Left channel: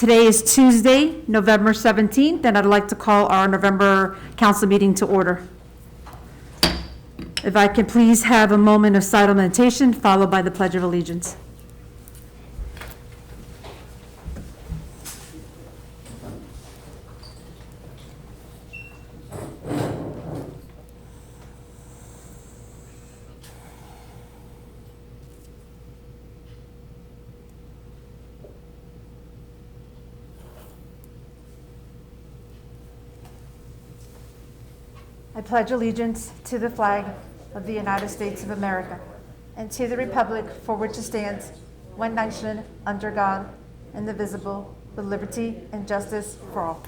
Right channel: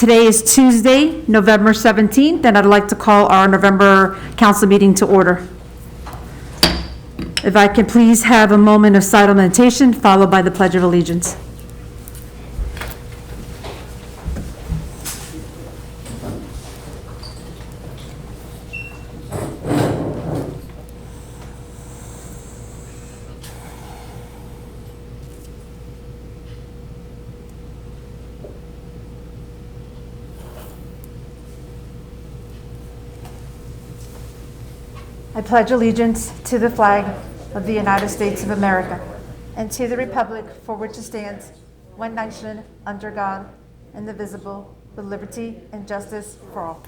Today is Tuesday, November 17th, and I'd like to call our November council meeting to order. If I could please have a moment of silent meditation, followed by the Pledge of Allegiance. I pledge allegiance to the flag of the United States of America and to the republic for which it stands, one nation, under God, indivisible, with liberty and justice for all.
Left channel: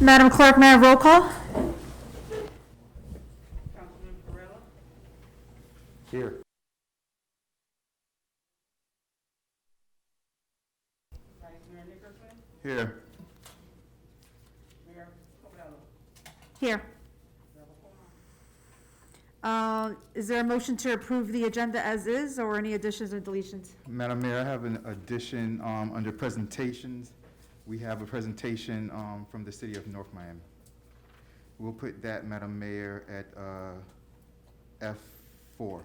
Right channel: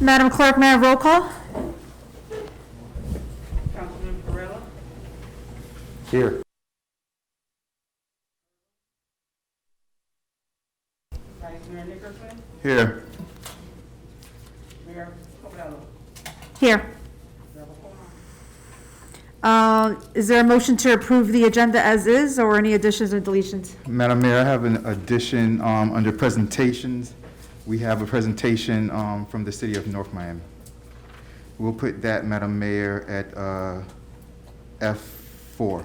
Madam Clerk, may I have roll call? Councilman Perrella? Here. Vice Mayor Nickerson? Here. Mayor Covello? Here. Is there a motion to approve the agenda as is, or any additions or deletions? Madam Mayor, I have an addition under presentations. We have a presentation from the city of North Miami. We'll put that, Madam Mayor, at F4.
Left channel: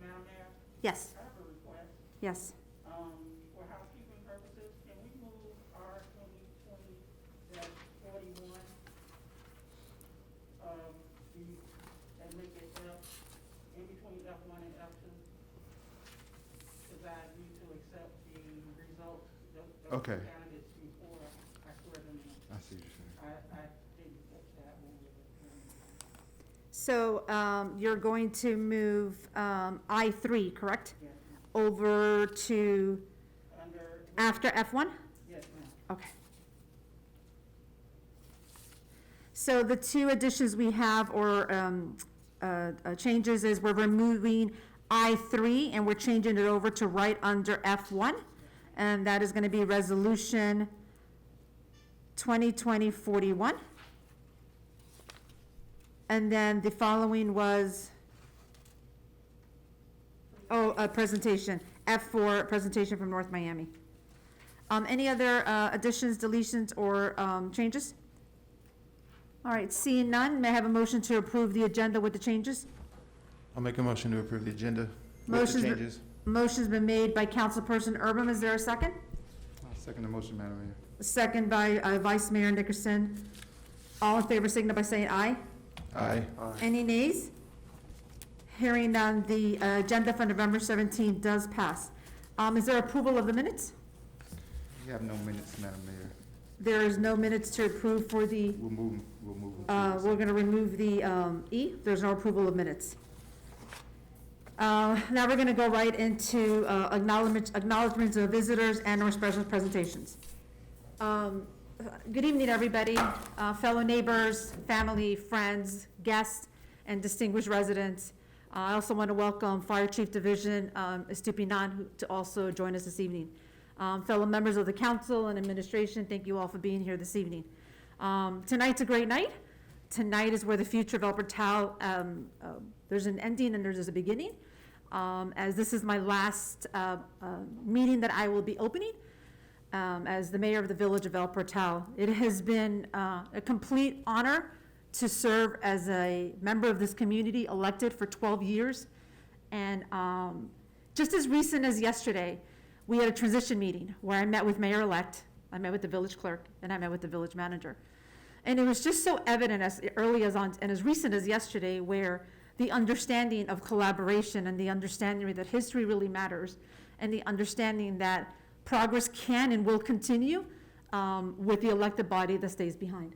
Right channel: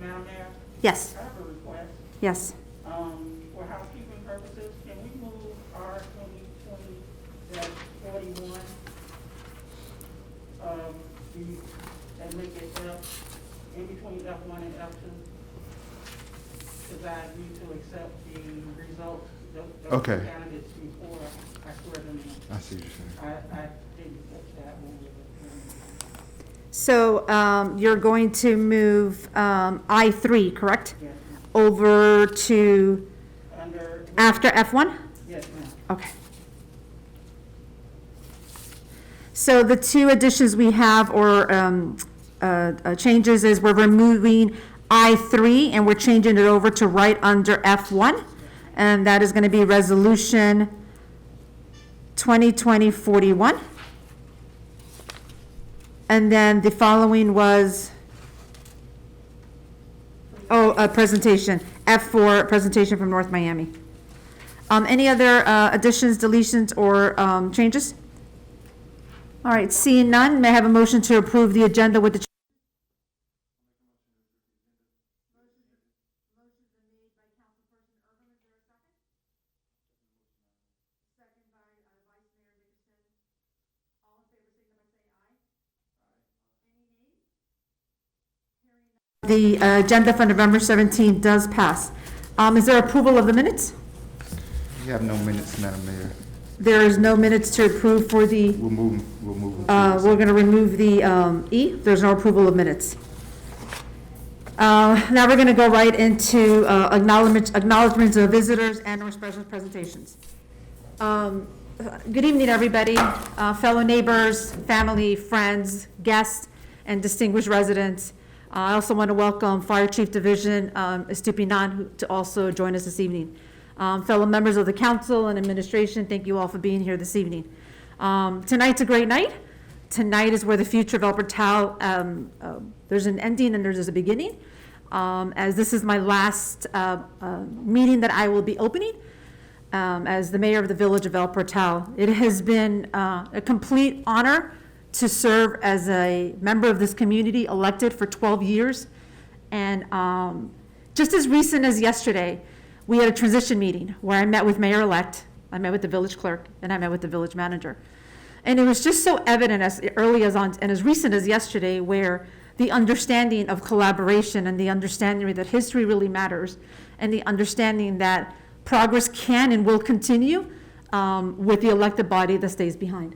Madam Mayor, Yes. I have a request. Yes. For housekeeping purposes, can we move R 2020-41? And make it F, in between F1 and F2? Because I need to accept the results, the Okay. candidates before I swear them in. I see what you're saying. I didn't catch that one. So you're going to move I3, correct? Yes, Over to under, after F1? yes, ma'am. Okay. So the two additions we have, or changes, is we're removing I3 and we're changing it over to right under F1. And that is going to be Resolution 2020-41. And then the following was, a presentation, F4, presentation from North Miami. Any other additions, deletions, or changes? All right, seeing none, may I have a motion to approve the agenda with the changes? I'll make a motion to approve the agenda with the Motion's been- changes. Motion's been made by Councilperson Urban. Is there a second? I'll second the motion, Madam Mayor. Second by Vice Mayor Nickerson. All in favor, signify by saying aye. Aye. Any nays? Hearing none, the agenda for November 17th does pass. Is there approval of the minutes? We have no minutes, Madam Mayor. There is no minutes to approve for the, We'll move them. we're going to remove the E. There's no approval of minutes. Now we're going to go right into acknowledgements of visitors and or special presentations. Good evening, everybody, fellow neighbors, family, friends, guests, and distinguished residents. I also want to welcome Fire Chief Division Estupinan to also join us this evening. Fellow members of the council and administration, thank you all for being here this evening. Tonight's a great night. Tonight is where the future of El Portal, there's an ending and there's a beginning. As this is my last meeting that I will be opening as the mayor of the village of El Portal. It has been a complete honor to serve as a member of this community, elected for 12 years. And just as recent as yesterday, we had a transition meeting where I met with Mayor-elect, I met with the village clerk, and I met with the village manager. And it was just so evident as early as on, and as recent as yesterday, where the understanding of collaboration and the understanding that history really matters, and the understanding that progress can and will continue with the elected body that stays behind.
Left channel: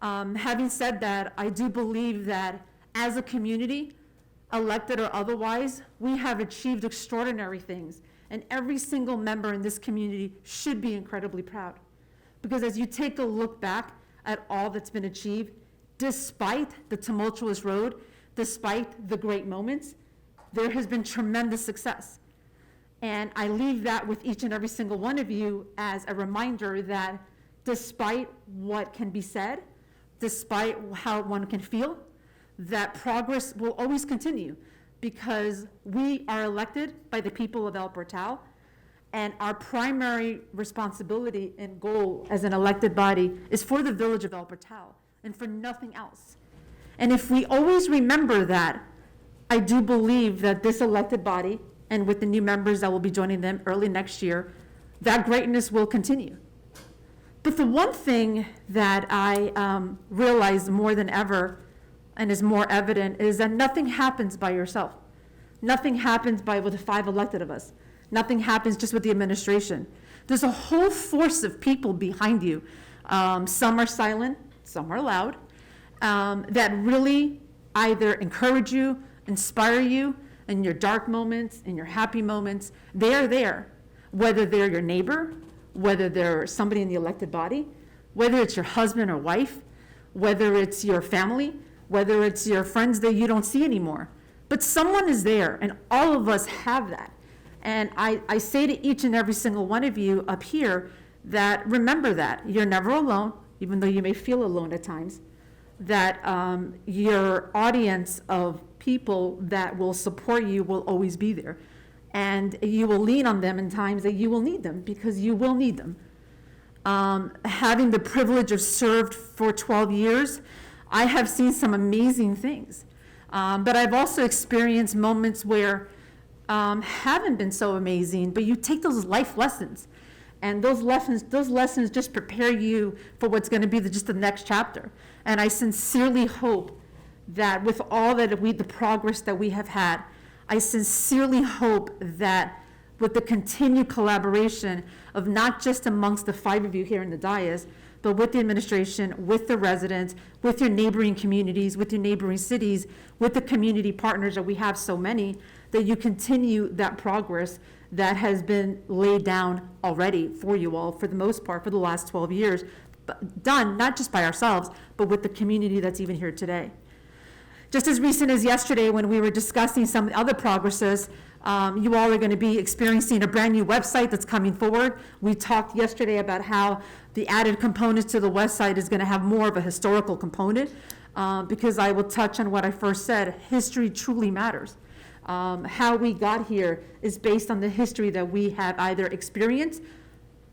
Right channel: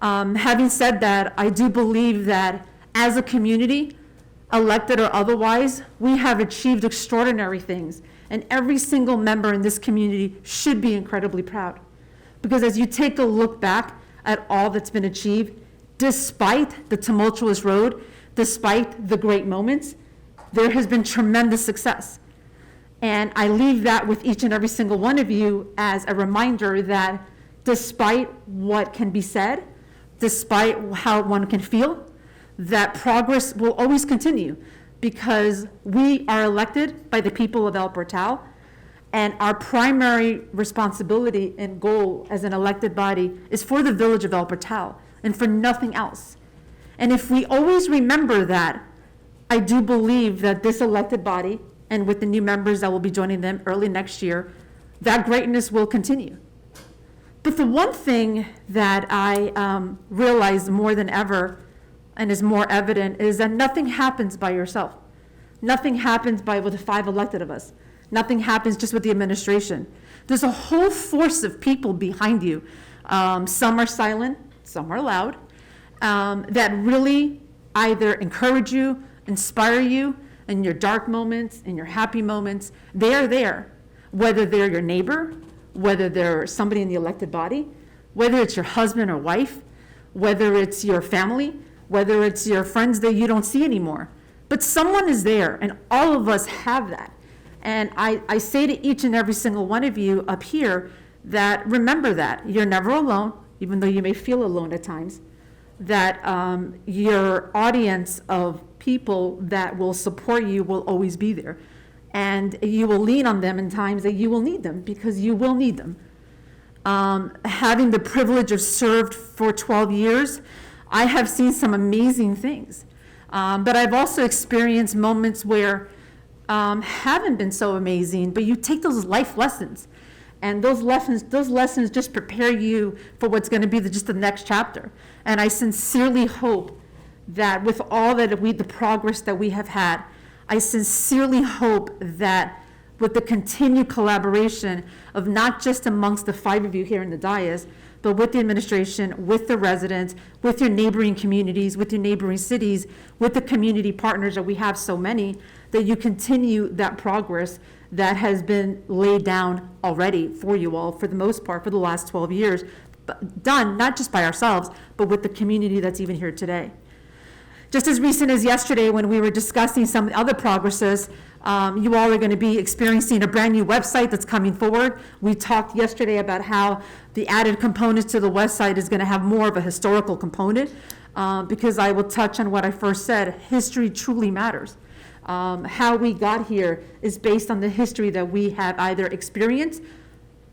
Having said that, I do believe that as a community, elected or otherwise, we have achieved extraordinary things. And every single member in this community should be incredibly proud. Because as you take a look back at all that's been achieved, despite the tumultuous road, despite the great moments, there has been tremendous success. And I leave that with each and every single one of you as a reminder that despite what can be said, despite how one can feel, that progress will always continue because we are elected by the people of El Portal, and our primary responsibility and goal as an elected body is for the village of El Portal and for nothing else. And if we always remember that, I do believe that this elected body, and with the new members that will be joining them early next year, that greatness will continue. But the one thing that I realize more than ever, and is more evident, is that nothing happens by yourself. Nothing happens with the 5 elected of us. Nothing happens just with the administration. There's a whole force of people behind you. Some are silent, some are loud, that really either encourage you, inspire you in your dark moments, in your happy moments. They are there, whether they're your neighbor, whether they're somebody in the elected body, whether it's your husband or wife, whether it's your family, whether it's your friends that you don't see anymore. But someone is there, and all of us have that. And I say to each and every single one of you up here that remember that. You're never alone, even though you may feel alone at times, that your audience of people that will support you will always be there. And you will lean on them in times that you will need them, because you will need them. Having the privilege of served for 12 years, I have seen some amazing things. But I've also experienced moments where haven't been so amazing, but you take those life lessons, and those lessons just prepare you for what's going to be just the next chapter. And I sincerely hope that with all that the progress that we have had, I sincerely hope that with the continued collaboration of not just amongst the 5 of you here in the dais, but with the administration, with the residents, with your neighboring communities, with your neighboring cities, with the community partners that we have so many, that you continue that progress that has been laid down already for you all, for the most part, for the last 12 years, but done not just by ourselves, but with the community that's even here today. Just as recent as yesterday, when we were discussing some other progresses, you all are going to be experiencing a brand new website that's coming forward. We talked yesterday about how the added components to the website is going to have more of a historical component, because I will touch on what I first said. History truly matters. How we got here is based on the history that we have either experienced,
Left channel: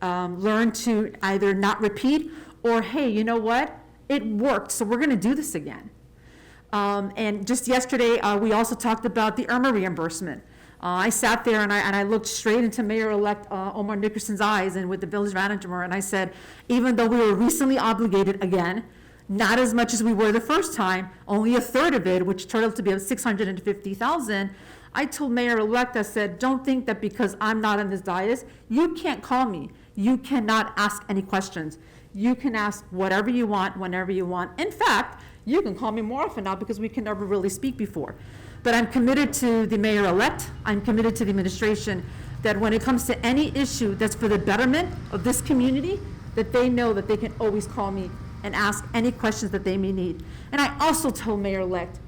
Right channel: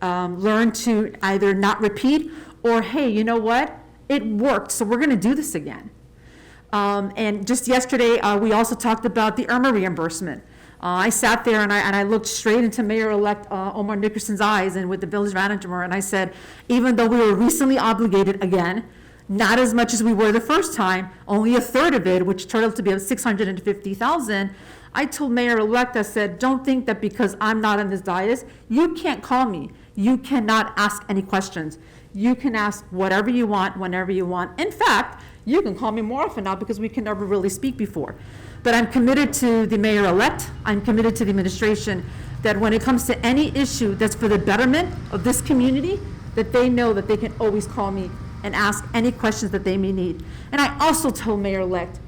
learned to either not repeat, or hey, you know what? It worked, so we're going to do this again. And just yesterday, we also talked about the Irma reimbursement. I sat there and I looked straight into Mayor-elect Omar Nickerson's eyes and with the village manager, and I said, even though we were recently obligated again, not as much as we were the first time, only a third of it, which turned out to be $650,000. I told Mayor-elect, I said, don't think that because I'm not on this dais, you can't call me. You cannot ask any questions. You can ask whatever you want, whenever you want. In fact, you can call me more often now because we can never really speak before. But I'm committed to the mayor-elect, I'm committed to the administration, that when it comes to any issue that's for the betterment of this community, that they know that they can always call me and ask any questions that they may need. And I also told Mayor-elect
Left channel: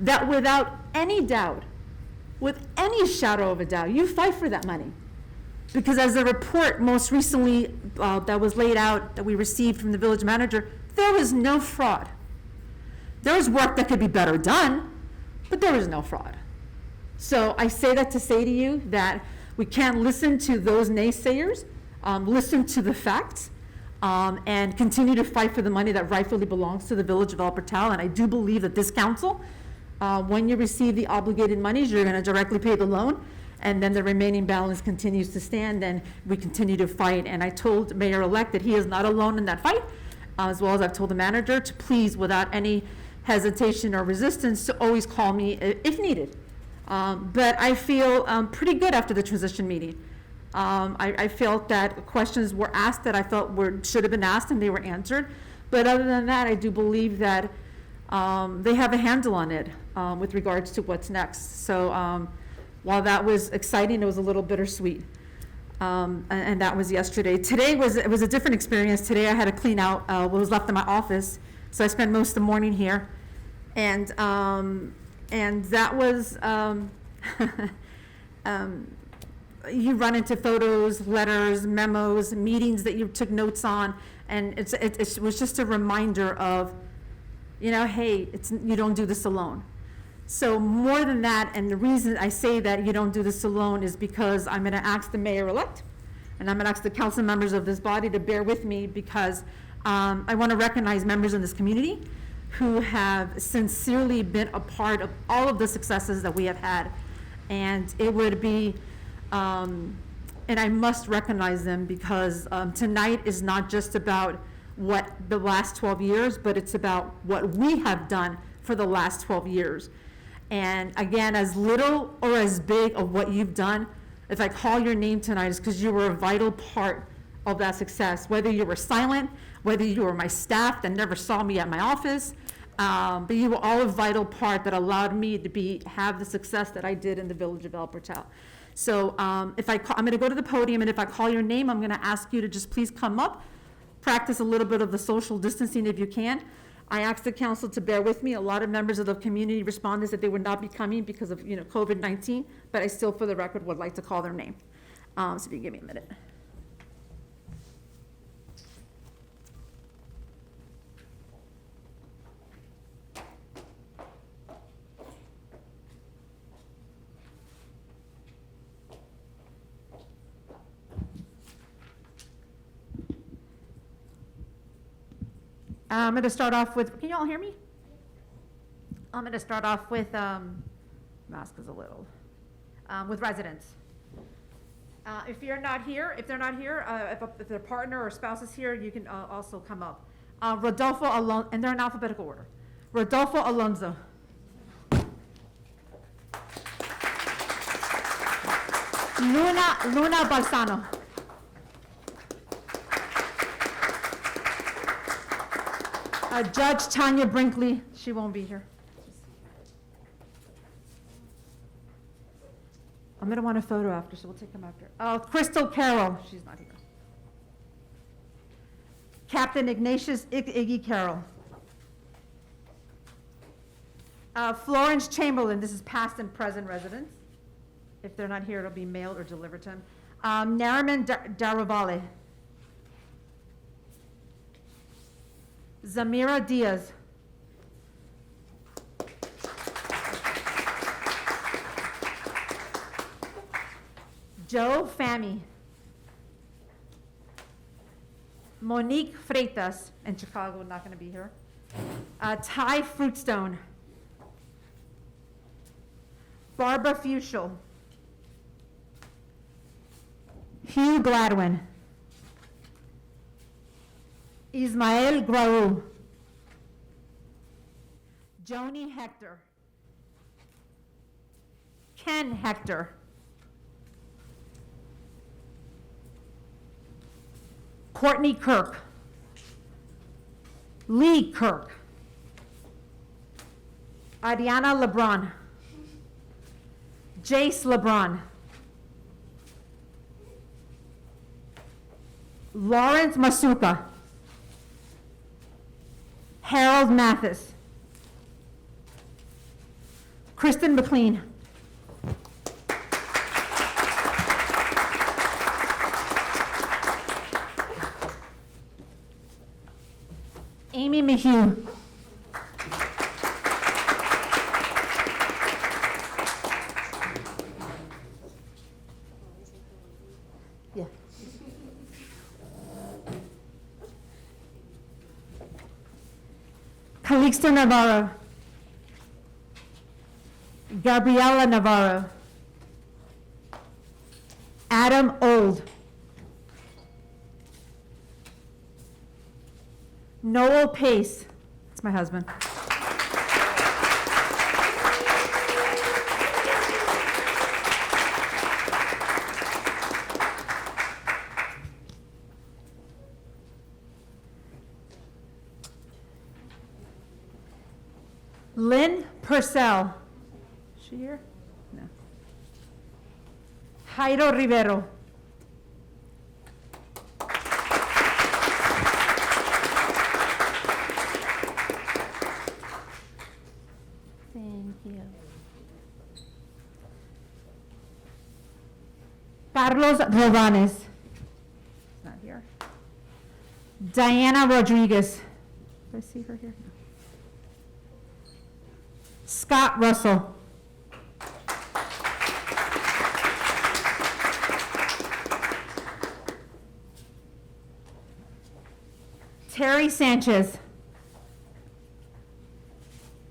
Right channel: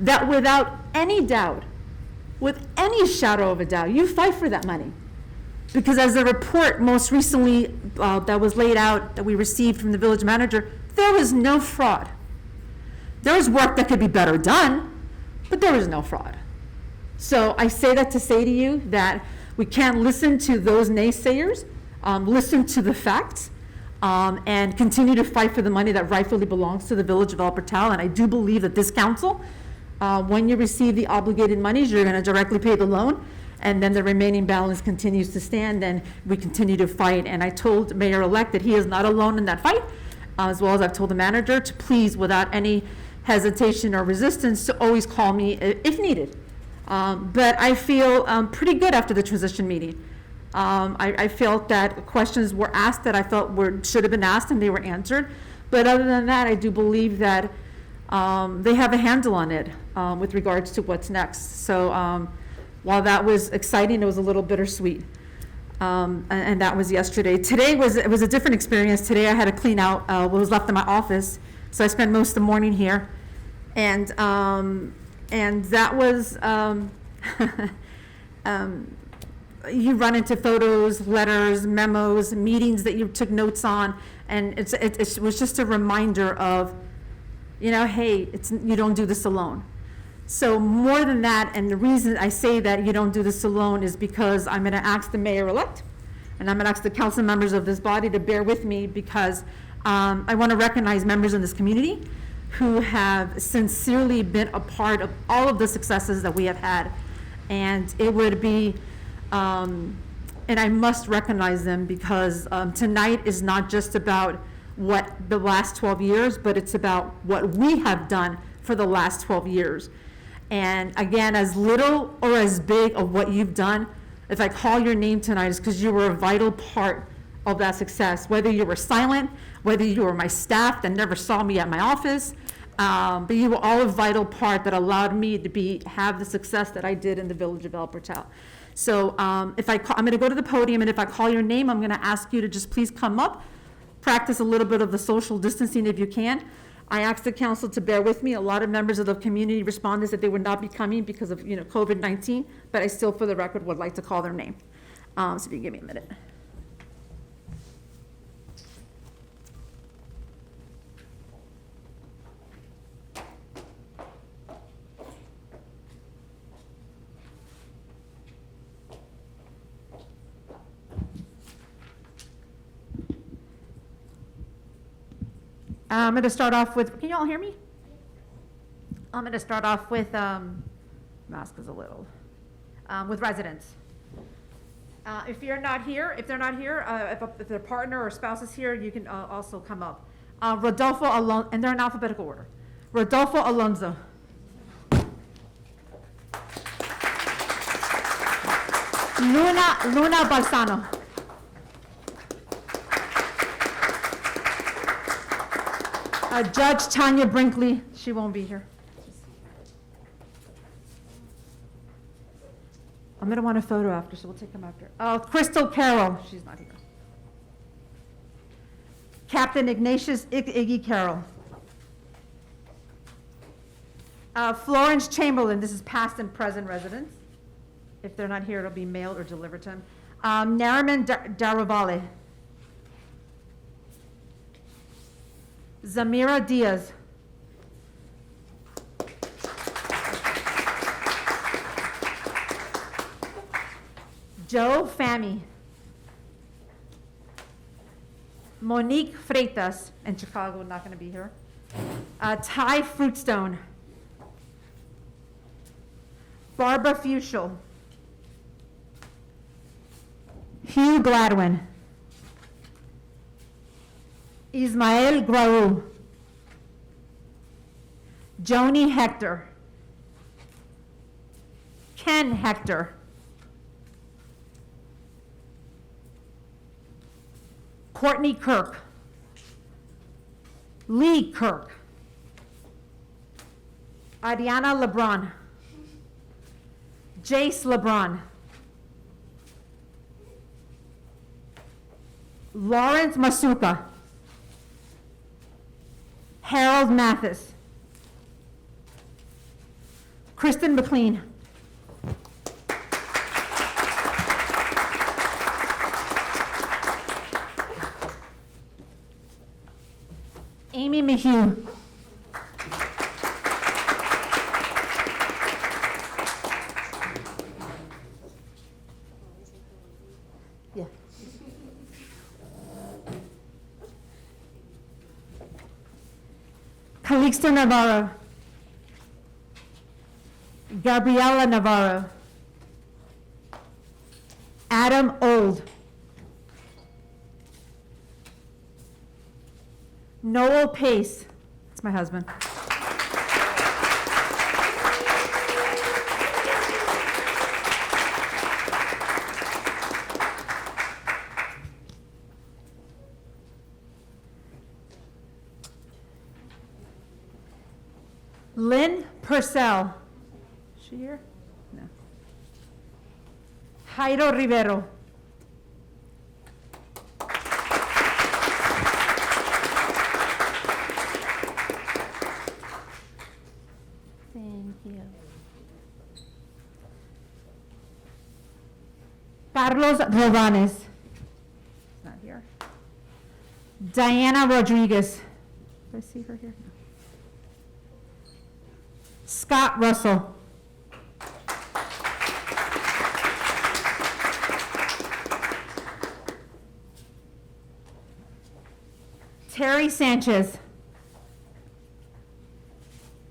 that without any doubt, with any shadow of a doubt, you fight for that money. Because as the report most recently that was laid out, that we received from the village manager, there was no fraud. There was work that could be better done, but there was no fraud. So I say that to say to you that we can't listen to those naysayers, listen to the facts, and continue to fight for the money that rightfully belongs to the village of El Portal. And I do believe that this council, when you receive the obligated monies, you're going to directly pay the loan, and then the remaining balance continues to stand, and we continue to fight. And I told Mayor-elect that he is not alone in that fight, as well as I've told the manager to please, without any hesitation or resistance, to always call me if needed. But I feel pretty good after the transition meeting. I felt that questions were asked that I felt should have been asked, and they were answered. But other than that, I do believe that they have a handle on it with regards to what's next. So while that was exciting, it was a little bittersweet. And that was yesterday. Today it was a different experience. Today I had to clean out what was left in my office. So I spent most of the morning here. And that was, you run into photos, letters, memos, meetings that you took notes on, and it was just a reminder of hey, you don't do this alone. So more than that, and the reason I say that you don't do this alone is because I'm gonna ask the mayor-elect, and I'm gonna ask the council members of this body to bear with me, because I wanna recognize members in this community who have sincerely been a part of all of the successes that we have had. And it would be, and I must recognize them, because tonight is not just about what the last 12 years, but it's about what we have done for the last 12 years. And again, as little or as big of what you've done, if I call your name tonight, it's because you were a vital part of that success. Whether you were silent, whether you were my staff that never saw me at my office, but you were all a vital part that allowed me to have the success that I did in the village of El Portal. So I'm gonna go to the podium, and if I call your name, I'm gonna ask you to just please come up, practice a little bit of the social distancing if you can. I asked the council to bear with me. A lot of members of the community responded that they would not be coming because of, COVID-19, but I still, for the record, would like to call their name. So if you give me a minute. I'm going to start off with, can you all hear me? I'm going to start off with, mask is a little, with residents. If they're not here, if their partner or spouse is here, you can also come up. Rodolfo Alonso, and they're in alphabetical order. Rodolfo Alonso. Luna Balsano. Judge Tanya Brinkley, she won't be here. I'm gonna want a photo after, so we'll take them after. Crystal Carroll, she's not here. Captain Ignatius Iggy Carroll. Florence Chamberlain, this is past and present residents. If they're not here, it'll be mailed or delivered to them. Nariman Daravale. Zamira Diaz. Joe Fami. Monique Freitas, in Chicago, not going to be here. Ty Fruitstone. Barbara Fuschel. Hugh Gladwin. Ismael Graou. Joni Hector. Ken Hector. Courtney Kirk. Lee Kirk. Ariana LeBron. Jace LeBron. Lawrence Masuka. Harold Mathis. Kristen McLean. Amy Mayhew. Yeah. Calixto Navarro. Gabriela Navarro. Adam Old. Noel Pace. That's my husband. Lynn Purcell. Is she here? No. Jairo Rivero. Thank you. Carlos Robanes. Not here. Diana Rodriguez. Do I see her here? No. Scott Russell. Terry Sanchez.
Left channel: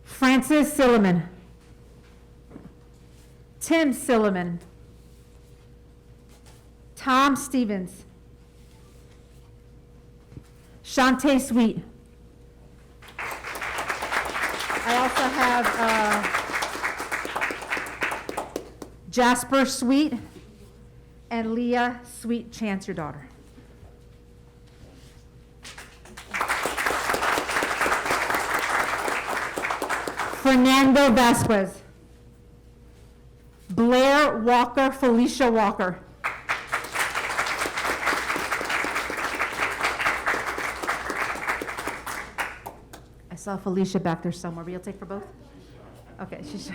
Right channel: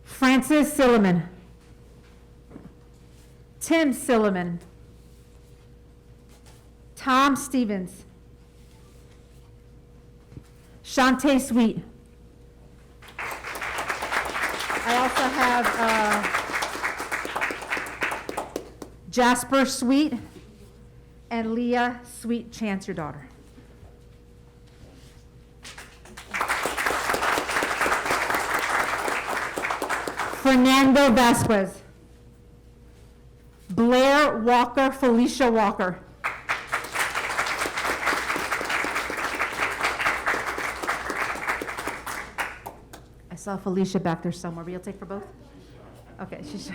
Francis Silliman. Tim Silliman. Tom Stevens. Shantae Sweet. I also have Jasper Sweet and Leah Sweet Chance, your daughter. Fernando Vasquez. Blair Walker, Felicia Walker. I saw Felicia back there somewhere, but you'll take for both? Okay, she's.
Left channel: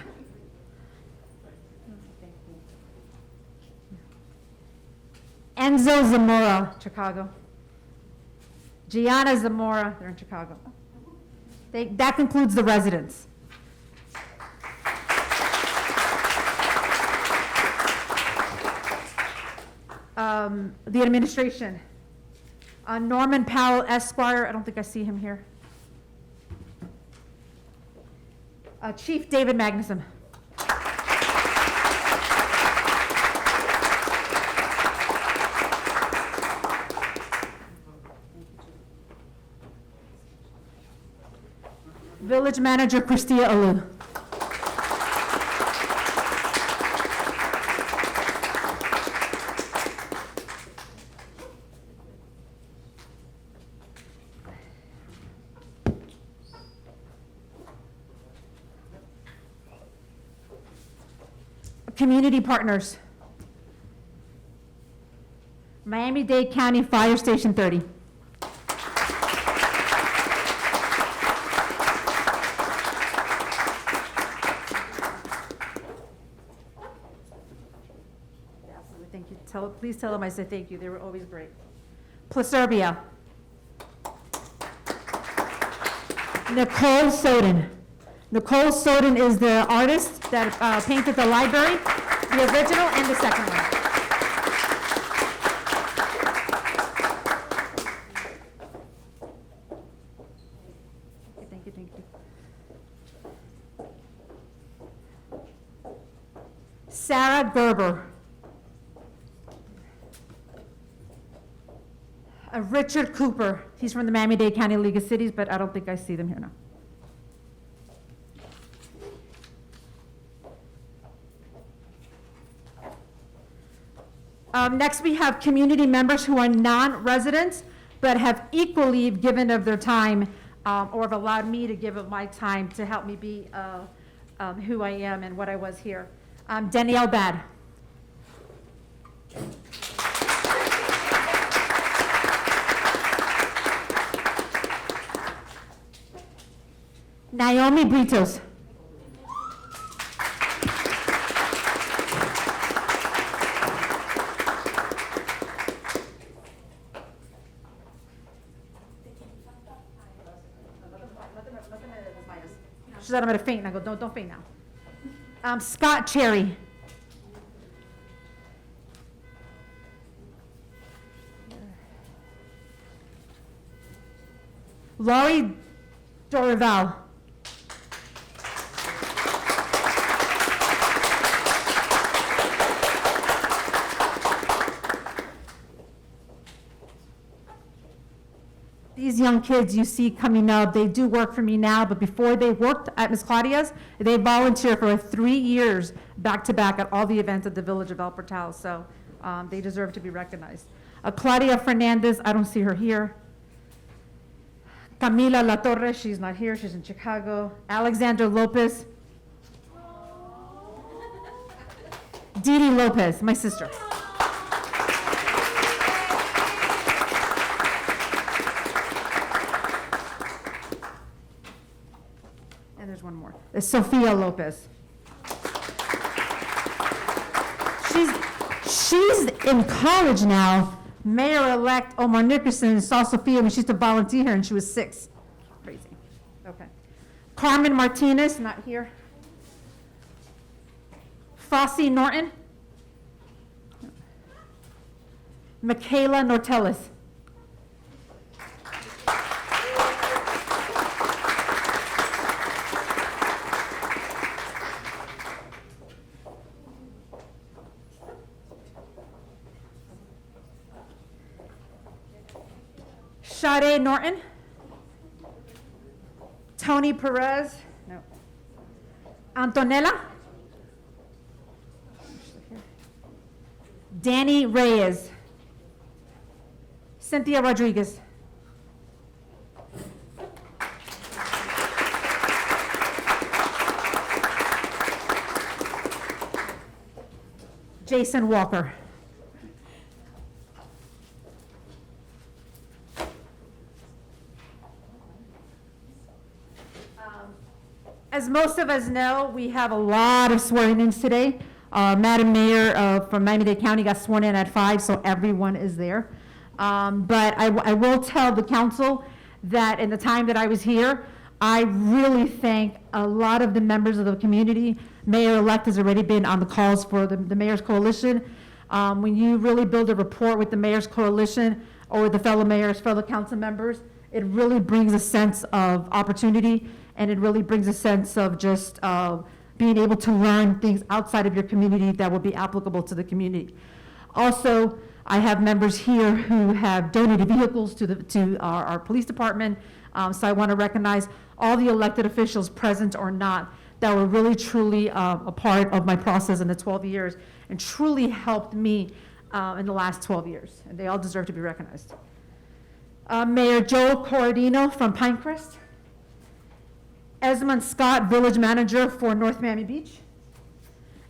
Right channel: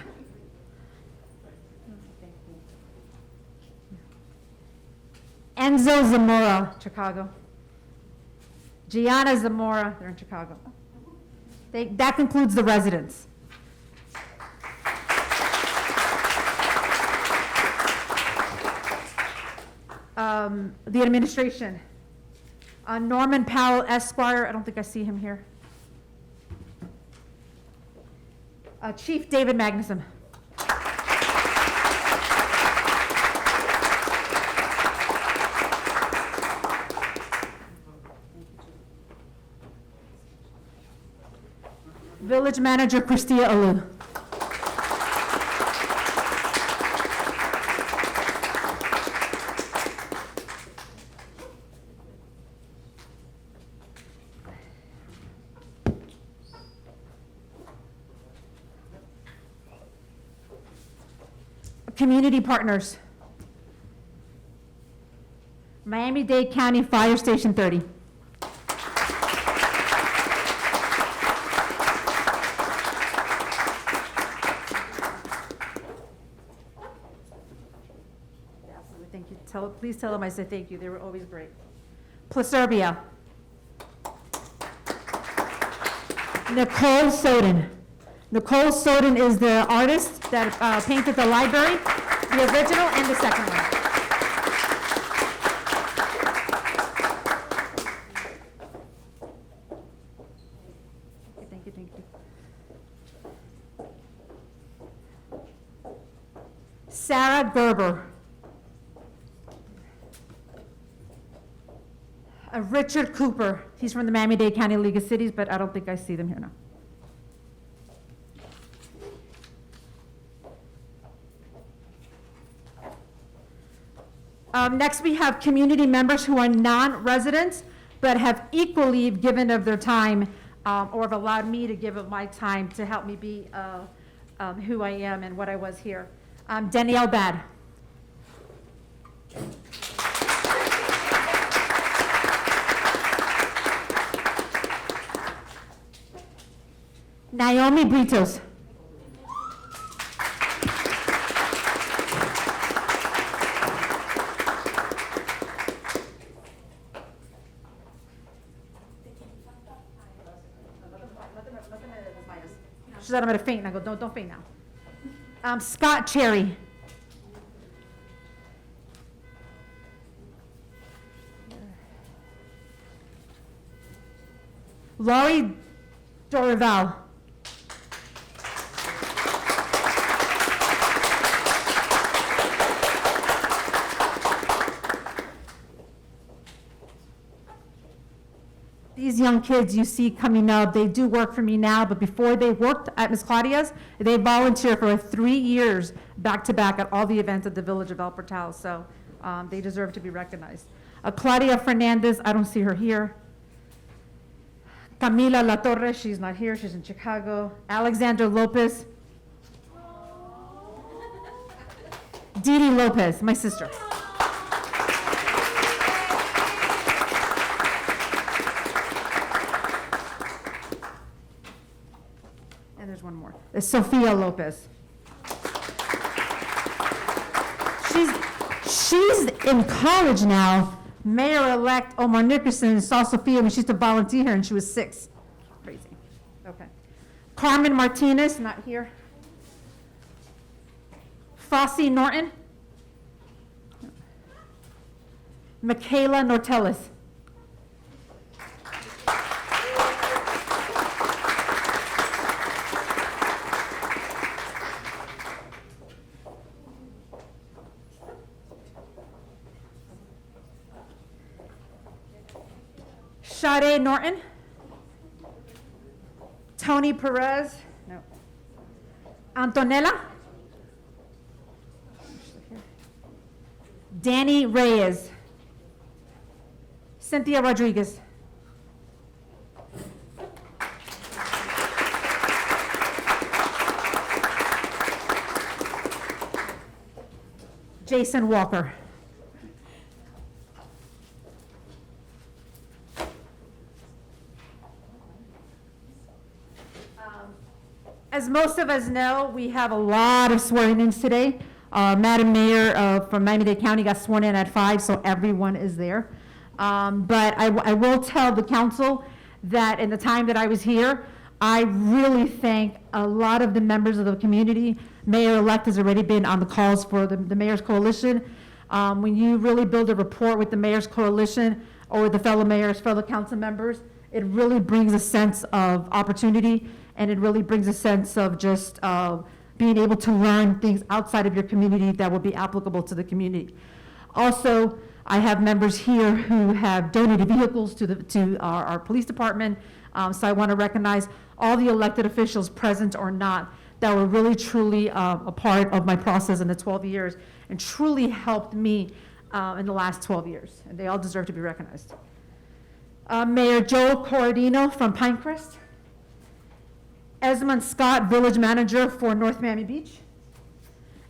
Enzo Zamora, Chicago. Gianna Zamora, they're in Chicago. That concludes the residents. The administration. Norman Powell Esquire, I don't think I see him here. Chief David Magnuson. Village Manager Christia Alu. Community partners. Miami-Dade County Fire Station 30. Absolutely, thank you. Please tell them I said thank you. They were always great. Placerbia. Nicole Soden. Nicole Soden is the artist that painted the library, the original and the second one. Okay, thank you, thank you. Sarah Gerber. Richard Cooper. He's from the Miami-Dade County League of Cities, but I don't think I see them here now. Next, we have community members who are non-residents, but have equally given of their time or have allowed me to give of my time to help me be who I am and what I was here. Danielle Bad. Naomi Britos. She said I'm gonna faint, and I go, don't faint now. Scott Cherry. Laurie Dorival. These young kids you see coming up, they do work for me now, but before they worked at Ms. Claudia's, they volunteered for 3 years back to back at all the events at the Village of El Portal, so they deserve to be recognized. Claudia Fernandez, I don't see her here. Camila La Torre, she's not here, she's in Chicago. Alexandra Lopez. Didi Lopez, my sister. And there's one more. It's Sophia Lopez. She's in college now. Mayor-elect Omar Nickerson saw Sophia when she used to volunteer here and she was 6. Crazy. Okay. Carmen Martinez, not here. Fossey Norton. Michaela Nortellis. Sade Norton. Tony Perez. No. Antonella. Danny Reyes. Cynthia Rodriguez. Jason Walker. As most of us know, we have a lot of swearing-ins today. Madam Mayor from Miami-Dade County got sworn in at 5, so everyone is there. But I will tell the council that in the time that I was here, I really thank a lot of the members of the community. Mayor-elect has already been on the calls for the Mayor's Coalition. When you really build a rapport with the Mayor's Coalition or the fellow mayors, fellow council members, it really brings a sense of opportunity, and it really brings a sense of just being able to learn things outside of your community that will be applicable to the community. Also, I have members here who have donated vehicles to our police department, so I want to recognize all the elected officials, present or not, that were really truly a part of my process in the 12 years and truly helped me in the last 12 years, and they all deserve to be recognized. Mayor Joe Corradino from Pinecrest. Esmond Scott, Village Manager for North Miami Beach.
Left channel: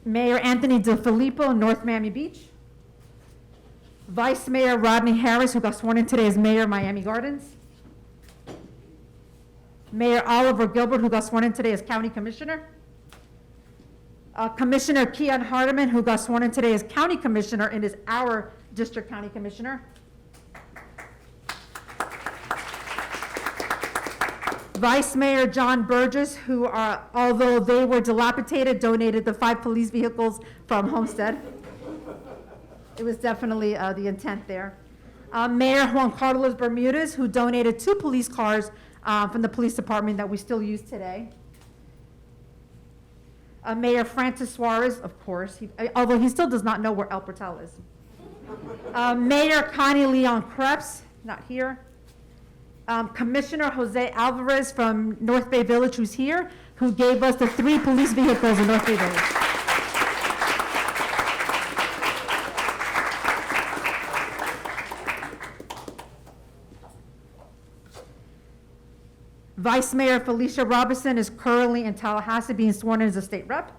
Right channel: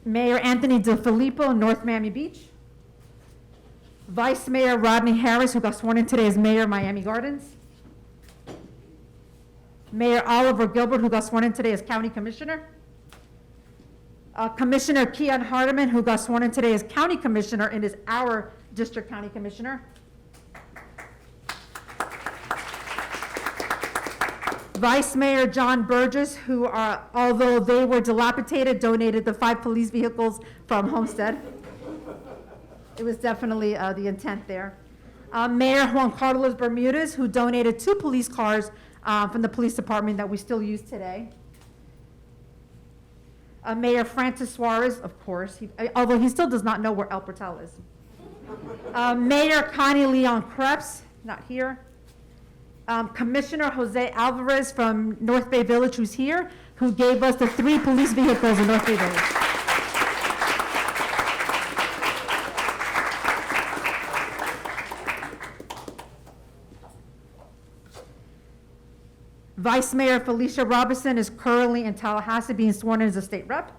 Mayor Anthony DeFilippo, North Miami Beach. Vice Mayor Rodney Harris, who got sworn in today as Mayor Miami Gardens. Mayor Oliver Gilbert, who got sworn in today as County Commissioner. Commissioner Keon Hardeman, who got sworn in today as County Commissioner and is our District County Commissioner. Vice Mayor John Burgess, who are, although they were dilapidated, donated the 5 police vehicles from Homestead. It was definitely the intent there. Mayor Juan Carlos Bermudez, who donated 2 police cars from the police department that we still use today. Mayor Francis Suarez, of course, although he still does not know where El Portal is. Mayor Connie Leon Krebs, not here. Commissioner Jose Alvarez from North Bay Village, who's here, who gave us the 3 police vehicles in North Bay Village. Vice Mayor Felicia Robinson is currently in Tallahassee being sworn in as a state rep.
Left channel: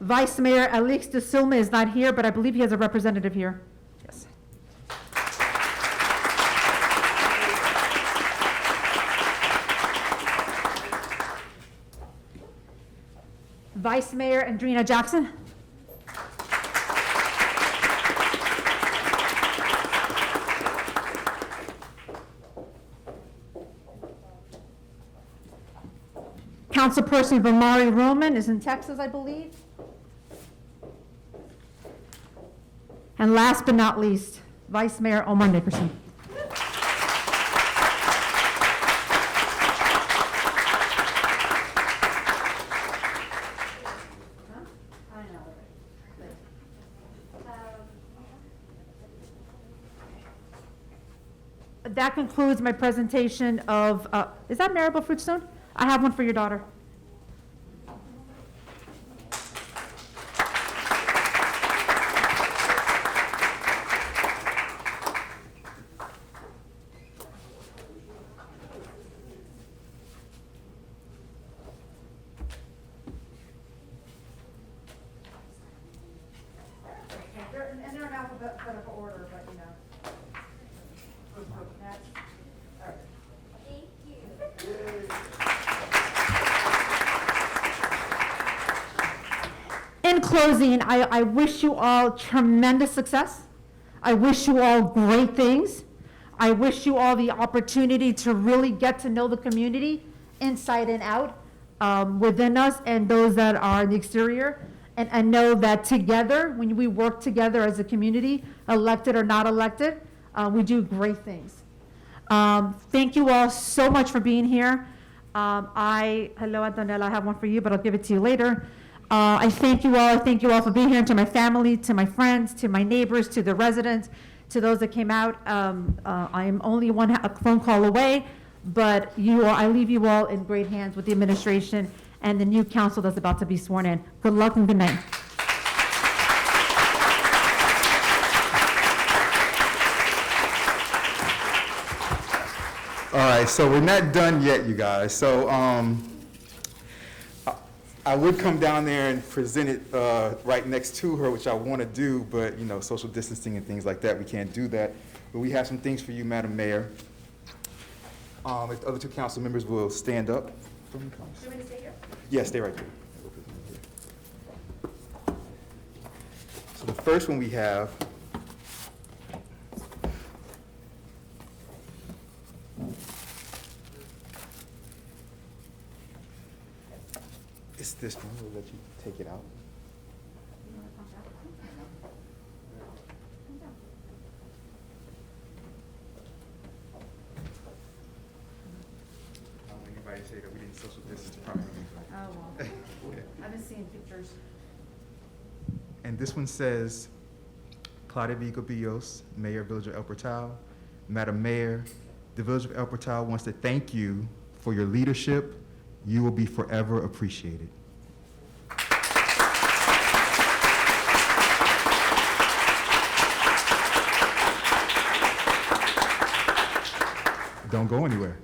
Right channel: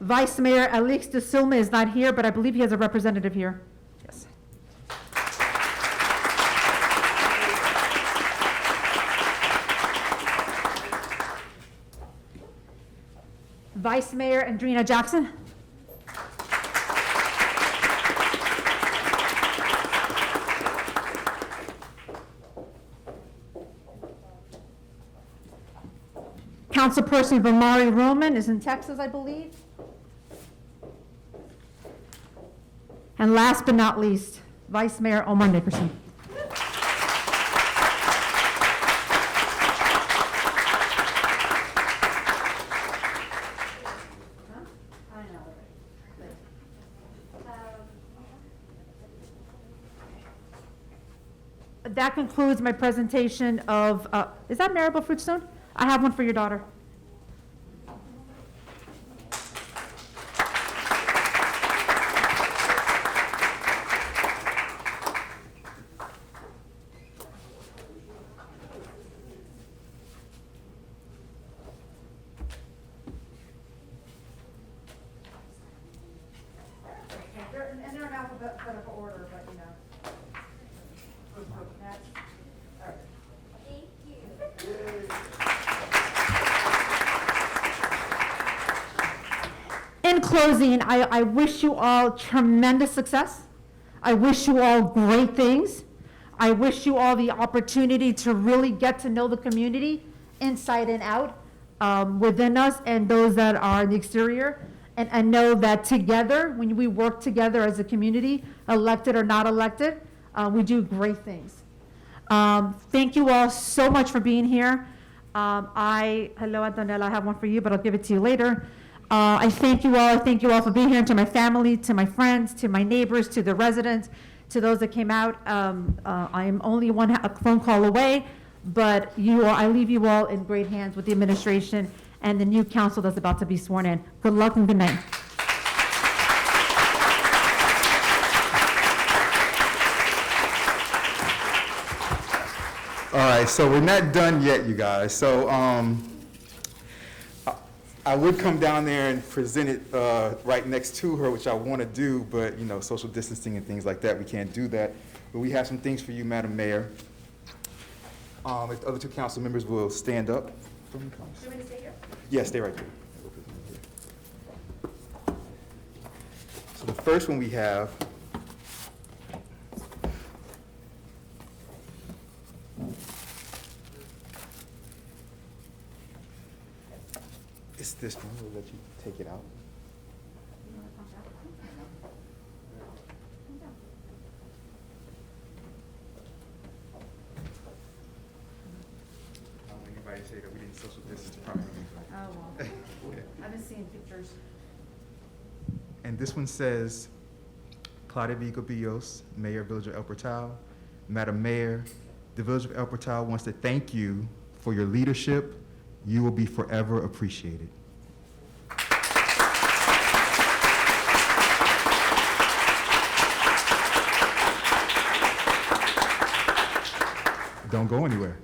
Vice Mayor Alix de Silva is not here, but I believe he has a representative here. Yes. Vice Mayor Andrina Jackson. Councilperson Vamari Roman is in Texas, I believe. And last but not least, Vice Mayor Omar Nickerson. That concludes my presentation of, is that Maribel Fruitstone? I have one for your daughter. And they're in alphabetical order, but you know. In closing, I wish you all tremendous success. I wish you all great things. I wish you all the opportunity to really get to know the community inside and out, within us and those that are in the exterior. and know that together, when we work together as a community, elected or not elected, we do great things. Thank you all so much for being here. Hello, Antonella, I have one for you, but I'll give it to you later. I thank you all. I thank you all for being here, and to my family, to my friends, to my neighbors, to the residents, to those that came out. I am only a phone call away, but I leave you all in great hands with the administration and the new council that's about to be sworn in. Good luck and good night. All right, so we're not done yet, you guys. So I would come down there and present it right next to her, which I want to do, but social distancing and things like that, we can't do that. But we have some things for you, Madam Mayor. If the other two council members will stand up. Do you want me to stay here? Yes, stay right there. So the first one we have is this one. We'll let you take it out. I don't want anybody to say that we didn't social distance properly. Oh, well. I've been seeing pictures. And this one says, Claudia Vigobillos, Mayor, Village of El Portal. Madam Mayor, the Village of El Portal wants to thank you for your leadership. You will be forever appreciated. Don't go anywhere.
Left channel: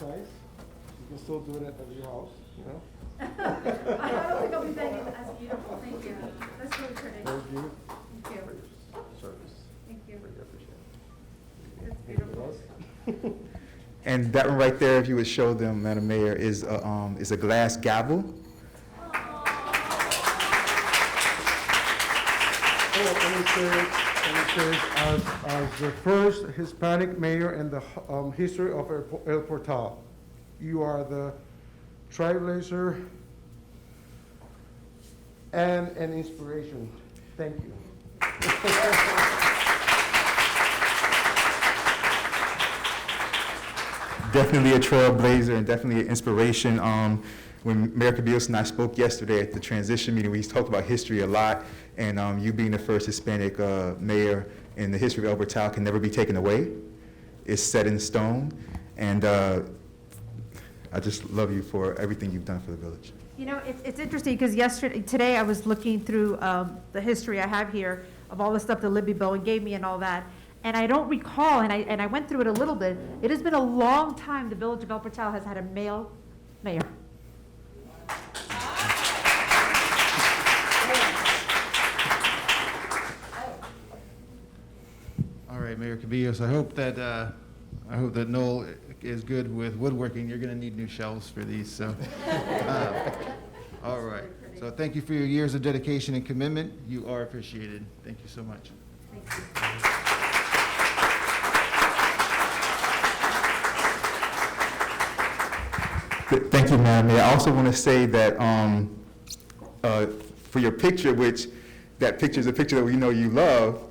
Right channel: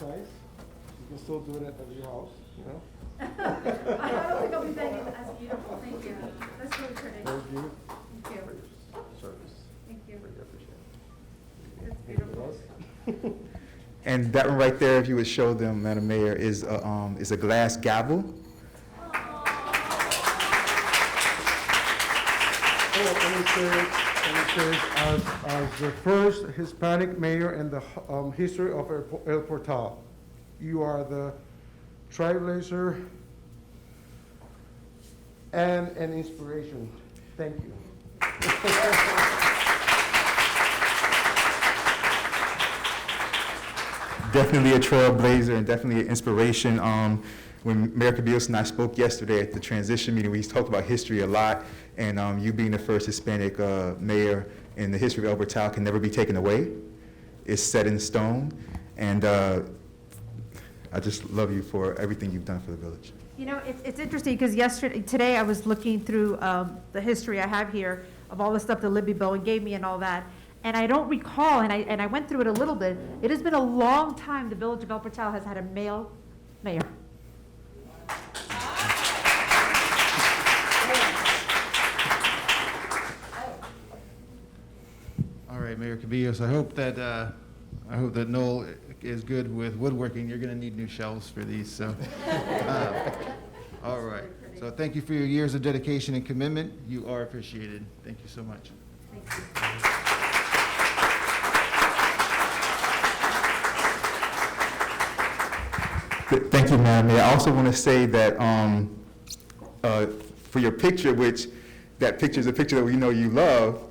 Nice. You can still do it at your house, I don't think I'll be begging to ask you. Thank you. That's really pretty. Thank you Thank you. for your service. Thank you. Really appreciate it. It's beautiful. Anything else? And that one right there, if you would show them, Madam Mayor, is a glass gavel. And it says, as the first Hispanic mayor in the history of El Portal, you are the trailblazer and an inspiration. Thank you. Definitely a trailblazer and definitely an inspiration. When Mayor Cabillos and I spoke yesterday at the transition meeting, we talked about history a lot, and you being the first Hispanic mayor in the history of El Portal can never be taken away. It's set in stone, and I just love you for everything you've done for the village. It's interesting because today I was looking through the history I have here of all the stuff that Libby Bowen gave me and all that. And I don't recall, and I went through it a little bit, it has been a long time the Village of El Portal has had a male mayor. All right, Mayor Cabillos, I hope that Noel is good with woodworking. You're going to need new shelves for these. So, all right. So, thank you for your years of dedication and commitment. You are appreciated. Thank you so much. Thank you. Thank you, Madam Mayor. I also want to say that for your picture, that picture is a picture that we know you love.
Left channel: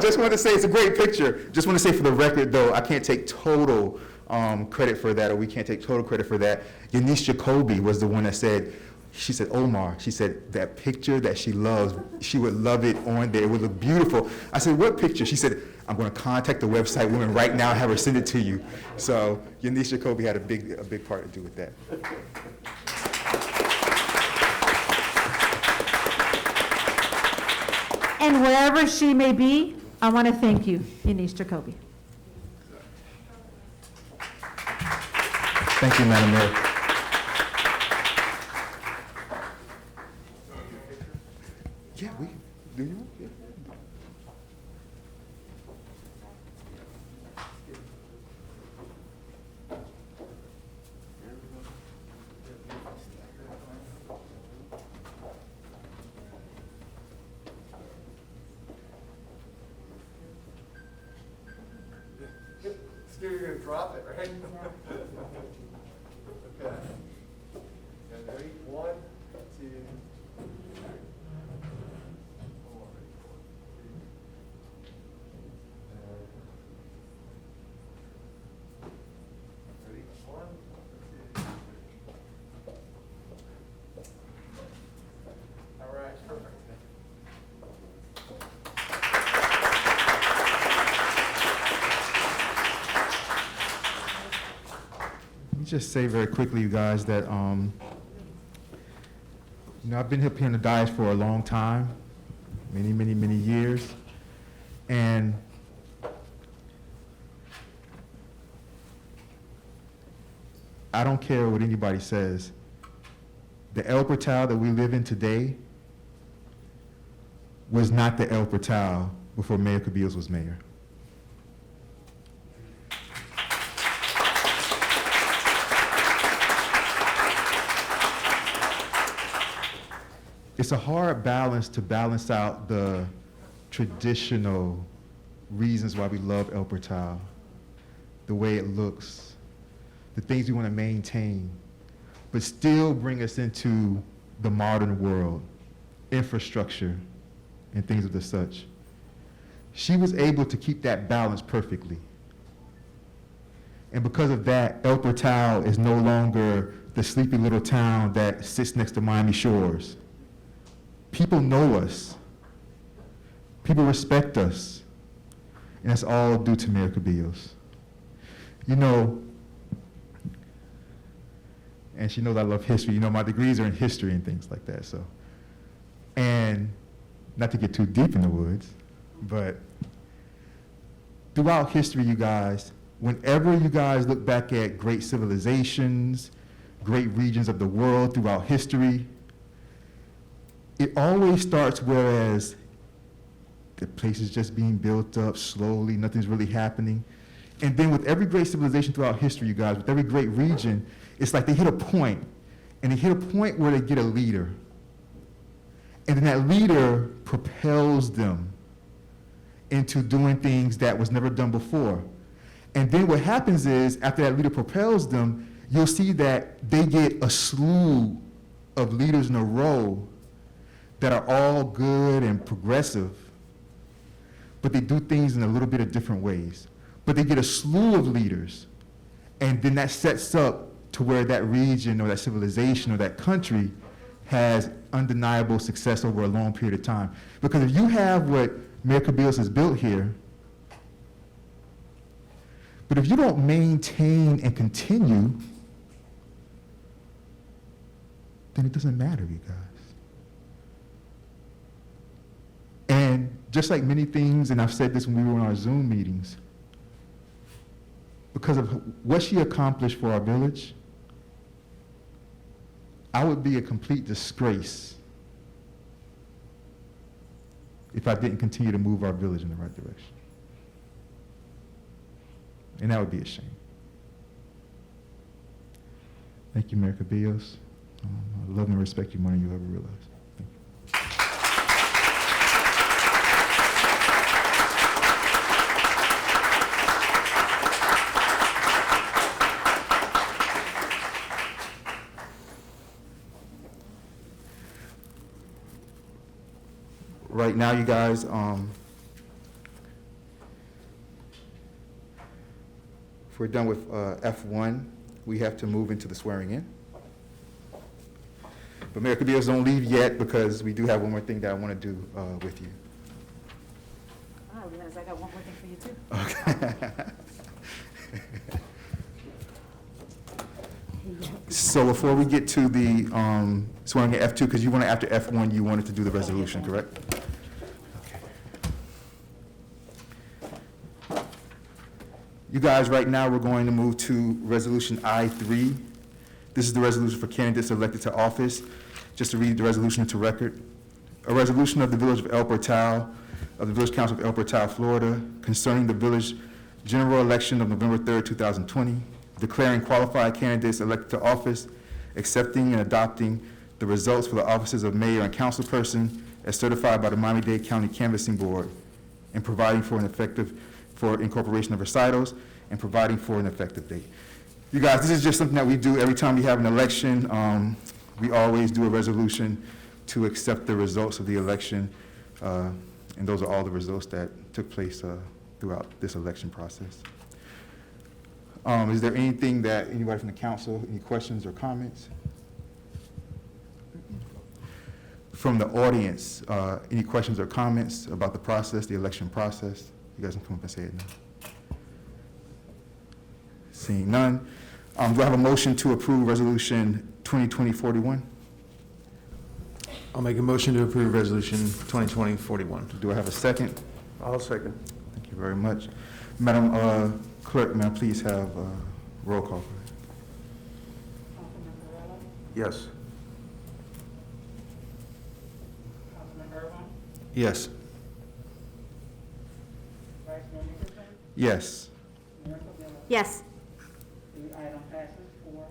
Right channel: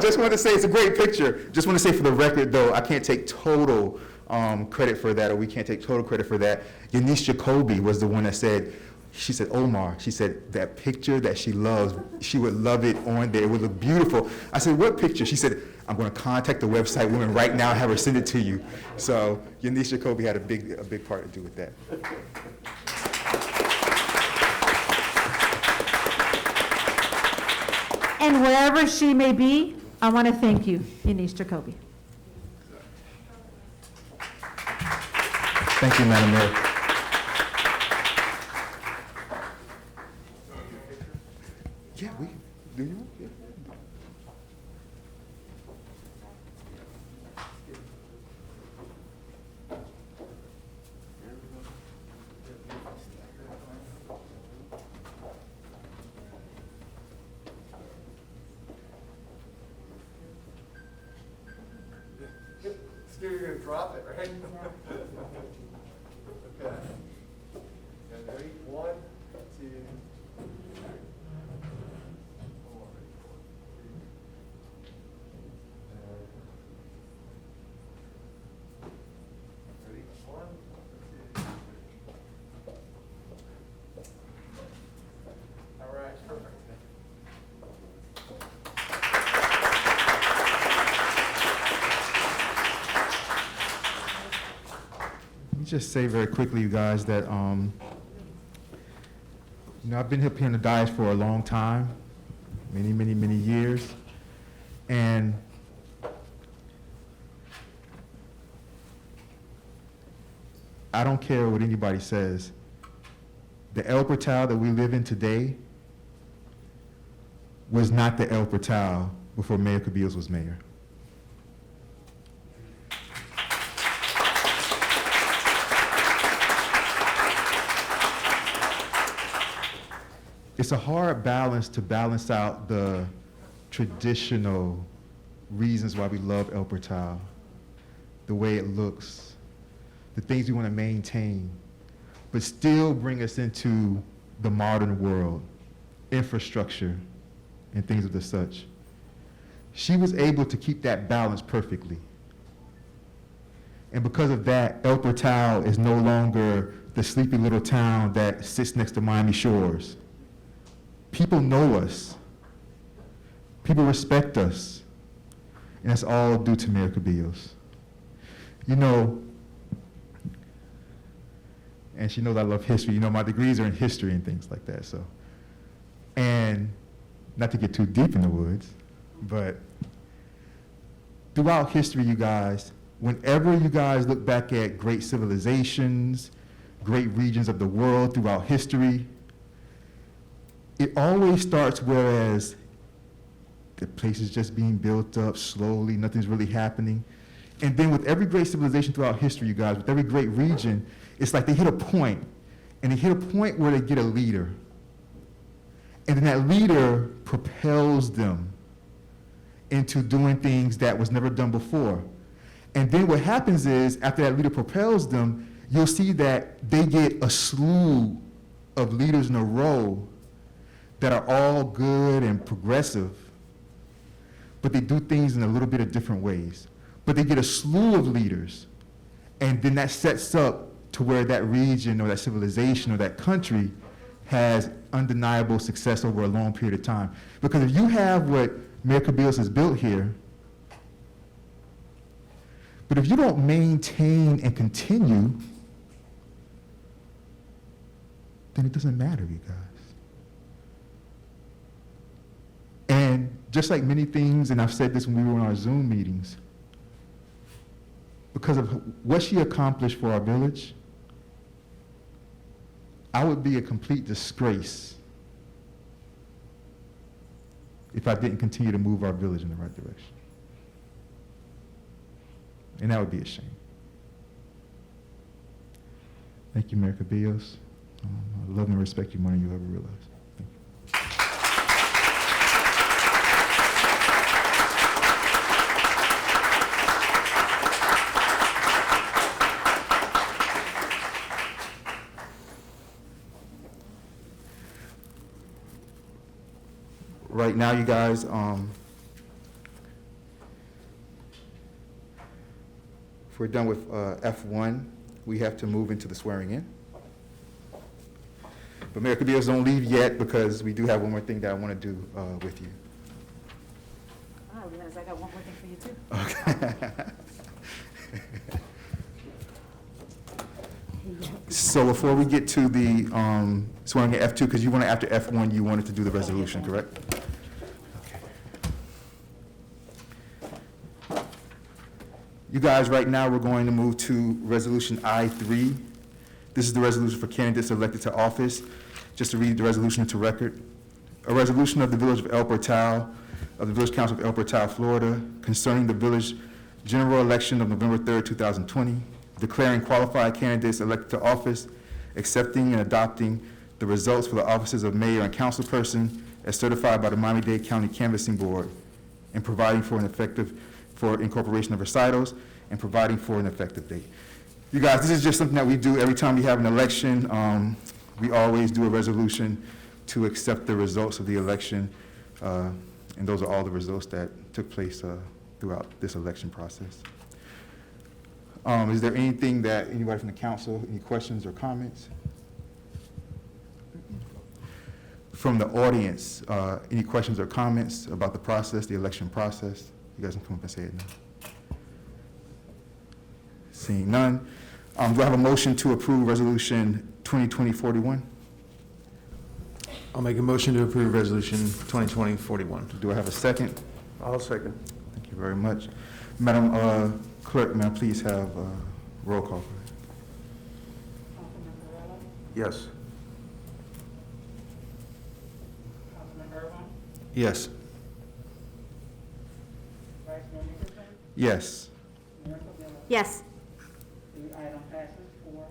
Just want to say it's a great picture. Just want to say for the record, though, I can't take total credit for that, or we can't take total credit for that. Eunice Jacoby was the one that said, she said, Omar, she said, that picture that she loves, she would love it on there. It would look beautiful. I said, what picture? She said, I'm going to contact the website woman right now and have her send it to you. So Eunice Jacoby had a big part to do with that. And wherever she may be, I want to thank you, Eunice Jacoby. Thank you, Madam Mayor. Scared you're gonna drop it, right? Okay. And ready? 1, 2, 3. Ready? 1, 2, 3. All right, perfect. Let me just say very quickly, you guys, that, I've been up here in the dais for a long time, many, many, many years, and I don't care what anybody says. The El Portal that we live in today was not the El Portal before Mayor Cabillas was mayor. It's a hard balance to balance out the traditional reasons why we love El Portal, the way it looks, the things we want to maintain, but still bring us into the modern world, infrastructure, and things of the such. She was able to keep that balance perfectly. And because of that, El Portal is no longer the sleepy little town that sits next to Miami Shores. People know us. People respect us. And that's all due to Mayor Cabillas. You know, and she knows I love history. You know, my degrees are in history and things like that, so. And not to get too deep in the woods, but throughout history, you guys, whenever you guys look back at great civilizations, great regions of the world throughout history, it always starts whereas the place is just being built up slowly, nothing's really happening. And then with every great civilization throughout history, you guys, with every great region, it's like they hit a point, and they hit a point where they get a leader. And then that leader propels them into doing things that was never done before. And then what happens is, after that leader propels them, you'll see that they get a slew of leaders in a row that are all good and progressive, but they do things in a little bit of different ways. But they get a slew of leaders, and then that sets up to where that region or that civilization or that country has undeniable success over a long period of time. Because if you have what Mayor Cabillas has built here, but if you don't maintain and continue, then it doesn't matter, you guys. And just like many things, and I've said this when we were in our Zoom meetings, because of what she accomplished for our village, I would be a complete disgrace if I didn't continue to move our village in the right direction. And that would be a shame. Thank you, Mayor Cabillas. I love and respect you more than you ever realized. Thank you. Right now, you guys, if we're done with F1, we have to move into the swearing in. But Mayor Cabillas, don't leave yet, because we do have one more thing that I want to do with you. I realize I got one more thing for you, too. Okay. So before we get to the swearing in F2, because you wanted, after F1, you wanted to do the resolution, correct? You guys, right now, we're going to move to Resolution I-3. This is the resolution for candidates elected to office. Just to read the resolution into record. A resolution of the Village of El Portal, of the Village Council of El Portal, Florida, concerning the village general election of November 3rd, 2020, declaring qualified candidates elected to office, accepting and adopting the results for the offices of mayor and councilperson as certified by the Miami-Dade County Canvassing Board, and providing for an effective for incorporation of recitals, and providing for an effective date. You guys, this is just something that we do every time we have an election. We always do a resolution to accept the results of the election, and those are all the results that took place throughout this election process. Is there anything that anybody from the council, any questions or comments? From the audience, any questions or comments about the process, the election process? You guys can come up and say it now. Seeing none, do I have a motion to approve Resolution 2020-41? I'll make a motion to approve Resolution 2020-41. Do I have a second? I'll second. Thank you very much. Madam Clerk, may I please have roll call? Councilman Varela, Yes. Councilman Irma, Yes. Vice Mayor Nicholson, Yes. Mayor Cordero. Yes. The item passes 4-4.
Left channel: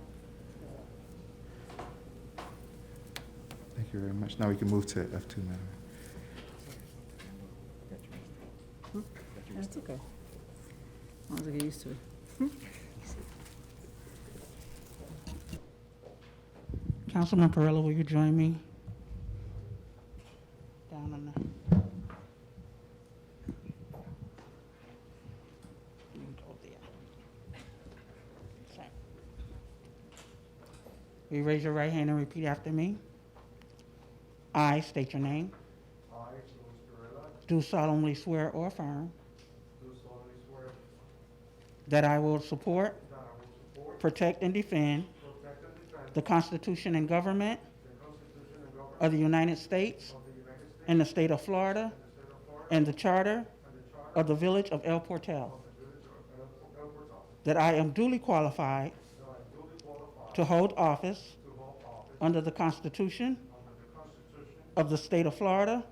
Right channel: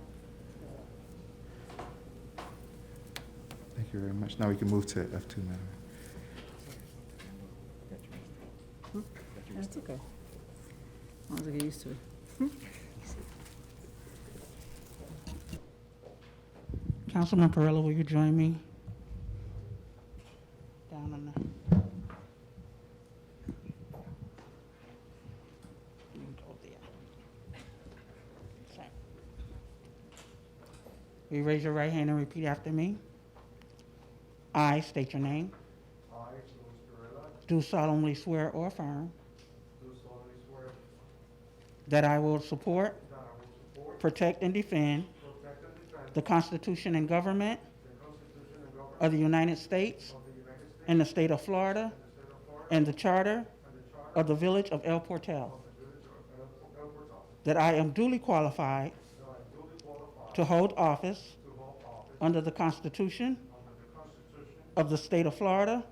Thank you very much. Now we can move to F2, Madam. That's okay. As long as I get used to it. Councilman Perrella, will you join me? Down on the. Will you raise your right hand and repeat after me? I state your name. I, Louis Guerrero, Do solemnly swear or affirm do solemnly swear that I will support, that I will support, protect, and defend protect, and defend the Constitution and government the Constitution and government of the United States of the United States and the state of Florida and the state of Florida and the charter and the charter of the village of El Portal, of the village of El Portal, that I am duly qualified that I am duly qualified to hold office to hold office under the Constitution under the Constitution of the state of Florida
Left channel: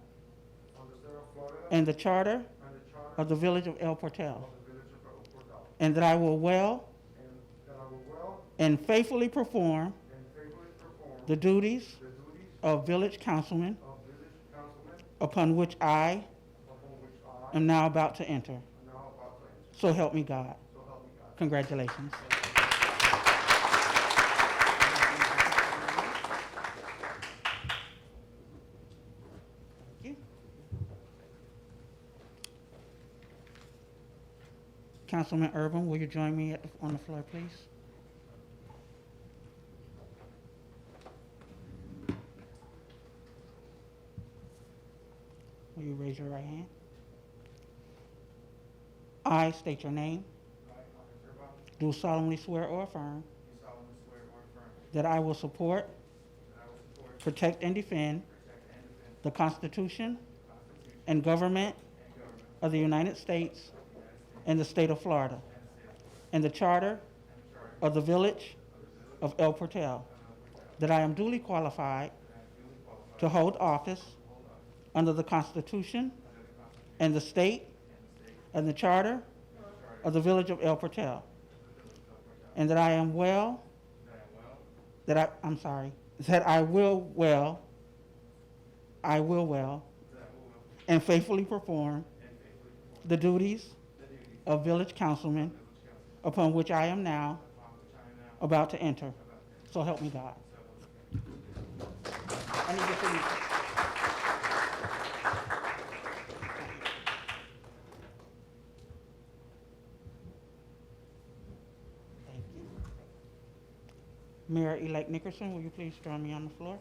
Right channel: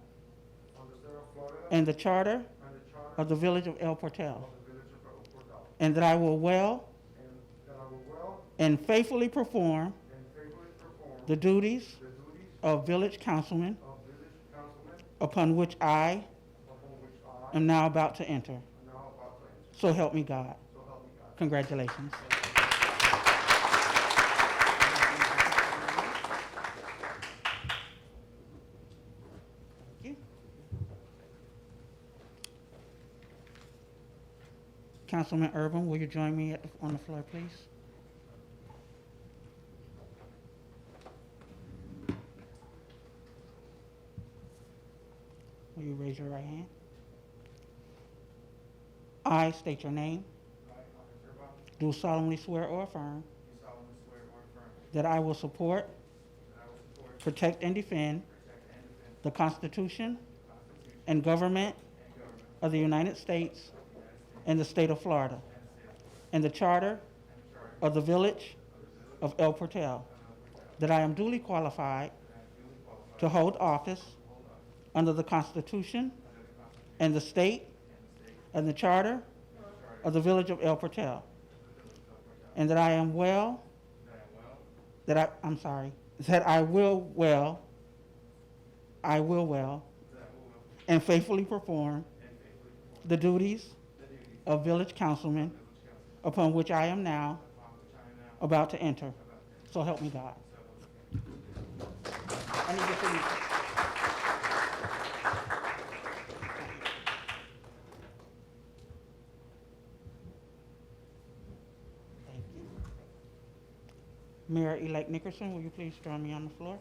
of the state of Florida and the charter and the charter of the village of El Portal, of the village of El Portal, and that I will well and that I will well and faithfully perform and faithfully perform the duties the duties of village councilman of village councilman upon which I upon which I am now about to enter. am now about to enter. So help me God. So help me God. Congratulations. Thank you. Councilman Urban, will you join me on the floor, please? Will you raise your right hand? I state your name. Do solemnly swear or affirm that I will support, protect, and defend the Constitution and government of the United States and the state of Florida and the charter of the village of El Portal, that I am duly qualified to hold office under the Constitution and the state and the charter of the village of El Portal, and that I am well, that I will well and faithfully perform the duties of village councilman upon which I am now about to enter. So help me God. I need your signature. Thank you. Mayor-elect Nickerson, will you please join me on the floor?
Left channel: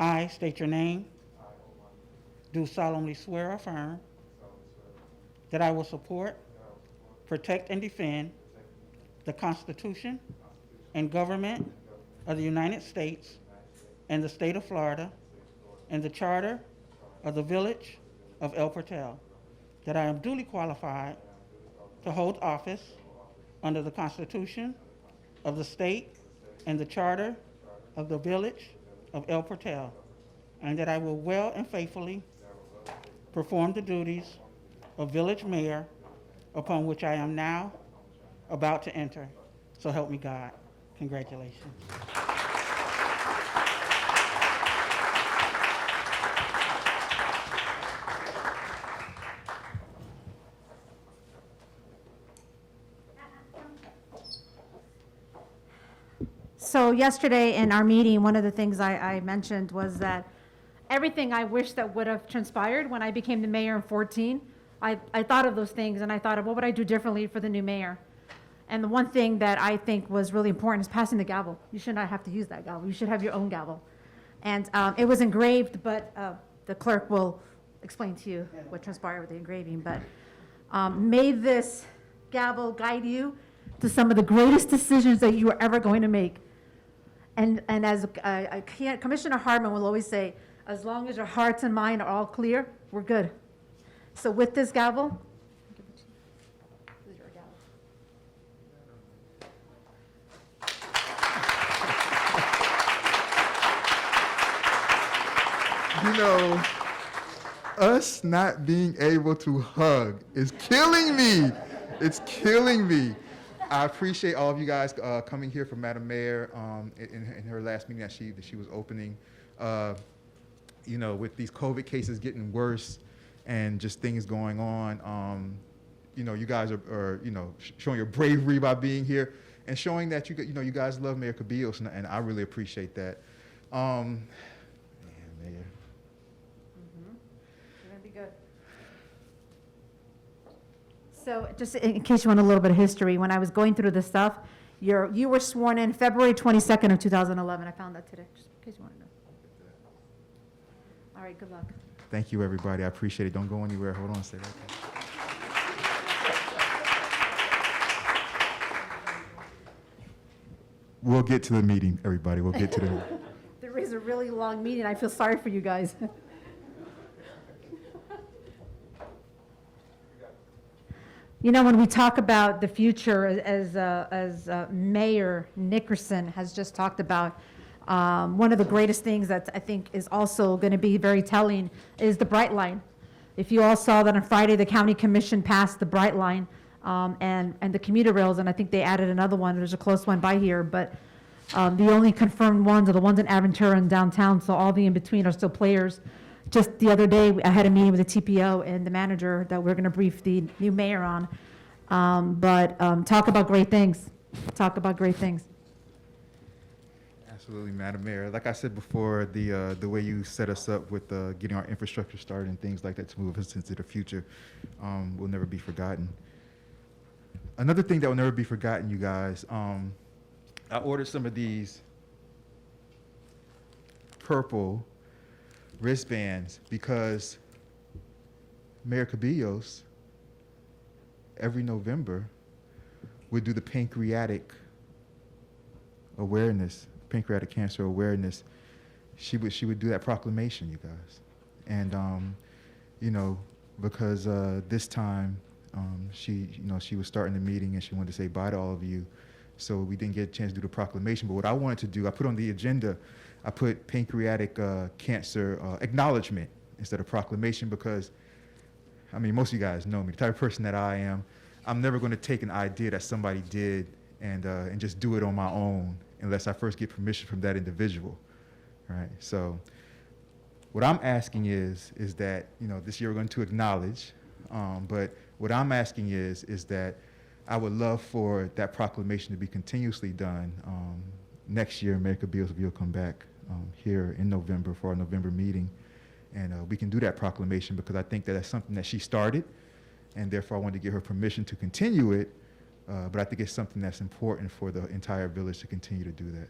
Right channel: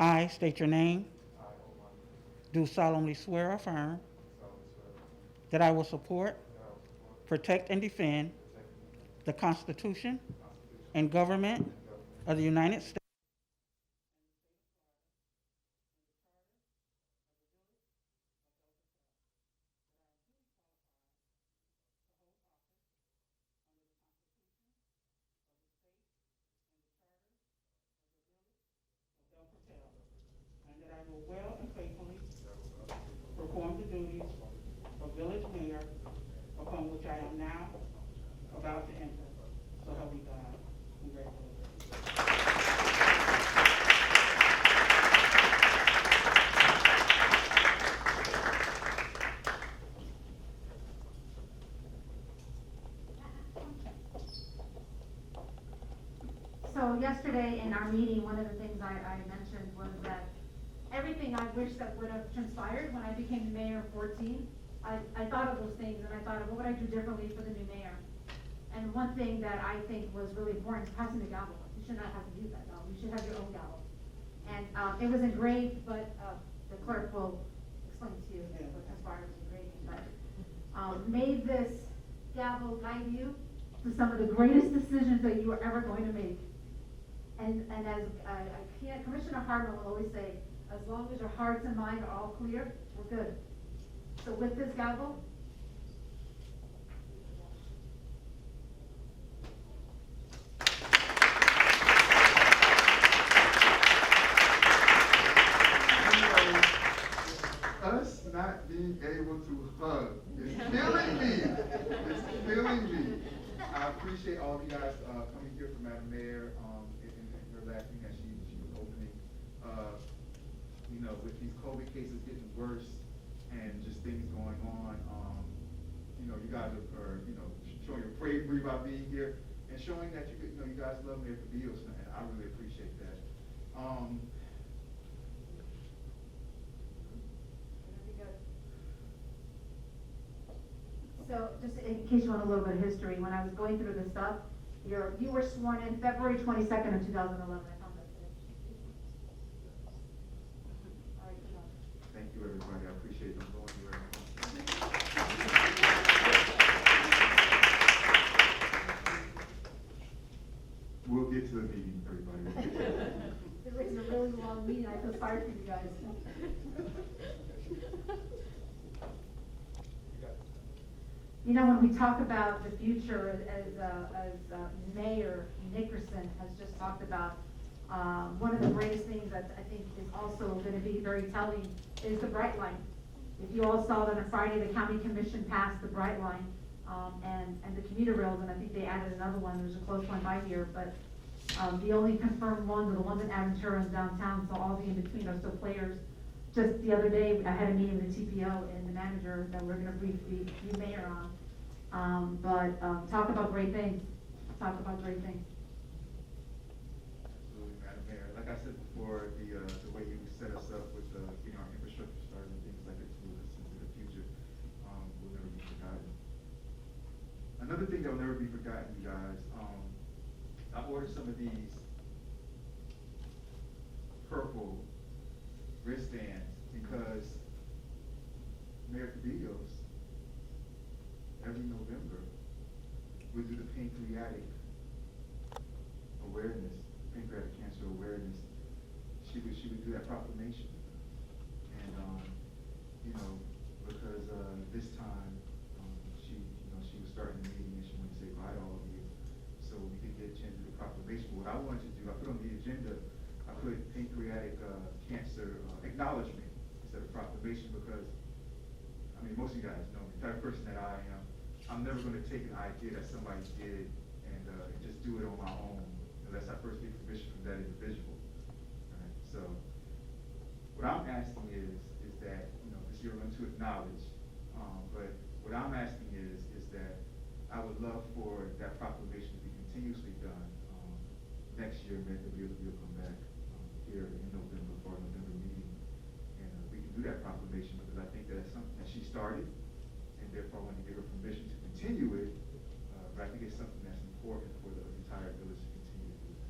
I state your name. Do solemnly swear or affirm that I will support, protect, and defend the Constitution and government of the United States and the state of Florida and the charter of the village of El Portal, that I am duly qualified to hold office under the Constitution of the state and the charter of the village of El Portal, and that I will well and faithfully perform the duties of village mayor upon which I am now about to enter. So help me God. Congratulations. So yesterday in our meeting, one of the things I mentioned was that everything I wish that would have transpired when I became the mayor in 14, I thought of those things and I thought of what would I do differently for the new mayor. And the one thing that I think was really important is passing the gavel. You should not have to use that gavel. You should have your own gavel. And it was engraved, but the clerk will explain to you what transpired with the engraving. But may this gavel guide you to some of the greatest decisions that you are ever going to make. And as Commissioner Hartman will always say, as long as your hearts and mind are all clear, we're good. So with this gavel, You know, us not being able to hug is killing me. It's killing me. I appreciate all of you guys coming here for Madam Mayor in her last meeting that she was opening. You know, with these COVID cases getting worse and just things going on, you know, you guys are you know, showing your bravery by being here and showing that you know, you guys love Mayor Cabillos, and I really appreciate that. Mayor. You're gonna be good. So just in case you want a little bit of history, when I was going through this stuff, you were sworn in February 22nd of 2011. I found that today, just in case you want to know. All right, good luck. Thank you, everybody. I appreciate it. Don't go anywhere. Hold on a second. We'll get to the meeting, everybody. We'll get to the meeting. There is a really long meeting. I feel sorry for you guys. You know, when we talk about the future, as Mayor Nickerson has just talked about, one of the greatest things that I think is also going to be very telling is the Bright Line. If you all saw that on Friday, the County Commission passed the Bright Line and the commuter rails, and I think they added another one. There's a close one by here, but the only confirmed ones are the ones in Aventura and downtown, so all the in-between are still players. Just the other day, I had a meeting with the TPO and the manager that we're going to brief the new mayor on. Talk about great things. Talk about great things. Absolutely, Madam Mayor. Like I said before, the way you set us up with getting our infrastructure started and things like that to move us into the future will never be forgotten. Another thing that will never be forgotten, you guys, I ordered some of these purple wristbands because Mayor Cabillos every November would do the pancreatic cancer awareness. She would do that proclamation, you guys, and you know, because this time she was starting the meeting and she wanted to say bye to all of you, so we didn't get a chance to do the proclamation. But what I wanted to do, I put on the agenda, I put pancreatic cancer acknowledgement instead of proclamation, because, I mean, most of you guys know me, the type of person that I am. I'm never going to take an idea that somebody did and just do it on my own unless I first get permission from that individual, right? So what I'm asking is that, you know, this year we're going to acknowledge, but what I'm asking is that I would love for that proclamation to be continuously done. Next year, Mayor Cabillos will come back here in November for our November meeting, and we can do that proclamation, because I think that that's something that she started, and therefore I wanted to give her permission to continue it, but I think it's something that's important for the entire village to continue to do that.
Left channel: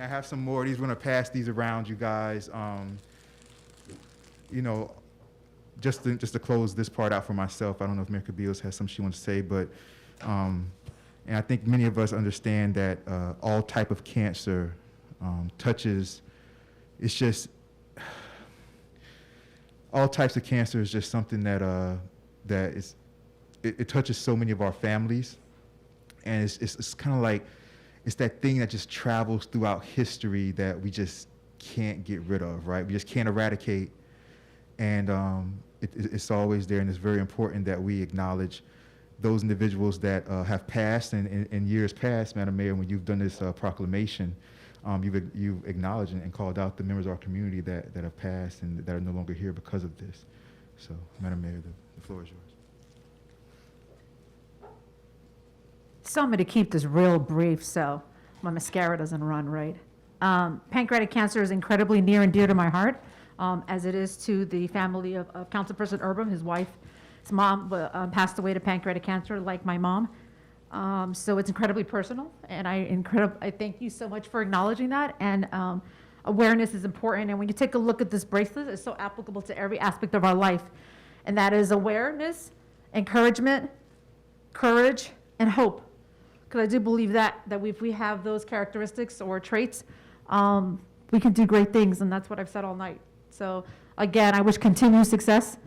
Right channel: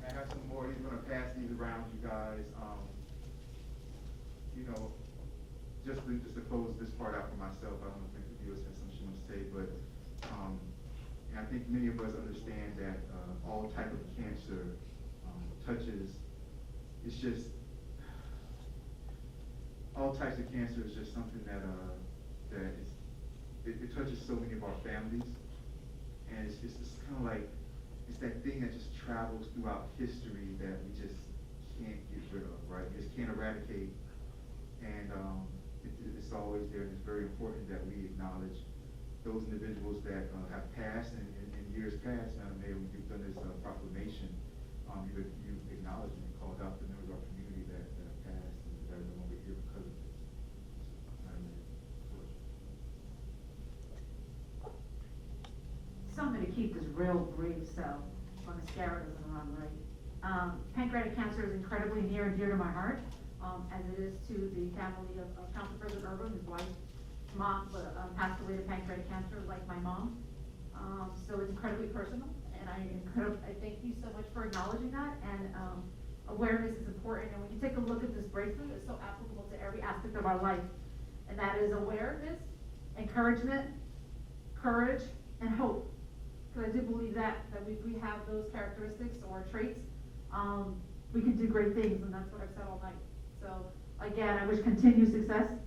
I have some more. We're going to pass these around, you guys. You know, just to close this part out for myself, I don't know if Mayor Cabillos has something she wants to say, but and I think many of us understand that all type of cancer touches. It's just all types of cancer is just something that that it touches so many of our families, and it's kind of like, it's that thing that just travels throughout history that we just can't get rid of, right? We just can't eradicate, and it's always there, and it's very important that we acknowledge those individuals that have passed, and in years past, Madam Mayor, when you've done this proclamation, you've acknowledged and called out the members of our community that have passed and that are no longer here because of this. So, Madam Mayor, the floor is yours. So I'm going to keep this real brief so my mascara doesn't run, right? Pancreatic cancer is incredibly near and dear to my heart, as it is to the family of Councilperson Irma. His wife's mom passed away to pancreatic cancer, like my mom. So it's incredibly personal, and I thank you so much for acknowledging that. And awareness is important, and when you take a look at this bracelet, it's so applicable to every aspect of our life, and that is awareness, encouragement, courage, and hope. Because I do believe that if we have those characteristics or traits, we can do great things, and that's what I've said all night. So again, I wish continued success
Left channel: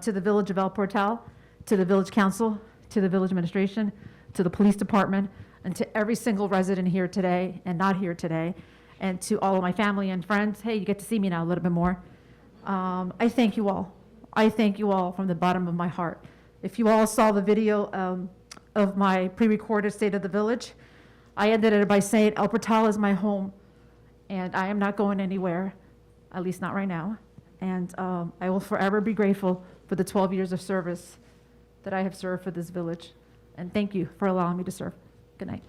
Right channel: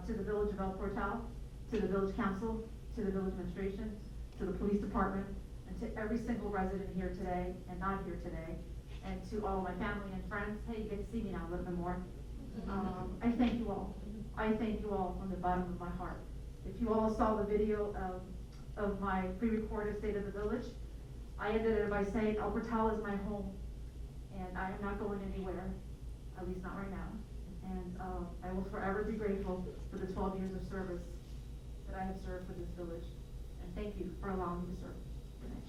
to the Village of El Portal, to the Village Council, to the Village Administration, to the Police Department, and to every single resident here today and not here today, and to all of my family and friends. Hey, you get to see me now a little bit more. I thank you all. I thank you all from the bottom of my heart. If you all saw the video of my pre-recorded State of the Village, I ended it by saying El Portal is my home, and I am not going anywhere, at least not right now. And I will forever be grateful for the 12 years of service that I have served for this village. And thank you for allowing me to serve. Good night.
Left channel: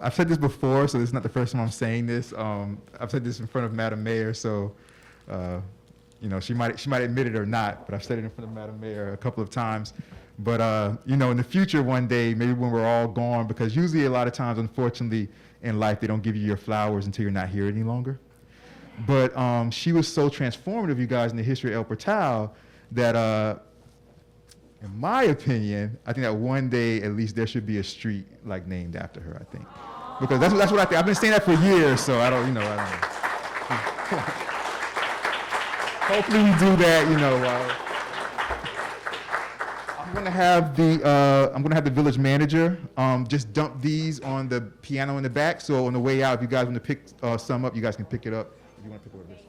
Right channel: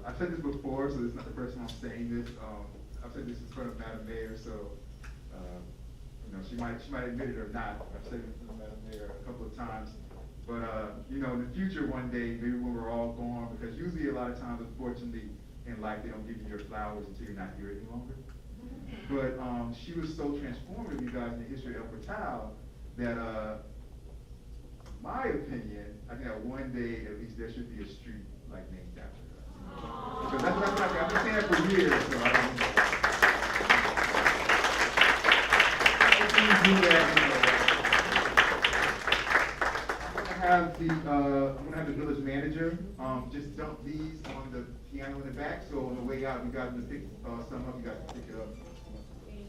I've said this before, so this is not the first time I'm saying this. I've said this in front of Madam Mayor, so she might admit it or not, but I've said it in front of Madam Mayor a couple of times. But in the future, one day, maybe when we're all gone, because usually a lot of times, unfortunately, in life, they don't give you your flowers until you're not here any longer. But she was so transformative, you guys, in the history of El Portal, that in my opinion, I think that one day, at least, there should be a street named after her, I think. Because that's what I think. I've been saying that for years, so I don't. Hopefully you do that, I'm gonna have the village manager just dump these on the piano in the back, so on the way out, if you guys want to pick some up, you guys can pick it up. You want to pick one of these?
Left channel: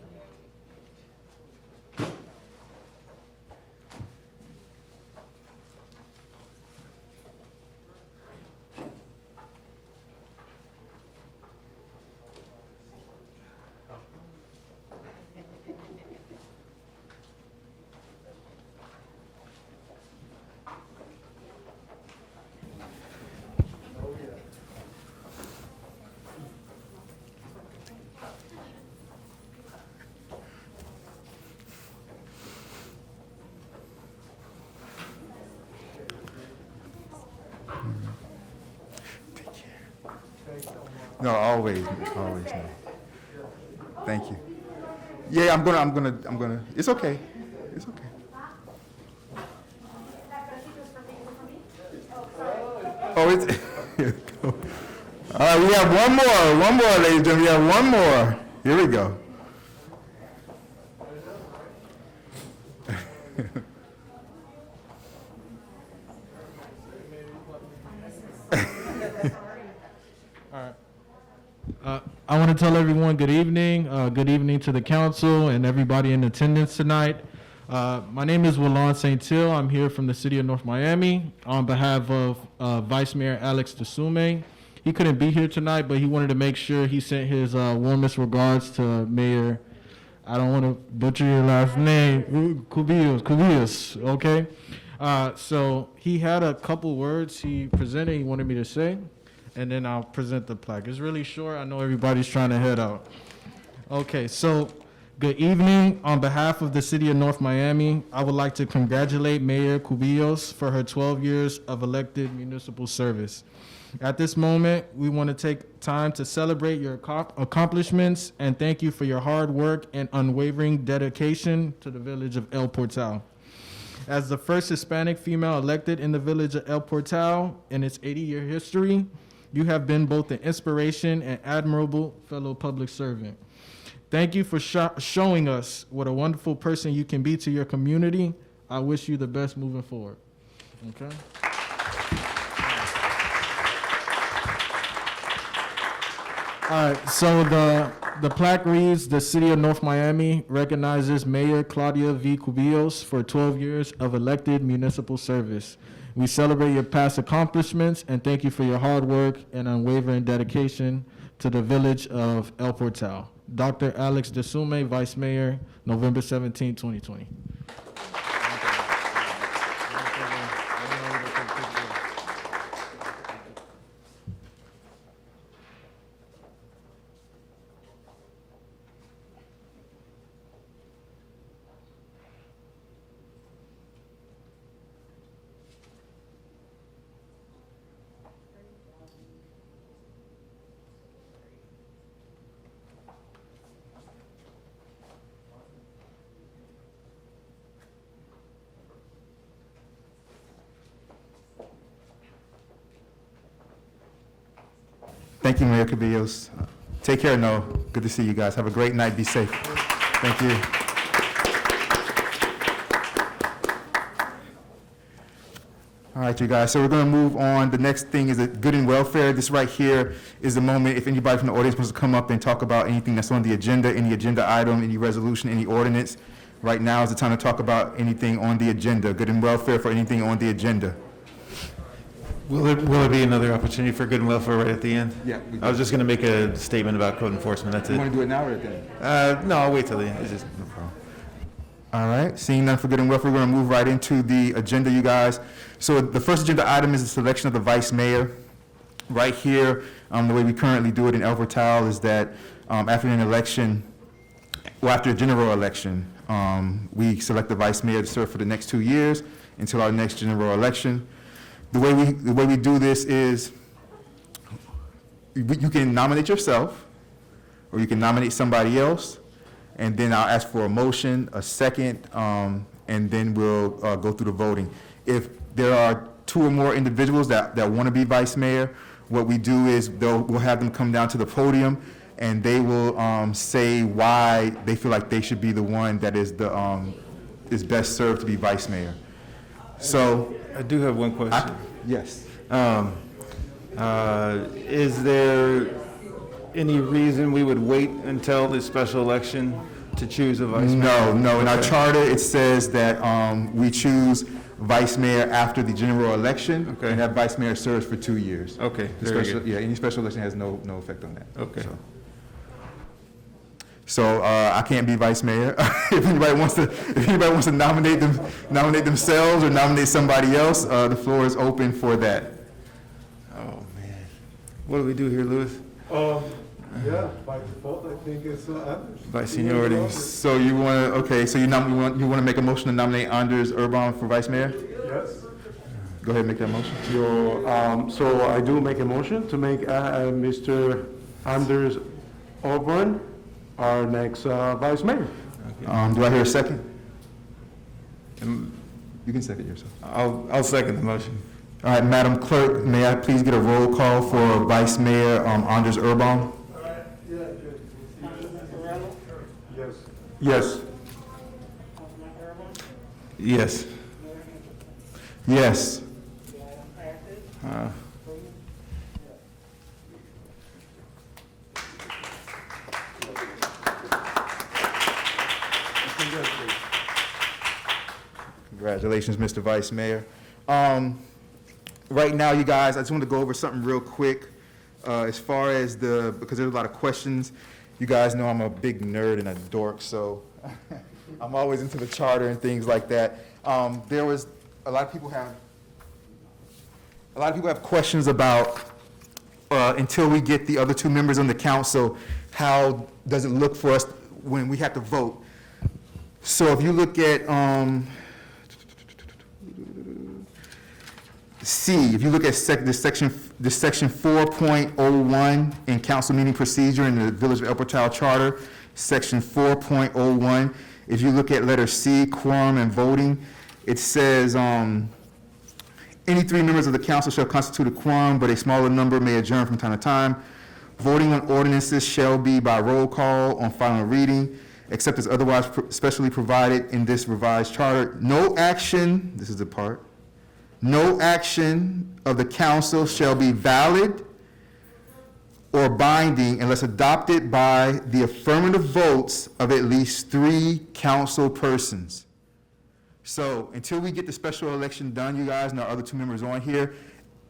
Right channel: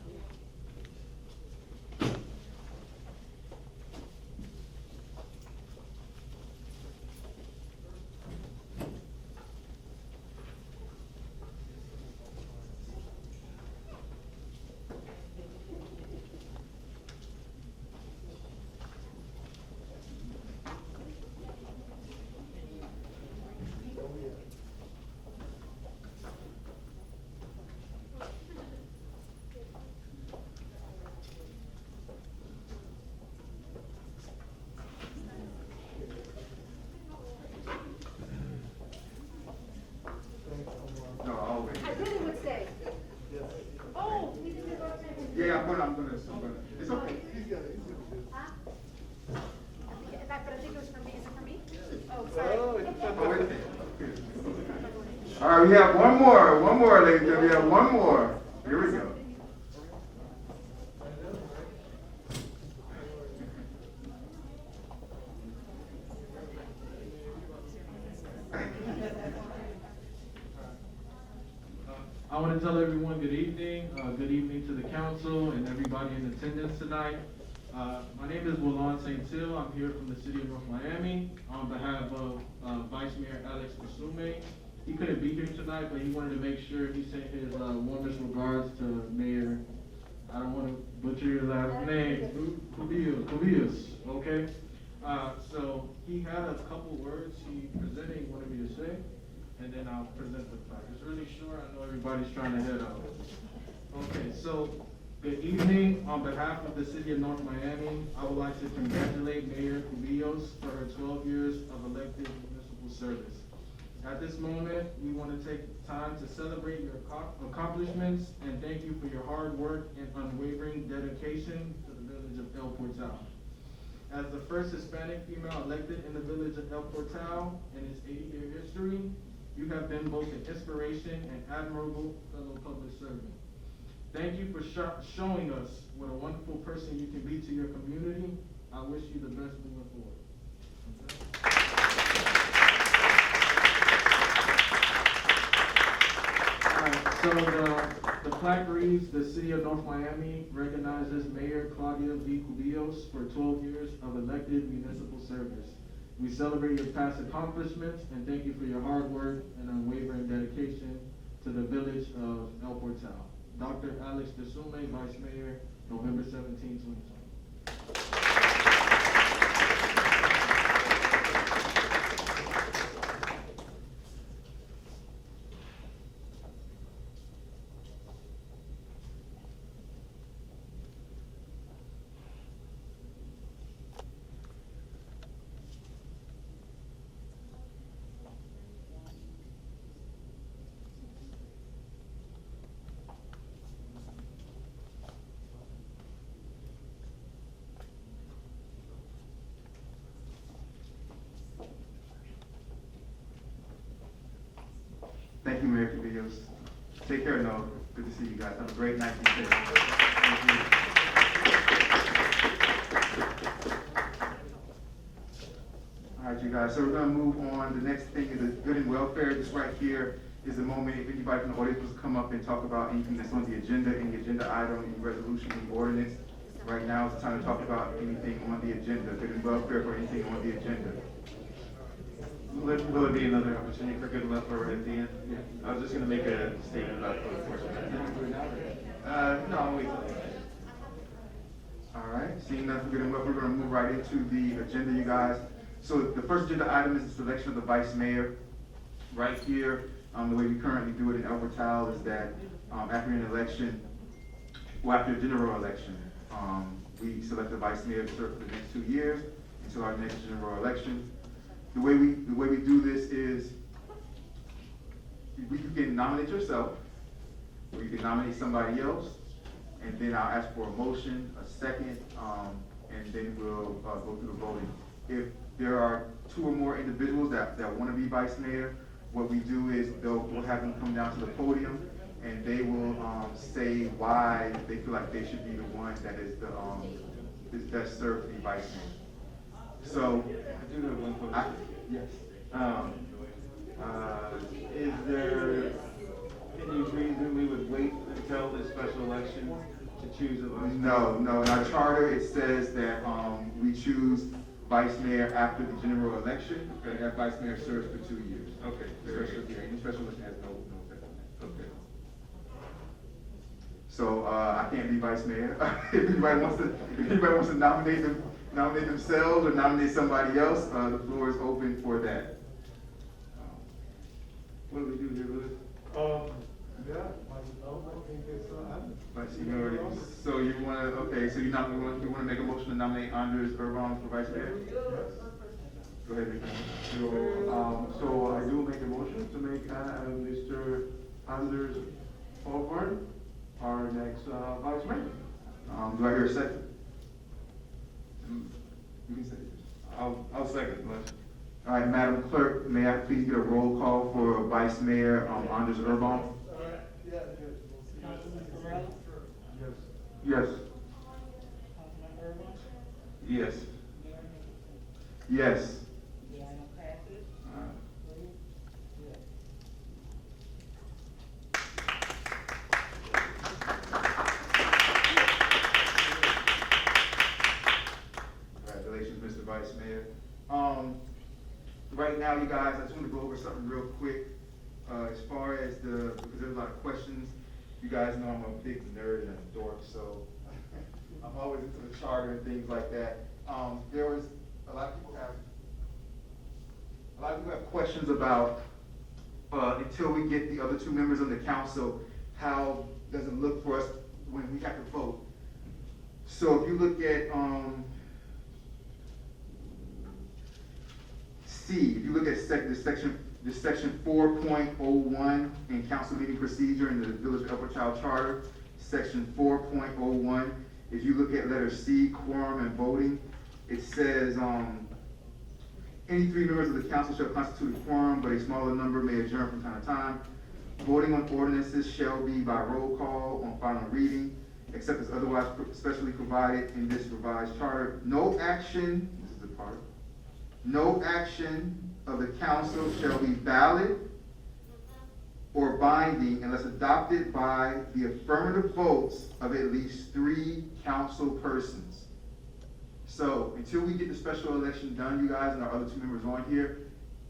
No, always. Thank you. Yeah, I'm gonna. It's okay. It's okay. Oh, it's. All right, we have one more, ladies and gentlemen. We have one more. Here we go. I want to tell everyone good evening. Good evening to the council and everybody in attendance tonight. My name is Willon St. Till. I'm here from the city of North Miami on behalf of Vice Mayor Alex Desume. He couldn't be here tonight, but he wanted to make sure he sent his warmest regards to Mayor, I don't want to butcher your last name, Cubillos, okay? So he had a couple words he presented he wanted me to say, and then I'll present the plaque. It's really short. I know everybody's trying to head out. Okay, so good evening. On behalf of the city of North Miami, I would like to congratulate Mayor Cubillos for her 12 years of elected municipal service. At this moment, we want to take time to celebrate your accomplishments and thank you for your hard work and unwavering dedication to the village of El Portal. As the first Hispanic female elected in the village of El Portal in its 80-year history, you have been both an inspiration and admirable fellow public servant. Thank you for showing us what a wonderful person you can be to your community. I wish you the best moving forward. Okay? All right, so the plaque reads, the City of North Miami recognizes Mayor Claudia V. Cubillos for 12 years of elected municipal service. We celebrate your past accomplishments and thank you for your hard work and unwavering dedication to the village of El Portal. Dr. Alex DeSume, Vice Mayor, November 17, 2020. Thank you, Mayor Cubillos. Take care, Noel. Good to see you guys. Have a great night. Be safe. Thank you. All right, you guys, so we're going to move on. The next thing is good and welfare. This right here is the moment if anybody from the audience wants to come up and talk about anything that's on the agenda, any agenda item, any resolution, any ordinance. Right now is the time to talk about anything on the agenda, good and welfare for anything on the agenda. Will there be another opportunity for good and welfare right at the end? Yeah. I was just going to make a statement about code enforcement, that's You it. want to do it now or then? No, I'll wait till the end. It's just, All right, seeing none for good and welfare, we're going to move right into the agenda, you guys. So the first agenda item is the selection of the vice mayor. Right here, the way we currently do it in El Portal is that after an election, well, after a general election, we select the vice mayor to serve for the next 2 years until our next general election. The way we do this is you can nominate yourself, or you can nominate somebody else, and then I'll ask for a motion, a second, and then we'll go through the voting. If there are 2 or more individuals that want to be vice mayor, what we do is we'll have them come down to the podium, and they will say why they feel like they should be the one that is is best served to be vice mayor. So, I do have one question. yes. Is there any reason we would wait until the special election to choose a vice mayor? No. In our Okay. charter, it says that we choose vice mayor after the general election, Okay. and that vice mayor serves for 2 years. Okay, The very special- good. Yeah, any special election has no effect on that. Okay. So I can't be vice mayor. If anybody wants to nominate themselves or nominate somebody else, the floor is open for that. Oh, man. What do we do here, Louis? Yeah, by default, I think it's Anders. By seniority? So you want to, so you want to make a motion to nominate Anders Urban for vice mayor? Yes. Go ahead and make that motion. So I do make a motion to make Mr. Anders Auburn our next vice mayor. Do I hear a second? Um, You can second yourself. I'll second the motion. All right, Madam Clerk, may I please get a roll call for Vice Mayor Anders Urban? Yes. Yes. Yes. Congratulations, Mr. Vice Mayor. Right now, you guys, I just want to go over something real quick. As far as because there's a lot of questions, you guys know I'm a big nerd and a dork, so I'm always into the charter and things like that. There was, a lot of people have questions about, until we get the other 2 members on the council, how does it look for us when we have to vote? So if you look at, C, if you look at the section this section 4.01 in council meeting procedure in the Village of El Portal Charter, section 4.01. If you look at letter C, quorum and voting, it says, any 3 members of the council shall constitute a quorum, but a smaller number may adjourn from time to time. Voting on ordinances shall be by roll call on final reading, except as otherwise specially provided in this revised charter. No action, this is the part, no action of the council shall be valid or binding unless adopted by the affirmative votes of at least 3 council persons. So until we get the special election done, you guys, and our other 2 members on here,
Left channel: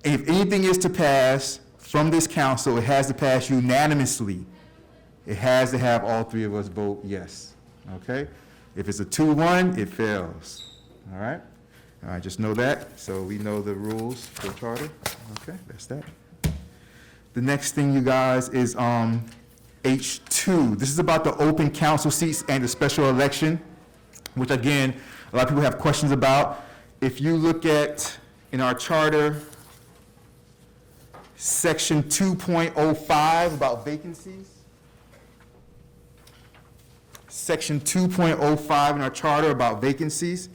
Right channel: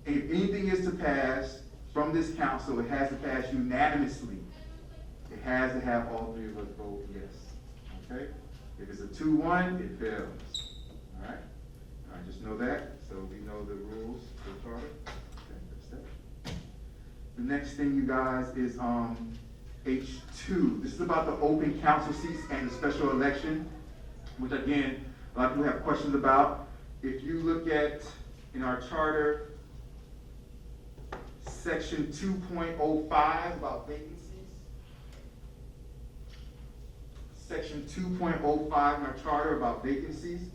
if anything is to pass from this council, it has to pass unanimously. It has to have all 3 of us vote yes, okay? If it's a 2-1, it fails, all right? All right, just know that, so we know the rules for the charter. Okay, that's that. The next thing, you guys, is H2. This is about the open council seats and the special election, which again, a lot of people have questions about. If you look at, in our charter, section 2.05 about vacancies. Section 2.05 in our charter about vacancies.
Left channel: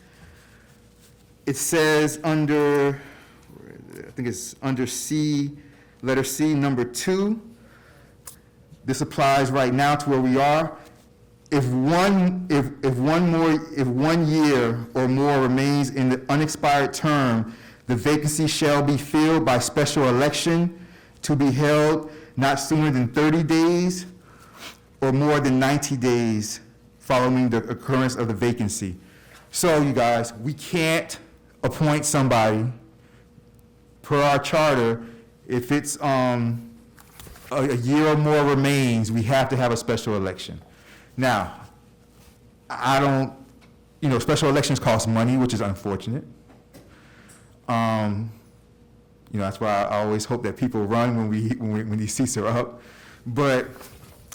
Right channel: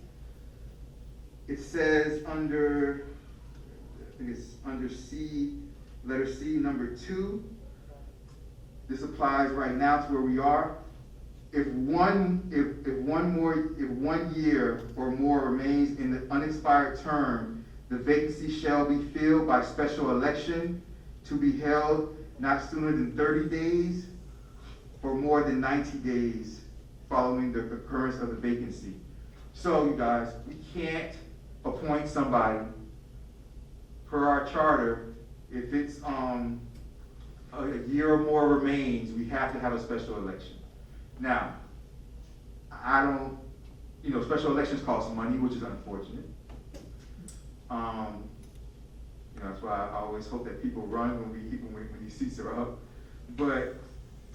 It says under, I think it's under C, letter C, number 2. This applies right now to where we are. If 1 year or more remains in the unexpired term, the vacancy shall be filled by special election to be held not sooner than 30 days or more than 90 days following the occurrence of the vacancy. So, you guys, we can't appoint somebody per our charter if it's a year or more remains. We have to have a special election. Now, I don't, special elections cost money, which is unfortunate. That's why I always hope that people run when these seats are up. But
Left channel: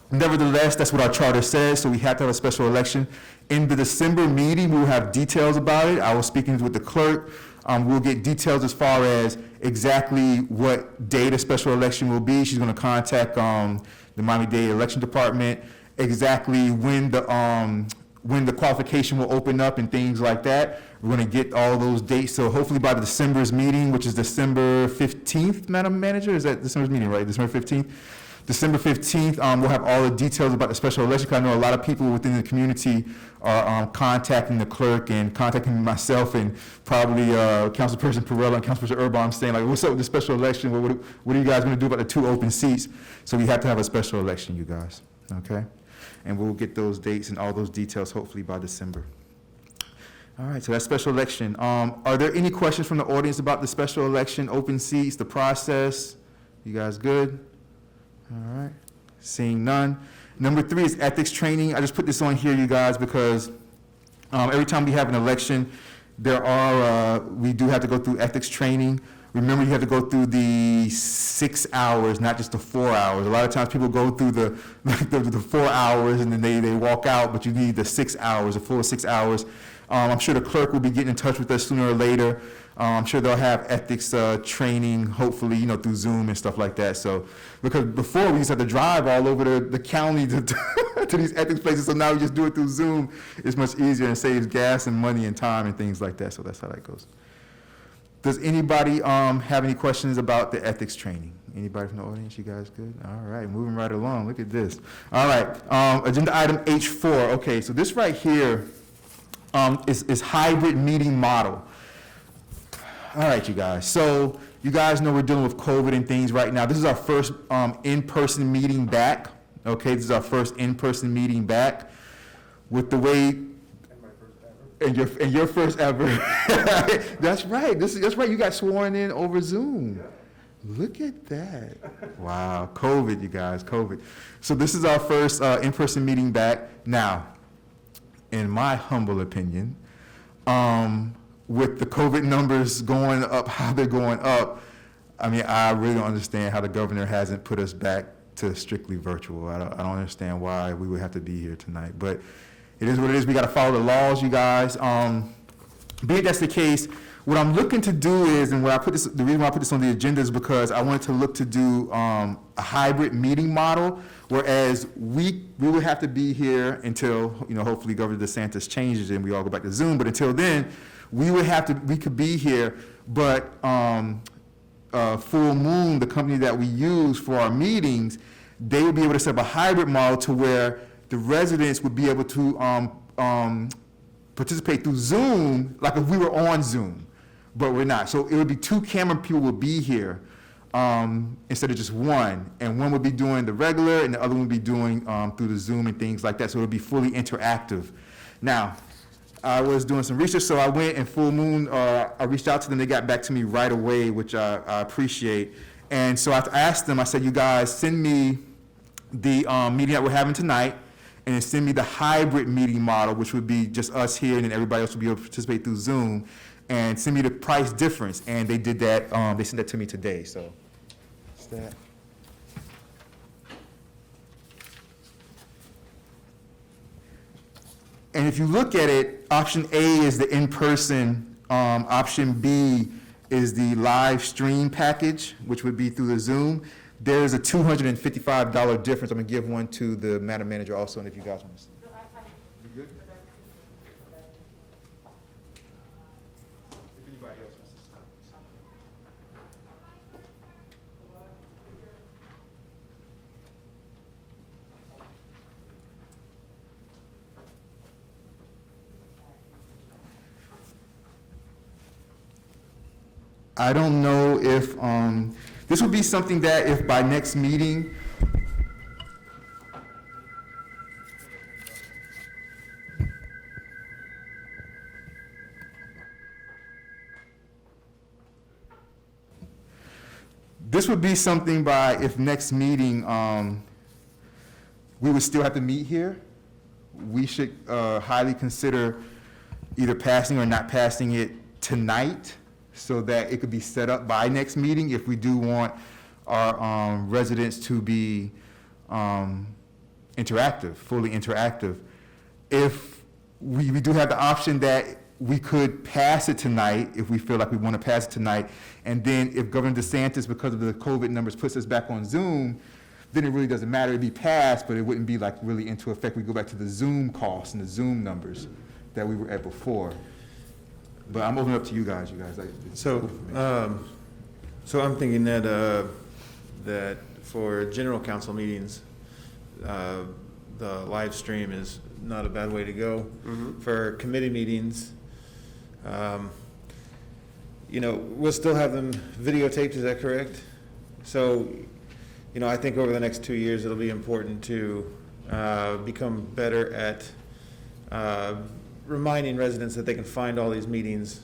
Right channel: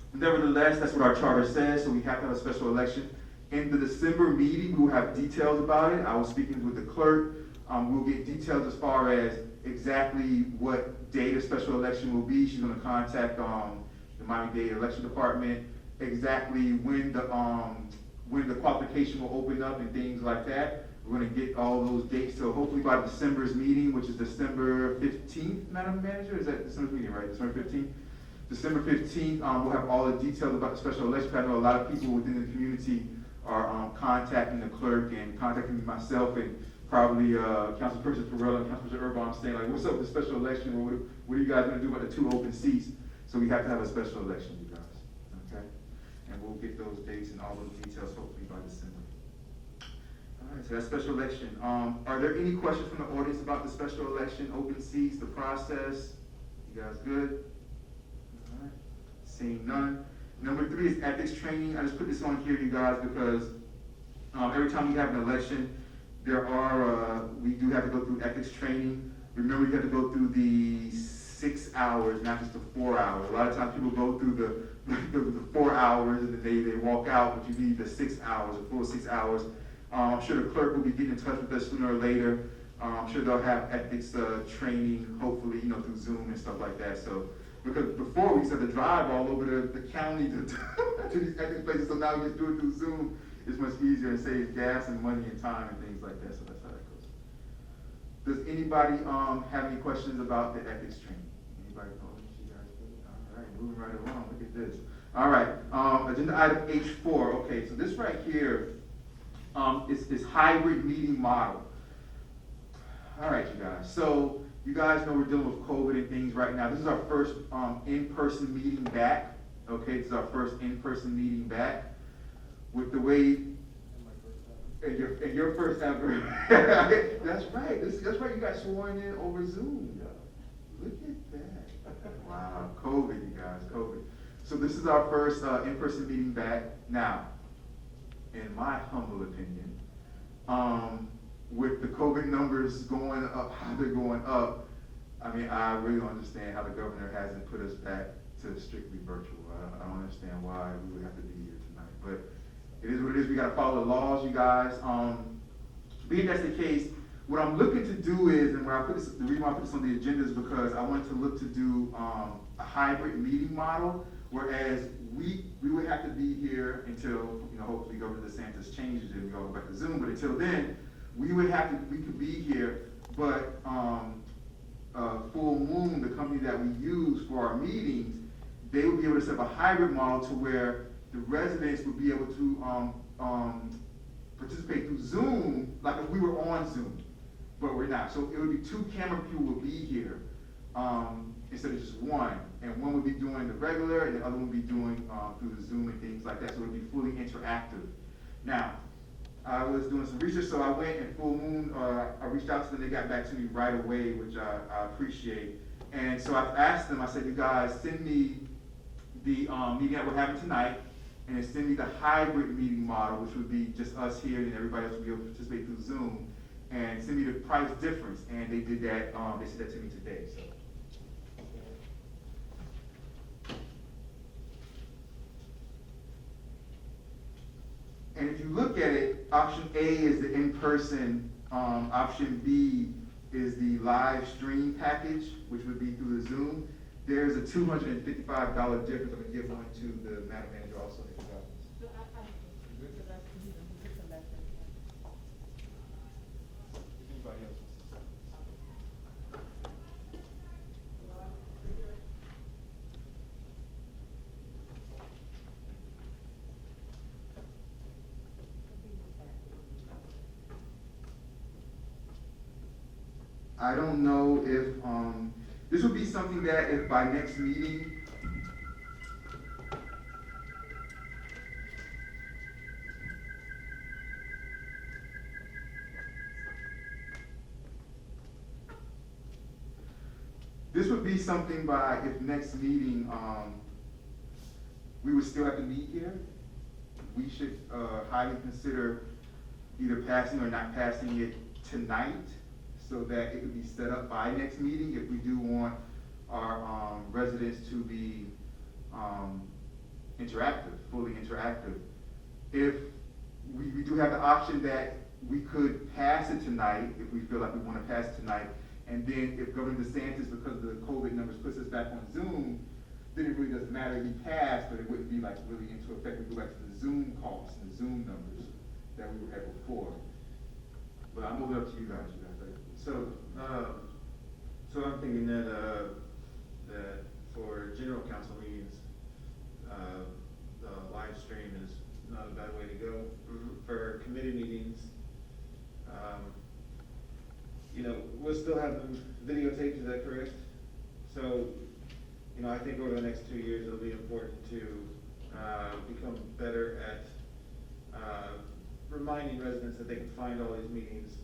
nevertheless, that's what our charter says, so we have to have a special election. In the December meeting, we'll have details about it. I was speaking with the clerk. We'll get details as far as exactly what day the special election will be. She's going to contact the Miami-Dade Election Department, exactly when the qualification will open up and things like that. We're going to get all those dates. So hopefully by the December's meeting, which is December 15th, Madam Manager, is that December's meeting, right? December 15th? December 15th, we'll have all the details about the special election, because I know a lot of people within the community are contacting the clerk and contacting myself and probably Councilperson Perrella and Councilperson Urban saying, like, what's up with the special election? What are you guys going to do about the 2 open seats? So we have to have a special election, you guys, okay? And we'll get those dates and all those details hopefully by December. All right, so that's special election. Are there any questions from the audience about the special election, open seats, the process? You guys good? All right, seeing none. Number 3 is ethics training. I just put this on here, you guys, because every time we have an election, we do have to go through ethics training. Remember, you have to go through the 6 hours, not just the 4 hours. A lot of times people go through the 4 hours and then they walk out, but you need the 6 hours, a full 6 hours. I'm sure the clerk will be getting in touch with us sooner or later. I'm sure they'll have ethics training, hopefully, through Zoom and stuff like that. So, because before we used to have to drive all over the county to these ethics places, so now we just do it through Zoom. It's much easier and saves gas and money and time and things like that. So that's how that goes. Does anybody have any questions about the ethics training? Anybody from the audience? You guys good? All right, moving right along. Look at this. All right, agenda item H4. Okay, so this right here is hybrid meeting model. All right, you guys. So you guys know we're dealing with COVID and things right now. This is our first in-person meeting back. Okay, this is our first in-person meeting back. With the way, and your first ever. That's right. That's right. You got sworn in over Zoom. Look at that. Wow, COVID, you guys, COVID. So this is our first in-person meeting back. Now, in my humble opinion, with the COVID numbers going up, how they're going up, I mean, I really don't understand how the governor hasn't put us back to strictly virtual. I don't understand why we would have to be here tonight, but it is what it is. We got to follow the laws, you guys. Be it that's the case, What I'm looking to do is, and the reason why I put this on the agenda is because I wanted to look to do a hybrid meeting model, whereas we would have to be here until, hopefully Governor DeSantis changes and we all go back to Zoom, but until then, we could be here, but Full Moon, the company that we use for our meetings, they would be able to set up a hybrid model to where the residents would be able to participate through Zoom, like if we were on Zoom, but we're not. So it would be 2 camera people would be here instead of just one, and one would be doing the regular, and the other one would be doing through the Zoom and things like that. So it would be fully interactive. Now, I was doing some research, so I went and Full Moon, I reached out to them, they got back to me right away, which I appreciate. And so I asked them, I said, you guys send me the meeting that we're having tonight, and then send me the hybrid meeting model, which would be just us here, and then everybody else would be able to participate through Zoom, and send me the price difference. And they did that, they sent that to me today, so. That's that. And if you look at it, option A is the in-person, option B is the live stream package, which would be through the Zoom. There's a $255 difference. I'm gonna give one to the Madam Manager also, and if you guys want to. I don't know if, this would be something that if by next meeting, this would be something by, if next meeting, we would still have to meet here, we should highly consider either passing or not passing it tonight, so that it could be set up by next meeting if we do want our residents to be interactive, fully interactive. If we do have the option that we could pass it tonight, if we feel like we want to pass it tonight, and then if Governor DeSantis, because of the COVID numbers, puts us back on Zoom, then it really doesn't matter. It'd be passed, but it wouldn't be like really into effect. We go back to the Zoom costs and the Zoom numbers that we were at before. But I'm opening up to you guys. So I'm thinking that that for general council meetings, the live stream is not a bad way to go. Mm-hmm. For committee meetings, we'll still have them videotaped. Is that correct? So, I think over the next 2 years, it'll be important to become better at reminding residents that they can find all these meetings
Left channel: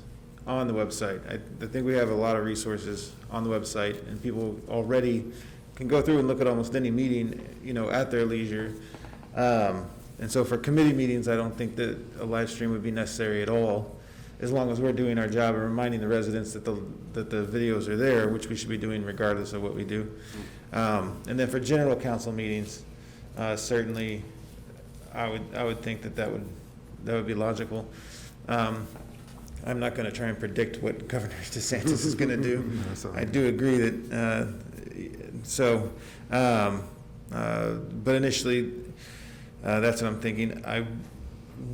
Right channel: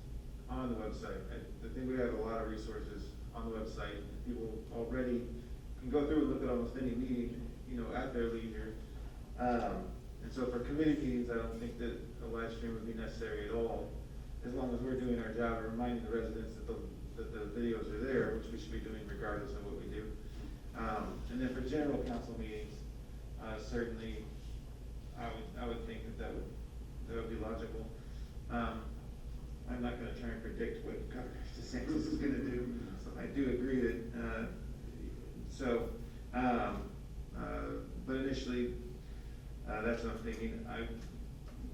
on the website. I think we have a lot of resources on the website, and people already can go through and look at almost any meeting, at their leisure. And so for committee meetings, I don't think that a live stream would be necessary at all, as long as we're doing our job and reminding the residents that the videos are there, which we should be doing regardless of what we do. And then for general council meetings, certainly, I would think that would be logical. I'm not going to try and predict what Governor DeSantis is going to do. I do agree that, but initially, that's what I'm thinking. I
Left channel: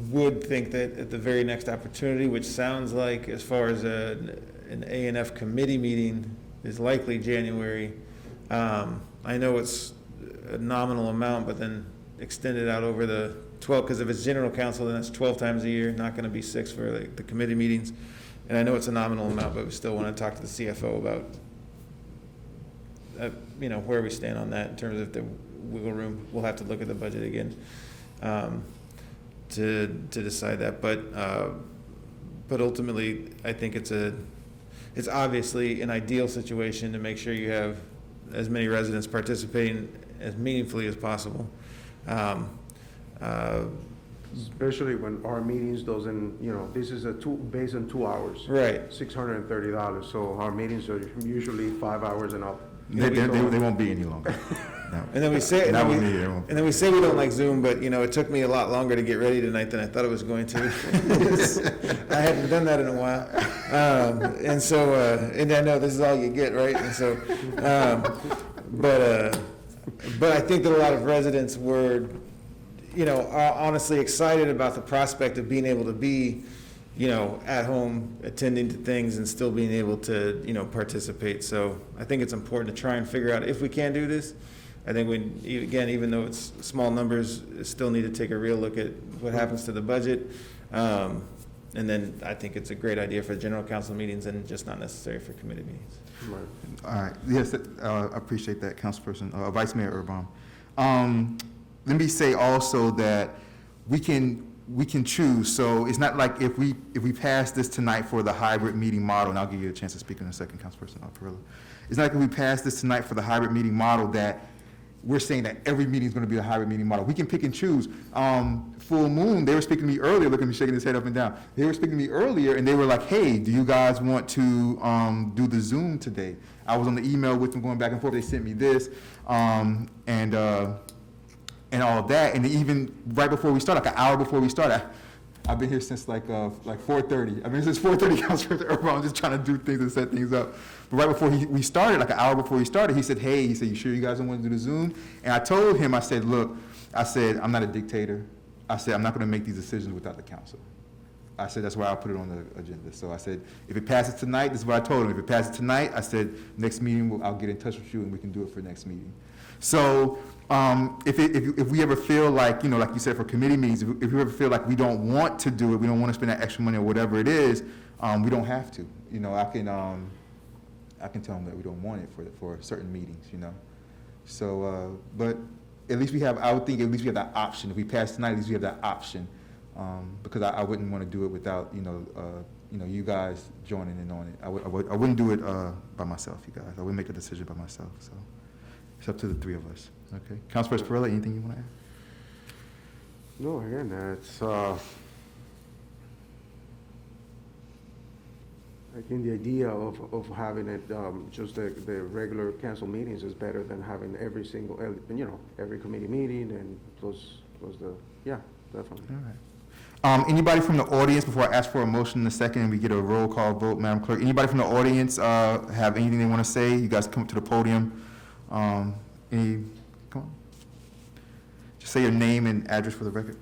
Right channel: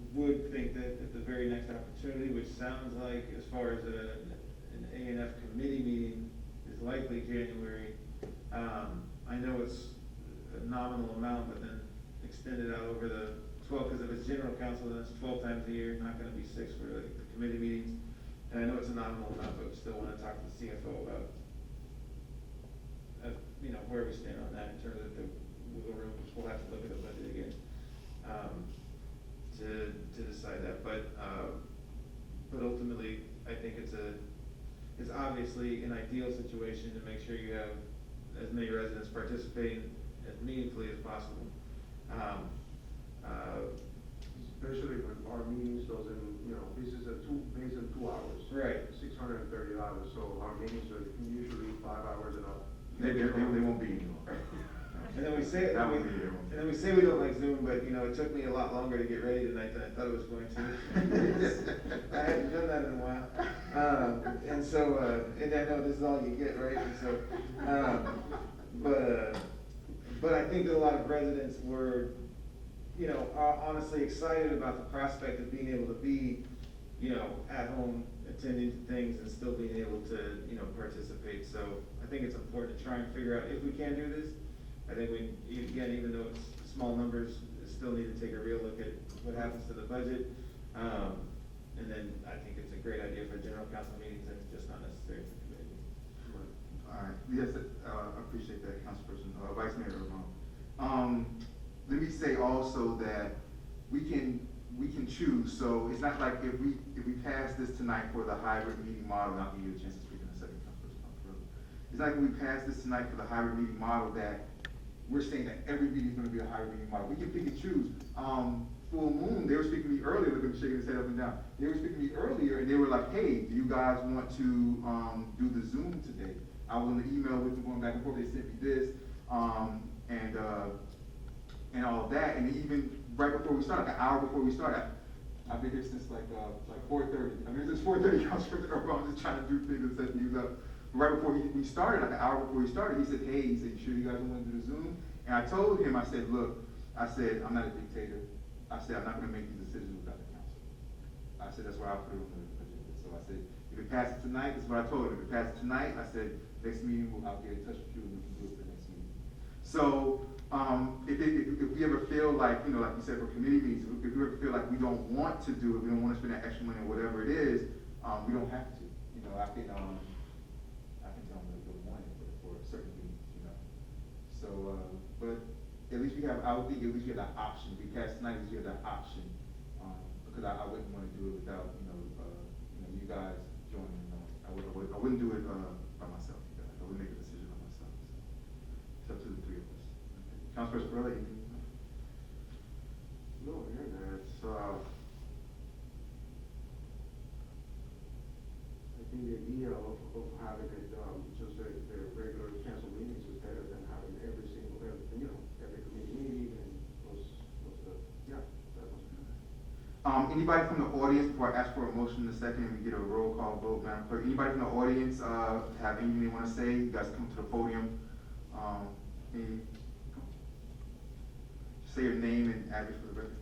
would think that at the very next opportunity, which sounds like as far as an A&F committee meeting is likely January. I know it's a nominal amount, but then extend it out over the 12, because if it's general council, then it's 12 times a year, not going to be 6 for the committee meetings. And I know it's a nominal amount, but we still want to talk to the CFO about, where we stand on that in terms of the wiggle room. We'll have to look at the budget again to decide that. But ultimately, I think it's obviously an ideal situation to make sure you have as many residents participating as meaningfully as possible. Especially when our meetings doesn't, this is based on 2 hours. Right. $630, so our meetings are usually 5 hours and up. They won't be any longer. No. And then we say, Not with me, they won't be. and then we say we don't like Zoom, but it took me a lot longer to get ready tonight than I thought it was going to. I hadn't done that in a while. And so, and I know this is all you get, right? And so, but I think that a lot of residents were, are honestly excited about the prospect of being able to be, at home, attending to things and still being able to, participate. So I think it's important to try and figure out if we can do this. I think we, again, even though it's small numbers, still need to take a real look at what happens to the budget. And then I think it's a great idea for general council meetings and just not necessary for committee meetings. All right, yes, I appreciate that, Councilperson, Vice Mayor Urban. Let me say also that we can choose, so it's not like if we pass this tonight for the hybrid meeting model, and I'll give you a chance to speak in a second, Councilperson Perillo. It's not like if we pass this tonight for the hybrid meeting model that we're saying that every meeting is gonna be the hybrid meeting model. We can pick and choose. Full Moon, they were speaking to me earlier, look at me shaking his head up and down. They were speaking to me earlier and they were like, hey, do you guys want to do the Zoom today? I was on the email with them going back and forth. They sent me this and all of that. And even right before we started, like an hour before we started, I've been here since like 4:30. I mean, since 4:30, Councilor Urban, I'm just trying to do things and set things up. But right before we started, like an hour before we started, he said, hey, he said, you sure you guys don't want to do the Zoom? And I told him, I said, look, I said, I'm not a dictator. I said, I'm not going to make these decisions without the council. I said, that's why I'll put it on the agenda. So I said, if it passes tonight, this is what I told him. If it passes tonight, I said, next meeting, I'll get in touch with you and we can do it for next meeting. So if we ever feel like, like you said, for committee meetings, if we ever feel like we don't want to do it, we don't want to spend that extra money or whatever it is, we don't have to. I can tell them that we don't want it for certain meetings, So, but at least we have, I would think at least we have that option. If we pass tonight, at least we have that option. Because I wouldn't want to do it without, you guys joining in on it. I wouldn't do it by myself, you guys. I wouldn't make a decision by myself, so it's up to the three of us. Okay. Councilperson Perillo, anything you want to add? No, again, it's, I think the idea of having it, just the regular council meetings is better than having every single, every committee meeting and plus the, yeah, definitely. All right. Anybody from the audience, before I ask for a motion in a second and we get a roll call vote, Madam Clerk, anybody from the audience have anything they want to say? You guys come up to the podium. Come on. Just say your name and address for the record.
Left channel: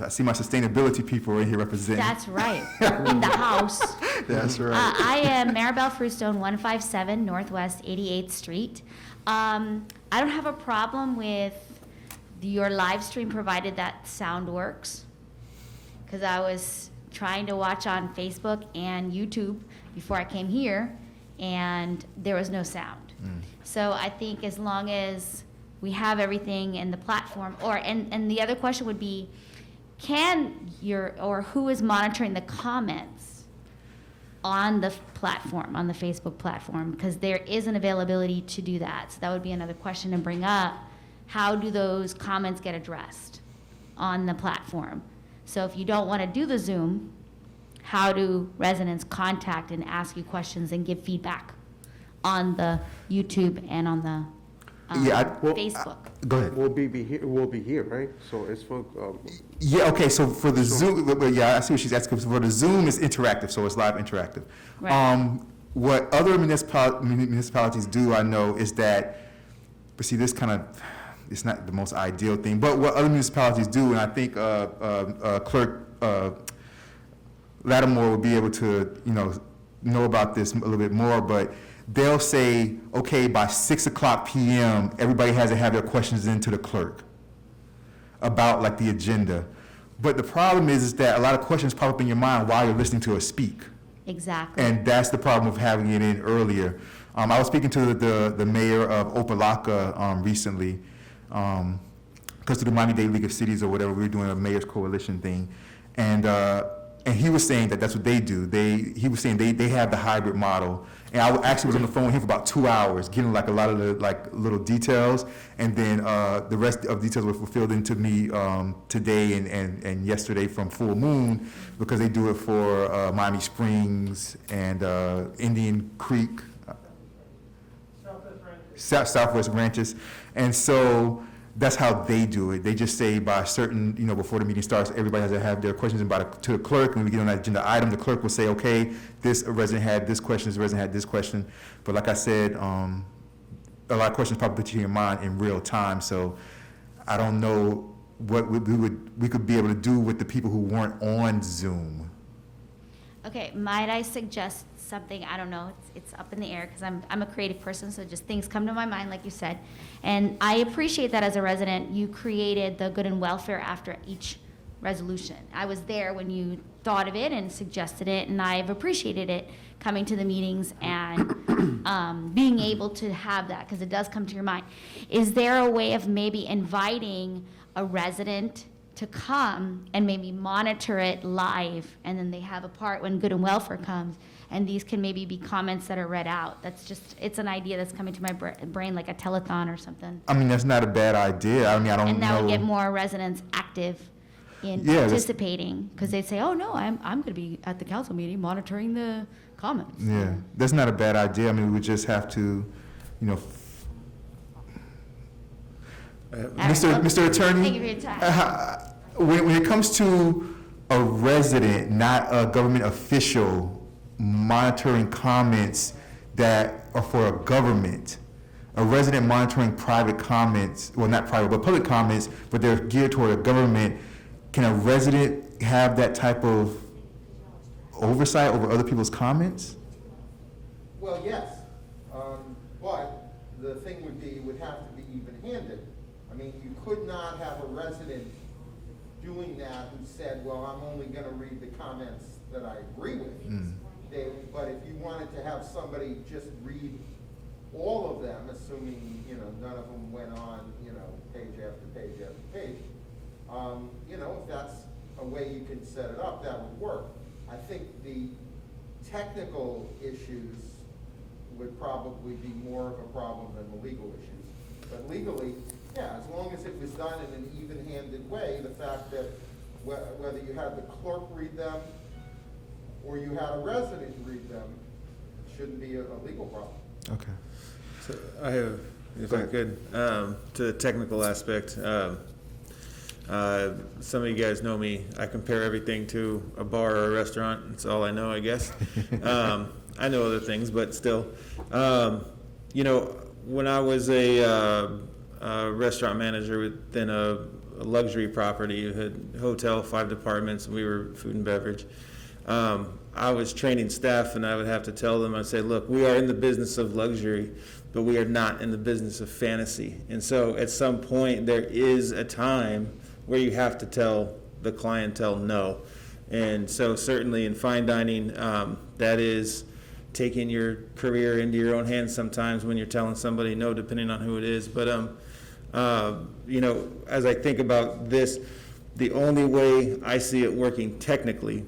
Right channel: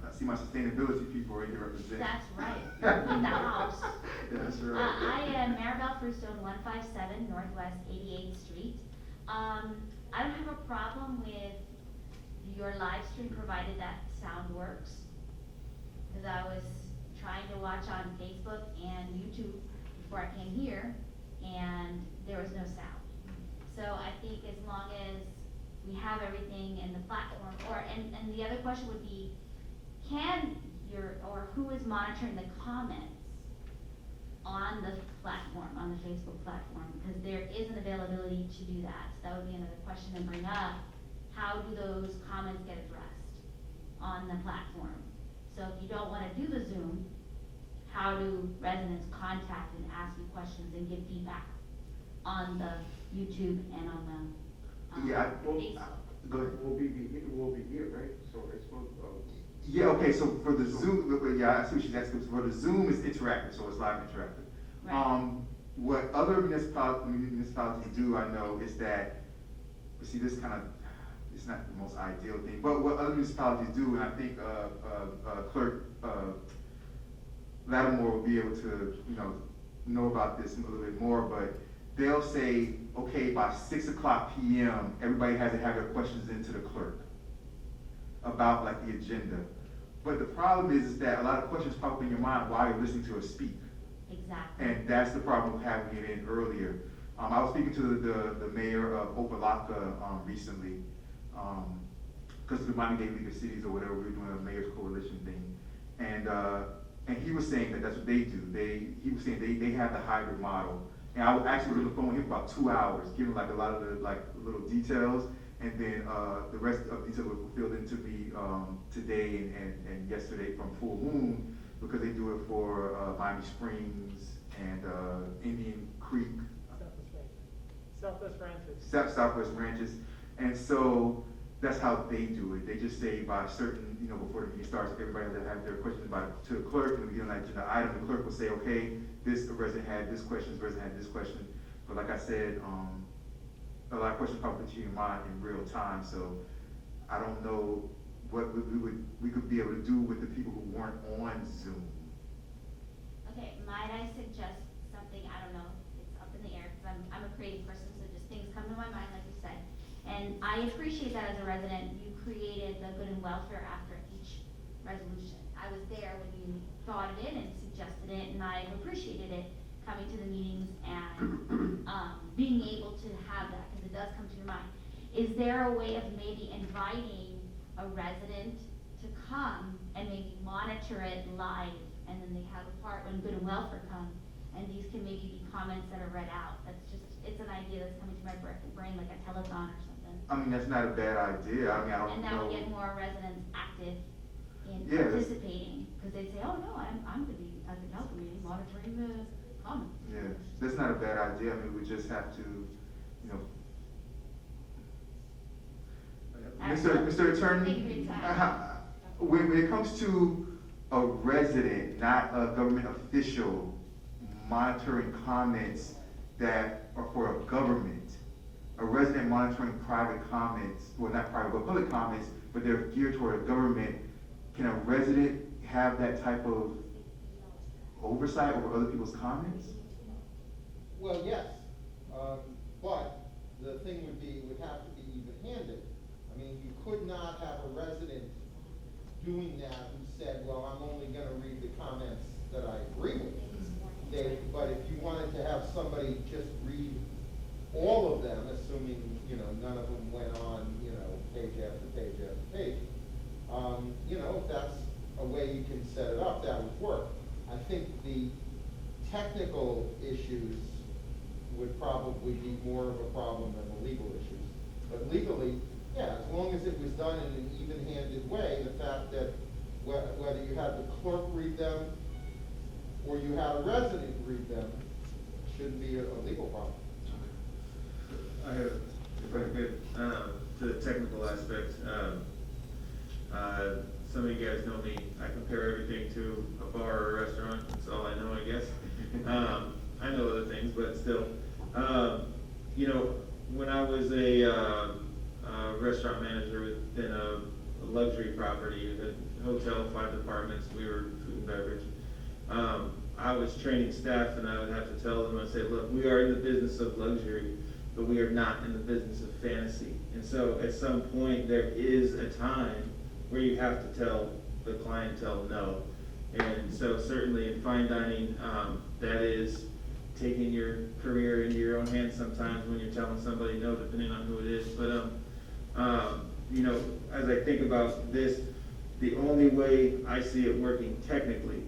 I see my sustainability people right here representing. That's right, in the house. That's right. I am Maribel Fruestone, 157 Northwest 88th Street. I don't have a problem with your live stream, provided that sound works. Because I was trying to watch on Facebook and YouTube before I came here, and there was no sound. So I think as long as we have everything in the platform, and the other question would be, who is monitoring the comments on the platform, on the Facebook platform? Because there is an availability to do that. So that would be another question to bring up. How do those comments get addressed on the platform? So if you don't want to do the Zoom, how do residents contact and ask you questions and give feedback on the YouTube and on the Facebook? Go ahead. We'll be here, right? So it's for, Yeah, okay, so for the Zoom, yeah, I see what she's asking. For the Zoom is interactive, so it's live interactive. Right. What other municipalities do, I know, is that, but see, this kind of, it's not the most ideal thing, but what other municipalities do, and I think Clerk Lattimore will be able to, know about this a little bit more, but they'll say, okay, by 6:00 p.m., everybody has to have their questions into the clerk about like the agenda. But the problem is that a lot of questions pop up in your mind while you're listening to us speak. Exactly. And that's the problem of having it in earlier. I was speaking to the mayor of Opelika recently, because of the Miami-Dade League of Cities or whatever, we were doing a mayor's coalition thing. And he was saying that that's what they do. He was saying they have the hybrid model. And I actually was on the phone with him for about 2 hours, getting like a lot of the like little details, and then the rest of the details were fulfilled into me today and yesterday from Full Moon, because they do it for Miami Springs and Indian Creek, Southwest Ranches, and so that's how they do it. They just say by a certain, before the meeting starts, everybody has to have their questions to the clerk. When we get on that agenda item, the clerk will say, okay, this resident had this question, this resident had this question. But like I said, a lot of questions probably put you in your mind in real time. So I don't know what we could be able to do with the people who weren't on Zoom. Okay, might I suggest something? I don't know, it's up in the air, because I'm a creative person, so just things come to my mind, like you said. And I appreciate that as a resident, you created the good and welfare after each resolution. I was there when you thought of it and suggested it, and I've appreciated it coming to the meetings and being able to have that, because it does come to your mind. Is there a way of maybe inviting a resident to come and maybe monitor it live, and then they have a part when good and welfare comes, and these can maybe be comments that are read out? That's just, it's an idea that's coming to my brain, like a telethon or something. I mean, that's not a bad idea. I mean, I don't know. And that would get more residents active in Yeah, participating, because they'd say, oh, no, I'm going to be at the council meeting monitoring the comments. Yeah, that's not a bad idea. I mean, we just have to, Mr. Attorney. Thank you for your time. When it comes to a resident, not a government official, monitoring comments that are for a government, a resident monitoring private comments, well, not private, but public comments, but they're geared toward a government, can a resident have that type of oversight over other people's comments? Well, yes, but the thing would have to be even-handed. I mean, you could not have a resident doing that who said, well, I'm only gonna read the comments that I agree with. But if you wanted to have somebody just read all of them, assuming, none of them went on, page after page after page, if that's a way you can set it up, that would work. I think the technical issues would probably be more of a problem than the legal issues. But legally, yeah, as long as it was done in an even-handed way, the fact that whether you had the clerk read them or you had a resident read them shouldn't be a legal problem. Okay. So I have, if I could, to the technical aspect, some of you guys know me. I compare everything to a bar or a restaurant. That's all I know, I guess. I know other things, but still. When I was a restaurant manager within a luxury property, it had a hotel, 5 departments, and we were food and beverage. I was training staff, and I would have to tell them, I'd say, look, we are in the business of luxury, but we are not in the business of fantasy. And so at some point, there is a time where you have to tell the clientele no. And so certainly in fine dining, that is taking your career into your own hands sometimes when you're telling somebody no, depending on who it is. But, as I think about this, the only way I see it working technically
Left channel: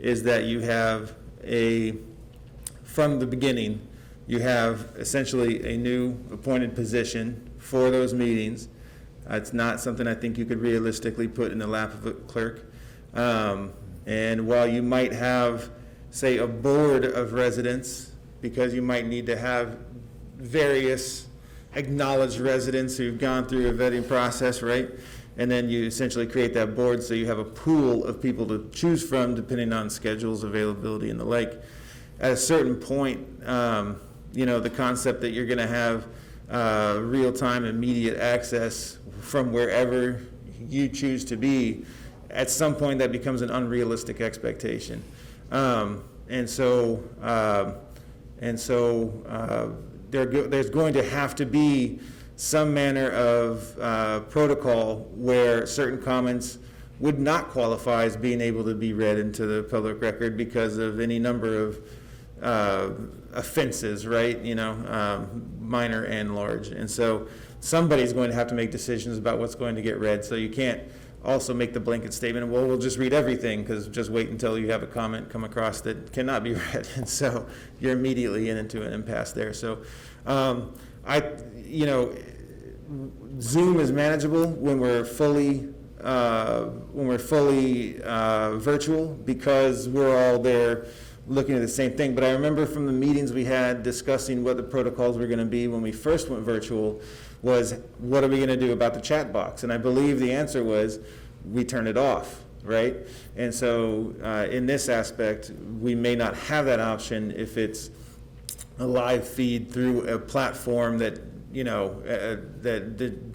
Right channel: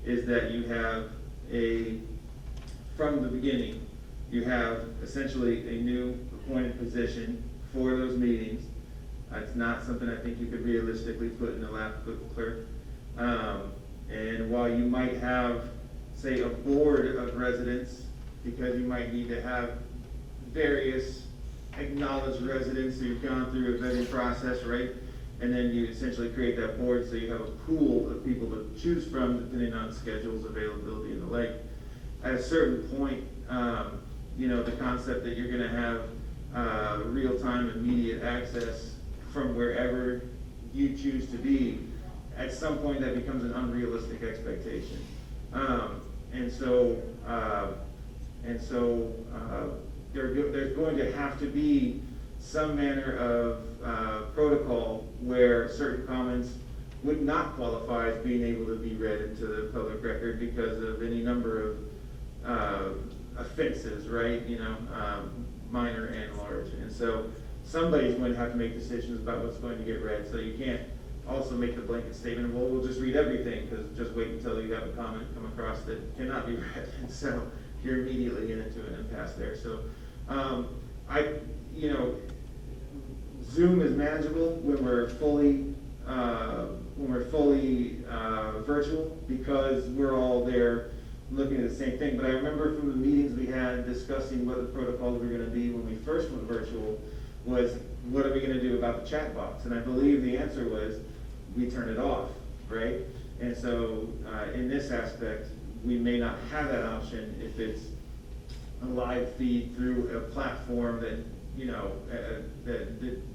is that you have from the beginning, you have essentially a new appointed position for those meetings. It's not something I think you could realistically put in the lap of a clerk. And while you might have, say, a board of residents, because you might need to have various acknowledged residents who've gone through a vetting process, right? And then you essentially create that board so you have a pool of people to choose from depending on schedules, availability, and the like. At a certain point, the concept that you're going to have real-time, immediate access from wherever you choose to be, at some point that becomes an unrealistic expectation. There's going to have to be some manner of protocol where certain comments would not qualify as being able to be read into the public record because of any number of offenses, right? Minor and large. And so somebody's going to have to make decisions about what's going to get read. So you can't also make the blanket statement, well, we'll just read everything, because just wait until you have a comment come across that cannot be read. And so you're immediately into an impasse there. So Zoom is manageable when we're fully virtual, because we're all there looking at the same thing. But I remember from the meetings we had discussing what the protocols were going to be when we first went virtual, was, what are we gonna do about the chat box? And I believe the answer was, we turn it off, right? And so, in this aspect, we may not have that option if it's a live feed through a platform that, you know,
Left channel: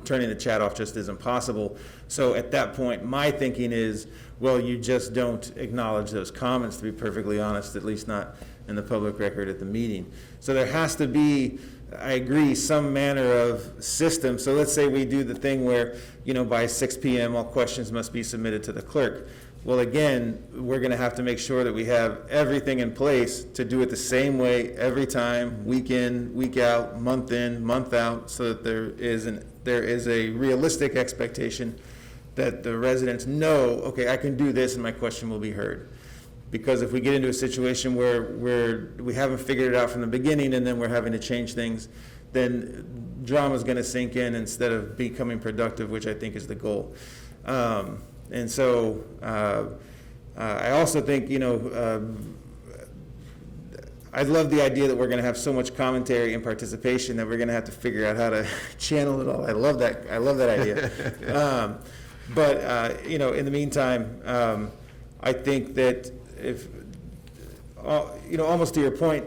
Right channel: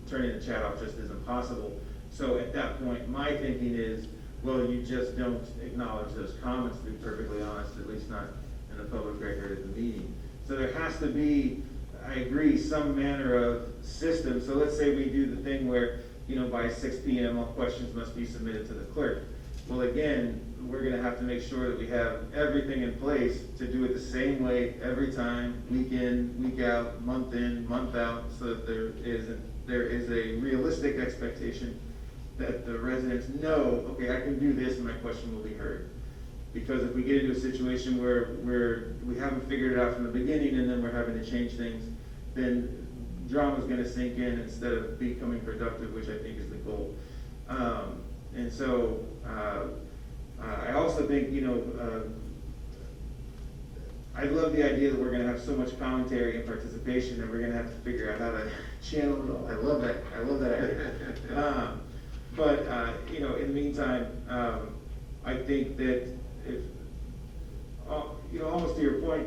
turning the chat off just isn't possible. So at that point, my thinking is, well, you just don't acknowledge those comments, to be perfectly honest, at least not in the public record at the meeting. So there has to be, I agree, some manner of system. So let's say we do the thing where, you know, by 6 p.m. all questions must be submitted to the clerk. Well, again, we're gonna have to make sure that we have everything in place to do it the same way every time, week in, week out, month in, month out, so that there is a realistic expectation that the residents know, okay, I can do this and my question will be heard. Because if we get into a situation where we haven't figured it out from the beginning and then we're having to change things, then drama's gonna sink in instead of becoming productive, which I think is the goal. And so, I also think, you know, I love the idea that we're gonna have so much commentary and participation that we're gonna have to figure out how to channel it all. I love that idea. But, you know, in the meantime, I think that if, you know, almost to your point,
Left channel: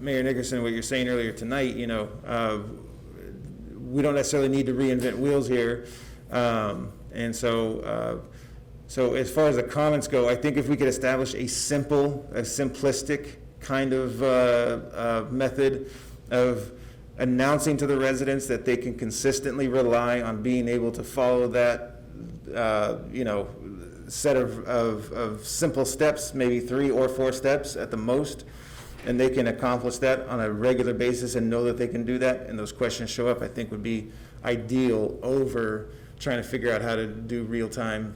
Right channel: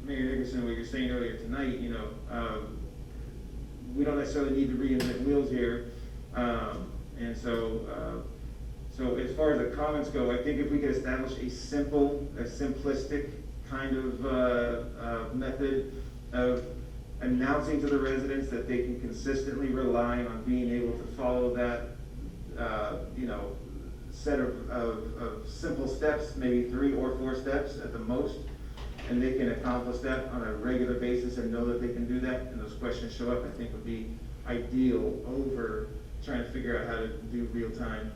Mayor Nickerson, what you're saying earlier tonight, you know, we don't necessarily need to reinvent wheels here. And so, so as far as the comments go, I think if we could establish a simplistic kind of method of announcing to the residents that they can consistently rely on being able to follow that, you know, set of simple steps, maybe 3 or 4 steps at the most, and they can accomplish that on a regular basis and know that they can do that, and those questions show up, I think would be ideal over trying to figure out how to do real-time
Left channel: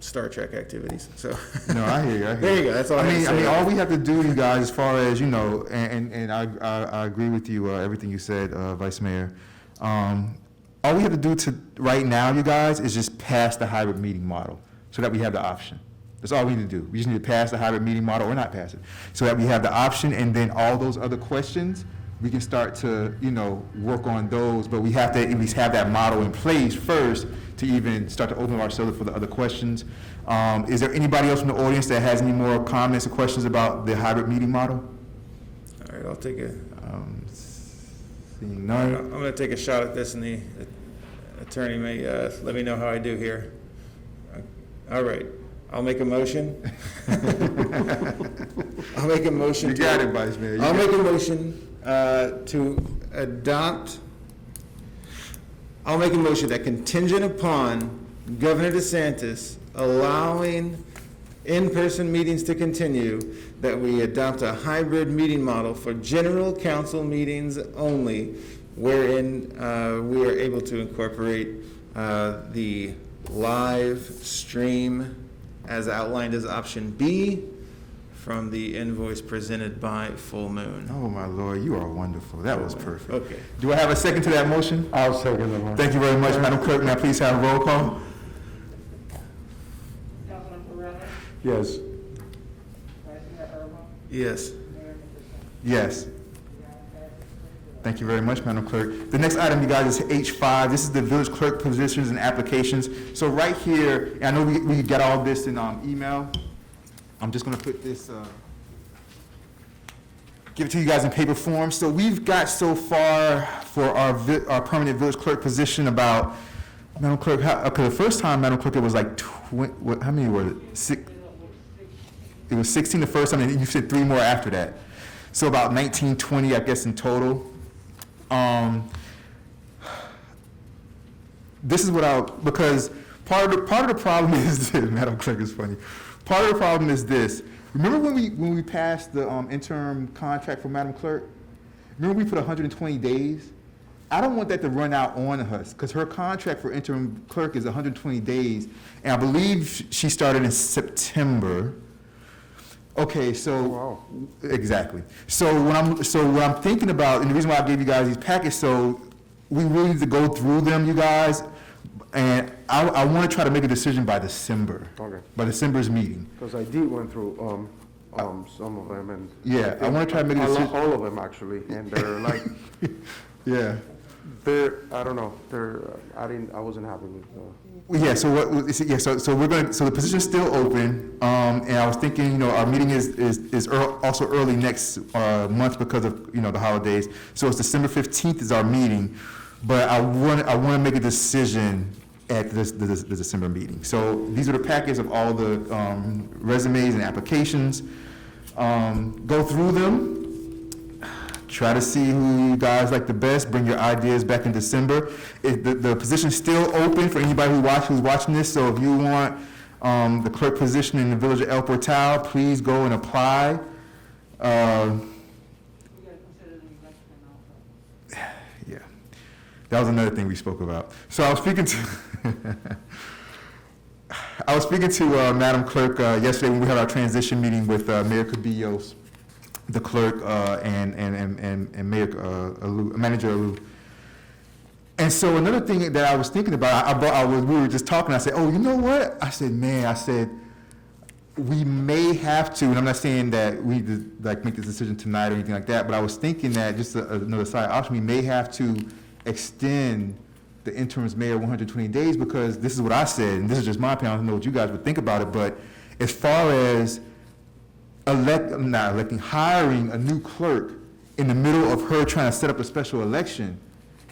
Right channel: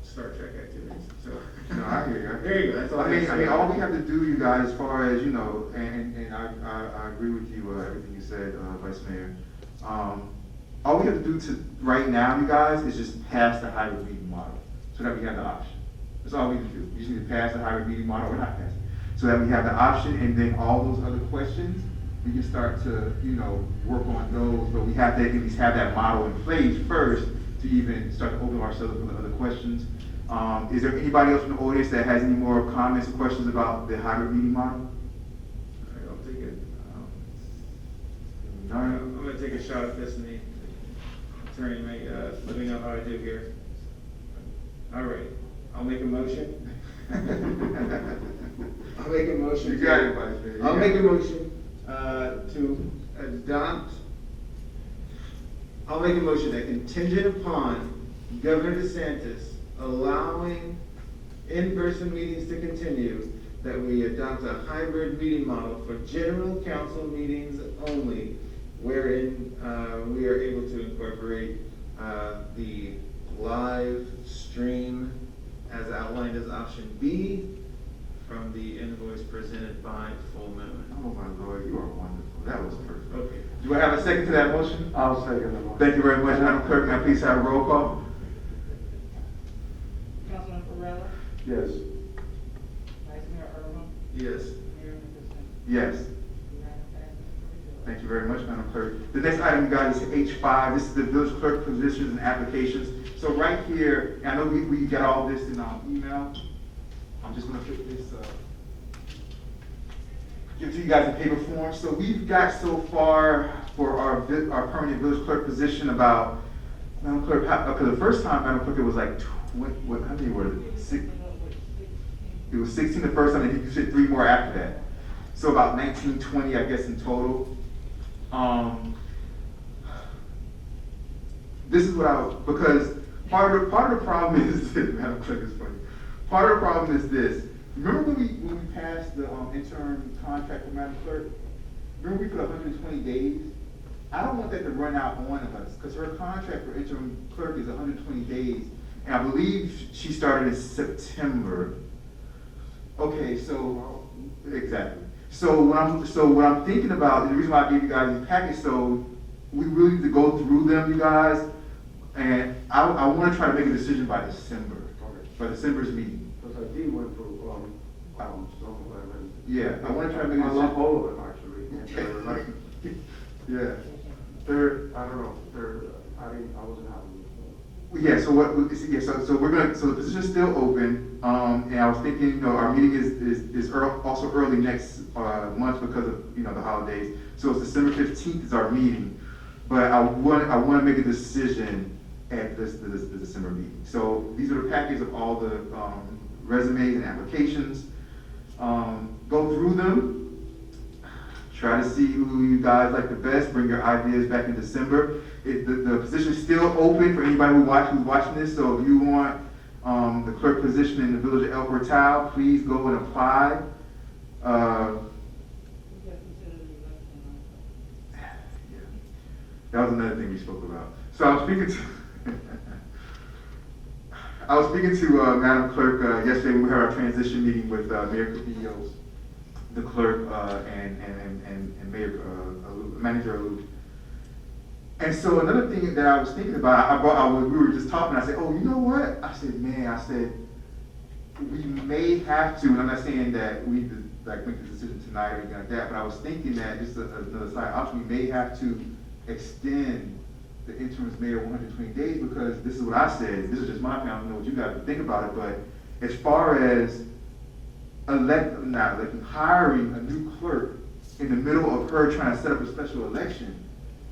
Star Trek activities, so. No, I hear you. There you go, that's all I I mean, all we have to do, you guys, as far as, you know, and I agree with you, everything you said, Vice Mayor. All we have to do right now, you guys, is just pass the hybrid meeting model so that we have the option. That's all we need to do. We just need to pass the hybrid meeting model or not pass it, so that we have the option, and then all those other questions, we can start to, you know, work on those, but we have to at least have that model in place first to even start to open ourselves for the other questions. Is there anybody else from the audience that has any more comments or questions about the hybrid meeting model? All right, I'll take it. Seeing none. I'm gonna take a shot at this, and the attorney may let me know how I do here. All right, I'll make a motion. I'll make a motion. You got it, Vice Mayor. I'll make a motion to adopt. I'll make a motion that, contingent upon Governor DeSantis allowing in-person meetings to continue, that we adopt a hybrid meeting model for general council meetings only, wherein we are able to incorporate the live stream as outlined as option B from the invoice presented by Full Moon. Oh, my Lord, you are wonderful. That was perfect. Okay. Do I have a second to that motion? I'll second the motion. Thank you very much, Madam Clerk. Now please have a roll call. Councilman Ferrell, Yes. Vice Mayor Irma, Yes. Mayor Nickerson. Yes. Thank you very much, Madam Clerk. The next item, you guys, is H5. This is the village clerk positions and applications. So right here, I know we got all this in email. I'm just gonna put this, give it to you guys in paper form. So we've got so far for our permanent village clerk position about, Madam Clerk, because the first time, Madam Clerk, it was like, how many were it? 6? It was 16 the first time, and you said 3 more after that. So about 19, 20, I guess, in total. This is what because part of the problem is this, Madam Clerk is funny. Part of the problem is this. Remember when we passed the interim contract for Madam Clerk? Remember we put 120 days? I don't want that to run out on us, because her contract for interim clerk is 120 days, and I believe she started in September. Okay, so exactly. So what I'm thinking about, and the reason why I gave you guys these packets, so we really need to go through them, you guys, and I want to try to make a decision by December. Okay. By December's meeting. Because I did went through some of them, and Yeah, I want to try to make a decision. all of them actually, and they're like, Yeah. I don't know, I wasn't happy with them. Well, yeah, so so we're gonna, so the position's still open, and I was thinking, you know, our meeting is also early next, month because of, you know, the holidays. So it's December 15th is our meeting, but I wanna make a decision at the December meeting. So these are the packets of all the, resumes and applications. Go through them, try to see who you guys like the best, bring your ideas back in December. The position's still open for anybody who's watching this, so if you want the clerk position in the village of El Portal, please go and apply. Yeah, that was another thing we spoke about. So I was speaking to Madam Clerk yesterday when we had our transition meeting with Mayor Cabillos, the clerk, and Mayor Manager Alou. And so another thing that I was thinking about, we were just talking, I said, oh, you know what? I said, we may have to, and I'm not saying that we like make this decision tonight or anything like that, but I was thinking that, just another side option, we may have to extend the interim's mayor 120 days, because this is what I said, and this is just my opinion, I don't know what you guys would think about it, but as far as hiring a new clerk in the middle of her trying to set up a special election,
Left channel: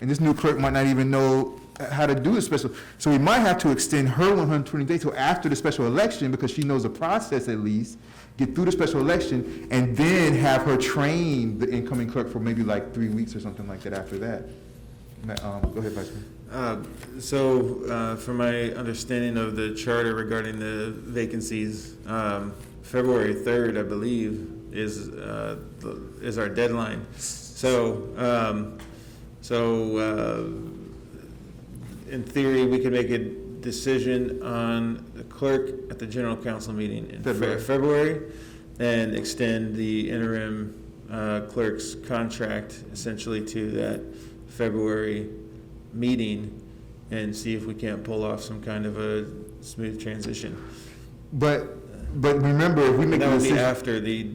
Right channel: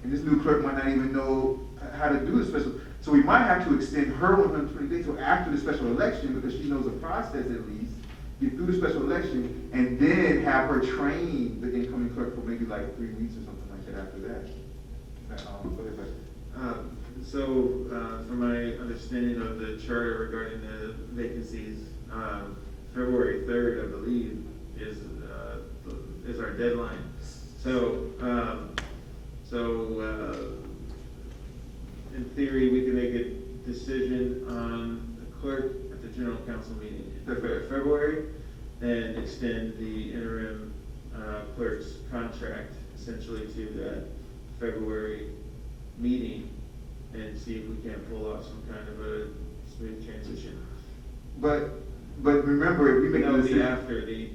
and this new clerk might not even know how to do the special, so we might have to extend her 120 days till after the special election, because she knows the process at least, get through the special election, and then have her train the incoming clerk for maybe like 3 weeks or something like that after that. Go ahead, Vice Mayor. From my understanding of the charter regarding the vacancies, February 3rd, I believe, is our deadline. In theory, we could make a decision on the clerk at the general council meeting in February, and extend the interim clerk's contract essentially to that February meeting, and see if we can't pull off some kind of a smooth transition. But remember, if we make That a would be decision after the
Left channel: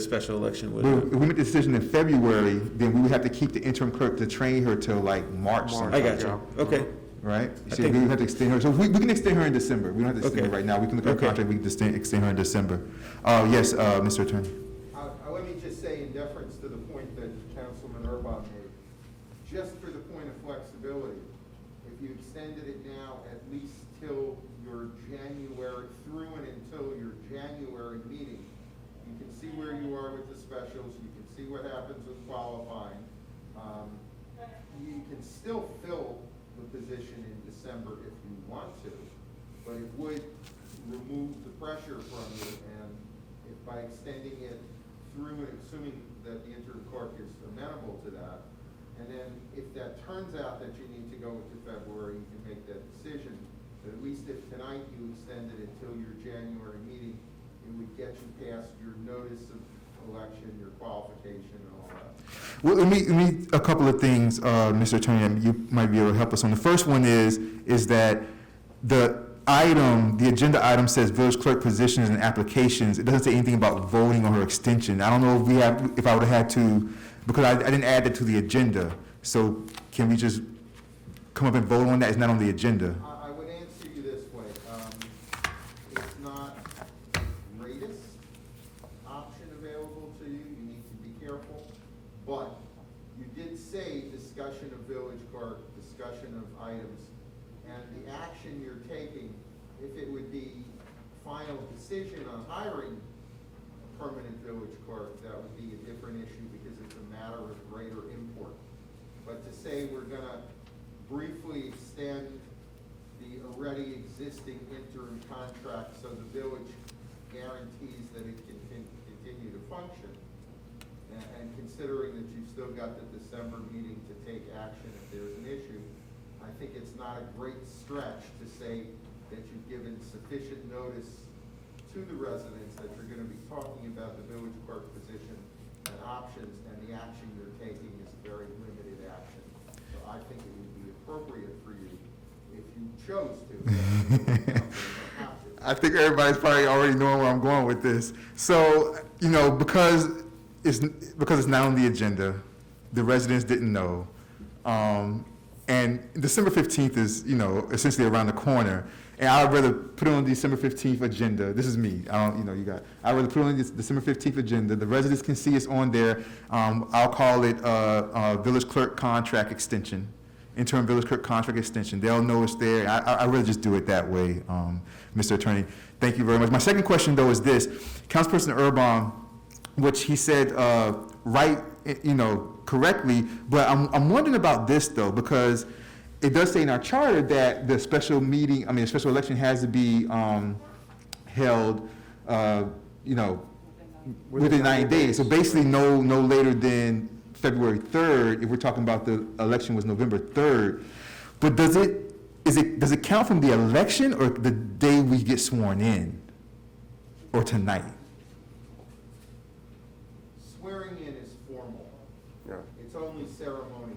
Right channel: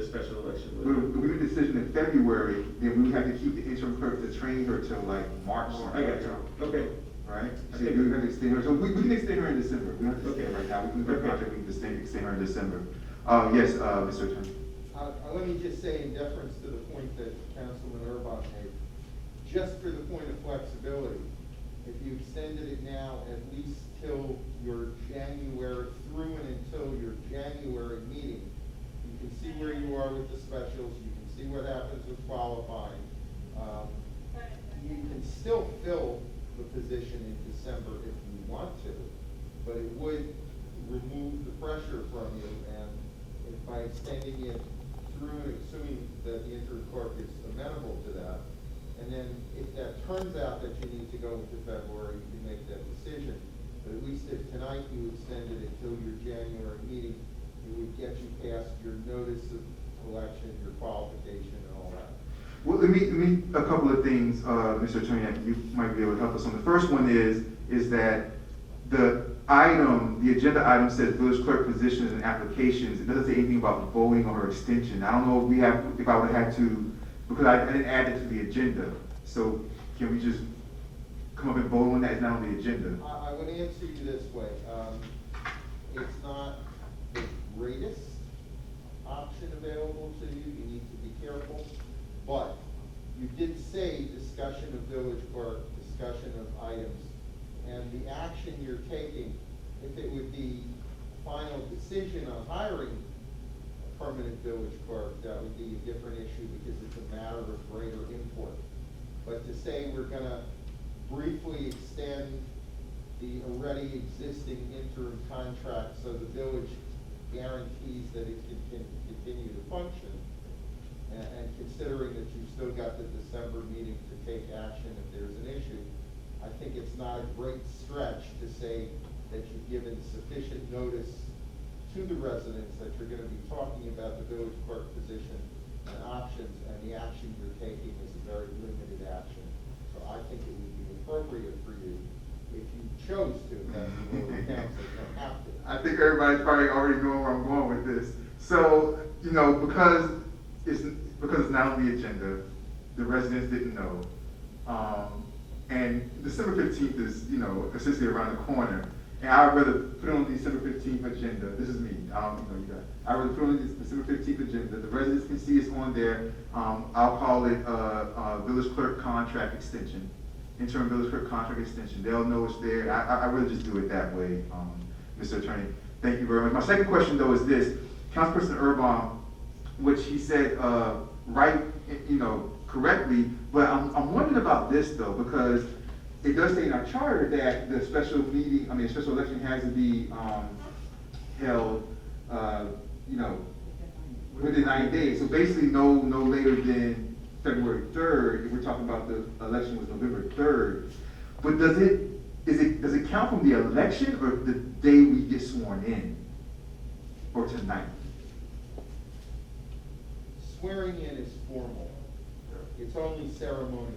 special election would. if we make a decision in February, then we would have to keep the interim clerk to train her till like March. I got you. Okay. Right? I So think- we would have to extend her, so we can extend her in December. We don't have to extend her Okay. right now. We can look at her Okay. contract, we can extend her in December. Yes, Mr. Attorney. Let me just say, in deference to the point that Councilman Irma made, just for the point of flexibility, if you extended it now at least till your January, through and until your January meeting, you can see where you are with the specials, you can see what happens with qualifying. You can still fill the position in December if you want to, but it would remove the pressure from you, and if by extending it through, and assuming that the interim clerk is amenable to that, and then if that turns out that you need to go into February, you can make that decision. But at least if tonight you extended it until your January meeting, it would get you past your notice of election, your qualification, and all that. Well, let me a couple of things, Mr. Attorney, and you might be able to help us on. The first one is that the agenda item says village clerk positions and applications. It doesn't say anything about voting on her extension. I don't know if I would have had to, because I didn't add that to the agenda. So can we just come up and vote on that? It's not on the agenda. I would answer you this way. It's not the greatest option available to you. You need to be careful. But you did say discussion of village clerk, discussion of items, and the action you're taking, if it would be final decision on hiring a permanent village clerk, that would be a different issue because it's a matter of greater import. But to say we're gonna briefly extend the already existing interim contract so the village guarantees that it can continue to function, and considering that you've still got the December meeting to take action if there's an issue, I think it's not a great stretch to say that you've given sufficient notice to the residents that you're gonna be talking about the village clerk position and options, and the action you're taking is a very limited action. So I think it would be appropriate for you, if you chose to, I think everybody's probably already knowing where I'm going with this. So, because it's not on the agenda, the residents didn't know. And December 15th is, you know, essentially around the corner. And I'd rather put it on the December 15th agenda. This is me. You know, I'd rather put it on the December 15th agenda. The residents can see it's on there. I'll call it Village Clerk Contract Extension, Interim Village Clerk Contract Extension. They'll know it's there. I'd rather just do it that way, Mr. Attorney. Thank you very much. My second question, though, is this. Councilperson Urban, which he said right, you know, correctly, but I'm wondering about this, though, because it does say in our charter that the special meeting, the special election has to be held, you know, within 90 days. So basically, no later than February 3rd, if we're talking about the election was November 3rd. But does it count from the election or the day we get sworn in, or tonight? Swearing in is formal. Yeah. It's only ceremonial.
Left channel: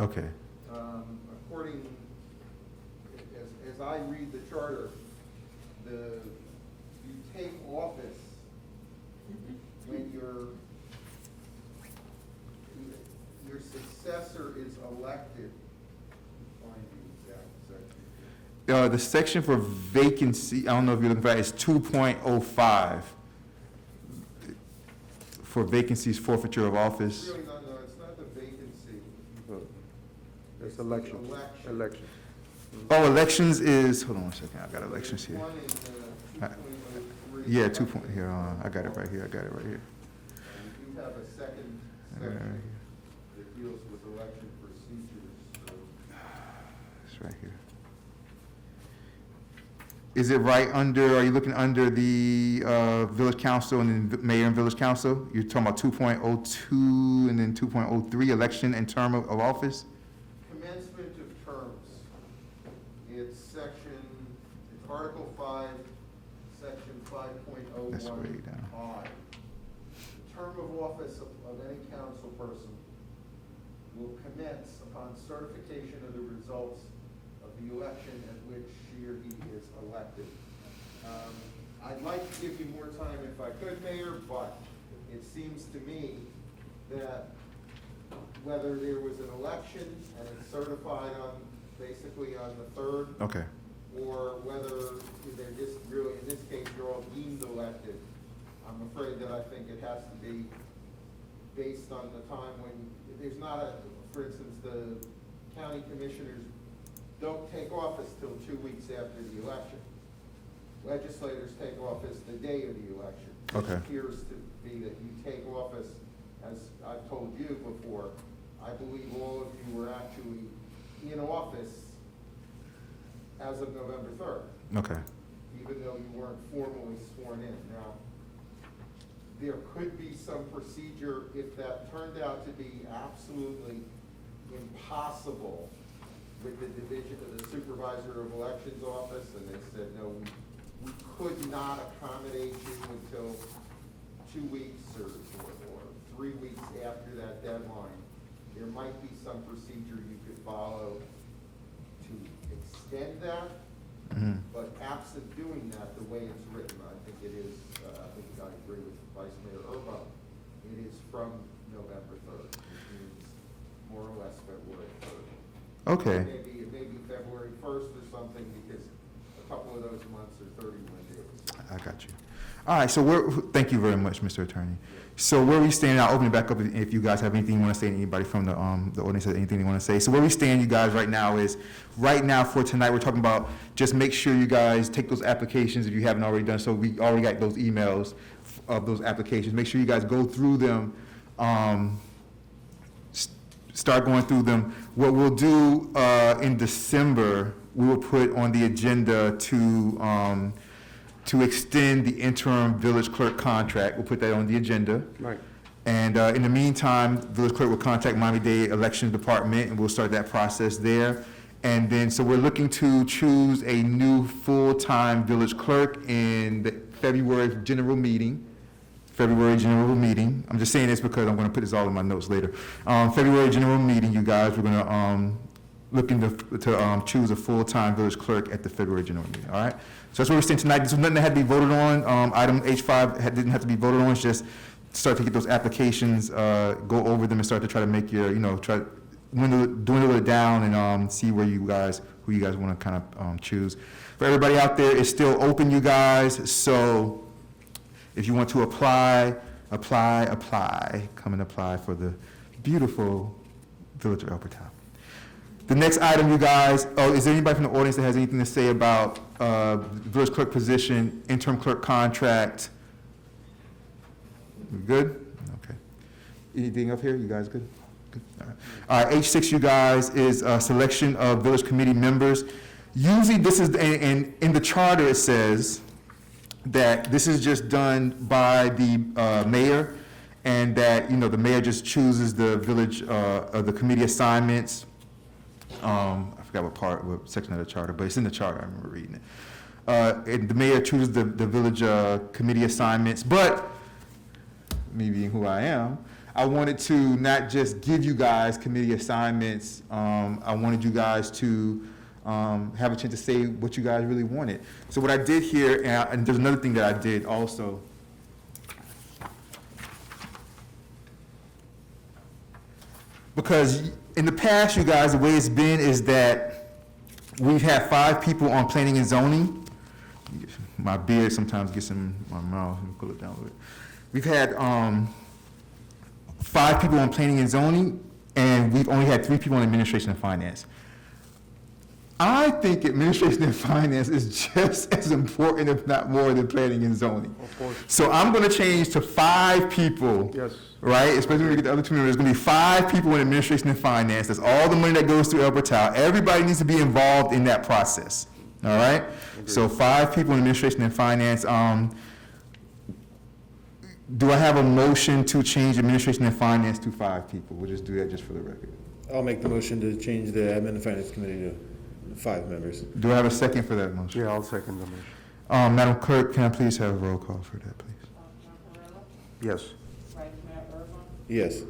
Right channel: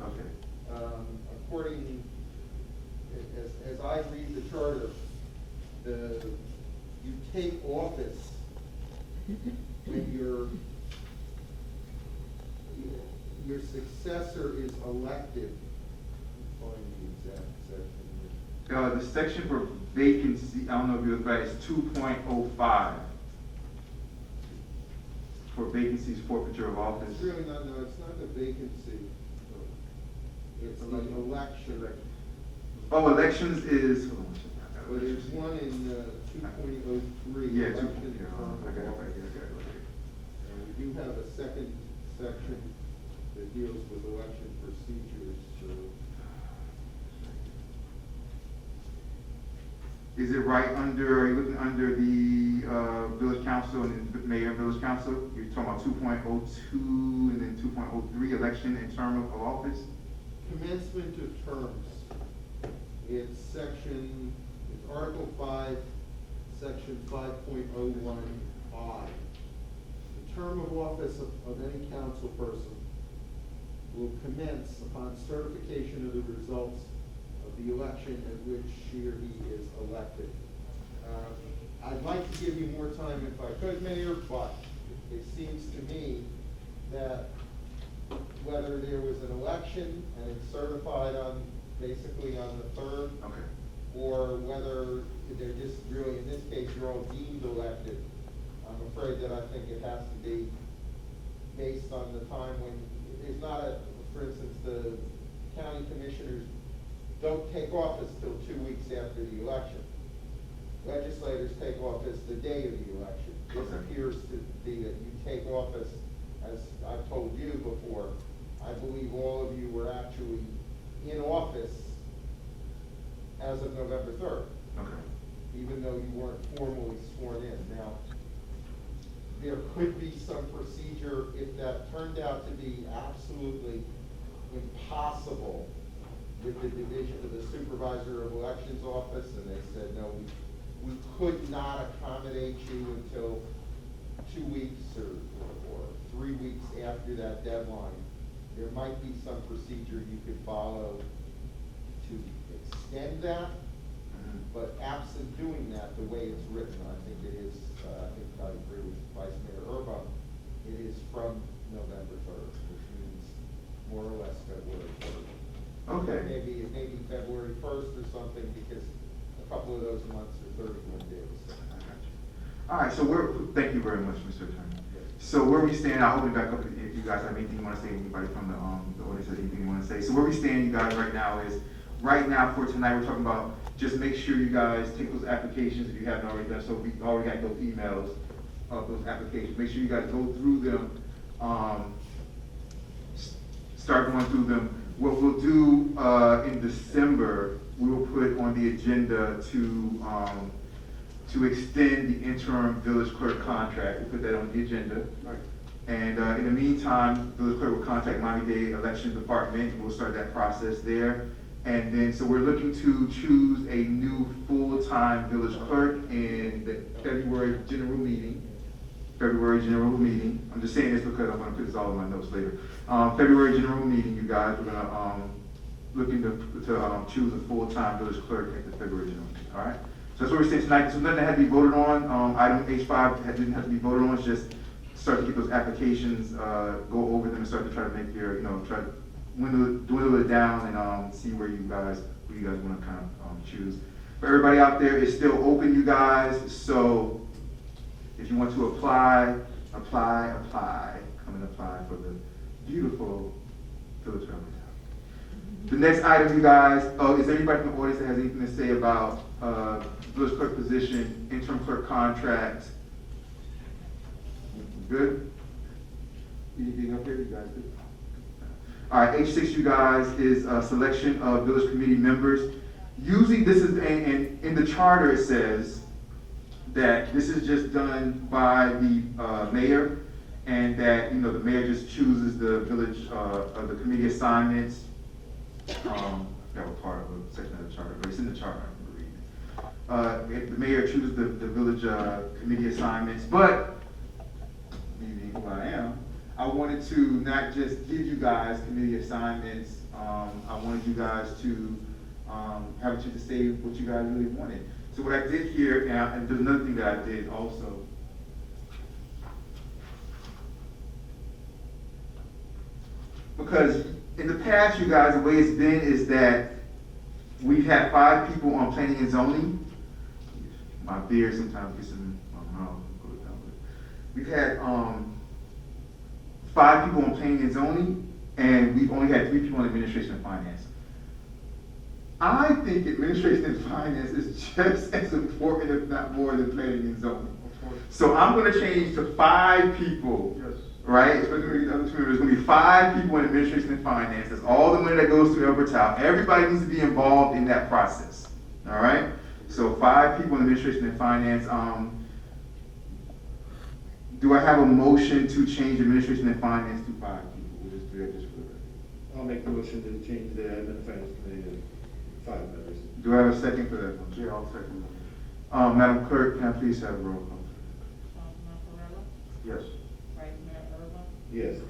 Okay. According, as I read the charter, you take office when your successor is elected. Find the exact section. The section for vacancy, I don't know if you're looking for it, is 2.05 for vacancies, forfeiture of office. Really not, no, it's not the vacancy. It's the Election. election. Oh, elections is, hold on one second, I got elections There's here. one in 2.03. Yeah, 2 point, here, I got it right here, And we do have a second section that deals with election procedures, so. It's right here. Is it right under, are you looking under the village council and then mayor and village council? You're talking about 2.02 and then 2.03, election and term of office? Commencement of terms. It's Article 5, Section 5.01I. That's way down. The term of office of any council person will commence upon certification of the results of the election at which she or he is elected. I'd like to give you more time if I could, Mayor, but it seems to me that whether there was an election and it's certified basically on the 3rd, Okay. or whether they're just really, in this case, you're all deemed elected, I'm afraid that I think it has to be based on the time when, there's not for instance, the county commissioners don't take office till 2 weeks after the election. Legislators take office the day of the election. Okay. It appears to be that you take office, as I've told you before, I believe all of you were actually in office as of November 3rd. Okay. Even though you weren't formally sworn in. Now, there could be some procedure if that turned out to be absolutely impossible with the division of the supervisor of elections office, and they said, no, we could not accommodate you until 2 weeks or 3 weeks after that deadline. There might be some procedure you could follow to extend that. Mhm. But absent doing that, the way it's written, I think it is, I think I agree with Vice Mayor Urban, it is from November 3rd, which means more or less February 3rd. Okay. It may be February 1st or something, because a couple of those months are 31 days. I got you. All right, so thank you very much, Mr. Attorney. So where we stand, I'll open it back up if you guys have anything you want to say, anybody from the audience has anything you want to say. So where we stand, you guys, right now is, right now for tonight, we're talking about just make sure you guys take those applications if you haven't already done so. We already got those emails of those applications. Make sure you guys go through them, start going through them. What we'll do in December, we will put on the agenda to extend the interim village clerk contract. We'll put that on the agenda. Right. And in the meantime, village clerk will contact Miami-Dade Election Department, and we'll start that process there. And then, so we're looking to choose a new full-time village clerk in the February general meeting. I'm just saying this because I'm gonna put this all in my notes later. February general meeting, you guys, we're gonna looking to choose a full-time village clerk at the February general meeting, all right? So that's what we're saying tonight. This was nothing that had to be voted on. Item H5 didn't have to be voted on. It's just start to get those applications, go over them and start to try to make your, dwindle it down and see who you guys want to kind of choose. For everybody out there, it's still open, you guys. So if you want to apply. Come and apply for the beautiful Village of Albertown. The next item, you guys, is there anybody from the audience that has anything to say about village clerk position, interim clerk contract? We good? Okay. Anything up here? You guys good? Good. All right, H6, you guys, is selection of village committee members. Usually this is, in the charter it says that this is just done by the mayor, and that, the mayor just chooses the village, the committee assignments. I forgot what section of the charter, but it's in the charter, I remember reading it. And the mayor chooses the village committee assignments, but me being who I am, I wanted to not just give you guys committee assignments, I wanted you guys to have a chance to say what you guys really wanted. So what I did here, and there's another thing that I did also. Because in the past, you guys, the way it's been is that we've had 5 people on planning and zoning. My beard sometimes gets in my mouth, and pull it down with it. We've had 5 people on planning and zoning, and we've only had 3 people on administration and finance. I think administration and finance is just as important, if not more, than planning and zoning. Of course. So I'm going to change to 5 people. Yes. Right? Especially when we get the other 2 members. There's going to be 5 people in administration and finance. That's all the money that goes through Albertown. Everybody needs to be involved in that process. All right? So 5 people in administration and finance. Do I have a motion to change administration and finance to 5 people? We'll just do that just for the record. I'll make the motion to change the admin and finance committee to 5 members. Do I have a second for that motion? Yeah, I'll second the motion. Madam Clerk, can I please have a roll call for that, please? Yes. Yes.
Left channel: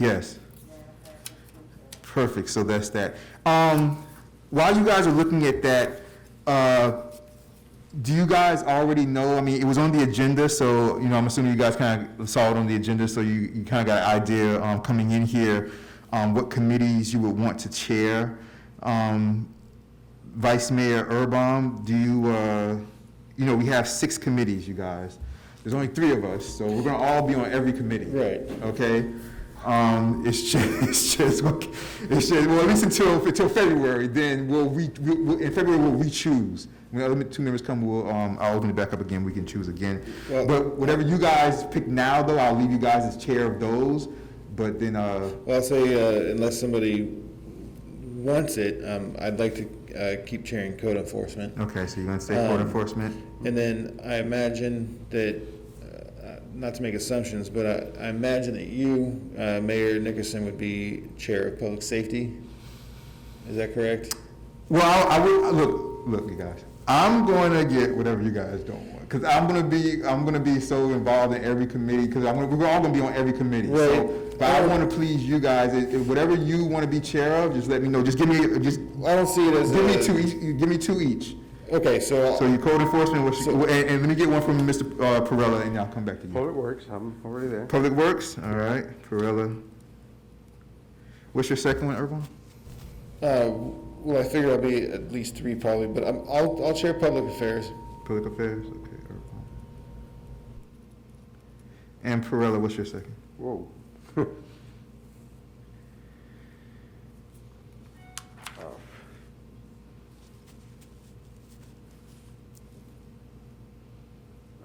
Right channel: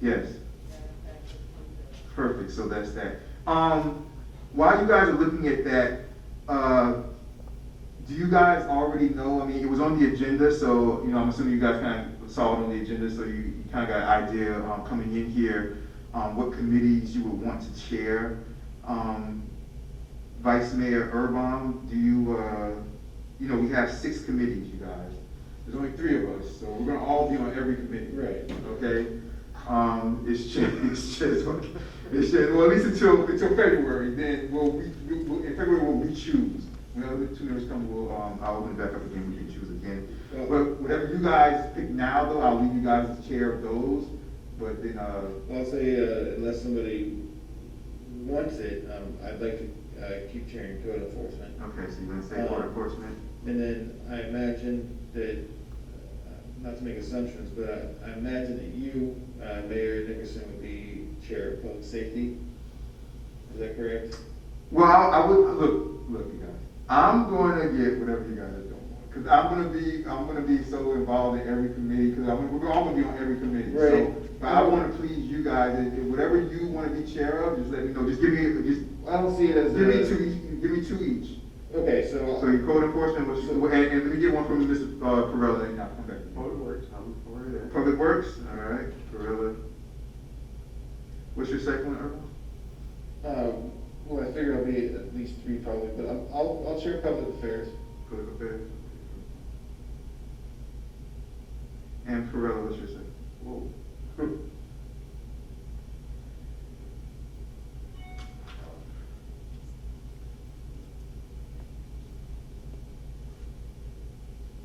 Yes. Perfect, so that's that. While you guys are looking at that, do you guys already know, I mean, it was on the agenda, so, I'm assuming you guys kind of saw it on the agenda, so you kind of got an idea coming in here, what committees you would want to chair. Vice Mayor Irma, do you, we have 6 committees, you guys. There's only 3 of us, so we're gonna all be on every committee. Right. Okay? It's just, well, at least until February, then in February we'll re-choose. When the other 2 members come, I'll open it back up again, we can choose again. Well, But whatever you guys pick now, though, I'll leave you guys as chair of those, but then, well, I'll say, unless somebody wants it, I'd like to keep chairing code enforcement. okay, so you're gonna say court enforcement? And then I imagine that, not to make assumptions, but I imagine that you, Mayor Nickerson, would be chair of public safety. Is that correct? Well, I will, look, you guys, I'm gonna get whatever you guys don't want, because I'm gonna be so involved in every committee, because we're all gonna be on every committee. Right. So, but I wanna please you guys, and whatever you wanna be chair of, just let me know, just give me, I don't see it as give me 2 each, give me 2 each. Okay, so So your code enforcement, and let me get one from Mr. Perella, and I'll come back to you. Public Works, I'm already there. Public Works, all right, Perella. What's your second one, Irvine? well, I figure I'll be at least 3 probably, but I'll chair public affairs. Public Affairs, okay, Irvine. And Perella, what's your second? Whoa.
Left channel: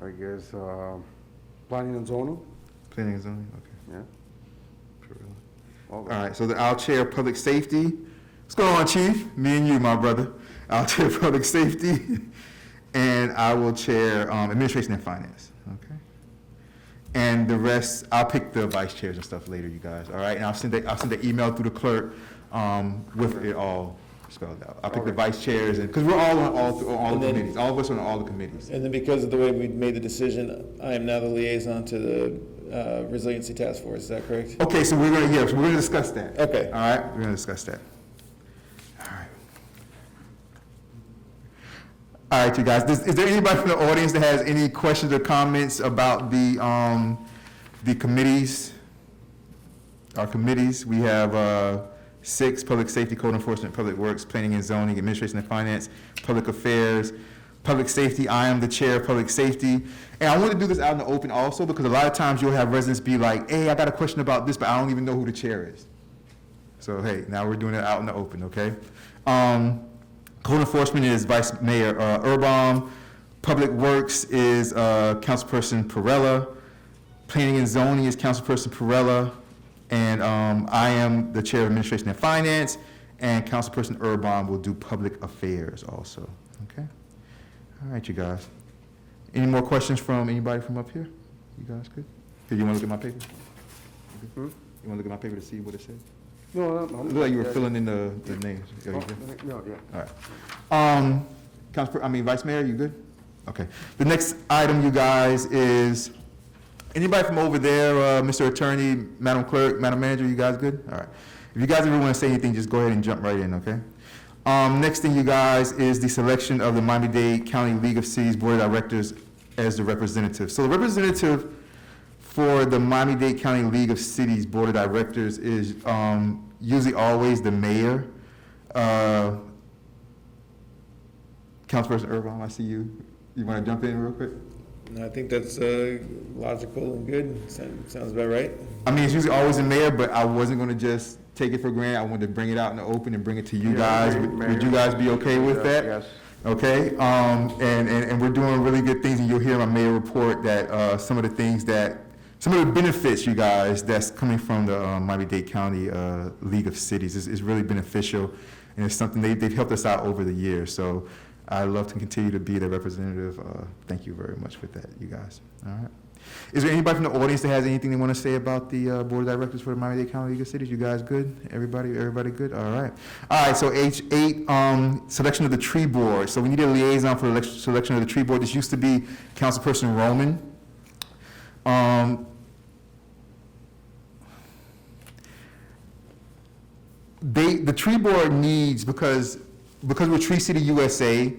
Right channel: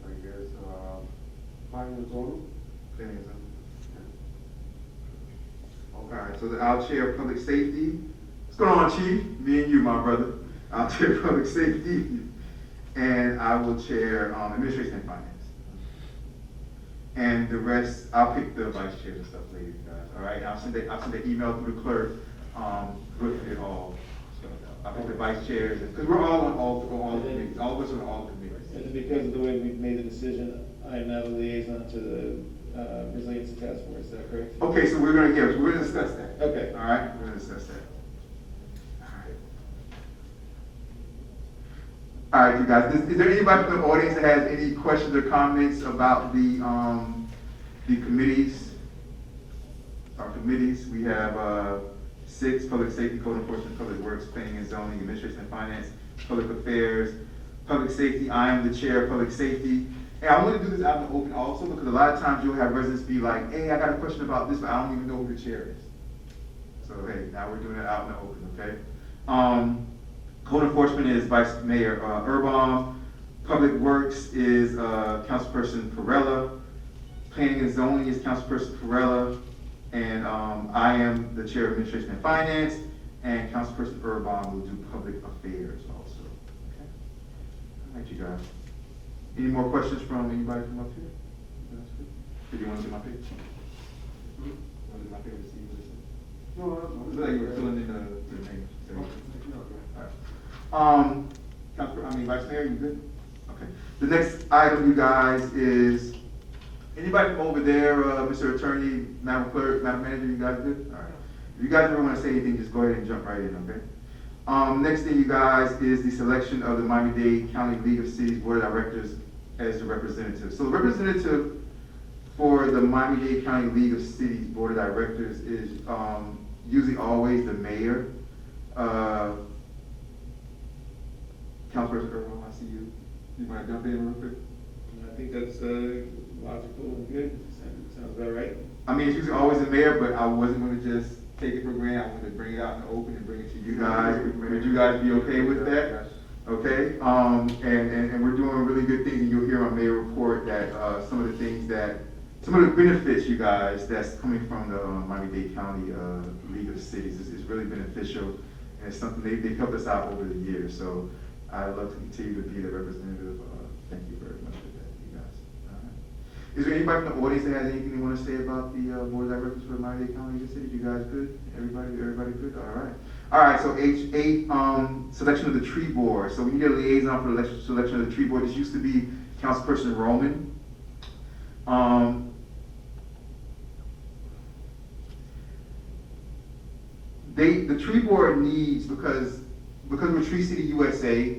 I guess, planning and zoning? Planning and zoning, okay. Yeah. All right, so I'll chair public safety. What's going on, Chief? Me and you, my brother. I'll chair public safety, and I will chair administration and finance. Okay. And the rest, I'll pick the vice chairs and stuff later, you guys. All right, and I'll send the email through the clerk with it all spelled out. I'll pick the vice chairs, and because we're all on all the committees. All of us are on all the committees. And then because of the way we made the decision, I am now the liaison to the resiliency task force. Is that correct? Okay, so we're gonna discuss that. Okay. All right, we're gonna discuss that. All right, you guys. Is there anybody from the audience that has any questions or comments about the committees? Our committees, we have 6, Public Safety, Code Enforcement, Public Works, Planning and Zoning, Administration and Finance, Public Affairs, Public Safety. I am the chair of Public Safety. And I want to do this out in the open also because a lot of times you'll have residents be like, hey, I got a question about this, but I don't even know who the chair is. So, hey, now we're doing it out in the open, okay? Code Enforcement is Vice Mayor Urban. Public Works is Councilperson Perella. Planning and Zoning is Councilperson Perella. And I am the chair of Administration and Finance, and Councilperson Urban will do Public Affairs also, okay? All right, you guys. Any more questions from anybody from up here? You guys good? Did you want to look at my paper? Hmm? You want to look at my paper to see what it said? No, It looked like you were filling in the names. Yeah, you good? No, yeah. All right. Vice Mayor, you good? Okay. The next item, you guys, is anybody from over there, Mr. Attorney, Madam Clerk, Madam Manager, you guys good? All right. If you guys ever want to say anything, just go ahead and jump right in, okay? Next thing, you guys, is the selection of the Miami-Dade County League of Cities Board of Directors as the representative. So the representative for the Miami-Dade County League of Cities Board of Directors is usually always the mayor. Councilperson Urban, I see you. You want to jump in real quick? I think that's logical and good. Sounds about right. I mean, it's usually always the mayor, but I wasn't going to just take it for granted. I wanted to bring it out in the open and bring it to you guys. Would you guys be okay with that? Yes. Okay, and we're doing really good things, and you'll hear in my mayor report that some of the benefits, you guys, that's coming from the Miami-Dade County League of Cities is really beneficial, and it's something they've helped us out over the years. So I'd love to continue to be the representative. Thank you very much for that, you guys. All right. Is there anybody from the audience that has anything they want to say about the Board of Directors for the Miami-Dade County League of Cities? You guys good? Everybody good? All right. All right, so H8, selection of the tree board. So we need a liaison for the selection of the tree board. This used to be Councilperson Roman. The tree board needs, because we're Tree City USA,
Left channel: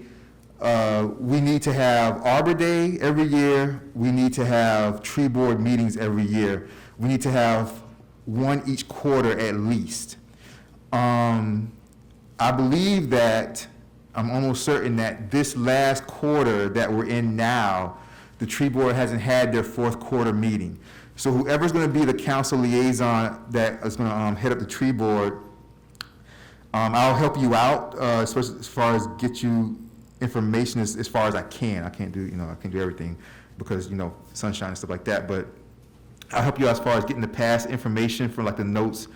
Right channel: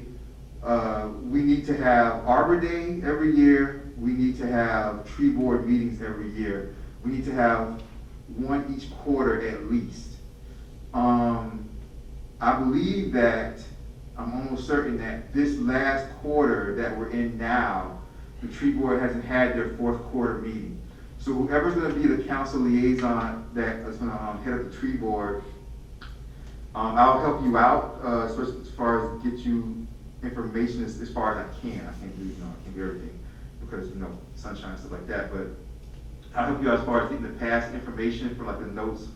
we need to have Arbor Day every year. We need to have tree board meetings every year. We need to have one each quarter at least. I believe that, I'm almost certain that this last quarter that we're in now, the tree board hasn't had their 4th quarter meeting. So whoever's going to be the council liaison that is going to head up the tree board, I'll help you out as far as get you information as far as I can. I can't do everything because, sunshine and stuff like that. But I'll help you out as far as getting the past information for like the notes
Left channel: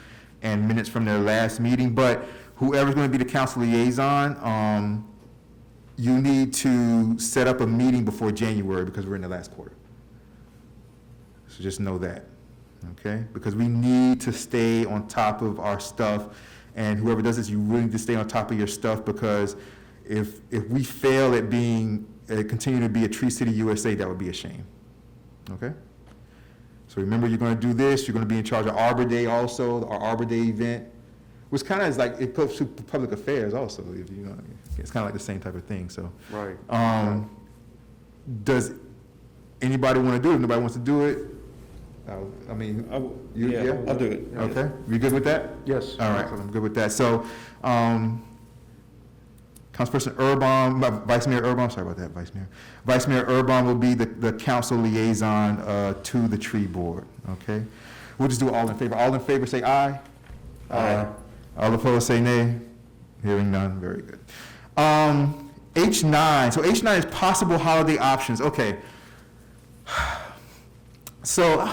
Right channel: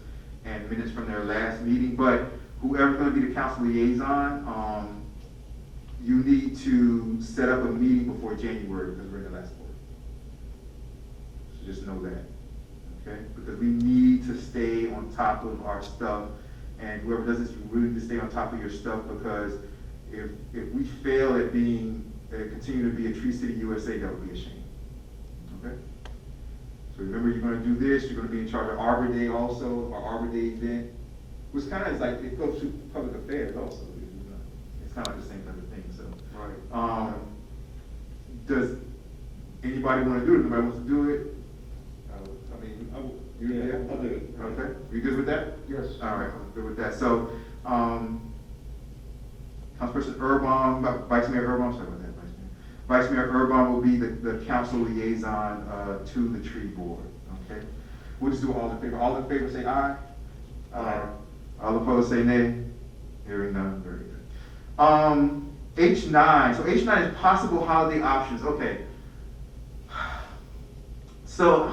and minutes from their last meeting. But whoever's going to be the council liaison, you need to set up a meeting before January because we're in the last quarter. So just know that, okay? Because we need to stay on top of our stuff. And whoever does this, you really need to stay on top of your stuff because if we fail at continue to be a Tree City USA, that would be a shame. Okay? So remember, you're going to do this. You're going to be in charge of Arbor Day also, our Arbor Day event, which kind of is like, it goes to public affairs also. It's kind of like the same type of thing. So, Right. Does anybody want to do it? If nobody wants to do it? I'll do it. Okay, we good with that? Yes. All right, I'm good with that. So, Councilperson Urban, Vice Mayor Urban, sorry about that, Vice Mayor. Vice Mayor Urban will be the council liaison to the tree board, okay? We'll just do all in favor. All in favor say aye. Aye. All opposed say nay. Hearing none, very good. H9, so H9 is possible holiday options, okay. So,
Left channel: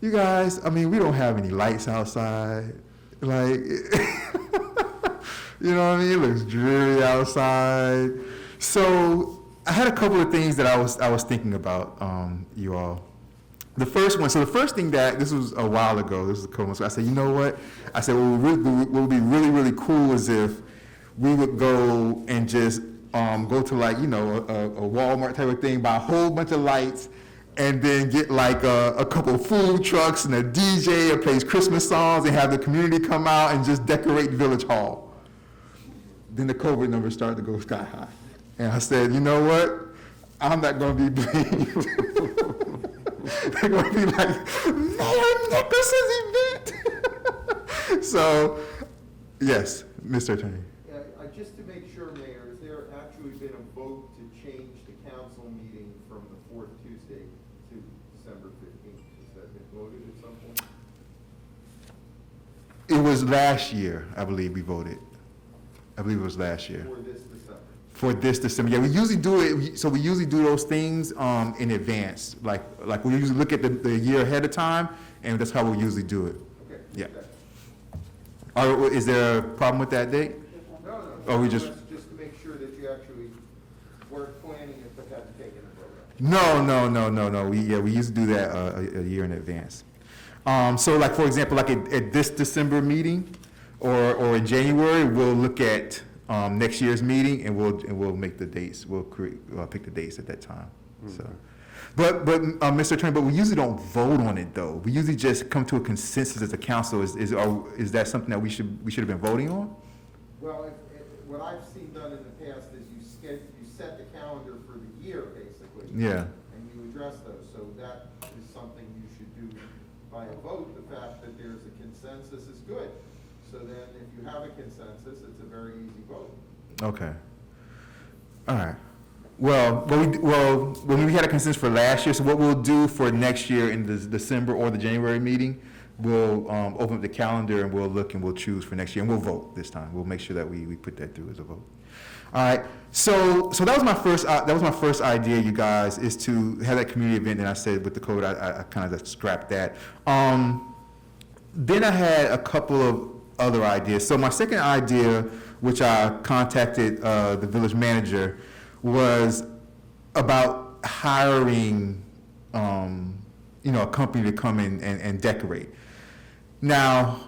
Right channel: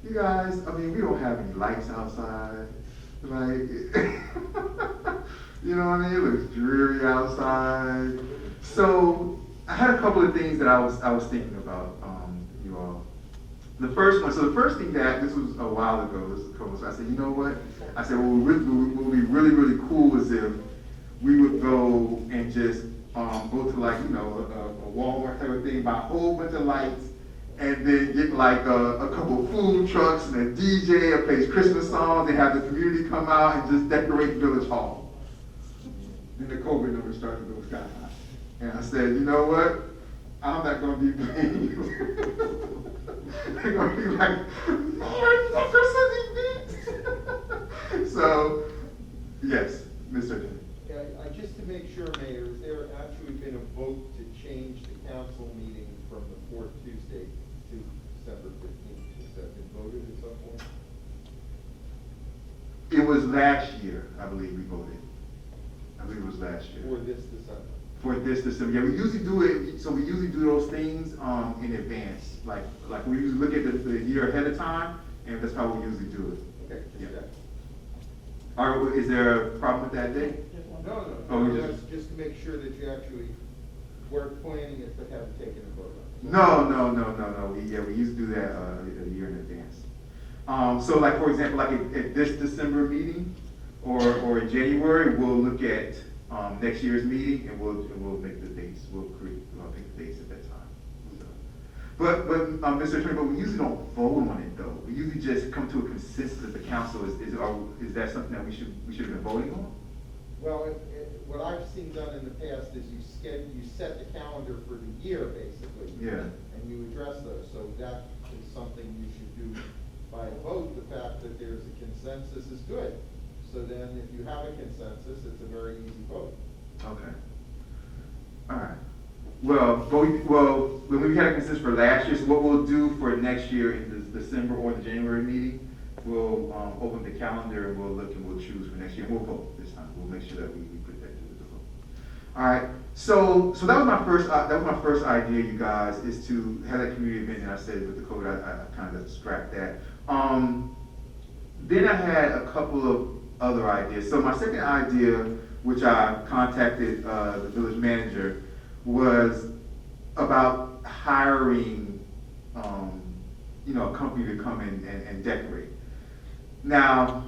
you guys, we don't have any lights outside. Like, you know what I mean? It looks dreary outside. So, I had a couple of things that I was thinking about, you all. The first thing this was a while ago, this was a couple months ago, I said, you know what? I said, what would be really, really cool is if we would go and just go to like, a Walmart type of thing, buy a whole bunch of lights, and then get like a couple food trucks and a DJ that plays Christmas songs and have the community come out and just decorate Village Hall. Then the COVID numbers started to go sky high. And I said, you know what? I'm not going to be blamed. They're going to be like, Mayor Nicholson's event. So, yes, Mr. Attorney. Just to make sure, Mayor, has there actually been a vote to change the council meeting from the fourth Tuesday to December 15th? Has that been voted at some point? It was last year, I believe we voted. I believe it was last year. For this December? For this December, yeah, we usually do it, so we usually do those things, in advance. Like we usually look at the year ahead of time, and that's how we usually do it. Okay. Yeah. okay. Is there a problem with that date? No. Oh, we just- Just to make sure that you actually weren't planning it but had taken a vote. No. We usually do that a year in advance. So like, for example, like at this December meeting or in January, we'll look at next year's meeting and we'll make the dates. We'll pick the dates at that time. So, but Mr. Attorney, but we usually don't vote on it though. We usually just come to a consensus as a council. Is that something that we should have been voting on? Well, what I've seen done in the past is you set the calendar for the year, basically. Yeah. And you address those, so that is something you should do by a vote. The fact that there's a consensus is good. So then, if you have a consensus, it's a very easy vote. Okay. All right. Well, when we had a consensus for last year, so what we'll do for next year in the December or the January meeting, we'll open up the calendar and we'll look and we'll choose for next year and we'll vote this time. We'll make sure that we put that through as a vote. All right. So that was my first idea, you guys, is to have that community event. And I said with the code, I kind of scrapped that. Then I had a couple of other ideas. So my second idea, which I contacted the village manager, was about hiring, a company to come in and decorate. Now,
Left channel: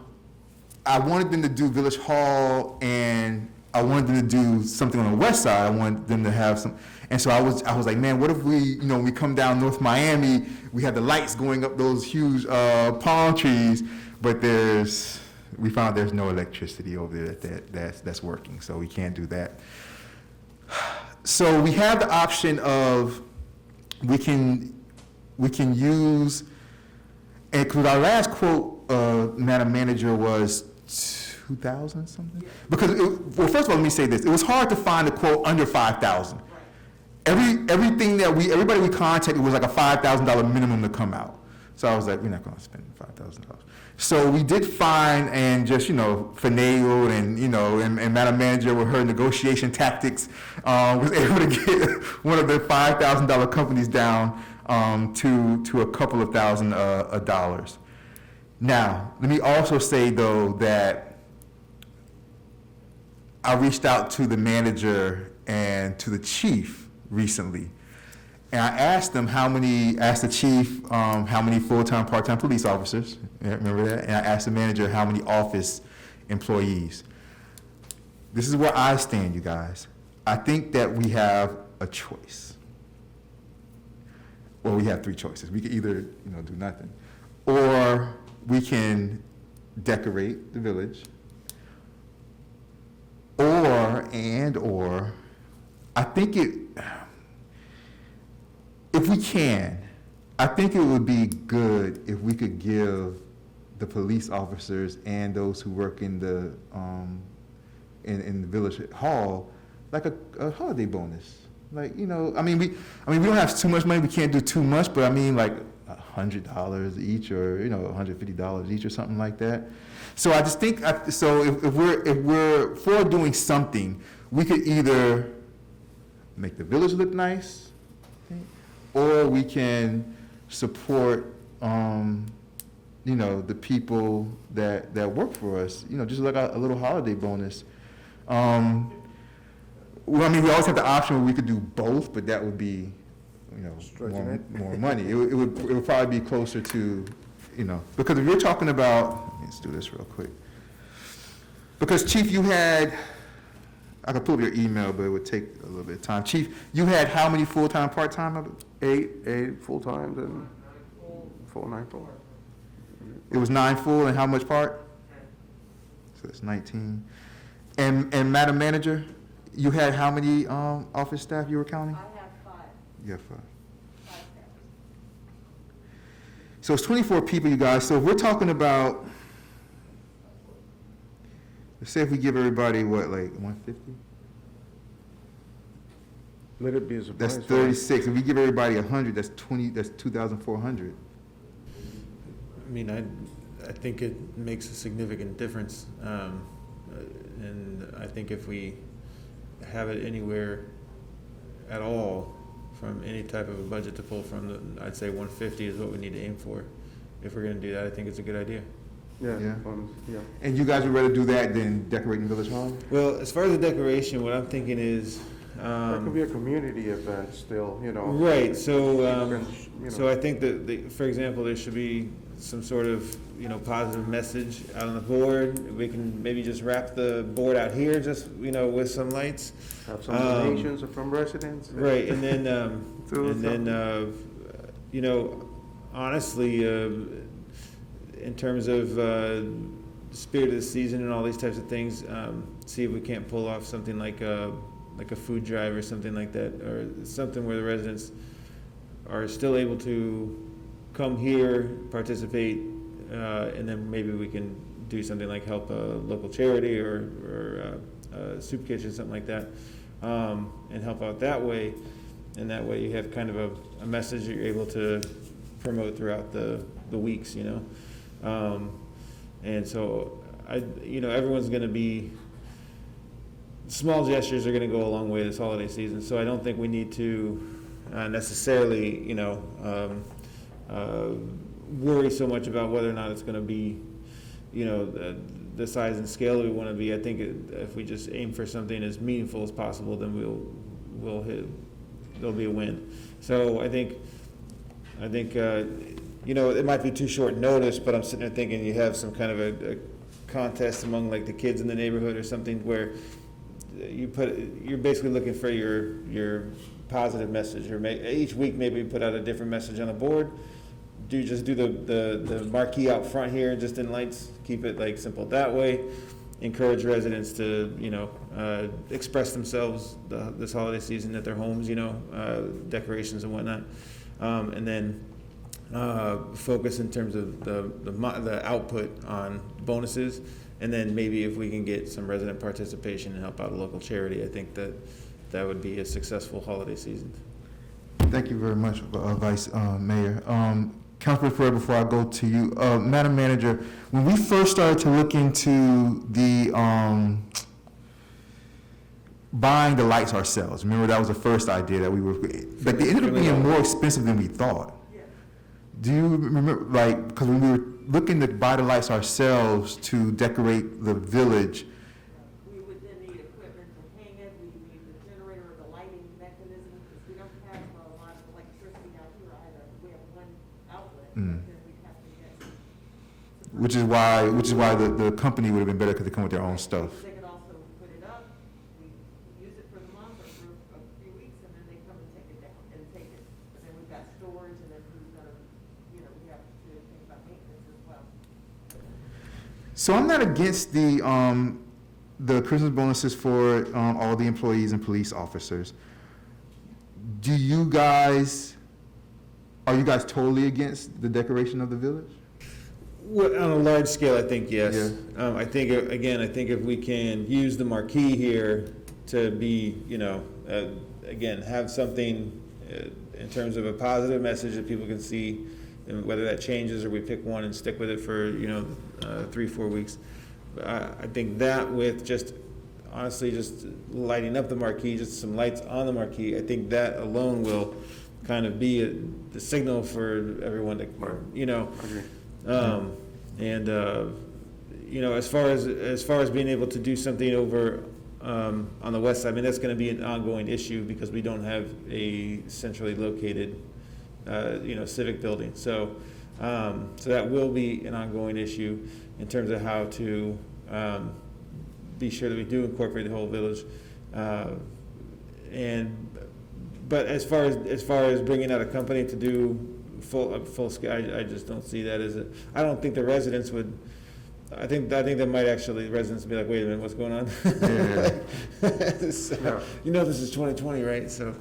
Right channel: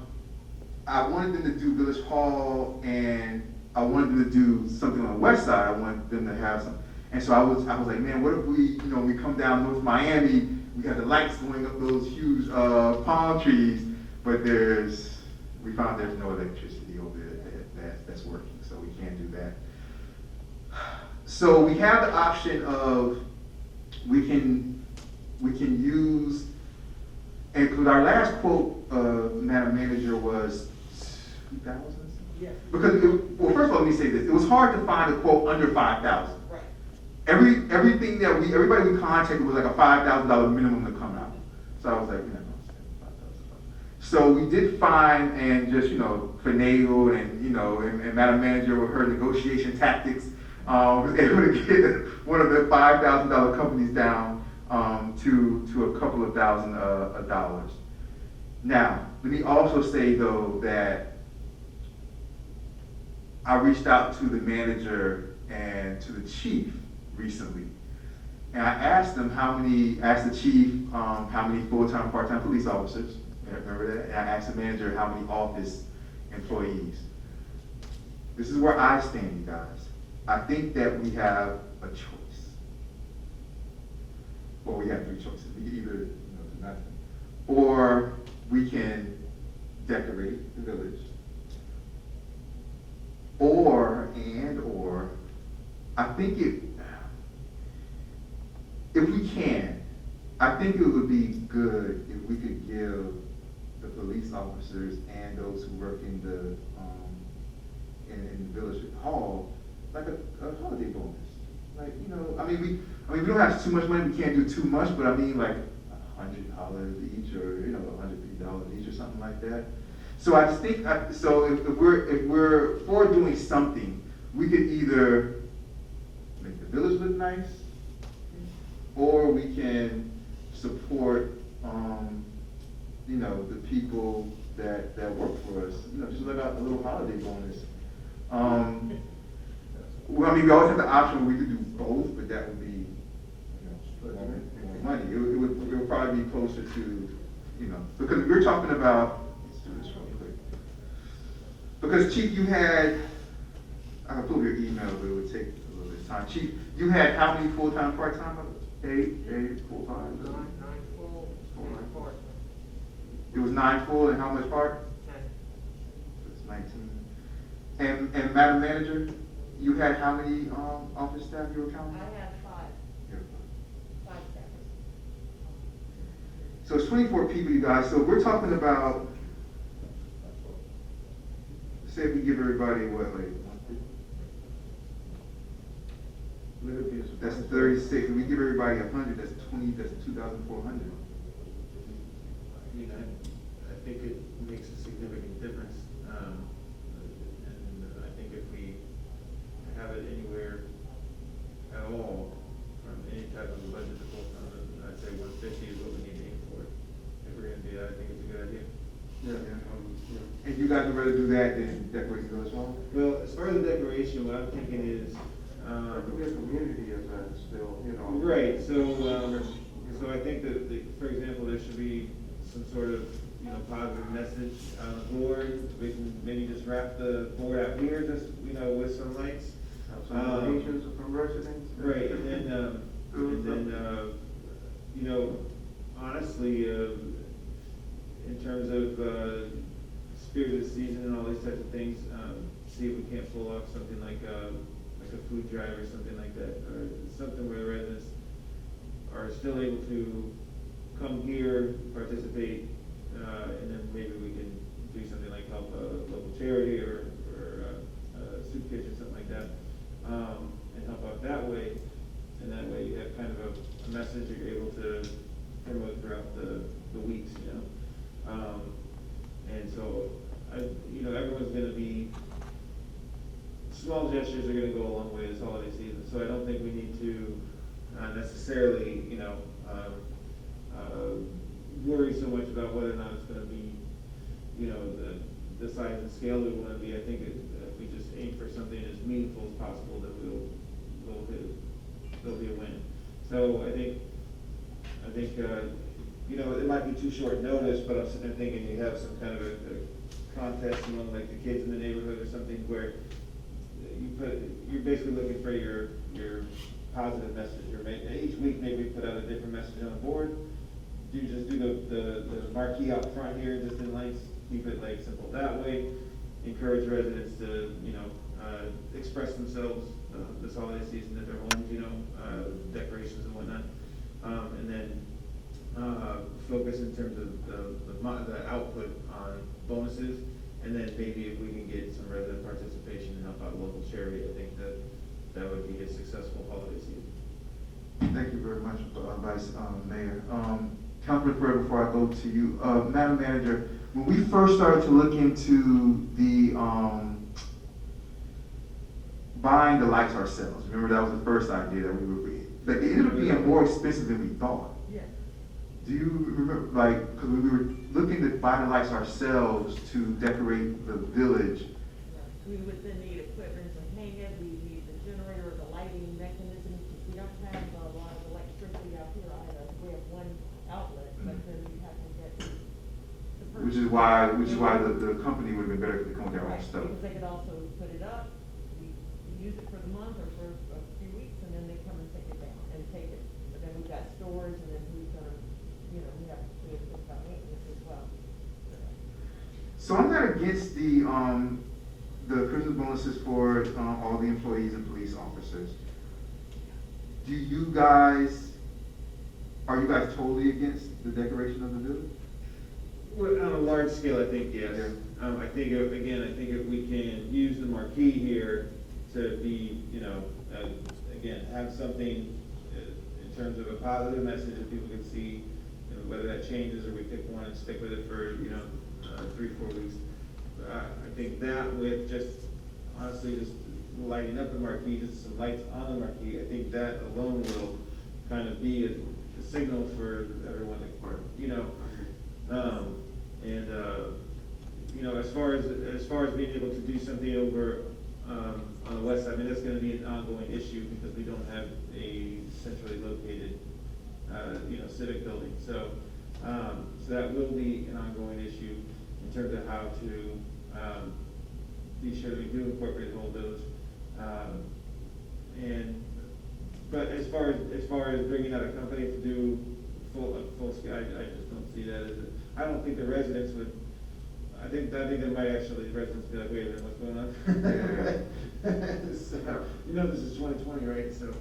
I wanted them to do Village Hall, and I wanted them to do something on the west side. I wanted them to have some, and so I was like, man, what if we, when we come down North Miami, we have the lights going up those huge palm trees, but we found there's no electricity over there that's working, so we can't do that. So we have the option of we can use, and because our last quote, Madam Manager, was 2,000 something. Yeah. Because first of all, let me say this: it was hard to find a quote under 5,000. Right. Everybody we contacted was like a $5,000 minimum to come out. So I was like, we're not going to spend $5,000. So we did find and just finagled and Madam Manager with her negotiation tactics was able to get one of their $5,000 companies down to a couple of thousand dollars. Now, let me also say though that I reached out to the manager and to the chief recently, and I asked the chief how many full-time, part-time police officers. Remember that? And I asked the manager how many office employees. This is where I stand, you guys. I think that we have a choice. Well, we have three choices. We can either, do nothing, or we can decorate the village, or I think if we can, I think it would be good if we could give the police officers and those who work in the in the village hall like a holiday bonus. Like, we don't have too much money. We can't do too much, but I mean, like $100 each, or $150 each, or something like that. So I just think, if we're for doing something, we could either make the village look nice, or we can support, the people that work for us. Just like a little holiday bonus. We always have the option where we could do both, but that would be, more money. It would probably be closer to, because if you're talking about, let's do this real quick. Because Chief, I could pull your email, but it would take a little bit of time. Chief, you had how many full-time, part-time? 8 full-time, then 9 full. It was 9 full, and how much part? 10. So it's 19. And Madam Manager, you had how many office staff you were counting? I had 5. You have 5. 5 staff. So it's 24 people, you guys. So if we're talking about say if we give everybody, what, like 150? Let it be a surprise. That's 36. If we give everybody 100, that's 20, that's 2,400. I mean, I think it makes a significant difference. And I think if we have it anywhere at all from any type of a budget to pull from, I'd say 150 is what we need to aim for. If we're gonna do that, I think it's a good idea. Yeah, Yeah. yeah. And you guys would rather do that than decorating the village hall? Well, as far as the decoration, what I'm thinking is, That could be a community event still, you know. right, so, You so know. I think that, for example, there should be some sort of, positive message out on the board. We can maybe just wrap the board out here, just, with some lights. Have some donations from residents. Right, and then, honestly, in terms of, spirit of the season and all these types of things, see if we can't pull off something like a food drive or something like that, or something where the residents are still able to come here, participate, and then maybe we can do something like help a local charity or a soup kitchen, something like that, and help out that way. And that way you have kind of a message that you're able to promote throughout the weeks, and so everyone's gonna be, small gestures are gonna go a long way this holiday season, so I don't think we need to necessarily, worry so much about whether or not it's gonna be, the size and scale that we wanna be. I think if we just aim for something as meaningful as possible, then we'll hit, there'll be a win. So I think, it might be too short notice, but I'm sitting there thinking you have some kind of a contest among like the kids in the neighborhood or something where you're basically looking for your positive message, or each week maybe put out a different message on the board. Do the marquee out front here, just in lights, keep it like simple that way. Encourage residents to, express themselves this holiday season at their homes, decorations and whatnot. And then focus in terms of the output on bonuses. And then maybe if we can get some resident participation and help out a local charity, I think that would be a successful holiday season. Thank you very much, Vice Mayor. Councilman Ferrer, before I go to you, Madam Manager, when we first started to look into the buying the lights ourselves, remember that was the first idea that we were, but they ended up being more expensive than we thought. Yeah. Do you remember, because when we were looking to buy the lights ourselves to decorate the village, We would then need equipment to hang it, we need the generator, the lighting mechanism, because we don't have a lot of electricity out here either. We have one outlet, but Mhm. then we have to get. which is why the company would have been better because they come with their own stuff. Because they could also put it up, we use it for the month or for a few weeks, and then they come and take it down and take it. But then we've got storage, and then we've got, we have to think about maintenance as well. So I'm not against the Christmas bonuses for all the employees and police officers. Are you guys totally against the decoration of the village? Well, on a large scale, I think yes. Yeah. I think, if we can use the marquee here to be, again, have something in terms of a positive message that people can see, and whether that changes or we pick one and stick with it for, 3-4 weeks. I think that with just, honestly, just lighting up the marquee, just some lights on the marquee, I think that alone will kind of be the signal for everyone to, as far as being able to do something over on the west side, I mean, that's gonna be an ongoing issue because we don't have a centrally located, civic building. So that will be an ongoing issue in terms of how to be sure that we do incorporate the whole village. But as far as bringing out a company to do full scale, I just don't see that as I don't think the residents would. I think that might actually residents be like, wait a minute, what's going on? Yeah. So, this is 2020, right? So,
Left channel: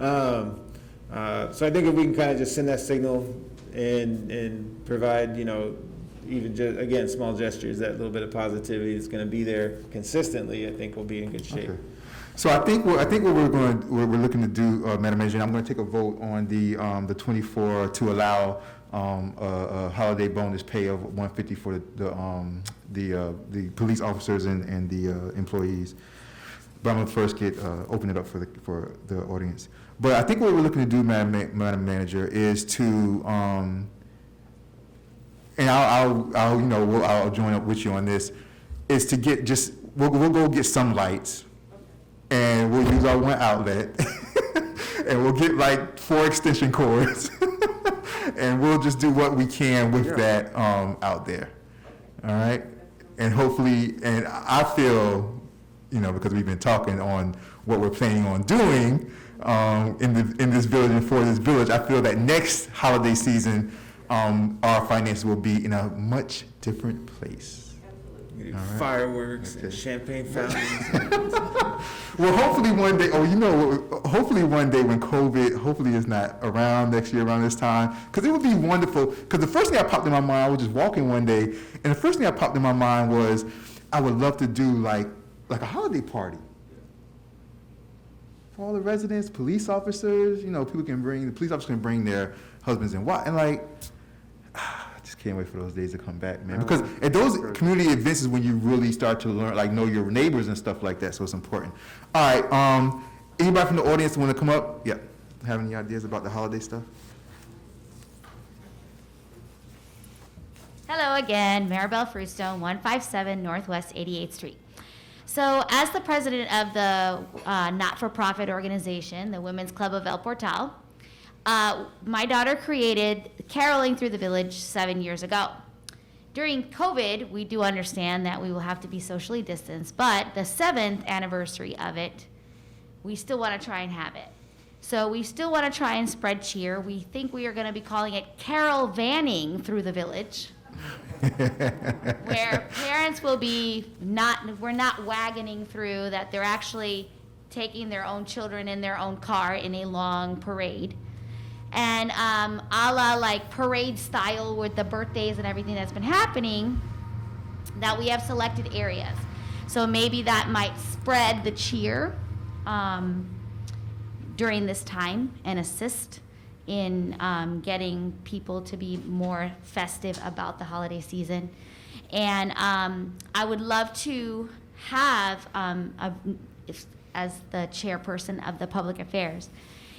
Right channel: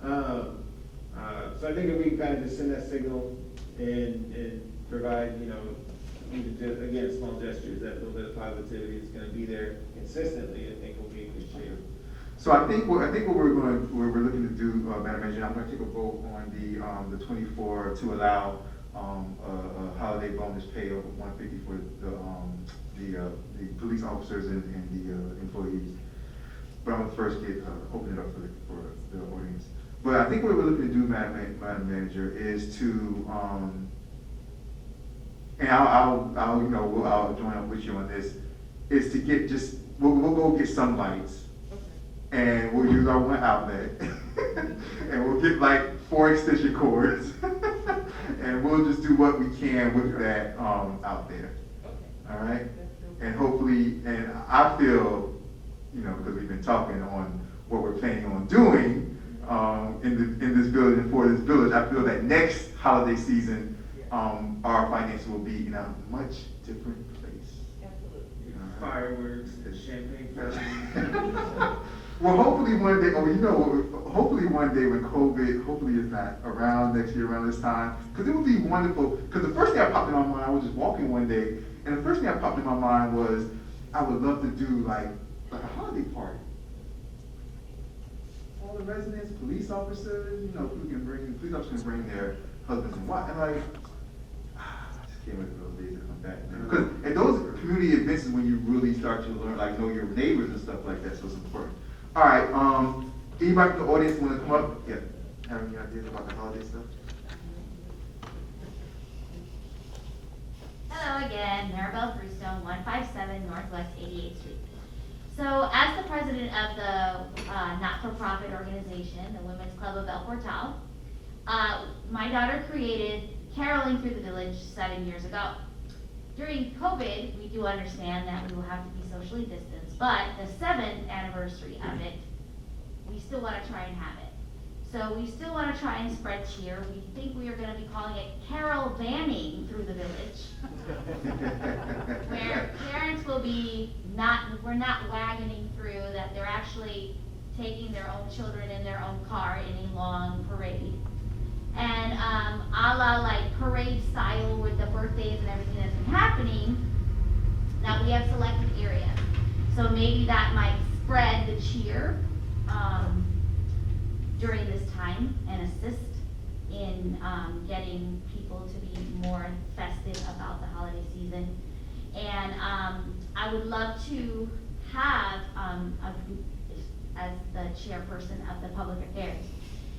so I think if we can kind of just send that signal and provide, even just, again, small gestures, that little bit of positivity is gonna be there consistently, I think we'll be in good shape. Okay. So I think what we're looking to do, Madam Manager, and I'm gonna take a vote on the 24 to allow, a holiday bonus pay of $150 for the police officers and the employees. But I'm gonna first open it up for the audience. But I think what we're looking to do, Madam Manager, is to, and I'll join up with you on this, is to get we'll go get some lights, and we'll use our one outlet, and we'll get like 4 extension cords, and we'll just do what we can with that out there. All right? And hopefully, and I feel, because we've been talking on what we're planning on doing in this village and for this village, I feel that next holiday season, our finances will be in a much different place. We do All right. fireworks and champagne fountains. Well, hopefully one day, hopefully one day when COVID, hopefully is not around next year around this time, because it would be wonderful, because the first thing that popped in my mind, I was just walking one day, and the first thing that popped in my mind was, I would love to do like a holiday party. For all the residents, police officers, the police officers can bring their husbands and wives, and I just can't wait for those days to come back, man. Because at those community events is when you really start to learn, know your neighbors and stuff like that, so it's important. All right, anybody from the audience want to come up? Yeah, have any ideas about the holiday stuff? Hello again, Maribel Fruestone, 157 Northwest 88th Street. So as the president of the not-for-profit organization, the Women's Club of El Portal, my daughter created Caroling Through the Village 7 years ago. During COVID, we do understand that we will have to be socially distanced, but the 7th anniversary of it, we still want to try and have it. So we still want to try and spread cheer. We think we are going to be calling it Carol Vanning Through the Village. Where parents will be we're not wagoning through, that they're actually taking their own children in their own car in a long parade. And a la like parade style with the birthdays and everything that's been happening, that we have selected areas. So maybe that might spread the cheer during this time and assist in getting people to be more festive about the holiday season. And I would love to have, as the chairperson of the Public Affairs,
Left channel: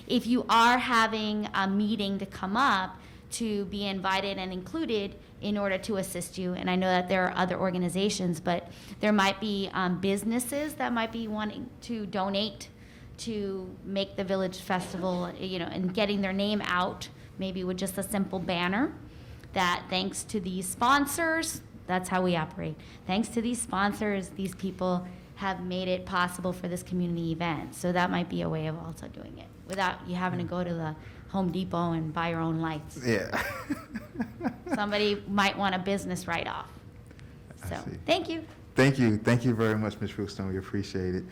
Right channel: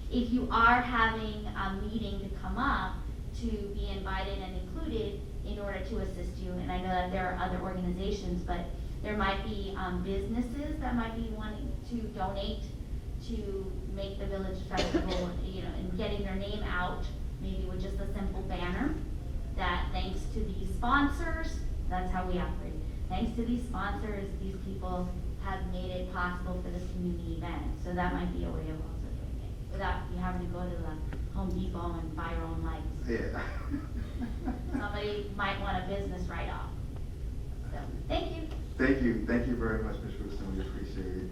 if you are having a meeting to come up, to be invited and included in order to assist you. And I know that there are other organizations, but there might be businesses that might be wanting to donate to make the village festival, and getting their name out, maybe with just a simple banner, that thanks to these sponsors, that's how we operate. Thanks to these sponsors, these people have made it possible for this community event. So that might be a way of also doing it, without you having to go to the Home Depot and buy your own lights. Yeah. Somebody might want a business write-off. So, I see. thank you. Thank you very much, Ms. Fruestone. We appreciate it.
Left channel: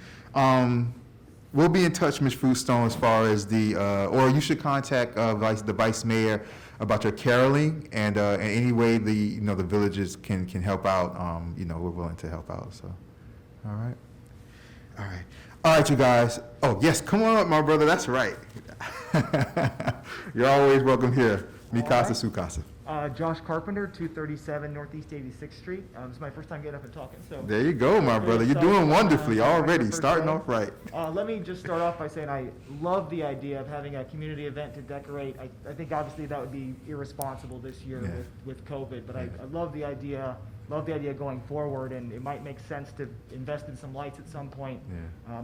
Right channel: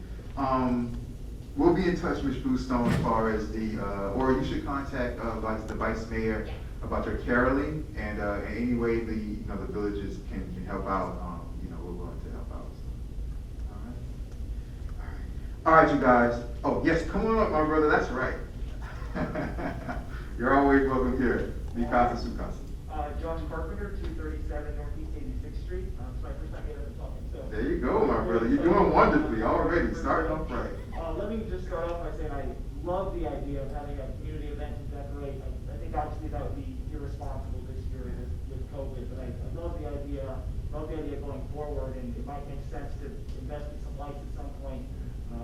We'll be in touch, Ms. Fruestone, as far as or you should contact the vice mayor about your caroling, and any way the villages can help out. We're willing to help out. So, all right, you guys. Oh yes, come on up, my brother. That's right. You're always welcome here. Mikasa Sukasa. Josh Carpenter, 237 Northeast 86th Street. It's my first time getting up and talking. So There you go, my brother. You're doing wonderfully already. Starting off right. Let me just start off by saying I love the idea of having a community event to decorate. I think obviously that would be irresponsible this year with COVID, but I love the idea. Love the idea going forward, and it might make sense to invest in some lights at some point.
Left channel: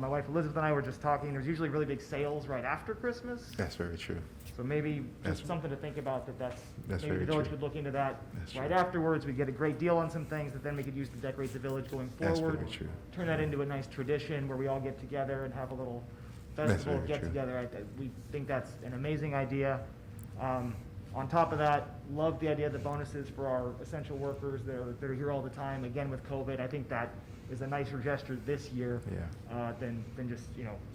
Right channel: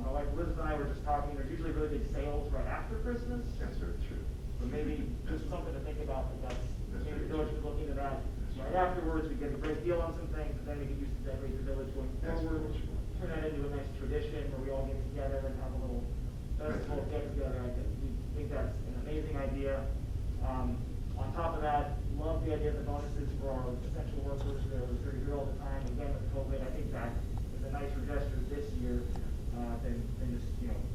My wife Elizabeth and I were just talking. There's usually really big sales right after Christmas. That's very true. So maybe That's just something to think about, that's maybe very the village true. could look into that That's right true. afterwards. We get a great deal on some things that then we could use to decorate the village going That's forward. very true. Turn that into a nice tradition where we all get together and have a little That's festival, very get true. together. We think that's an amazing idea. On top of that, love the idea of the bonuses for our essential workers that are here all the time. Again, with COVID, I think that is a nicer gesture this year than just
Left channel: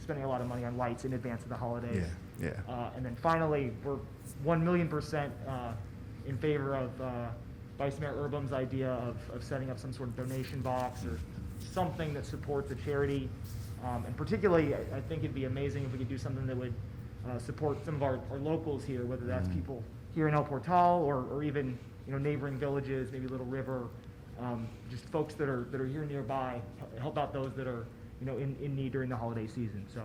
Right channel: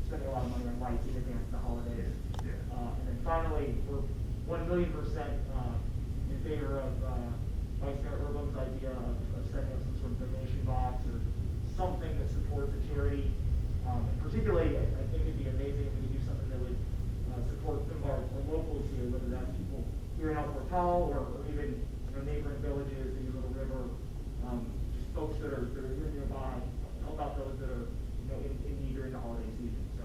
spending a lot of money on lights in advance of the holidays. And then finally, we're 1,000,000% in favor of Vice Mayor Urbum's idea of setting up some sort of donation box or something that supports a charity. And particularly, I think it'd be amazing if we could do something that would support some of our locals here, whether that's people here in El Portal or even neighboring villages, maybe Little River, just folks that are here nearby, help out those that are in need during the holiday season. So.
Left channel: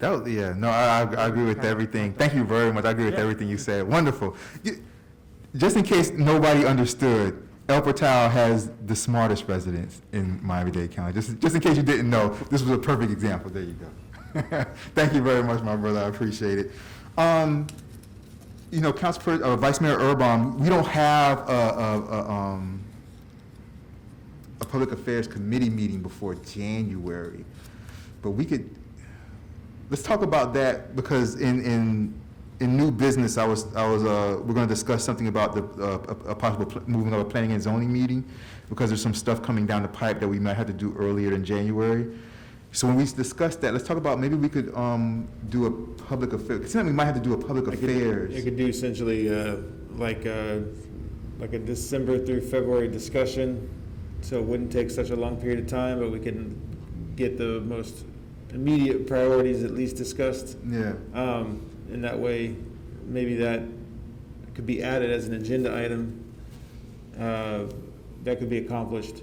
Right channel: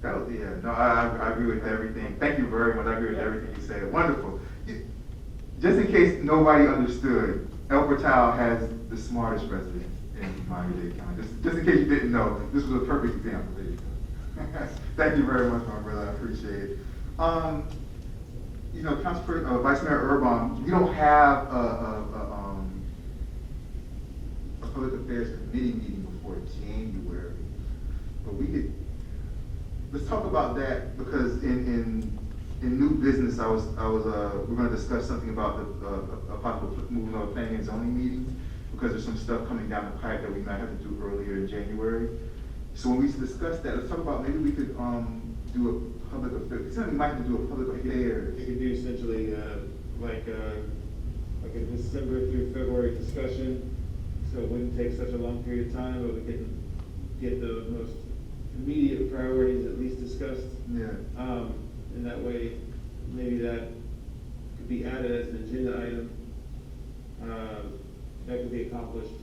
I agree with everything. Thank you very much. I agree with everything you said. Wonderful. Just in case nobody understood, El Portal has the smartest residents in Miami-Dade County. Just in case you didn't know, this was a perfect example. There you go. Thank you very much, my brother. I appreciate it. Vice Mayor Urbum, we don't have a public affairs committee meeting before January, but let's talk about that, because in new business, we're going to discuss something about a possible moving of a planning and zoning meeting, because there's some stuff coming down the pipe that we might have to do earlier in January. So when we discuss that, let's talk about maybe we could do a public affairs. It's not we might have to do a public affairs. You could do essentially like a December through February discussion, so it wouldn't take such a long period of time, but we can get the most immediate priorities at least discussed. Yeah. And that way, maybe that could be added as an agenda item. That could be accomplished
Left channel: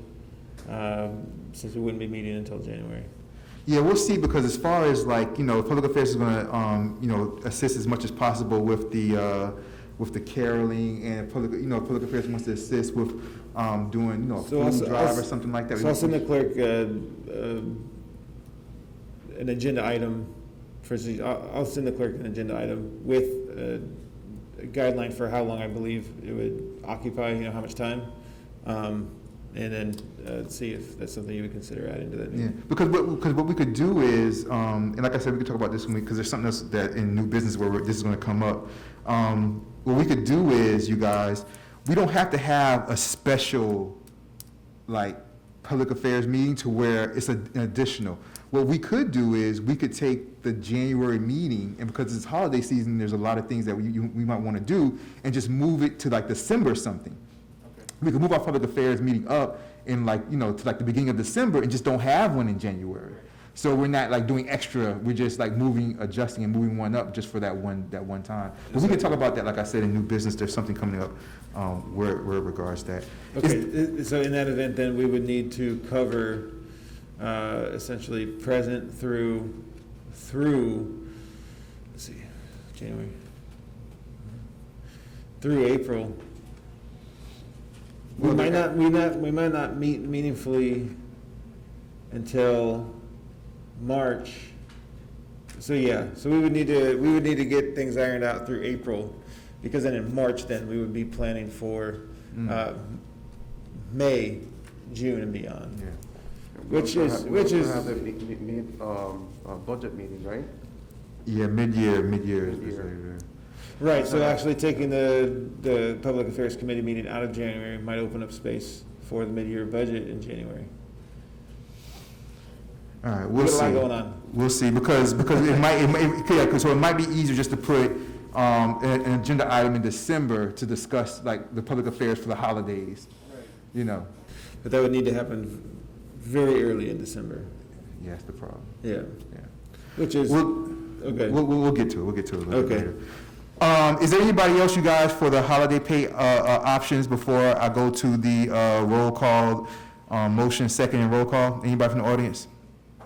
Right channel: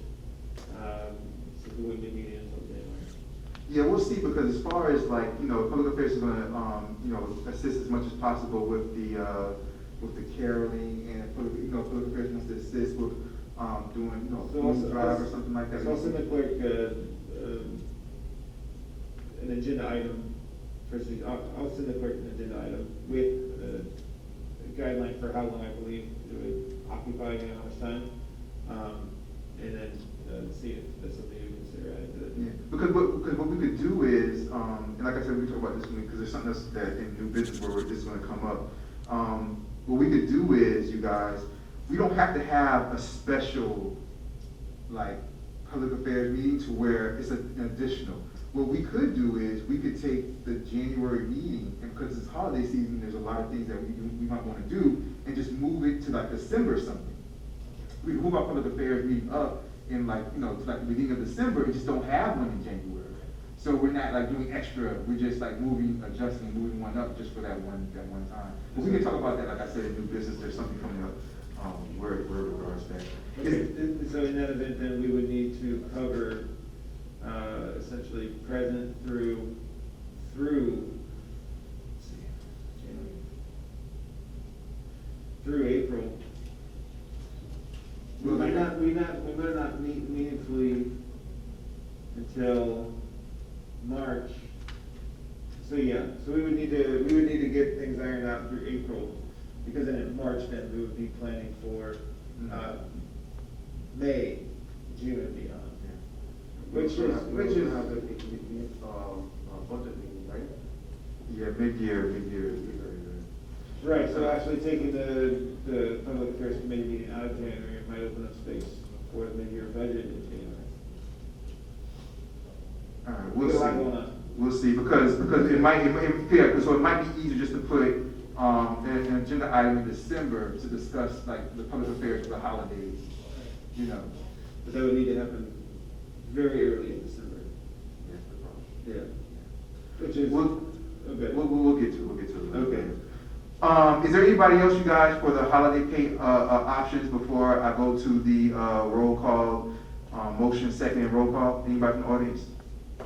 since we wouldn't be meeting until January. Yeah, we'll see, because as far as public affairs is going to assist as much as possible with the caroling, and public affairs wants to assist with doing food drive or something like that. So I'll send the clerk an agenda item. I'll send the clerk an agenda item with a guideline for how long I believe it would occupy, how much time, and then see if that's something you would consider adding to that. Yeah, because what we could do is, and like I said, we can talk about this because there's something else that in new business where this is going to come up. What we could do is, you guys, we don't have to have a special public affairs meeting to where it's an additional. What we could do is we could take the January meeting, and because it's holiday season, there's a lot of things that we might want to do, and just move it to December something. We could move our public affairs meeting up in to the beginning of December, and just don't have one in January. So we're not doing extra. We're just adjusting and moving one up just for that one time. But we can talk about that. Like I said, in new business, there's something coming up where it regards that. Okay. So in that event, then we would need to cover essentially present through let's see, January through April. We might not meet meaningfully until March. So we would need to get things ironed out through April, because then in March we would be planning for May, June, and beyond. Yeah. Which is have the budget meeting, right? Yeah, mid-year. right. So actually taking the Public Affairs Committee meeting out of January might open up space for the mid-year budget in January. All right, we'll There's see. a lot going on. We'll see, because it might be easier just to put an agenda item in December to discuss the public affairs for the holidays. But that would need to happen very early in December. Yeah, that's the problem. Yeah. Yeah. Which is okay. We'll get to it. We'll get to it a little Okay. later. Is there anybody else, you guys, for the holiday pay options before I go to the roll call, motion, second, and roll call? Anybody from the audience?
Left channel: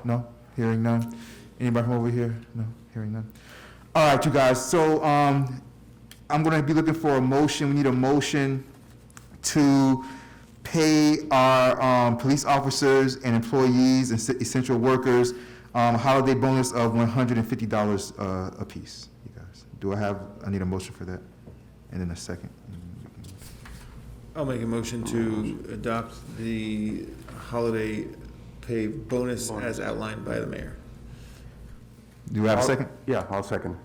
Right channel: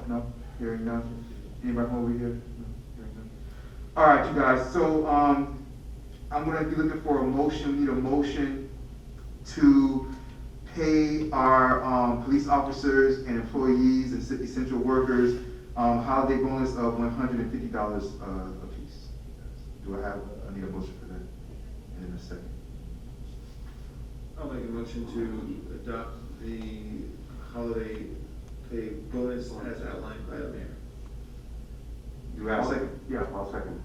No? Hearing none? Anybody from over here? No? Hearing none? All right, you guys. So I'm going to be looking for a motion. We need a motion to pay our police officers and employees and essential workers holiday bonus of $150 a piece. You guys, I need a motion for that, and then a second. I'll make a motion to adopt the holiday pay bonus as outlined by the mayor. Do I have a second? Yeah, I'll second.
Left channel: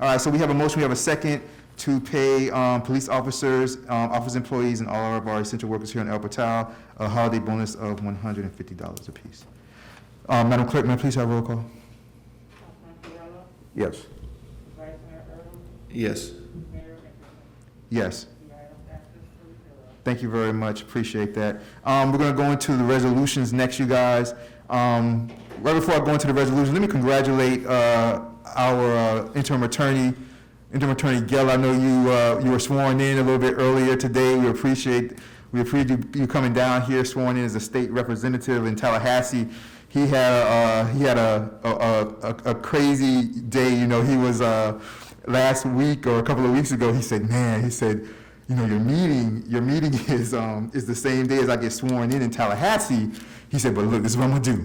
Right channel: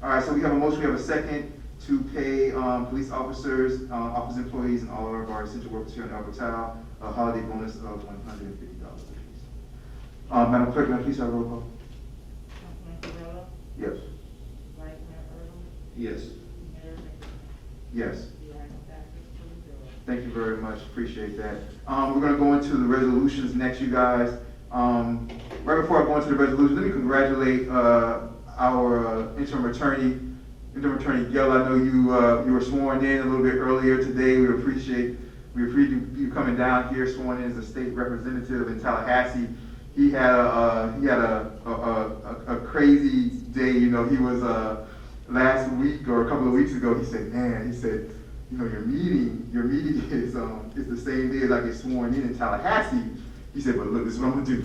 All right, so we have a motion, we have a second to pay police officers, office employees, and all of our essential workers here in El Portal a holiday bonus of $150 a piece. Madam Clerk, may I please have a roll call? Councilman Correll, Yes. Vice Mayor Erdem, Yes. Mayor McDaniel. Yes. The item passes 3-0. Thank you very much, appreciate that. We're gonna go into the resolutions next, you guys. Right before I go into the resolution, let me congratulate, our interim attorney Gill. I know you were sworn in a little bit earlier today. We appreciate you coming down here, sworn in as a state representative in Tallahassee. He had a crazy day. You know, he was last week or a couple of weeks ago. He said, you know, your meeting is the same day as I get sworn in Tallahassee. He said, but look, this is what I'm gonna do.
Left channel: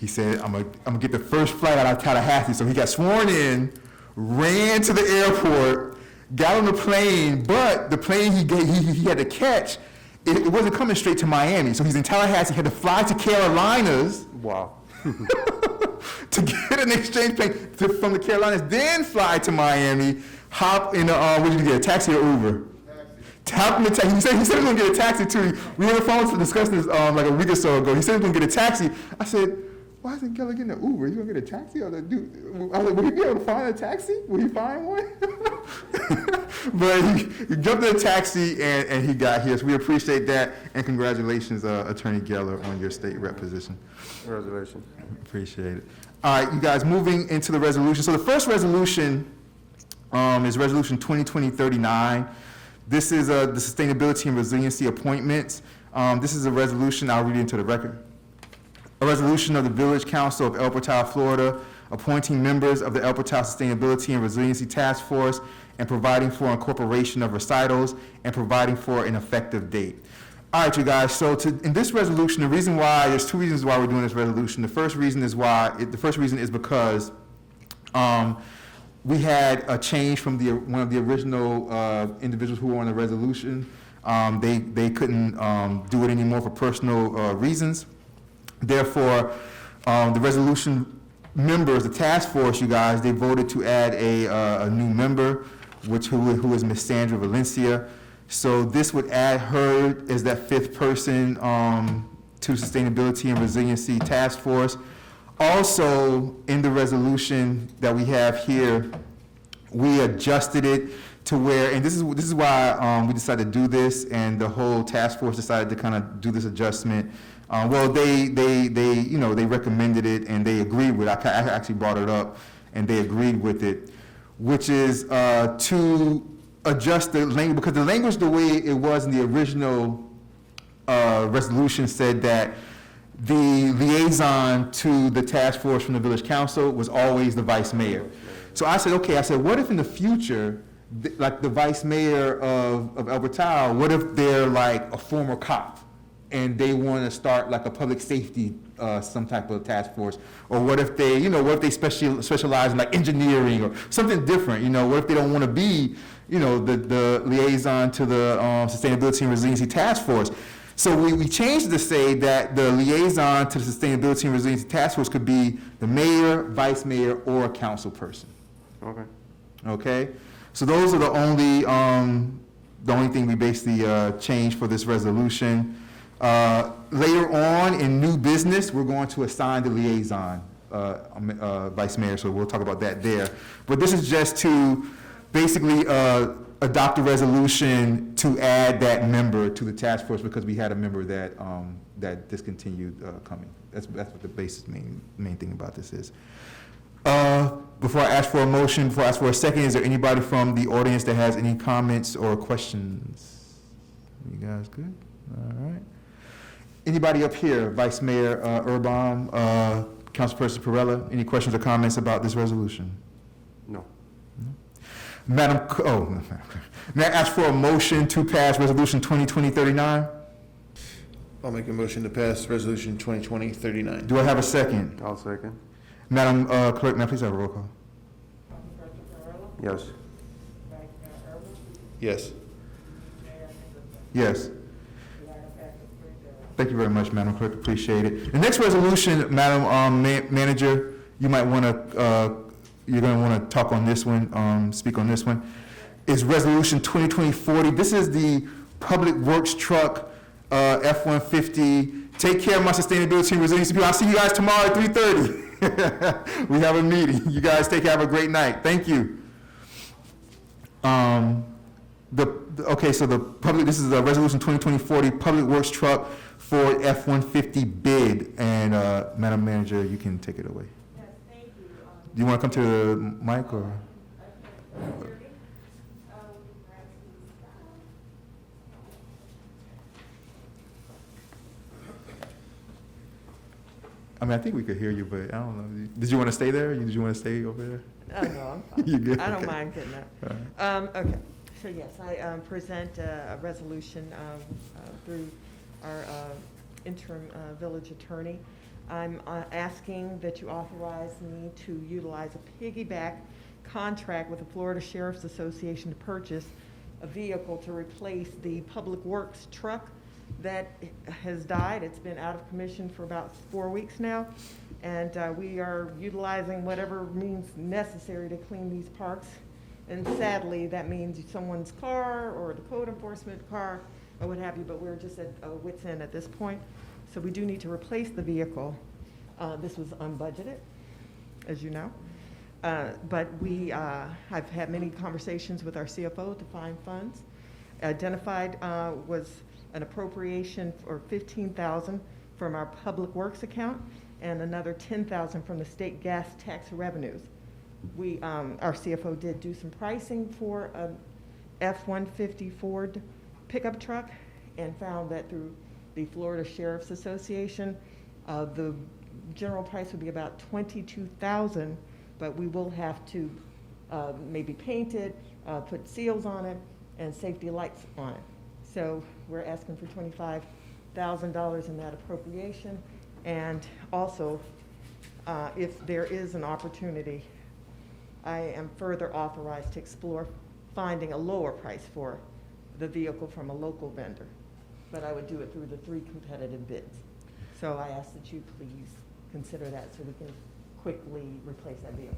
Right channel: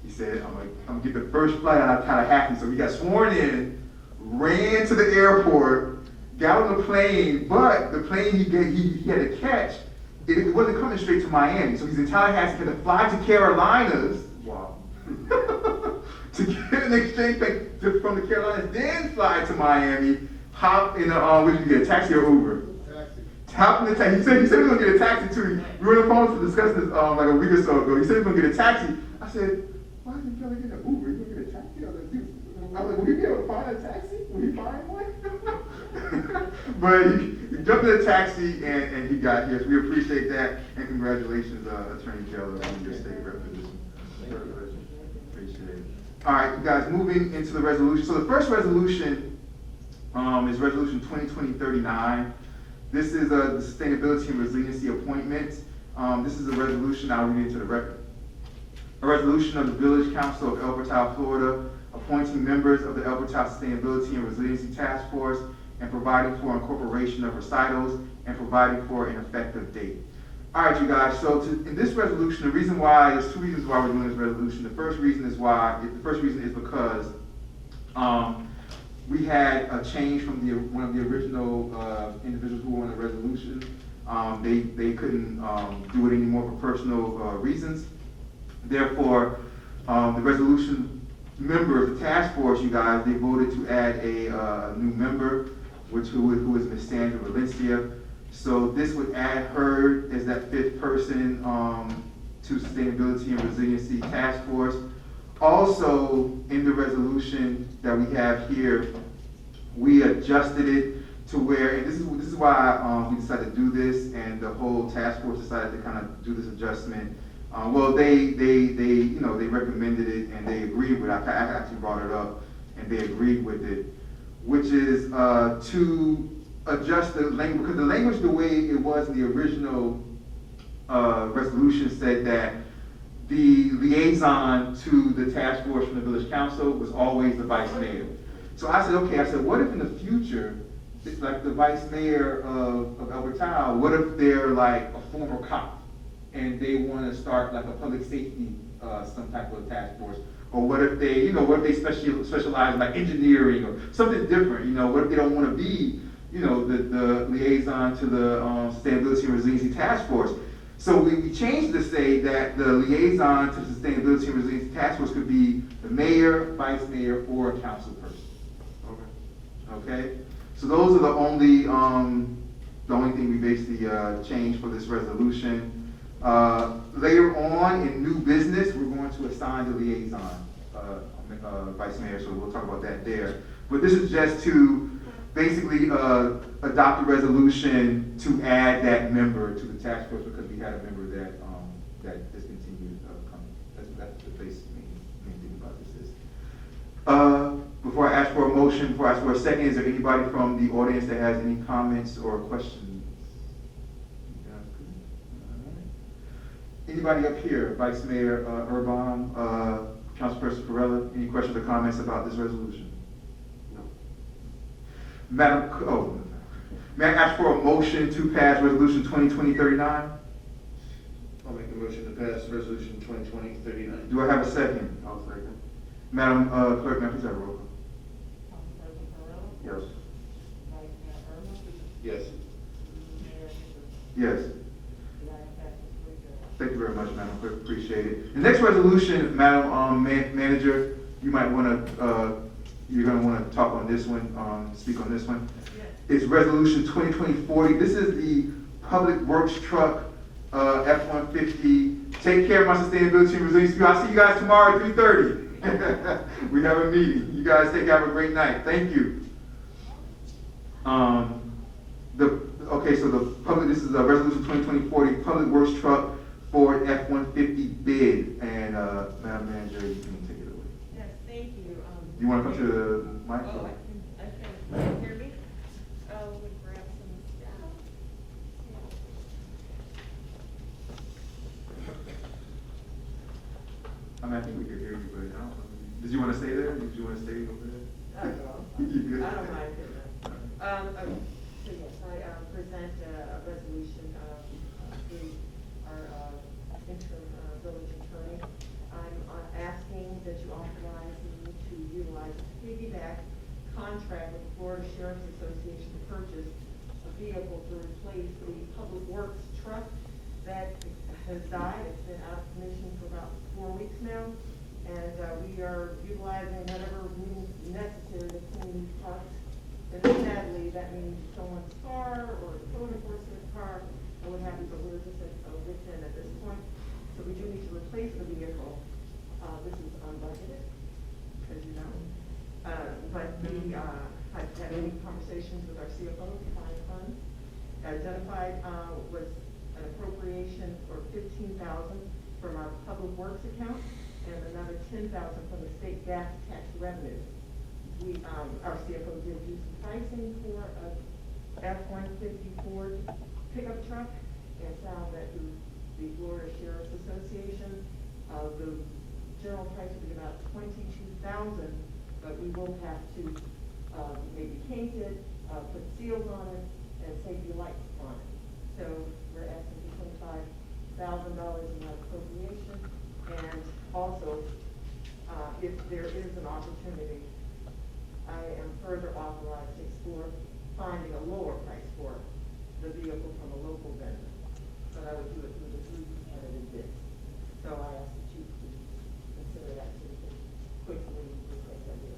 He said, I'm gonna get the first flight out of Tallahassee. So he got sworn in, ran to the airport, got on the plane, but the plane he had to catch, it wasn't coming straight to Miami. So he's in Tallahassee, he had to fly to Carolinas. Wow. To get an exchange plane from the Carolinas, then fly to Miami, hop in what did you get, a taxi or Uber? Hop in the taxi. He said he was going to get a taxi too. We were on the phone to discuss this like a week or so ago. He said he was going to get a taxi. I said, why isn't Keller getting an Uber? He's going to get a taxi? I was like, will he be able to find a taxi? Will he find one? But he jumped in a taxi and he got here. So we appreciate that. And congratulations, Attorney Geller, on your state rep position. Congratulations. Appreciate it. All right, you guys, moving into the resolution. So the first resolution is Resolution 2020-39. This is the Sustainability and Resiliency Appointments. This is a resolution, I'll read it into the record. A resolution of the Village Council of El Portal, Florida, appointing members of the El Portal Sustainability and Resiliency Task Force and providing for incorporation of recitals and providing for an effective date. All right, you guys, so in this resolution, there's two reasons why we're doing this resolution. The first reason is because we had a change from one of the original individuals who were on the resolution. They couldn't do it anymore for personal reasons. Therefore, the resolution members, the task force, you guys, they voted to add a new member, who is Ms. Sandra Valencia. So this would add her as that fifth person to Sustainability and Resiliency Task Force. Also, in the resolution that we have here, we adjusted it to where, and this is why we decided to do this, and the whole task force decided to kind of do this adjustment. Well, they recommended it and they agreed with it. I actually brought it up and they agreed with it, which is to adjust the language, because the language, the way it was in the original resolution, said that the liaison to the task force from the village council was always the vice mayor. So I said, what if in the future, like the vice mayor of El Portal, what if they're like a former cop and they want to start like a public safety, some type of task force? Or what if they, specialize in like engineering or something different? What if they don't want to be, the liaison to the Sustainability and Resiliency Task Force? So we changed it to say that the liaison to the Sustainability and Resiliency Task Force could be the mayor, vice mayor, or a council person. Okay. Okay? So those are the only thing we basically changed for this resolution. Later on in new business, we're going to assign the liaison, vice mayor, so we'll talk about that there. But this is just to basically adopt a resolution to add that member to the task force, because we had a member that discontinued coming. That's what the main thing about this is. Before I ask for a motion, before I ask for a second, is there anybody from the audience that has any comments or questions? You guys good? All right. Anybody up here, Vice Mayor Urban, Councilperson Perella, any questions or comments about this resolution? No. May I ask for a motion to pass Resolution 2020-39? I'll make a motion to pass Resolution 2020-39. Do I have a second? I'll second. Madam Clerk, now please have a roll call. Councilperson Farrell, Yes. Vice Mayor Irma, Yes. Mayor Nicholson, Yes. Madam Secretary Joe. Thank you very much, Madam Clerk, appreciate it. The next resolution, Madam Manager, you might want to, you're going to want to talk on this one, speak on this one, is Resolution 2020-40. This is the Public Works Truck F-150. Take care of my sustainability and resiliency people. I'll see you guys tomorrow at 3:30. We have a meeting. You guys have a great night. Thank you. Okay, so this is a resolution 2020-40, Public Works Truck Ford F-150 bid, and, Madam Manager, you can take it away. Yes, thank you. Do you want to come to the mic, or? Can you hear me? Grab some stuff. I mean, I think we could hear you, but I don't know. Did you want to stay there, or did you want to stay over there? Oh, no, I'm You good? fine. I don't mind getting up. All right. Okay, so yes, I present a resolution through our interim village attorney. I'm asking that you authorize me to utilize a piggyback contract with the Florida Sheriff's Association to purchase a vehicle to replace the Public Works truck that has died. It's been out of commission for about 4 weeks now. And we are utilizing whatever means necessary to clean these parks. And sadly, that means someone's car or the code enforcement car or what have you, but we're just at wit's end at this point. So we do need to replace the vehicle. This was unbudgeted, as you know. But I've had many conversations with our CFO to find funds. Identified was an appropriation for $15,000 from our Public Works account and another $10,000 from the state gas tax revenues. Our CFO did do some pricing for a F-150 Ford pickup truck and found that through the Florida Sheriff's Association, the general price would be about $22,000, but we will have to maybe paint it, put seals on it, and safety lights on it. So we're asking for $25,000 in that appropriation. And also, if there is an opportunity, I am further authorized to explore finding a lower price for the vehicle from a local vendor. But I would do it through the 3 competitive bids. So I ask that you please consider that so we can quickly replace that vehicle.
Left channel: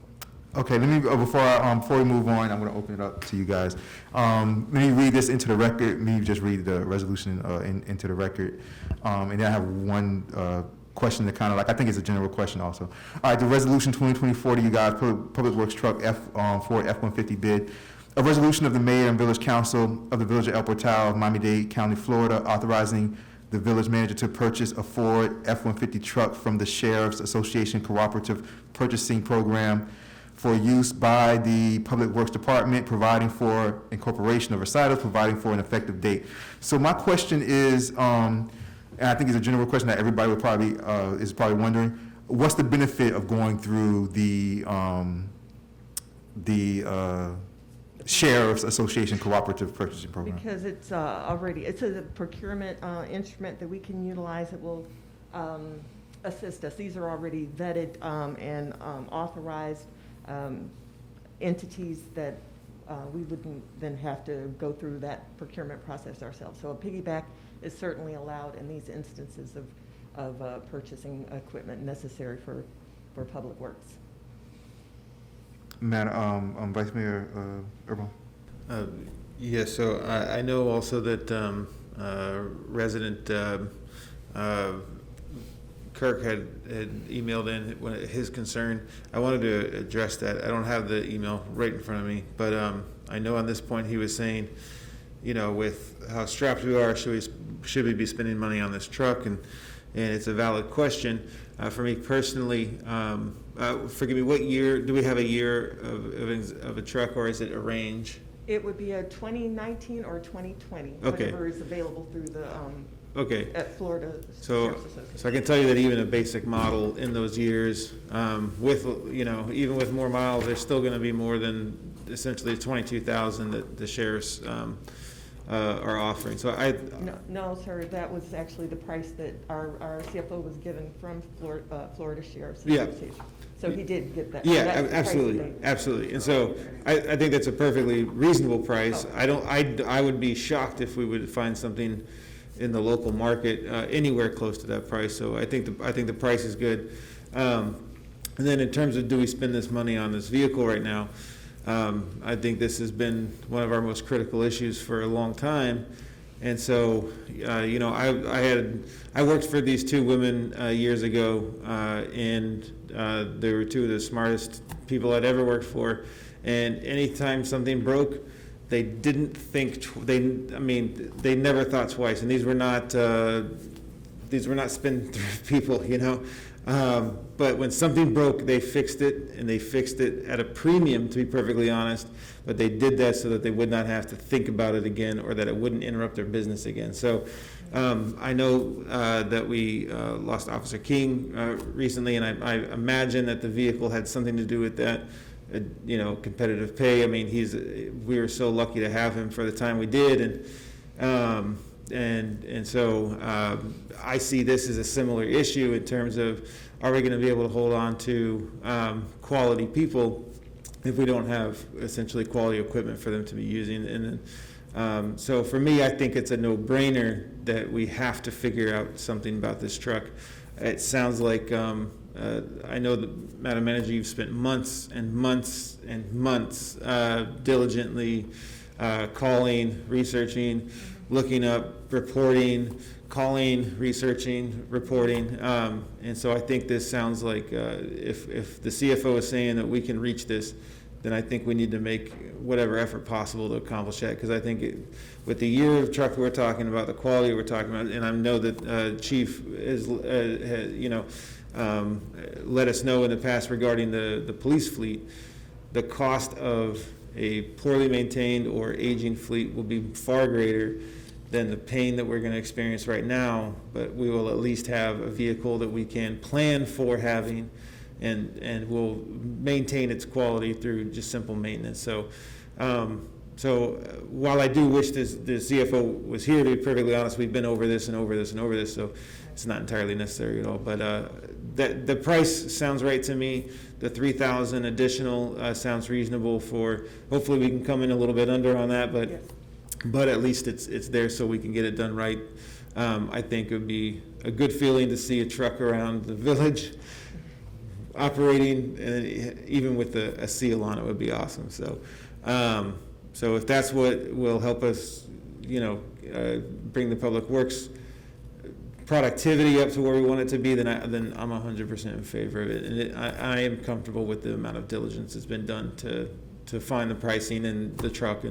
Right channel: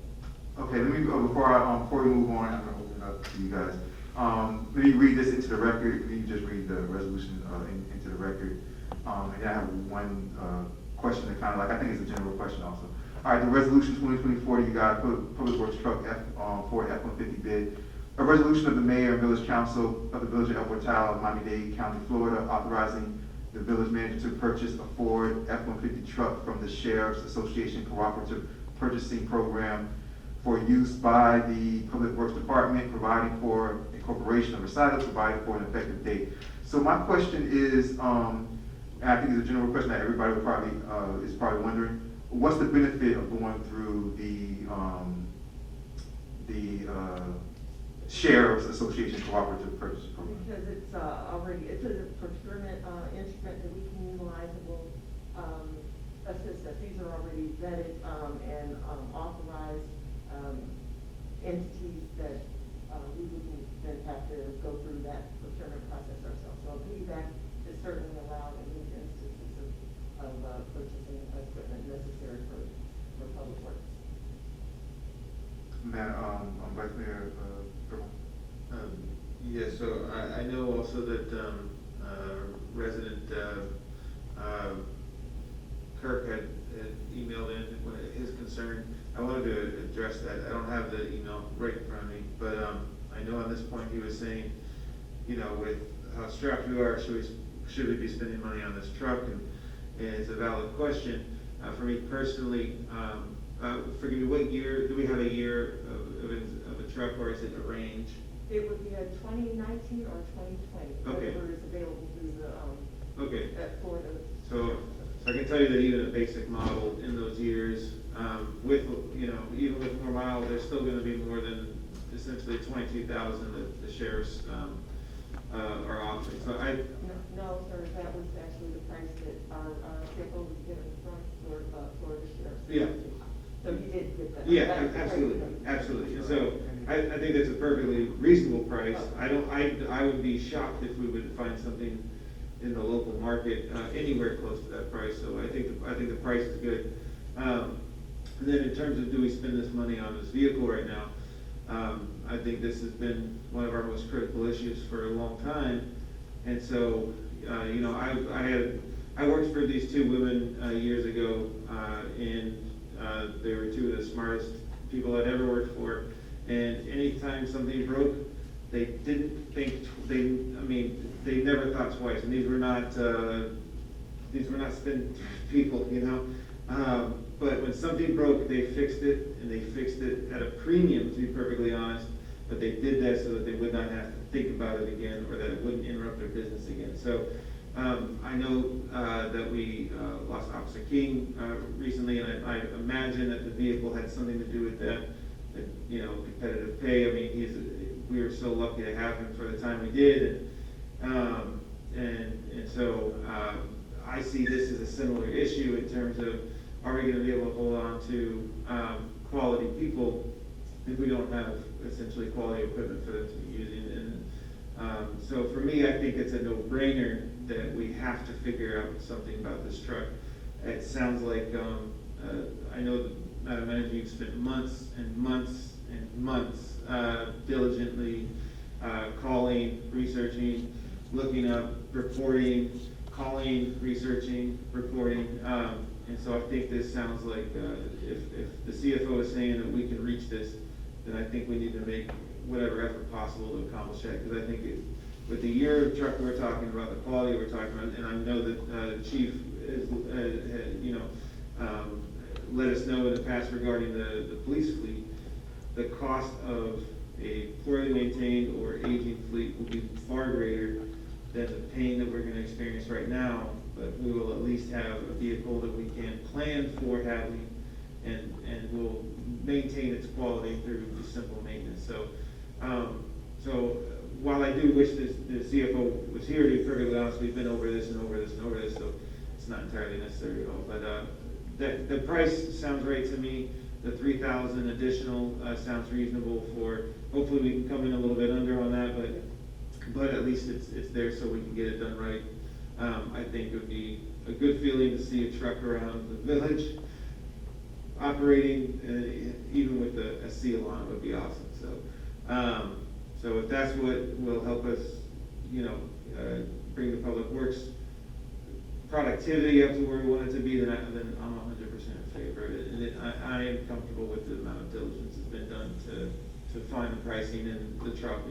Okay, let me, before we move on, I'm going to open it up to you guys. Let me read this into the record. Let me just read the resolution into the record. And then I have one question that kind of like, I think it's a general question also. All right, the resolution 2020-40, you guys, Public Works Truck Ford F-150 bid. A resolution of the Mayor and Village Council of the Village of El Portal, Miami-Dade County, Florida, authorizing the village manager to purchase a Ford F-150 truck from the Sheriff's Association Cooperative Purchasing Program for use by the Public Works Department, providing for incorporation of recitals, providing for an effective date. So my question is, and I think it's a general question that everybody will probably is probably wondering, what's the benefit of going through the Sheriff's Association Cooperative Purchasing Program? Because it's it's a procurement instrument that we can utilize that will assist us. These are already vetted and authorized entities that we wouldn't then have to go through that procurement process ourselves. So a piggyback is certainly allowed in these instances of purchasing equipment necessary for public works. Madam Vice Mayor Irma. Yeah, so I know also that resident Kirk had emailed in his concern. I wanted to address that. I don't have the email right in front of me, but I know on this point he was saying, you know, with how strapped we are, should we be spending money on this truck? And it's a valid question. For me personally, forgive me, what year, do we have a year of a truck, or is it a range? It would be a 2019 or 2020, Okay. whatever is available through the, Okay. at Florida So Sheriff's Association. I can tell you that even a basic model in those years, with, you know, even with more miles, there's still gonna be more than essentially 22,000 that the sheriffs are offering. So No, sir, that was actually the price that our CFO was given from Florida Sheriff's Yeah. Association. So he did get that. Yeah, That's the price absolutely, that- absolutely. And so I think that's a perfectly reasonable price. I would be shocked if we would find something in the local market anywhere close to that price. So I think the price is good. And then in terms of, do we spend this money on this vehicle right now? I think this has been one of our most critical issues for a long time. And so, you know, I worked for these two women years ago, and they were two of the smartest people I'd ever worked for. And anytime something broke, they didn't think, they never thought twice, and these were not spendthrift people, you know? But when something broke, they fixed it, and they fixed it at a premium, to be perfectly honest, but they did that so that they would not have to think about it again, or that it wouldn't interrupt their business again. So I know that we lost Officer King recently, and I imagine that the vehicle had something to do with that. You know, competitive pay. I mean, we were so lucky to have him for the time we did, and so I see this as a similar issue in terms of, are we going to be able to hold on to quality people if we don't have essentially quality equipment for them to be using? And so for me, I think it's a no-brainer that we have to figure out something about this truck. It sounds like, I know that, Madam Manager, you've spent months and months and months diligently calling, researching, looking up, reporting, calling, researching, reporting. And so I think this sounds like if the CFO is saying that we can reach this, then I think we need to make whatever effort possible to accomplish that. Because I think with the year of truck we're talking about, the quality we're talking about, and I know that Chief is, let us know in the past regarding the police fleet, the cost of a poorly maintained or aging fleet will be far greater than the pain that we're going to experience right now, but we will at least have a vehicle that we can plan for having, and will maintain its quality through just simple maintenance. So while I do wish the CFO was here, to be perfectly honest, we've been over this and over this and over this, so it's not entirely necessary at all. But the price sounds right to me. The 3,000 additional sounds reasonable for, hopefully we can come in a little bit under on that, but at least it's there so we can get it done right. I think it would be a good feeling to see a truck around the village operating, and even with a seal on it would be awesome. So so if that's what will help us, bring the public works productivity up to where we want it to be, then I'm 100% in favor of it. And I am comfortable with the amount of diligence that's been done to find the pricing and the truck,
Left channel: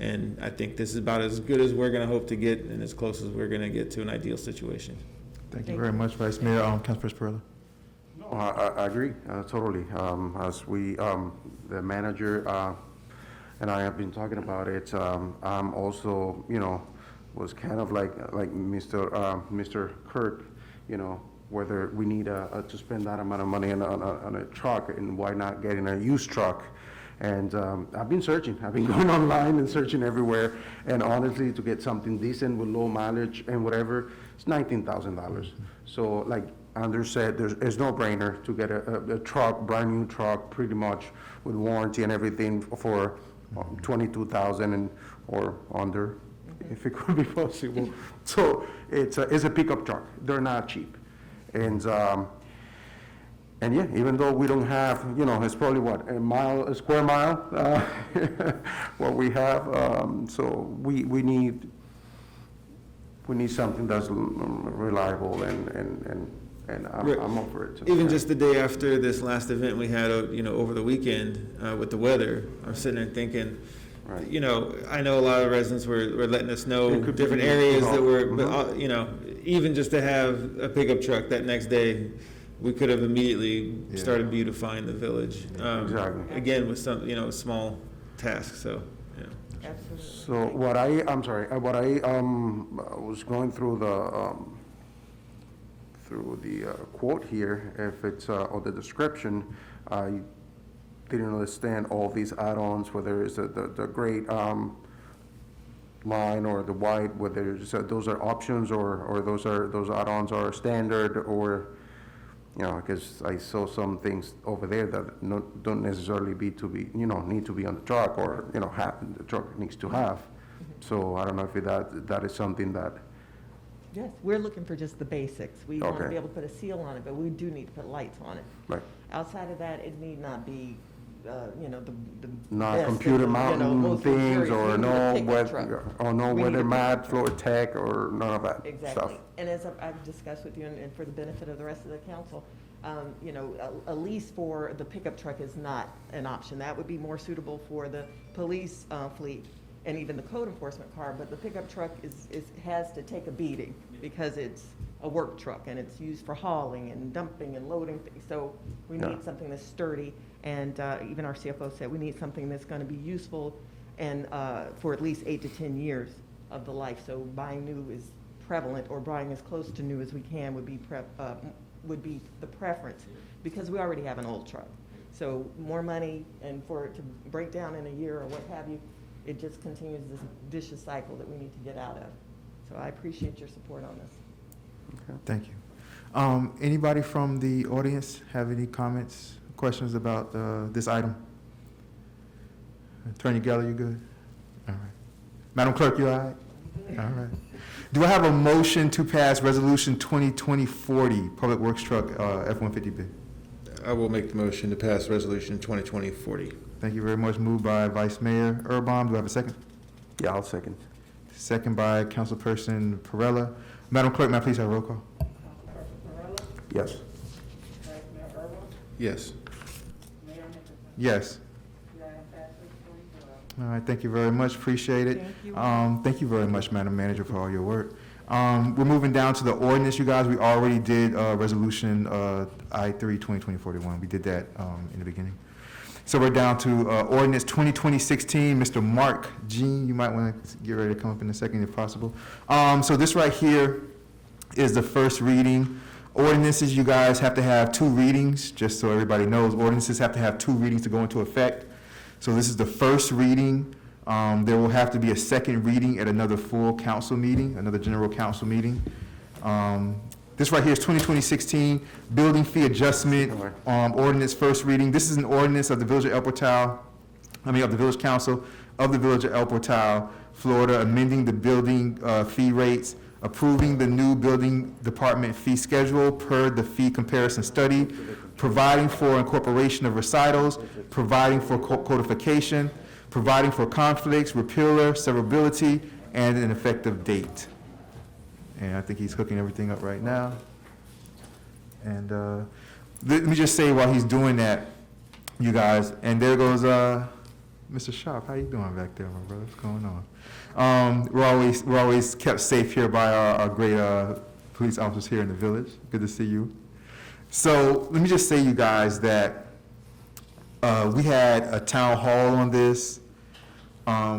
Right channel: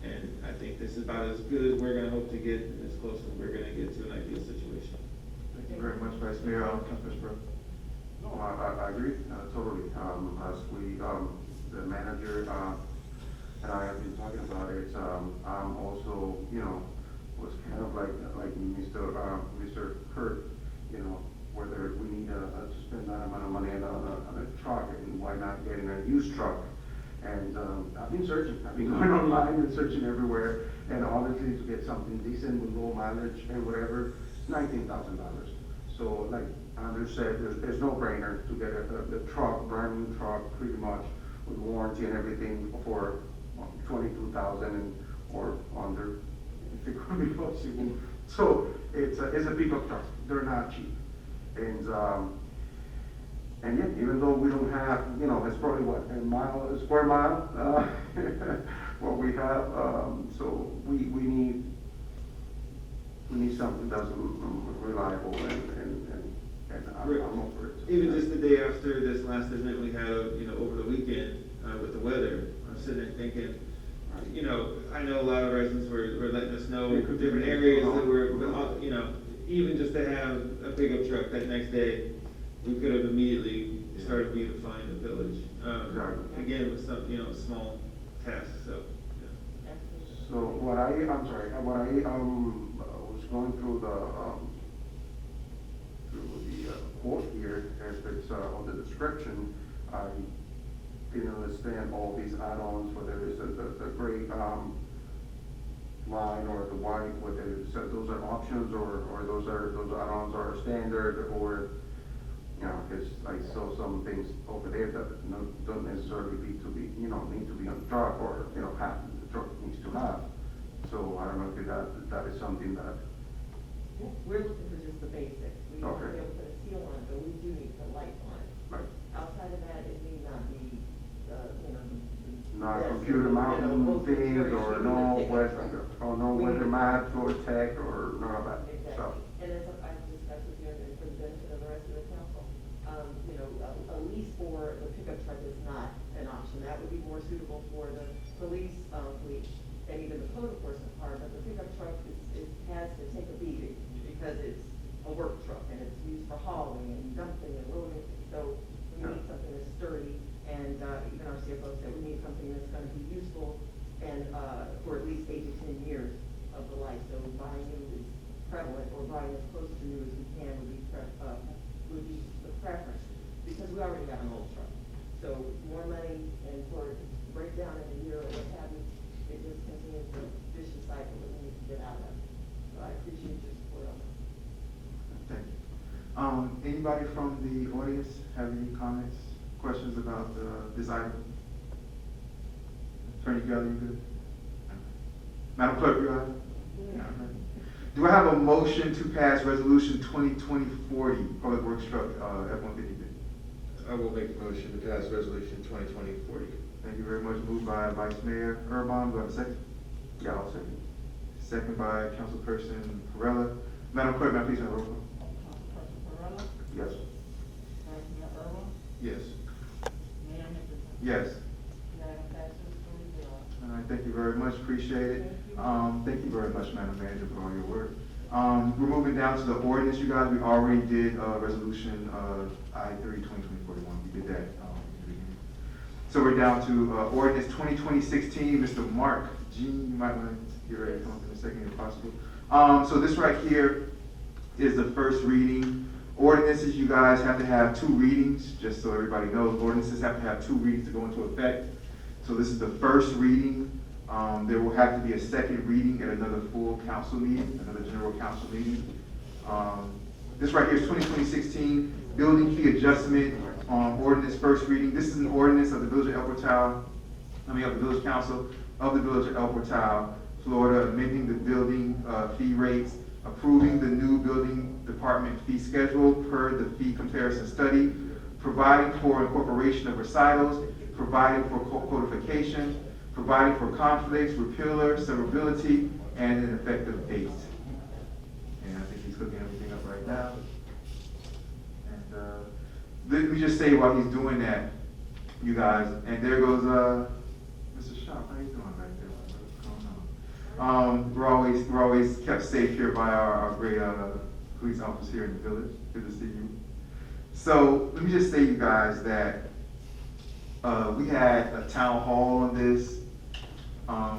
and I think this is about as good as we're going to hope to get, and as close as we're going to get to an ideal situation. Thank you very much, Vice Mayor. Councilperson Pereira. No, I agree, totally. As we, the manager, and I have been talking about it, I'm also, was kind of like Mr. Kirk, whether we need to spend that amount of money on a truck, and why not getting a used truck? And I've been searching. I've been going online and searching everywhere. And honestly, to get something decent with low mileage and whatever, it's $19,000. So like Andrew said, there's no brainer to get a truck, brand new truck, pretty much with warranty and everything for $22,000 or under, if it could be possible. So it's a pickup truck. They're not cheap. And yeah, even though we don't have, it's probably a square mile, what we have. So we need something that's reliable, and I'm up for it. Even just the day after this last event we had, over the weekend with the weather, I was sitting there thinking, right. I know a lot of residents were letting us know different areas that were, but even just to have a pickup truck that next day, we could have immediately started beautifying the village. Exactly. Again, with some, a small task, so, yeah. Absolutely. So what I was going through the quote here, if it's, or the description, I didn't understand all these add-ons, whether it's the gray line or the white, whether it's, those are options or those add-ons are standard, or because I saw some things over there that don't necessarily need to be on the truck, or the truck needs to have. So I don't know if that is something that. Yes, we're looking for just the basics. We want to Okay. be able to put a seal on it, but we do need to put lights on it. Right. Outside of that, it need not be, the. Not best computer and, mountain most things, luxurious or things no to take a truck. We weather need- mat, floor tech, or none of that stuff. Exactly. And as I've discussed with you, and for the benefit of the rest of the council, a lease for the pickup truck is not an option. That would be more suitable for the police fleet, and even the code enforcement car, but the pickup truck has to take a beating because it's a work truck and it's used for hauling and dumping and loading things. So we need something that's sturdy, and even our CFO said we need something that's gonna be useful and for at least 8 to 10 years of the life. So buying new is prevalent, or buying as close to new as we can would be the preference, because we already have an old truck. So more money, and for it to break down in a year or what have you, it just continues this vicious cycle that we need to get out of. So I appreciate your support on this. Thank you. Anybody from the audience have any comments, questions about this item? Attorney Geller, you good? All right. Madam Clerk, you all right? All right. Do I have a motion to pass Resolution 2020-40, Public Works Truck F-150 bid? I will make the motion to pass Resolution 2020-40. Thank you very much. Moved by Vice Mayor Urban. Do I have a second? Yeah, I'll second. Second by Councilperson Perella. Madam Clerk, may I please have a roll call? Yes. Yes. Yes. All right, thank you very much, appreciate it. Thank you very much, Madam Manager, for all your work. We're moving down to the ordinance, you guys. We already did Resolution I-3/2020-41. We did that in the beginning. So we're down to Ordinance 2020-16. Mr. Mark Jean, you might want to get ready to come up in a second if possible. So this right here is the first reading. Ordinances, you guys have to have 2 readings, just so everybody knows. Ordinances have to have 2 readings to go into effect. So this is the first reading. There will have to be a second reading at another full council meeting, another general council meeting. This right here is 2020-16 building fee adjustment ordinance, first reading. This is an ordinance of the Village of El Portal, of the Village Council of the Village of El Portal, Florida, amending the building fee rates, approving the new building department fee schedule per the fee comparison study, providing for incorporation of recitals, providing for codification, providing for conflicts, repealer, severability, and an effective date. And I think he's hooking everything up right now. And let me just say while he's doing that, you guys, and there goes Mr. Sharp. How you doing back there, my brother? What's going on? We're always kept safe here by our great police officers here in the village. Good to see you. So let me just say, you guys, that we had a town hall on this.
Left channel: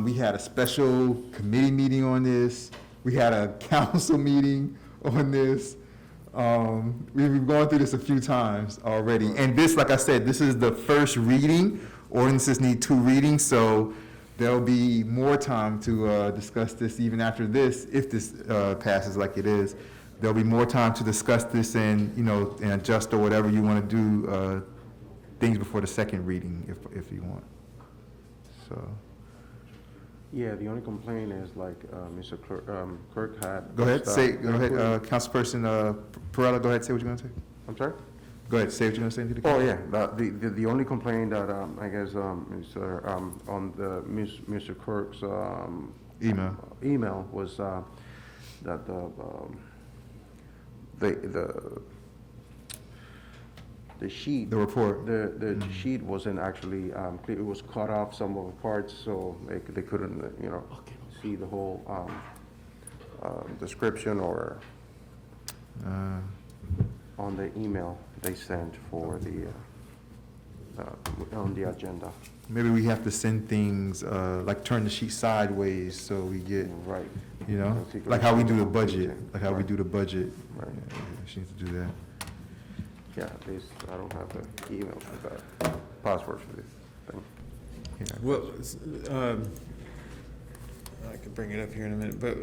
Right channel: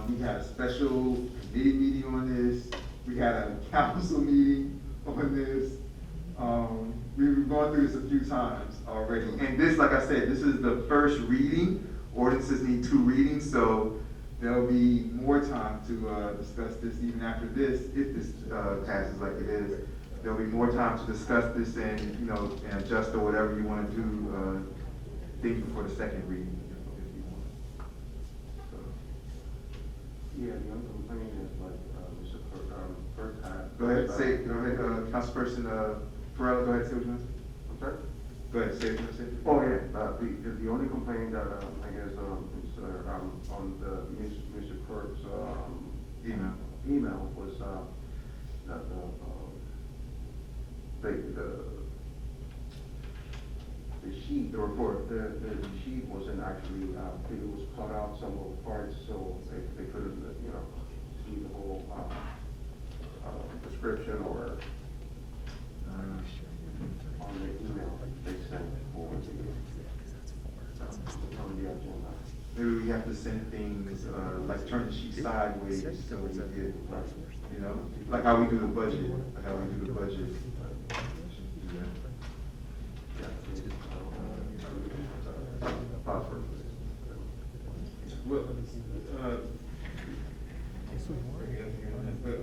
We had a special committee meeting on this. We had a council meeting on this. We've been going through this a few times already. And this, like I said, this is the first reading. Ordinances need 2 readings, so there'll be more time to discuss this even after this, if this passes like it is. There'll be more time to discuss this and, and adjust or whatever you want to do, things before the second reading, if you want. So. Yeah, the only complaint is like Mr. Clerk had. Go ahead, Councilperson Perella, go ahead, say what you're going to say. I'm sorry? Go ahead, say what you're going to say. Oh, yeah, the only complaint that I guess is on Mr. Clerk's email was that the sheet. The report. The sheet wasn't actually, it was cut off some of the parts, so they couldn't, see the whole description or on the email they sent for the, on the agenda. Maybe we have to send things, like turn the sheet sideways so we get, Right. like how we do the budget, Right. We should do that. Yeah, I don't have the email with the password for this thing. Yeah. Well, if I could bring it up here in a minute, but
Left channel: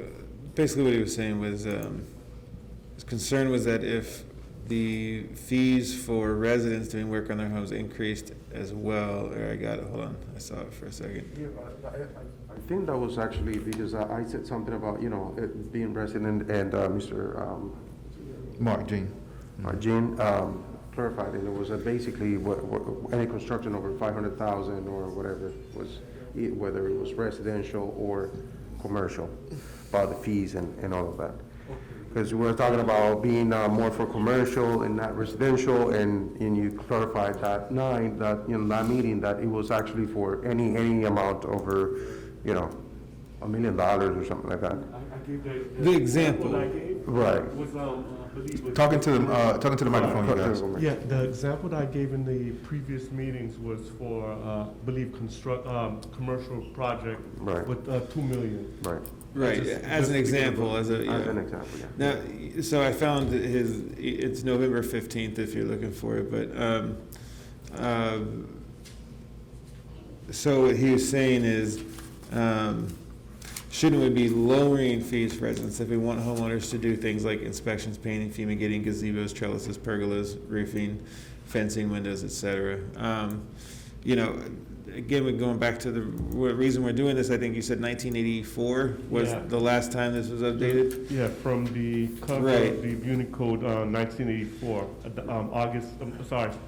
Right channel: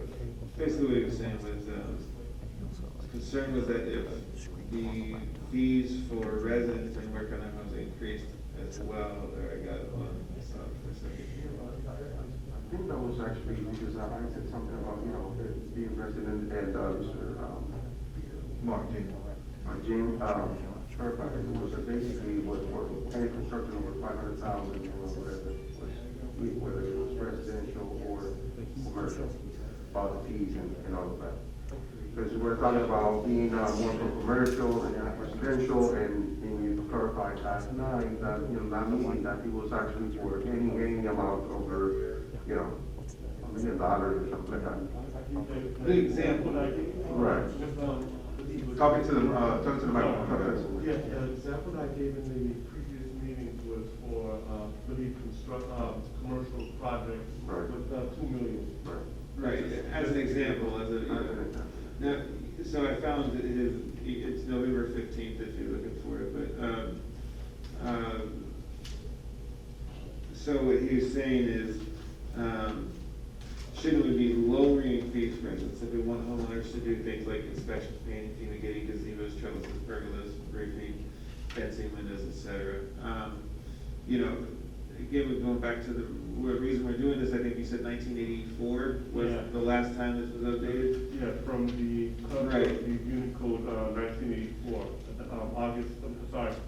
basically what he was saying was, his concern was that if the fees for residents doing work on their homes increased as well, or I got it, hold on, I saw it for a second. I think that was actually because I said something about, it being resident, and Mr. Mark Jean. Jean clarified it. It was basically what any construction over 500,000 or whatever was, whether it was residential or commercial, about the fees and all of that. Because we were talking about being more for commercial and not residential, and you clarified last night that that meeting that it was actually for any amount over $1 million or something like that. The example. Right. Talking to the microphone, you guys. Yeah, the example that I gave in the previous meetings was for, I believe, commercial project Right. with $2 million. Right. Right, as an example, As an example, yeah. Now, so I found that it's November 15th if you're looking for it, but, so what he was saying is, shouldn't we be lowering fees for residents if we want homeowners to do things like inspections, painting, fumigating, gazebos, trellises, pergolas, roofing, fencing, windows, etc.? You know, again, we're going back to the reason we're doing this. I think you said 1984 was the last time this was updated. Yeah, from the cover Right. of the Unicode 1984,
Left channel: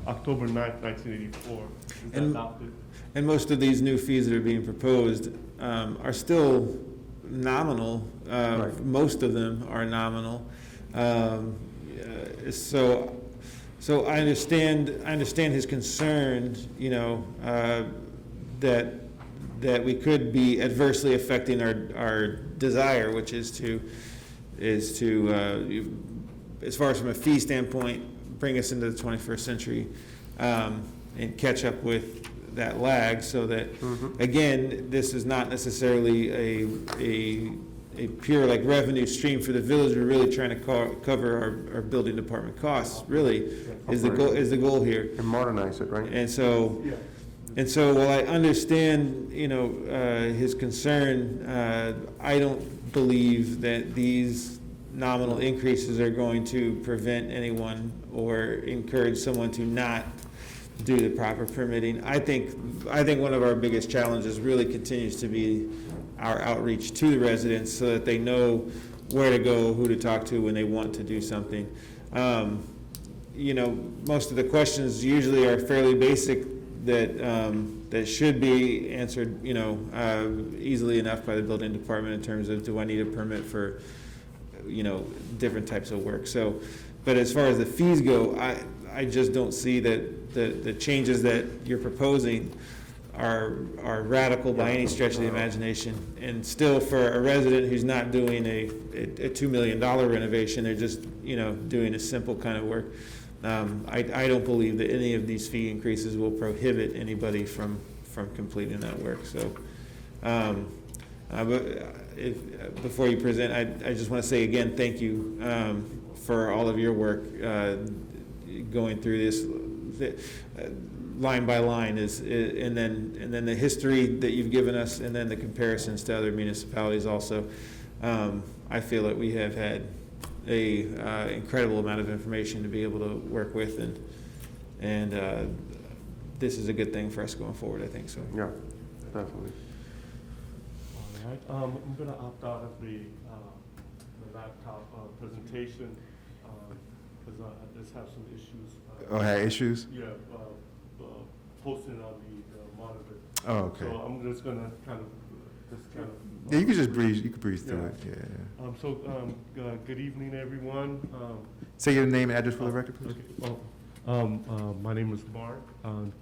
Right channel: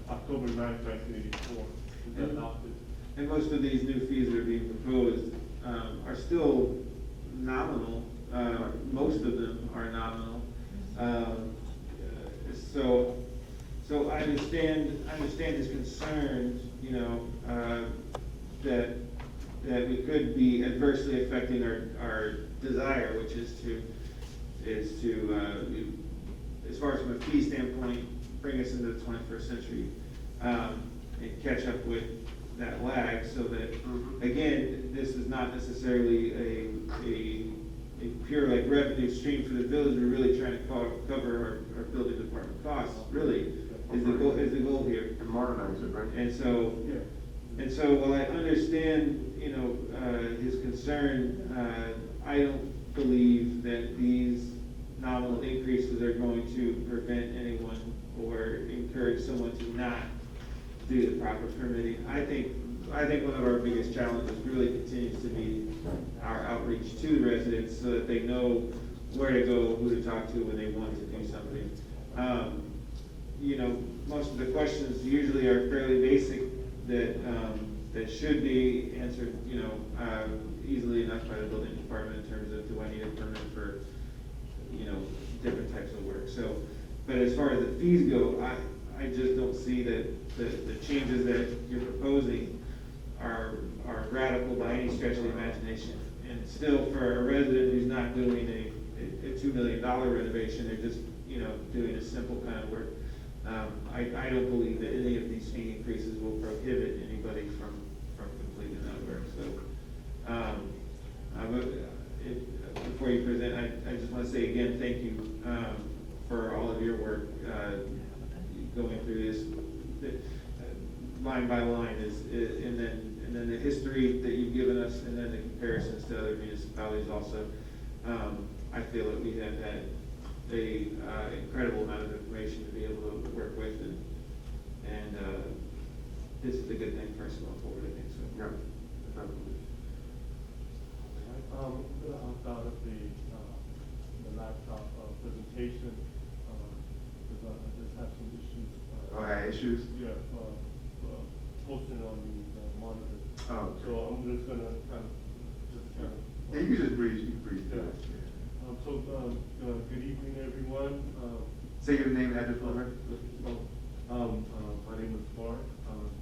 October 9th, 1984. It was And- adopted. And most of these new fees that are being proposed are still nominal. Right. Most of them are nominal. So I understand his concern, you know, that we could be adversely affecting our desire, which is to as far as from a fee standpoint, bring us into the 21st century, and catch up with that lag, so that, again, this is not necessarily a pure like revenue stream for the village. We're really trying to cover our building department costs, really, is the goal here. And modernize it, right? And so, while I understand, you know, his concern, I don't believe that these nominal increases are going to prevent anyone or encourage someone to not do the proper permitting. I think one of our biggest challenges really continues to be our outreach to the residents so that they know where to go, who to talk to when they want to do something. You know, most of the questions usually are fairly basic that should be answered, you know, easily enough by the building department in terms of, do I need a permit for, you know, different types of work. So, but as far as the fees go, I just don't see that the changes that you're proposing are radical by any stretch of the imagination. And still, for a resident who's not doing a $2 million renovation, they're just, you know, doing a simple kind of work. I don't believe that any of these fee increases will prohibit anybody from completing that work. So, but before you present, I just want to say again, thank you for all of your work going through this line by line, and then the history that you've given us, and then the comparisons to other municipalities also. I feel that we have had a incredible amount of information to be able to work with, and this is a good thing for us going forward, I think so. Yeah, definitely. All right, I'm gonna opt out of the laptop presentation, because I just have some issues. Oh, had issues? Yeah, posting on the monitor. Oh, okay. So I'm just gonna kind of. Yeah, you can just breeze. You can breeze through it. Yeah. Good evening, everyone. Say your name and address for the record, please. My name is Mark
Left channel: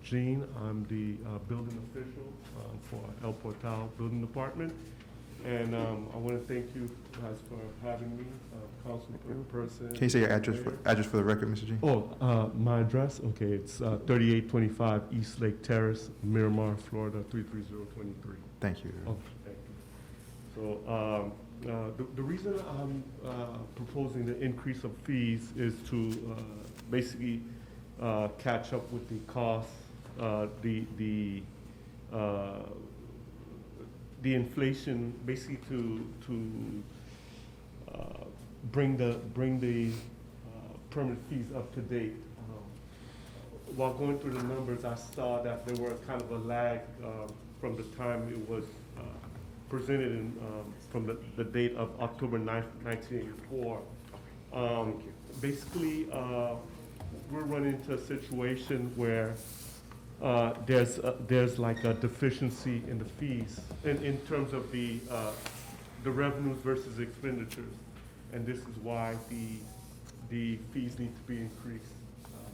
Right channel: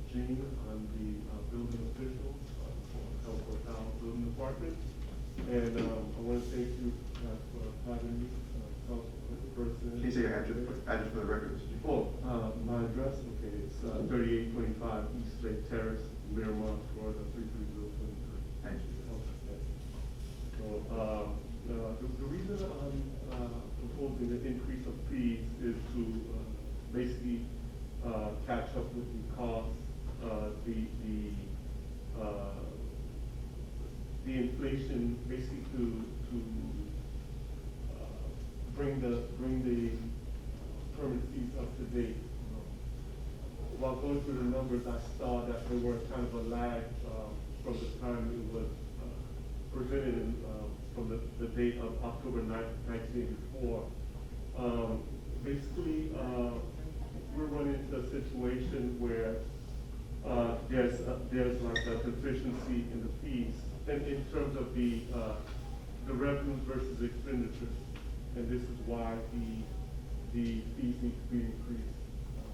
Jean. I'm the building official for El Portal Building Department. And I want to thank you guys for having me, Councilman. Can you say your address for the record, Mr. G? Oh, my address? Okay, it's 3825 East Lake Terrace, Miramar, Florida, 33023. Thank you. Okay, thank you. So, the reason I'm proposing the increase of fees is to basically catch up with the costs, the inflation, basically to bring the permit fees up to date. While going through the numbers, I saw that there was kind of a lag from the time it was presented in, from the date of October 9th, 1984. Basically, we're running into a situation where there's like a deficiency in the fees in terms of the revenues versus expenditures, and this is why the fees need to be increased,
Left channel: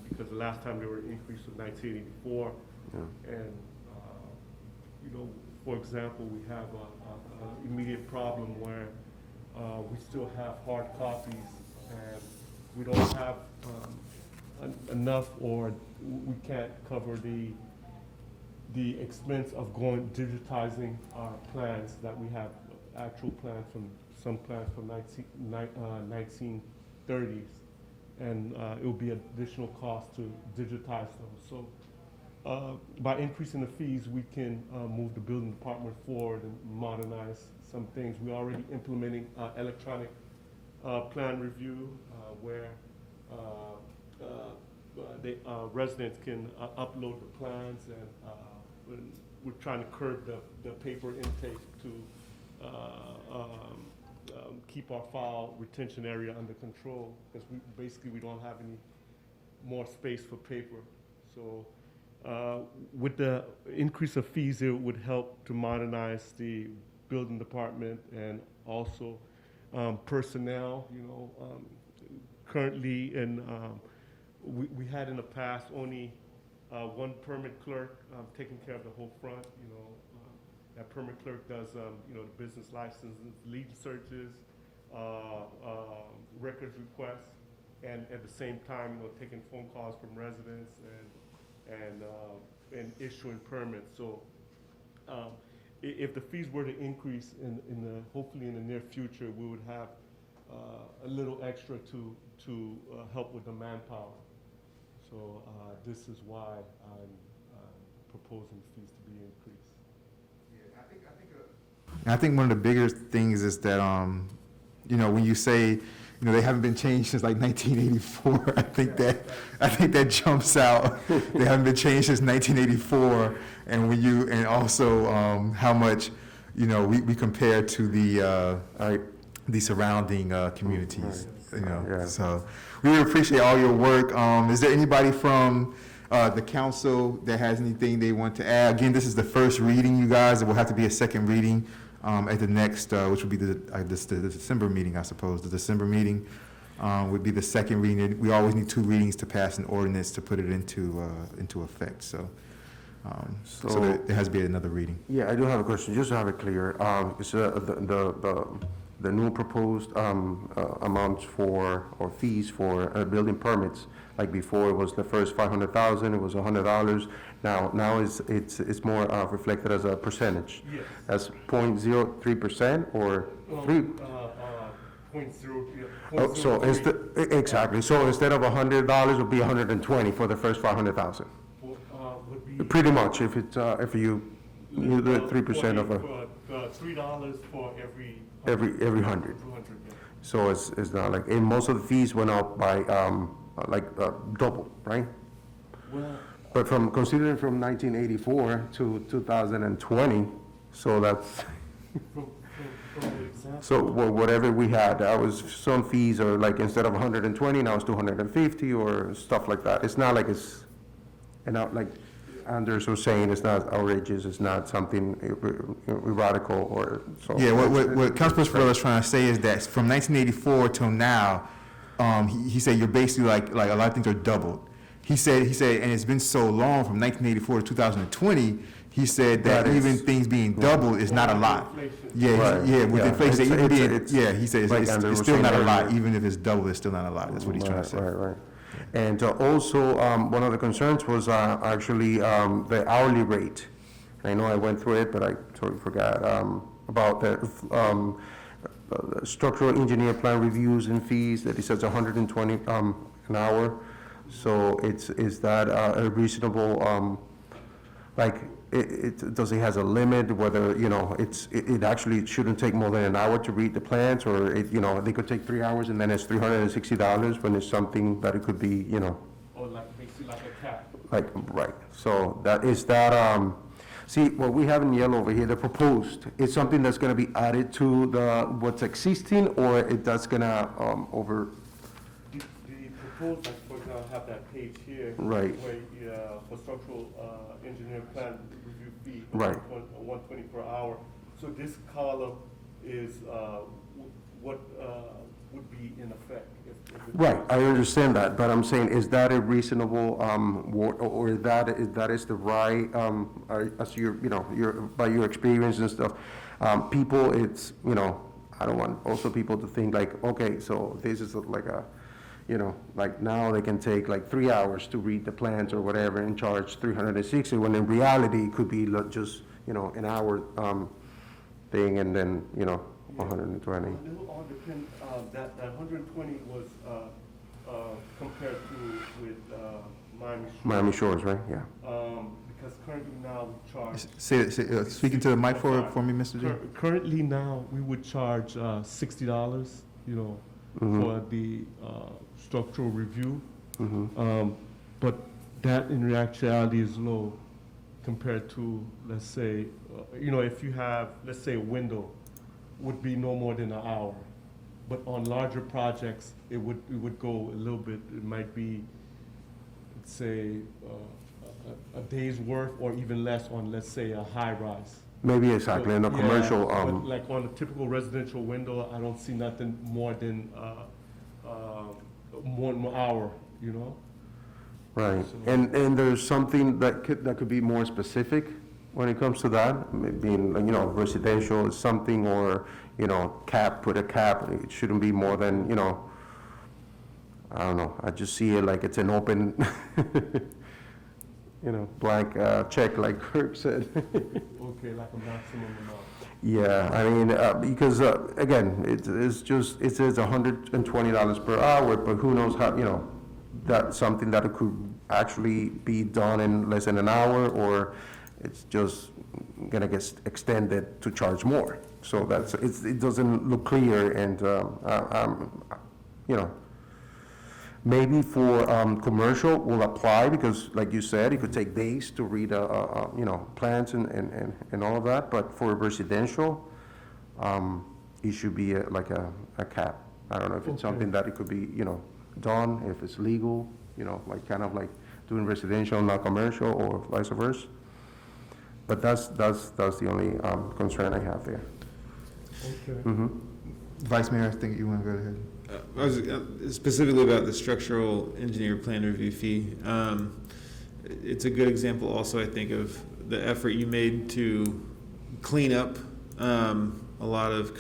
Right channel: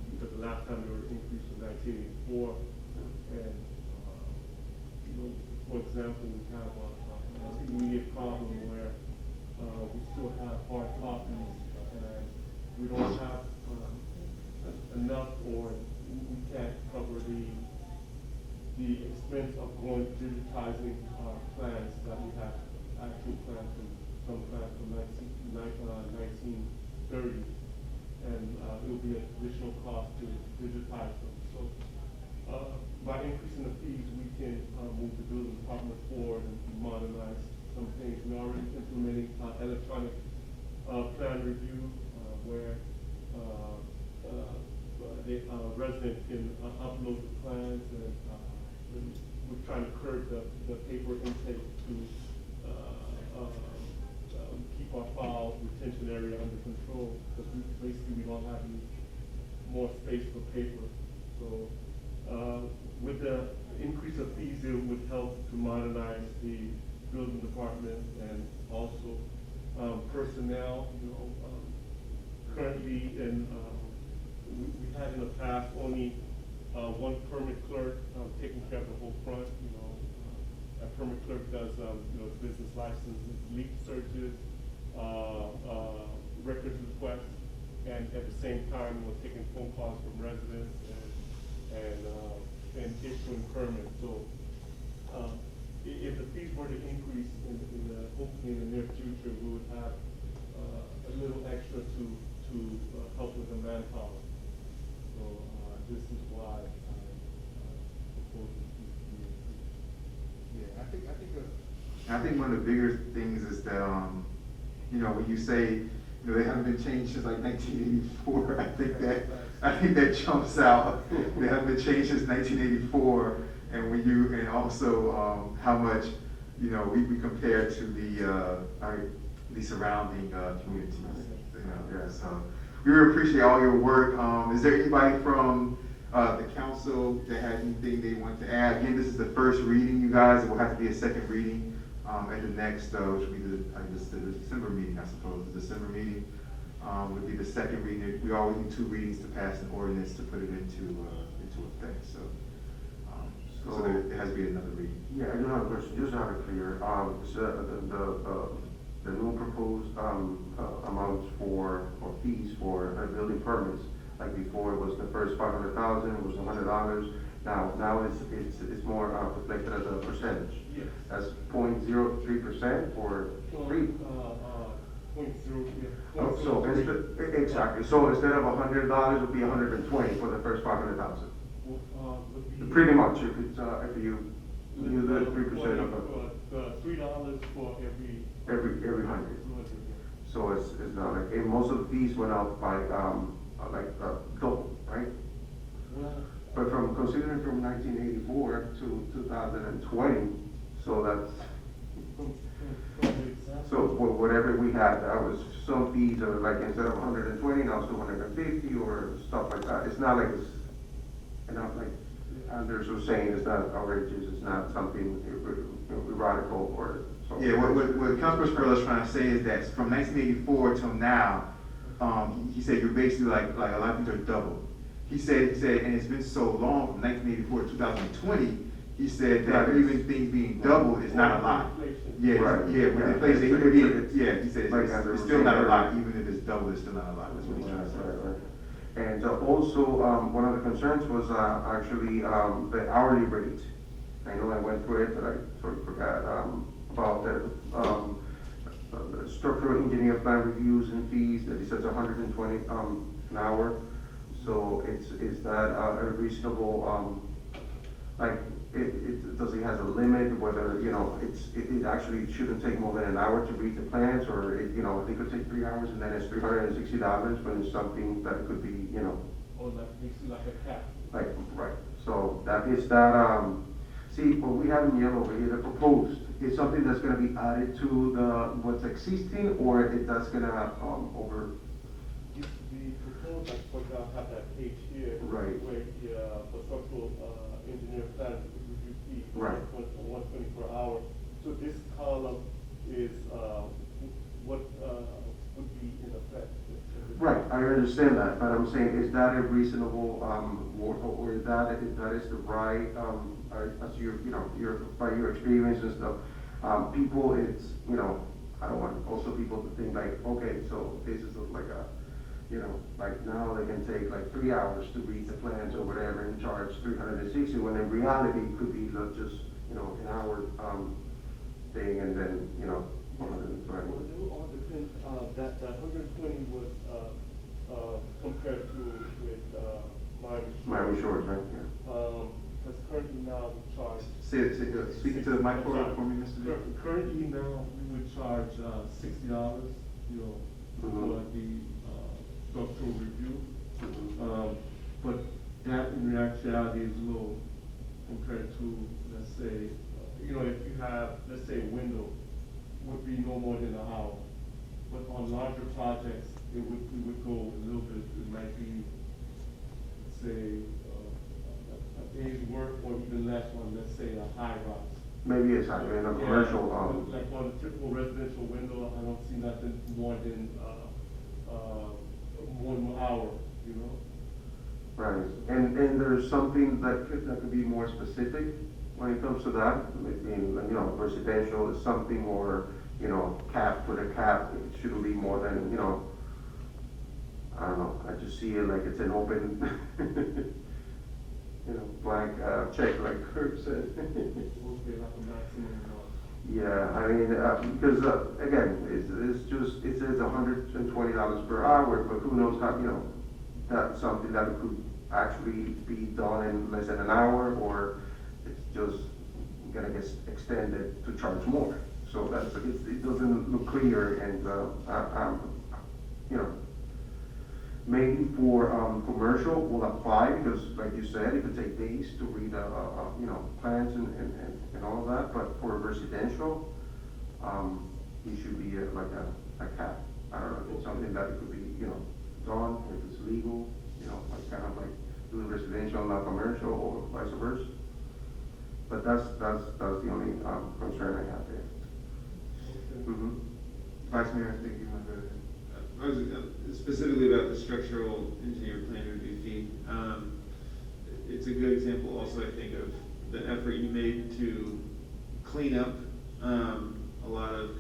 because the last time they were increased was 1984, and you know, for example, we have an immediate problem where we still have hard copies and we don't have enough, or we can't cover the expense of digitizing our plans that we have, actual plans from, some plans from 1930s. And it will be an additional cost to digitize them. So by increasing the fees, we can move the building department forward and modernize some things. We're already implementing electronic plan review where residents can upload the plans, and we're trying to curb the paper intake to keep our file retention area under control, because we don't have any more space for paper. So with the increase of fees, it would help to modernize the building department, and also personnel. Currently, and we had in the past only one permit clerk taking care of the whole front. That permit clerk does business licenses, lead searches, records requests, and at the same time taking phone calls from residents and issuing permits. So if the fees were to increase hopefully in the near future, we would have a little extra to help with the manpower. So this is why I'm proposing the fees to be increased. I think one of the bigger things is that, when you say, they haven't been changed since like 1984, I think that jumps out. They haven't been changed since 1984, and also how much, we compare to the surrounding communities. Yeah. So we really appreciate all your work. Is there anybody from the council that has anything they want to add? Again, this is the first reading, you guys. It will have to be a second reading at the next, which would be the December meeting, I suppose. The December meeting would be the second reading. We always need 2 readings to pass an ordinance to put it into effect. So there has to be another reading. Yeah, I do have a question, just to have it clear. The new proposed amounts for, or fees for building permits, like before it was the first $500,000, it was $100. Now it's more reflected as a percentage. Yes. As 0.03% or 3. 0.03. So exactly. So instead of $100, it would be $120 for the first 500,000. Would be Pretty much, if it's if you do the 3% of a. $3 for Every 100. So it's not like, and most of the fees went up by double, right? Well, But considering from 1984 to 2020, so that's, so whatever we had, that was, some fees are like, instead of 120, now it's 250 or stuff like that. It's not like it's, and not like Anders was saying, it's not outrageous, it's not something radical or so. Yeah, what Councilperson Ferrell is trying to say is that from 1984 till now, he said you're basically like a lot of things are doubled. He said, and it's been so long from 1984 to 2020. He said that even things being doubled is not a lot. Yeah, Right. With inflation, he said like it's Andrew was still not a saying lot, earlier. even if it's double, it's still not a lot. That's what he's trying to say. Right. And also, one of the concerns was actually the hourly rate. I know I went through it, but I totally forgot about the structural engineer plan reviews and fees, that it says 120 an hour. So is that a reasonable, does it has a limit, whether, it actually shouldn't take more than an hour to read the plans, or they could take 3 hours and then it's $360 when it's something that it could be, or basically like a cap. right. So see, what we have in yellow over here, the proposed, is something that's gonna be added to what's existing, or that's gonna, The proposed, for example, have that page here. Right. Where for structural engineer plan review fee. Right. 120 per hour. So this column is what would be in effect. Right, I understand that, but I'm saying, is that a reasonable, or that is the right, as by your experience and stuff, people, it's, I don't want also people to think like, okay, so this is like a, like now they can take like 3 hours to read the plans or whatever and charge 360, when in reality it could be like just, an hour, thing, and then, 120. A little on depend, that 120 was, compared to with, Miami Shores, right, yeah. Because currently now we charge. Speaking to the mic for me, Mr. G. Currently now, we would charge, $60, Mhm. for the, structural review. Mhm. But that in actuality is low compared to, let's say, if you have, let's say, a window, would be no more than an hour. But on larger projects, it would go a little bit, it might be, let's say, a day's worth or even less on, let's say, a high rise. Maybe exactly, in a Yeah, commercial, but like on a typical residential window, I don't see nothing more than, 1 hour, right, and there's something that could be more specific when it comes to that, maybe, residential is something, or, put a cap, it shouldn't be more than, I don't know, I just see it like it's an open, blank, check, like Kirk said. Okay, like a maximum amount. Yeah, I mean, because, again, it's just, it says $120 per hour, but who knows how, that's something that it could actually be done in less than an hour, or it's just gonna get extended to charge more. So it doesn't look clear, and, maybe for, commercial will apply, because like you said, it could take days to read, plans and all of that, but for residential, it should be like a cap. I don't know if it's something that it could be, done, if it's legal, like kind of like doing residential, not commercial, or vice versa. But that's the only, concern I have there. Okay. Mm-hmm. Vice Mayor, I think you want to go ahead. I was specifically about the structural engineer plan review fee. It's a good example also, I think, of the effort you made to clean up a lot of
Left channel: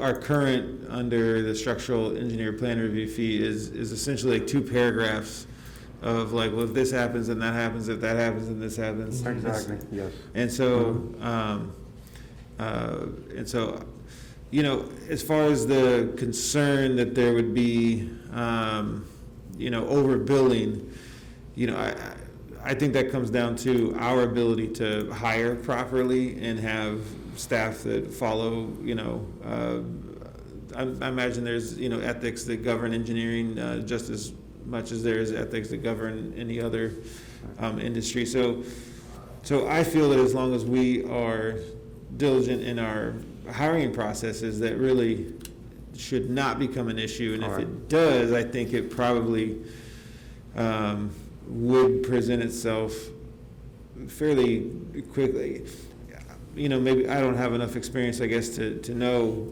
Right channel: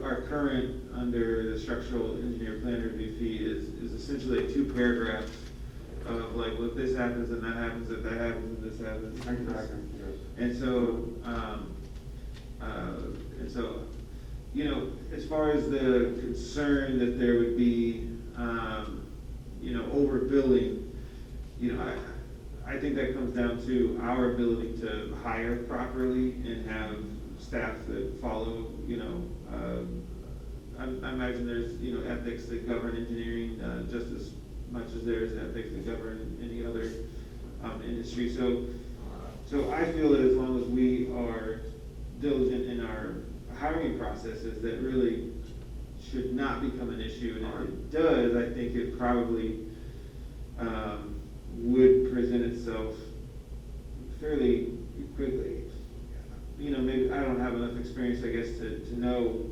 our current under the structural engineer plan review fee is essentially like 2 paragraphs of like, well, if this happens and that happens, if that happens and this happens. Exactly, yes. And so, as far as the concern that there would be, overbilling, I think that comes down to our ability to hire properly and have staff that follow, I imagine there's, ethics that govern engineering just as much as there's ethics that govern any other industry. So I feel that as long as we are diligent in our hiring processes, that really should not become an issue. And if it does, I think it probably would present itself fairly quickly. Maybe I don't have enough experience, I guess, to know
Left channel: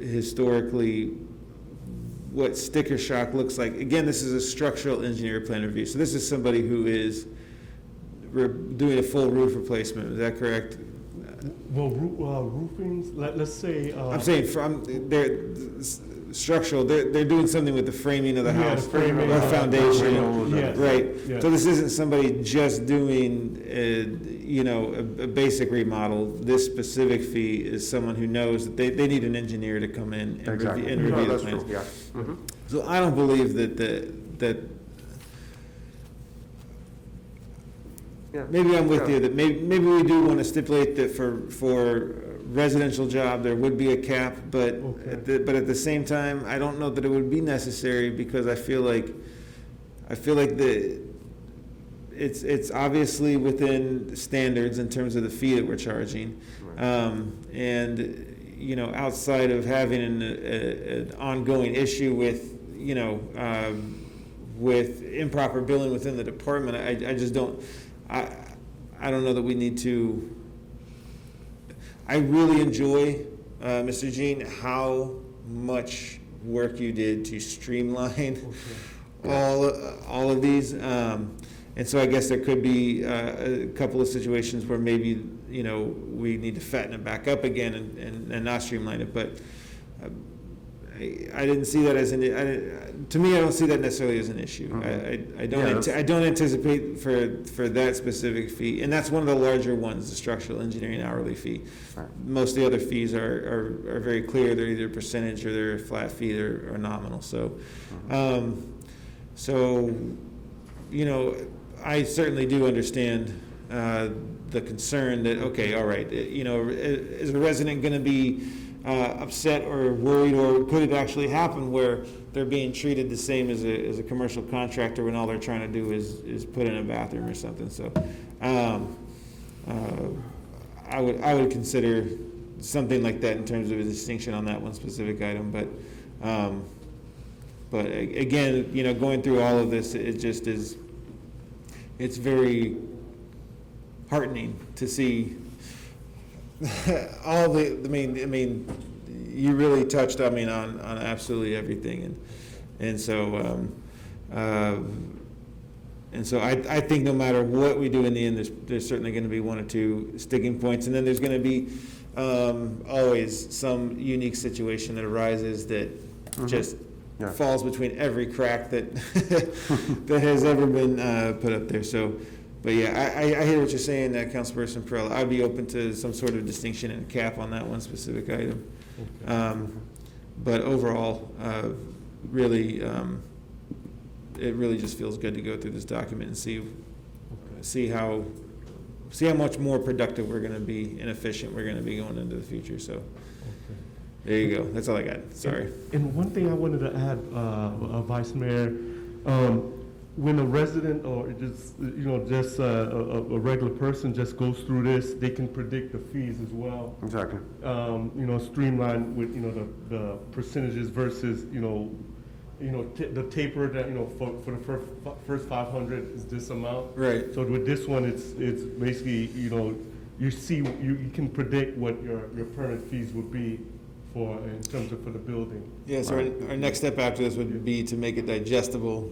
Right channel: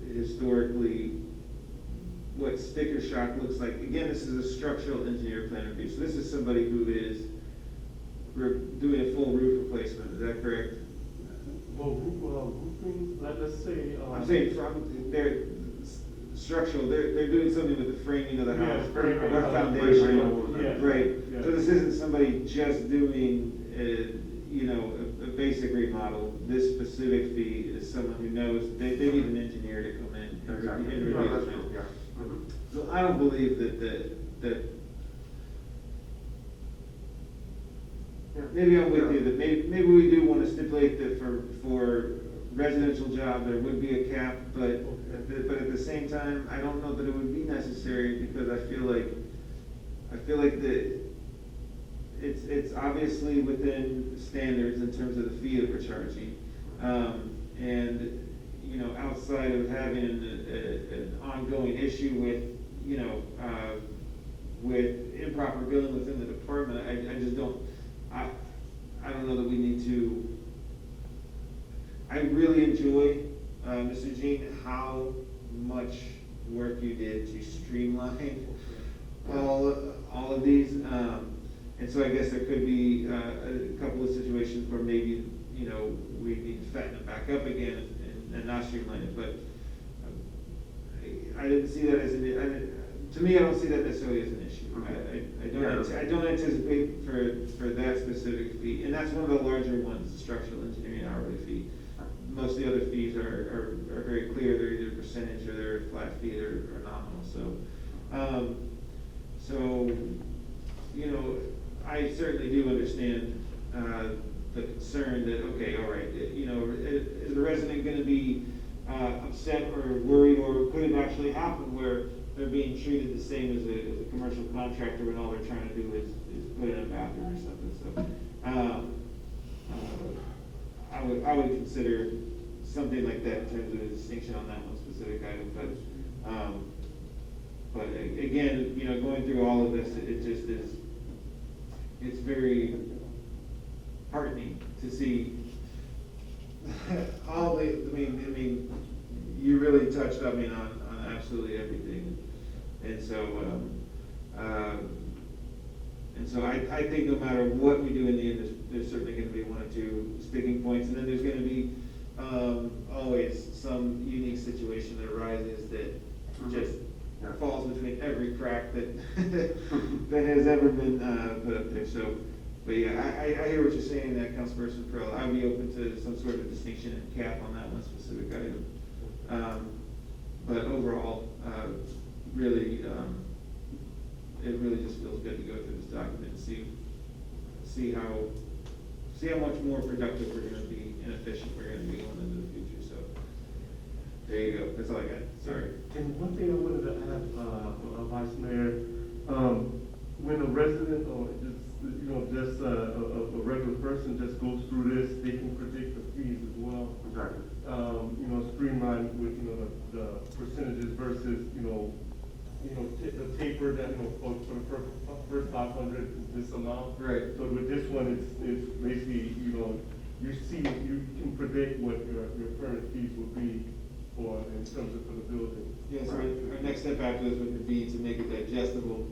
historically what sticker shock looks like. Again, this is a structural engineer plan review, so this is somebody who is doing a full roof replacement. Is that correct? Well, roofings, let's say. I'm saying from their structural, they're doing something with the framing of the house, framing, or foundation, yes, right? yes. So this isn't somebody just doing, a basic remodel. This specific fee is someone who knows that they need an engineer to come in and review the That's plans. true, yeah. Mhm. So I don't believe that Yeah. maybe I'm with Yeah. you, that maybe we do want to stipulate that for residential job, there would be a cap, but at the same time, I don't know that it would be necessary, because I feel like it's obviously within standards in terms of the fee that we're charging. And, outside of having an ongoing issue with, with improper billing within the department, I just don't, I don't know that we need to. I really enjoy, Mr. Jean, how much work you did to streamline all of these. And so I guess there could be a couple of situations where maybe, you know, we need to fatten it back up again and not streamline it. But I didn't see that as to me, I don't see that necessarily as an issue. Mhm. I don't anticipate for that specific fee, and that's one of the larger ones, the structural engineering hourly fee. Right. Most of the other fees are very clear. They're either percentage or they're a flat fee or nominal. So, you know, I certainly do understand the concern that, okay, all right, you know, is a resident going to be upset or worried, or could it actually happen where they're being treated the same as a commercial contractor when all they're trying to do is put in a bathroom or something? So I would consider something like that in terms of a distinction on that one specific item. But again, you know, going through all of this, it just is, it's very heartening to see all the, I mean, you really touched, I mean, on absolutely everything, and so I think no matter what we do in the end, there's certainly going to be one or two sticking points, and then there's going to be always some unique situation that arises that just falls between every crack that that has ever been put up there. So. But yeah, I hear what you're saying, Councilperson Perrella. I'd be open to some sort of distinction and cap on that one specific item. But overall, really, it really just feels good to go through this document and see how much more productive we're going to be and efficient we're going to be going into the future. So there you go. That's all I got. Sorry. And one thing I wanted to add, Vice Mayor. When a resident or just, you know, just a regular person just goes through this, they can predict the fees as well. Exactly. You know, streamline with, you know, the percentages versus, the taper that, you know, for the first 500 is this amount. Right. So with this one, it's basically, you know, you see, you can predict what your current fees would be in terms of for the building. Yeah, so our next step after this would be to make it digestible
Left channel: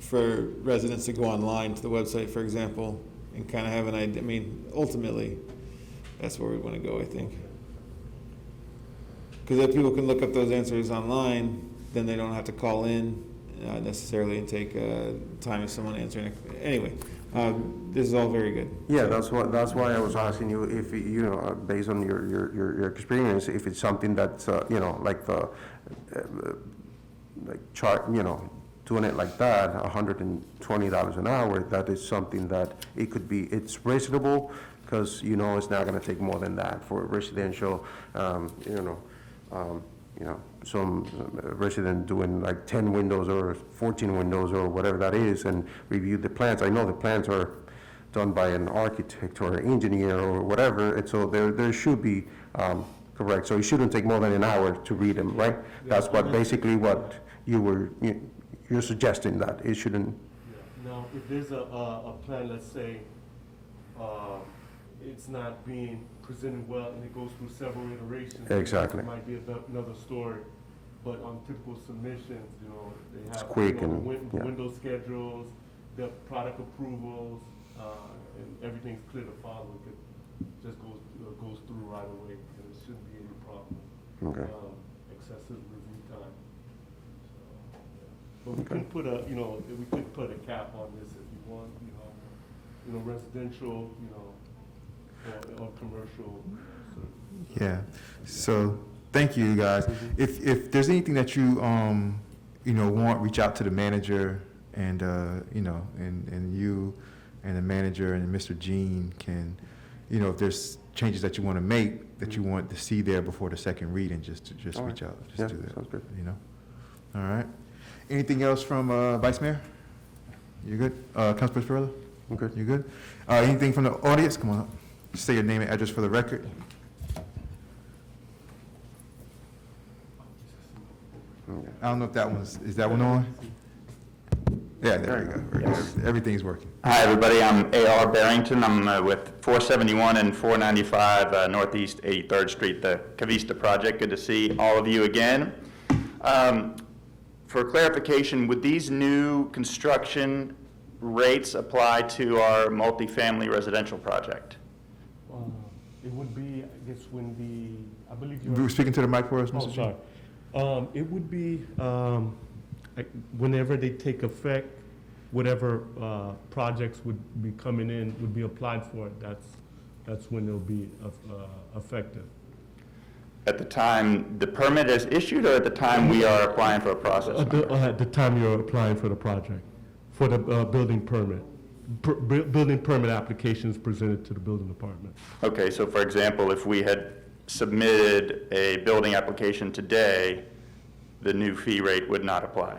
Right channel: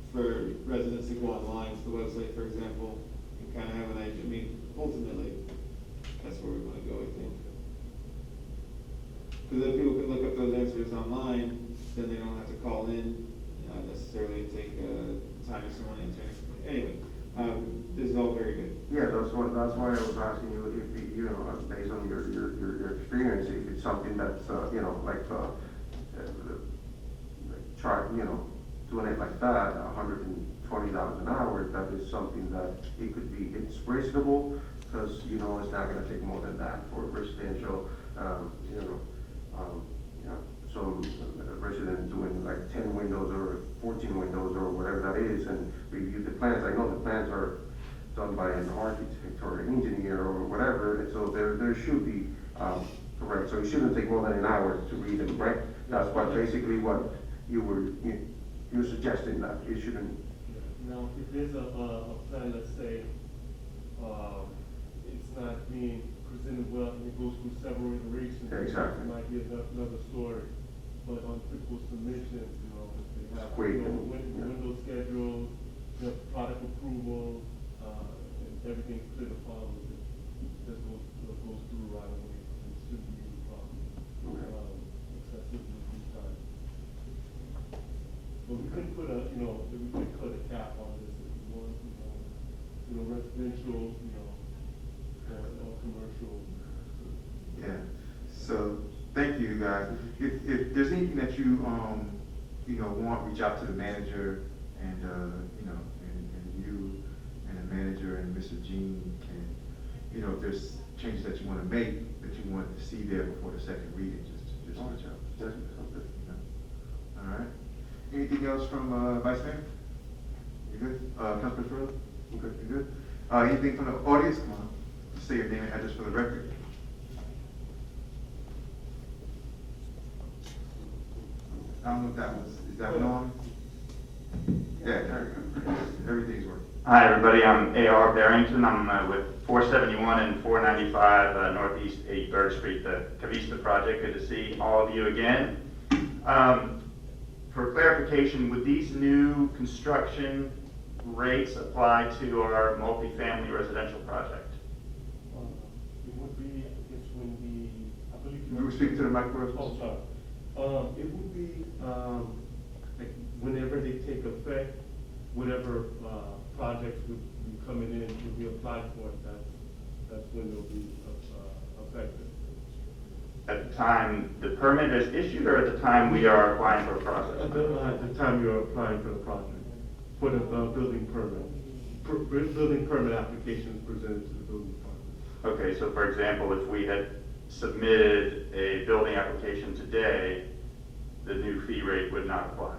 for residents to go online to the website, for example, and kind of have an idea. I mean, ultimately, that's where we want to go, I think. Because if people can look up those answers online, then they don't have to call in necessarily and take time of someone answering it. Anyway, this is all very good. Yeah, that's why I was asking you if, you know, based on your experience, if it's something that's, you know, like chart, you know, doing it like that, $120 an hour, that is something that it's reasonable, because you know it's not going to take more than that for residential, some resident doing like 10 windows or 14 windows or whatever that is, and review the plans. I know the plans are done by an architect or engineer or whatever, and so there should be, correct, so it shouldn't take more than an hour to read them, right? That's basically what you're suggesting, that it shouldn't. Now, if there's a plan, let's say, it's not being presented well and it goes through several iterations. Exactly. It might be another story, but on typical submissions, you know, they have quick window schedules, the product approvals, and everything's clear to follow. It just goes through right away, and it shouldn't be any problem. Okay. Excessive review time. But we could put a cap on this if you want, residential, or commercial. Yeah, so, thank you, guys. If there's anything that you, want, reach out to the manager, and, and you and the manager and Mr. Jean can, if there's changes that you want to make, that you want to see there before the second reading, just reach out. Yeah, do that. sounds good. All right. Anything else from Vice Mayor? You good? Councilman Perrella? I'm good. You good? Anything from the audience? Come on up. Just say your name and address for the record. I don't know if that one's, is that one on? Yeah, there we go. Everything's working. Hi, everybody. I'm A.R. Barrington. I'm with 471 and 495 Northeast 83rd Street, the Cavista project. Good to see all of you again. For clarification, would these new construction rates apply to our multifamily residential project? It would be, I guess, when I believe you We were speaking to the mic for us, Oh, Mr. sorry. It would be, whenever they take effect, whatever projects would be coming in, would be applied for, that's when they'll be effective. At the time the permit is issued, or at the time we are applying for a process? At the time you're applying for the project, for the building permit. Building permit applications presented to the building department. Okay, so for example, if we had submitted a building application today, the new fee rate would not apply?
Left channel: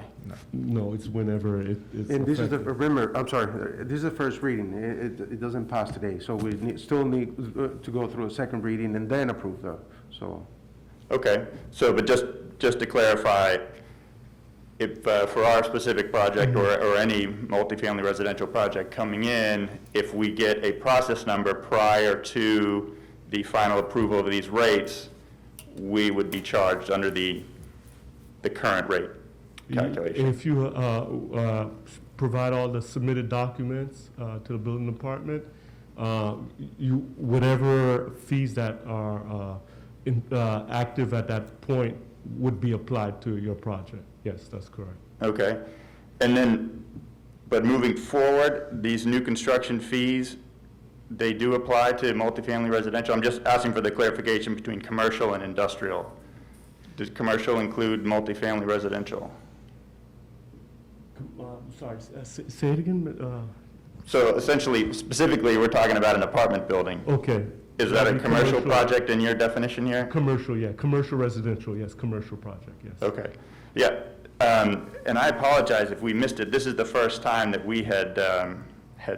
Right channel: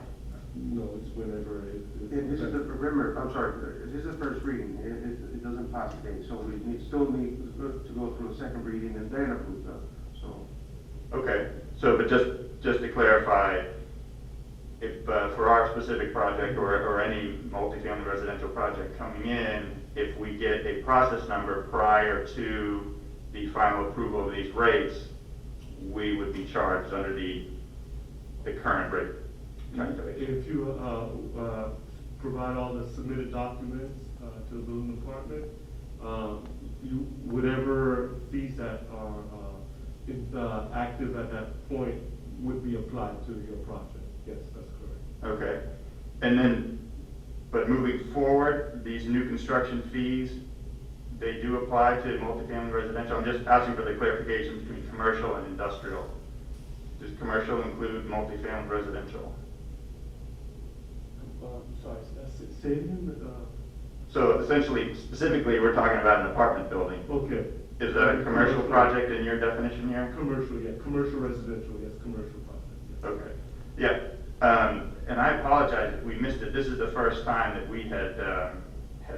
No, it's whenever it's. And this is the, effective. remember, I'm sorry, this is the first reading. It doesn't pass today, so we still need to go through a second reading and then approve so. Okay, so, but just to clarify, if, for our specific project or any multifamily residential project coming in, if we get a process number prior to the final approval of these rates, we would be charged under the current rate calculation. If you provide all the submitted documents to the building department, whatever fees that are active at that point would be applied to your project. Yes, that's correct. Okay, and then, but moving forward, these new construction fees, they do apply to multifamily residential? I'm just asking for the clarification between commercial and industrial. Does commercial include multifamily residential? Sorry, say it again. So essentially, specifically, we're talking about an apartment building. Okay. Is that a commercial project in your definition here? Commercial, yeah. Commercial residential, yes. Commercial project, yes. Okay, yeah. And I apologize if we missed it. This is the first time that we had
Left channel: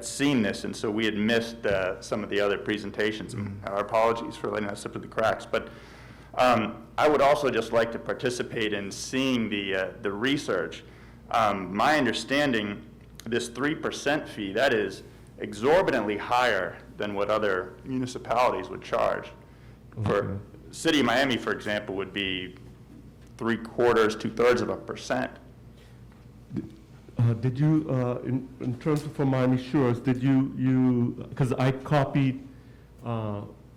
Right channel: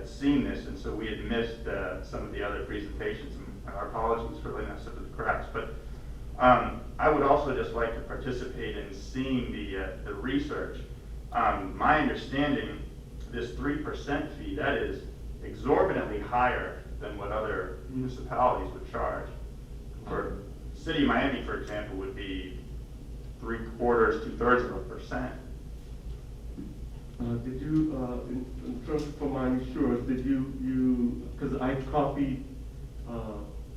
seen this, and so we had missed some of the other presentations. Our apologies for letting us slip through the cracks. But I would also just like to participate in seeing the research. My understanding, this 3% fee, that is exorbitantly higher than what other municipalities would charge. For City of Miami, for example, would be 3/4, 2/3%. Did you, in terms of for Miami Shores, did you, because I copied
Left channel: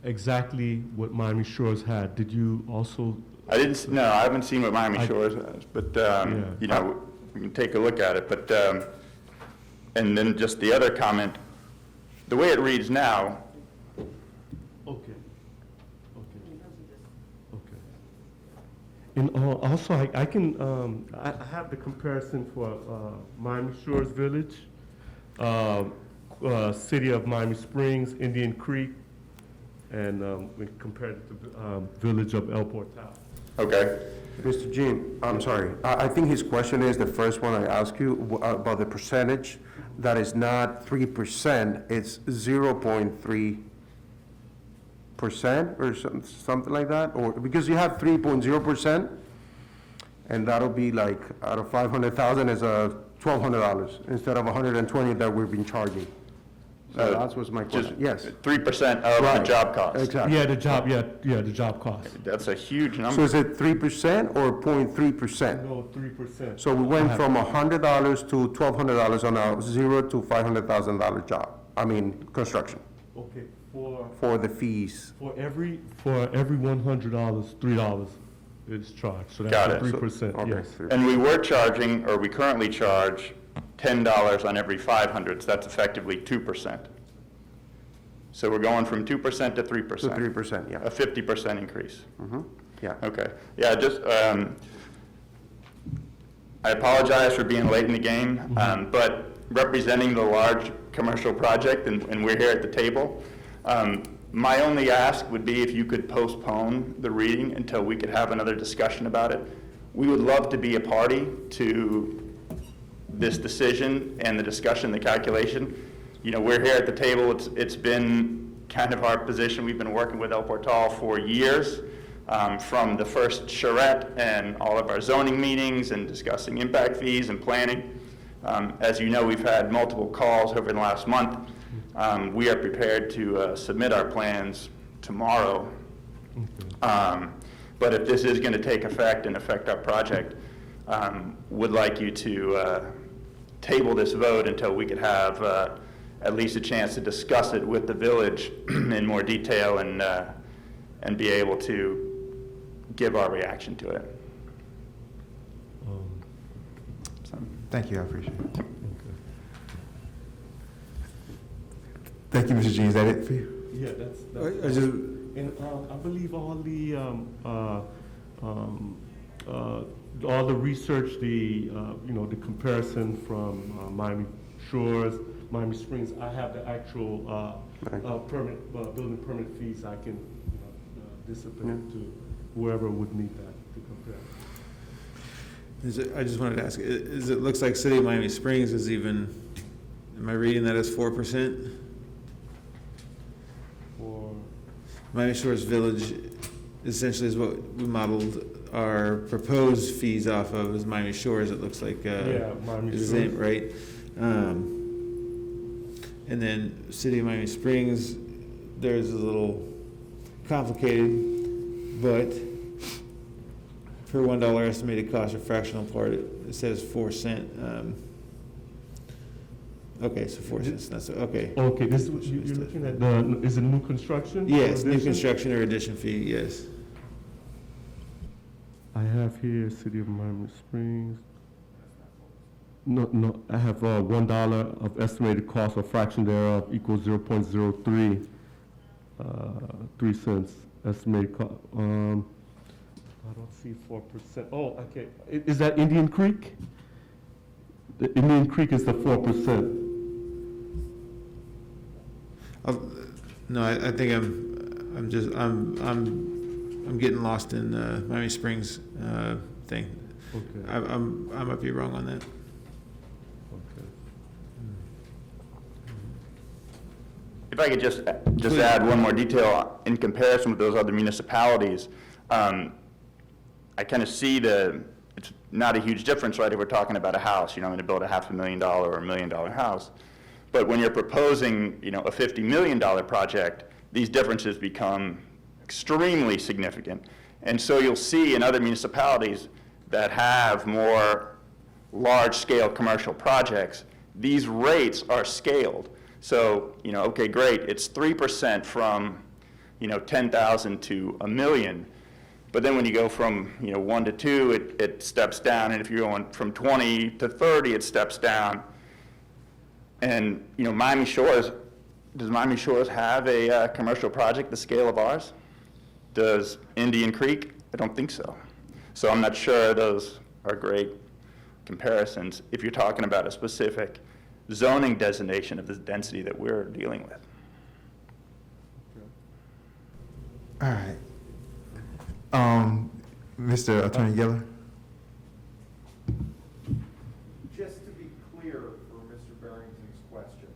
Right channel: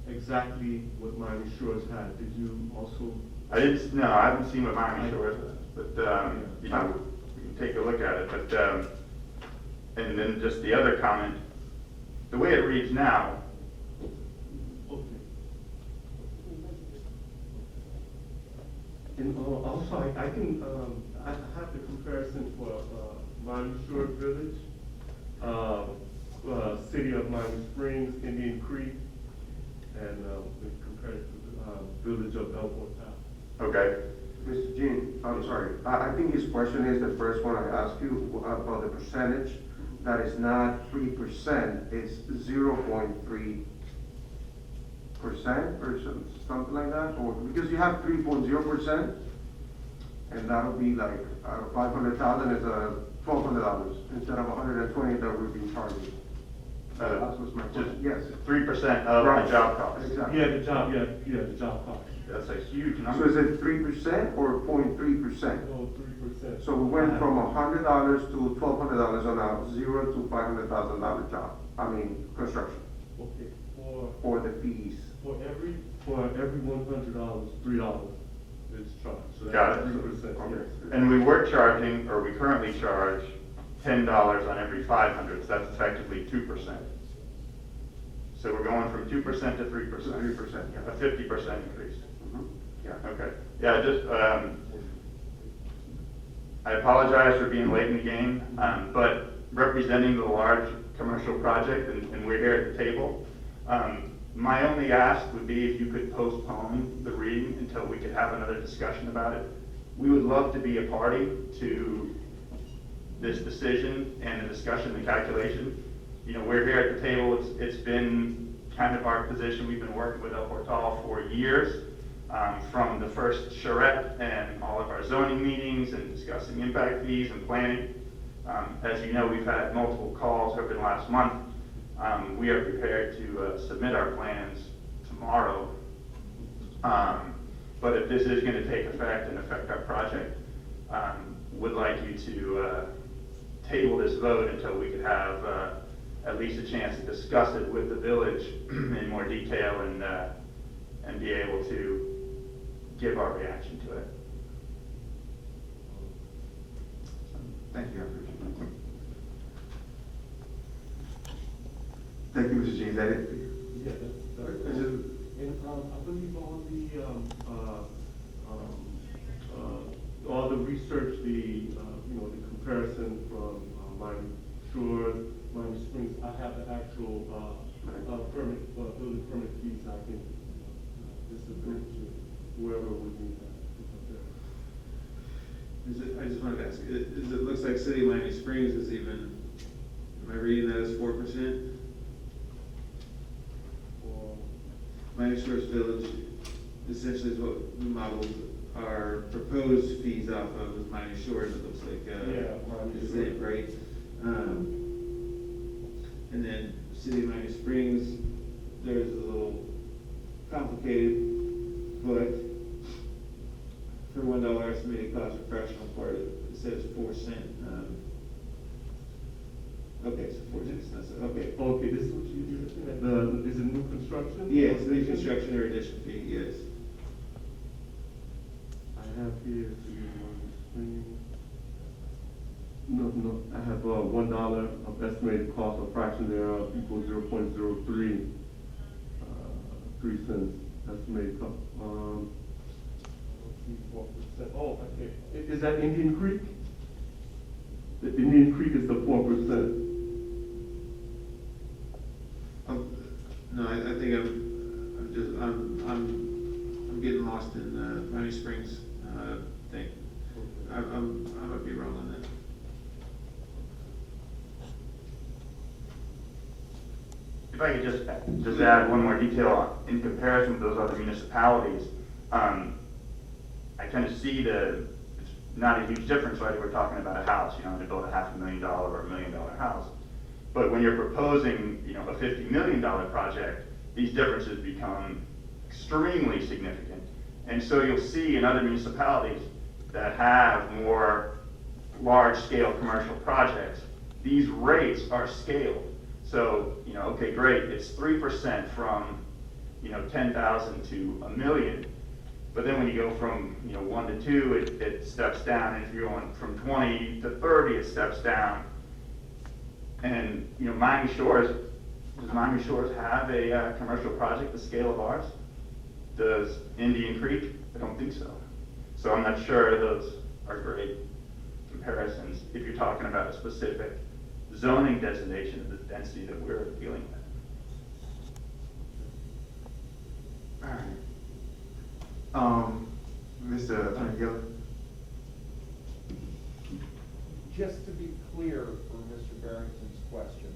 exactly what Miami Shores had, did you also? I haven't seen what Miami Shores has, but, you know, we can take a look at it. But, and then just the other comment, the way it reads now, And also, I can, I have the comparison for Miami Shores Village, City of Miami Springs, Indian Creek, and we compared it to Village of El Portal. okay. Mr. Jean, I'm sorry. I think his question is the first one I asked you about the percentage. That is not 3%, it's 0.3% or something like that, or because you have 3.0%, and that'll be like out of 500,000 is $1,200 instead of 120 that we've been charging. So that was my question. Yes. 3% of the Right. job cost. Exactly. Yeah, the job cost. That's a huge So number. is it 3% or 0.3%? No, 3%. So we went from $100 to $1,200 on a $0 to $500,000 job. I mean, construction Okay, for the fees. for every $100, $3 is charged, so Got that's it. 3%, Okay. yes. And we were charging, or we currently charge, $10 on every 500, so that's effectively 2%. So we're going from 2% to 3%. To 3%, yeah. A 50% increase. Yeah. Okay, yeah, just, I apologize for being late in the game, but representing the large commercial project, and we're here at the table, my only ask would be if you could postpone the reading until we could have another discussion about it. We would love to be a party to this decision and the discussion, the calculation. You know, we're here at the table, it's been kind of our position, we've been working with El Portal for years, from the first charrette and all of our zoning meetings and discussing impact fees and planning. As you know, we've had multiple calls over the last month. We are prepared to submit our plans tomorrow. But if this is gonna take effect and affect our project, would like you to table this vote until we could have at least a chance to discuss it with the village in more detail and be able to give our reaction to it. So, Thank you, I appreciate it. Thank you, Mr. Jean. Is that it for you? Yeah, that's. I just, And I believe all the research, the the comparison from Miami Shores, Miami Springs, I have the actual permit, building permit fees I can discipline to whoever would need that to compare. I just wanted to ask, it looks like City of Miami Springs is even, am I reading that as 4%? Or Miami Shores Village essentially is what we modeled our proposed fees off of, is Miami Shores, it looks like, Miami is the same, Shores. right? And then City of Miami Springs, there's a little complicated, but per $1 estimated cost of fractional part, it says 4 cent. Okay, so 4 cents, that's, okay. Okay, this, you're looking at is it new construction? Yes, new Addition? construction or addition fee, yes. I have here City of Miami Springs. No, I have $1 of estimated cost or fraction thereof equals 0.03, 3 cents estimated cost. I don't see 4%. Oh, okay. Is that Indian Creek? The Indian Creek is the 4%. No, I think I'm getting lost in Miami Springs thing. Okay. I might be wrong on that. If I could just add one more detail in comparison with those other municipalities, I kind of see it's not a huge difference, right? If we're talking about a house, I'm going to build a $500,000 or $1 million house. But when you're proposing, a $50 million project, these differences become extremely significant. And so you'll see in other municipalities that have more large-scale commercial projects, these rates are scaled. So, okay, great, it's 3% from, 10,000 to $1 million. But then when you go from, 1 to 2, it steps down. And if you're going from 20 to 30, it steps down. And, Miami Shores, does Miami Shores have a commercial project the scale of ours? Does Indian Creek? I don't think so. So I'm not sure those are great comparisons if you're talking about a specific zoning designation of the density that we're dealing with. All right. Mr. Attorney Geller? Just to be clear for Mr. Barrington's question,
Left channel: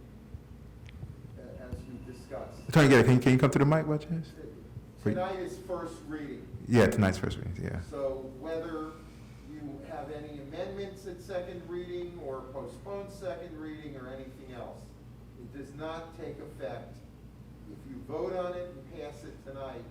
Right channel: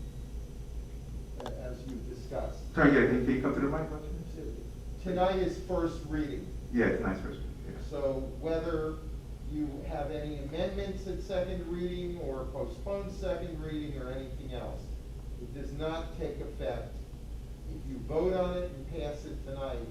as you discussed, Attorney Geller, can you come to the mic by chance? tonight is first reading. Yeah, tonight's first reading, yeah. So whether you have any amendments at second reading or postpone second reading or anything else, it does not take effect. If you vote on it and pass it tonight,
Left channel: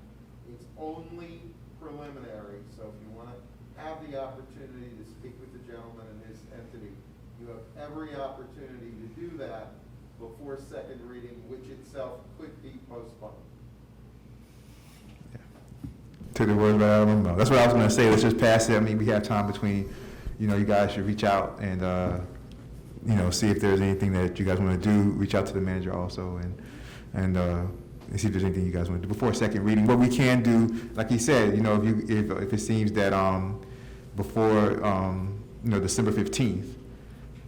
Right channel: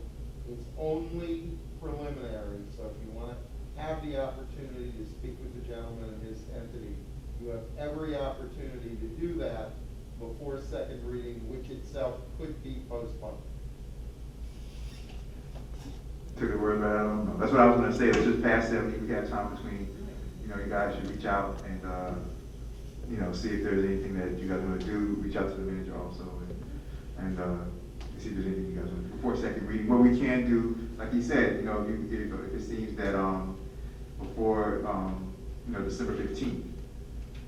it's only preliminary. So if you want to have the opportunity to speak with the gentleman and his entity, you have every opportunity to do that before second reading, which itself could be postponed. To the word, but I don't know. That's what I was gonna say, let's just pass it. I mean, we have time between, you guys should reach out and, see if there's anything that you guys wanna do, reach out to the manager also and see if there's anything you guys wanna do before second reading. What we can do, like he said, if it seems that, before, December 15th,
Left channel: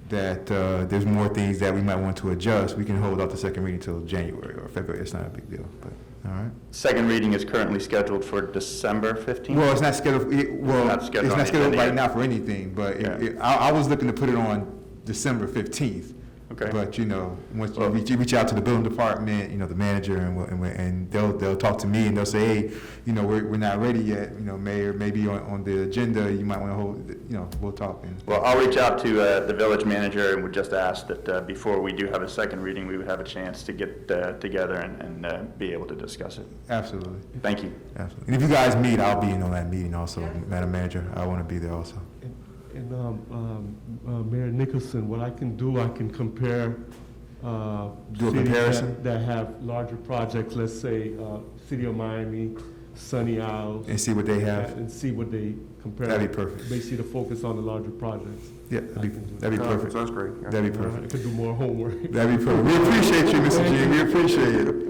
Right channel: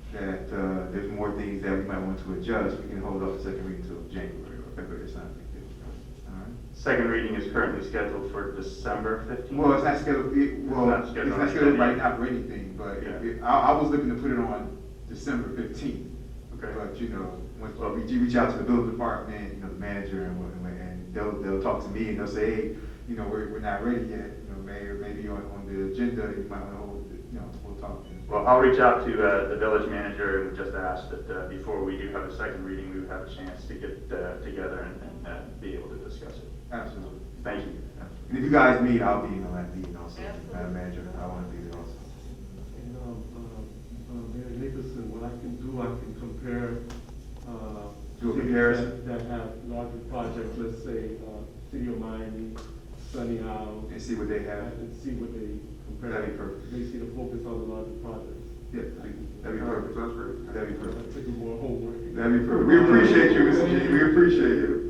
that, there's more things that we might want to adjust, we can hold out the second reading until January or February. It's not a big deal, but, all right. Second reading is currently scheduled for December 15th? Well, it's not scheduled, it's not scheduled right yet. now for anything, but Yeah. I was looking to put it on December 15th. Okay. But, you know, once you reach out to the building department, you know, the manager, and they'll talk to me, and they'll say, hey, you know, we're not ready yet, you know, Mayor, maybe on the agenda, you might want to hold, you know, we'll talk. Well, I'll reach out to the village manager and would just ask that before we do have a second reading, we would have a chance to get together and be able to discuss it. Absolutely. Thank you. Absolutely. And if you guys meet, I'll be in on that meeting also, Madam Manager. I want to be there also. And Mayor Nicholson, what I can do, I can compare Do a cities comparison? that have larger projects, let's say City of Miami, Sunny Isles. And see what they have? And see what they compare. That'd be perfect. Basically to focus on the larger projects. Yeah, that'd be perfect. Sounds great. That'd be I perfect. could do more homework. That'd be perfect. We appreciate you, Mr. G. We appreciate it.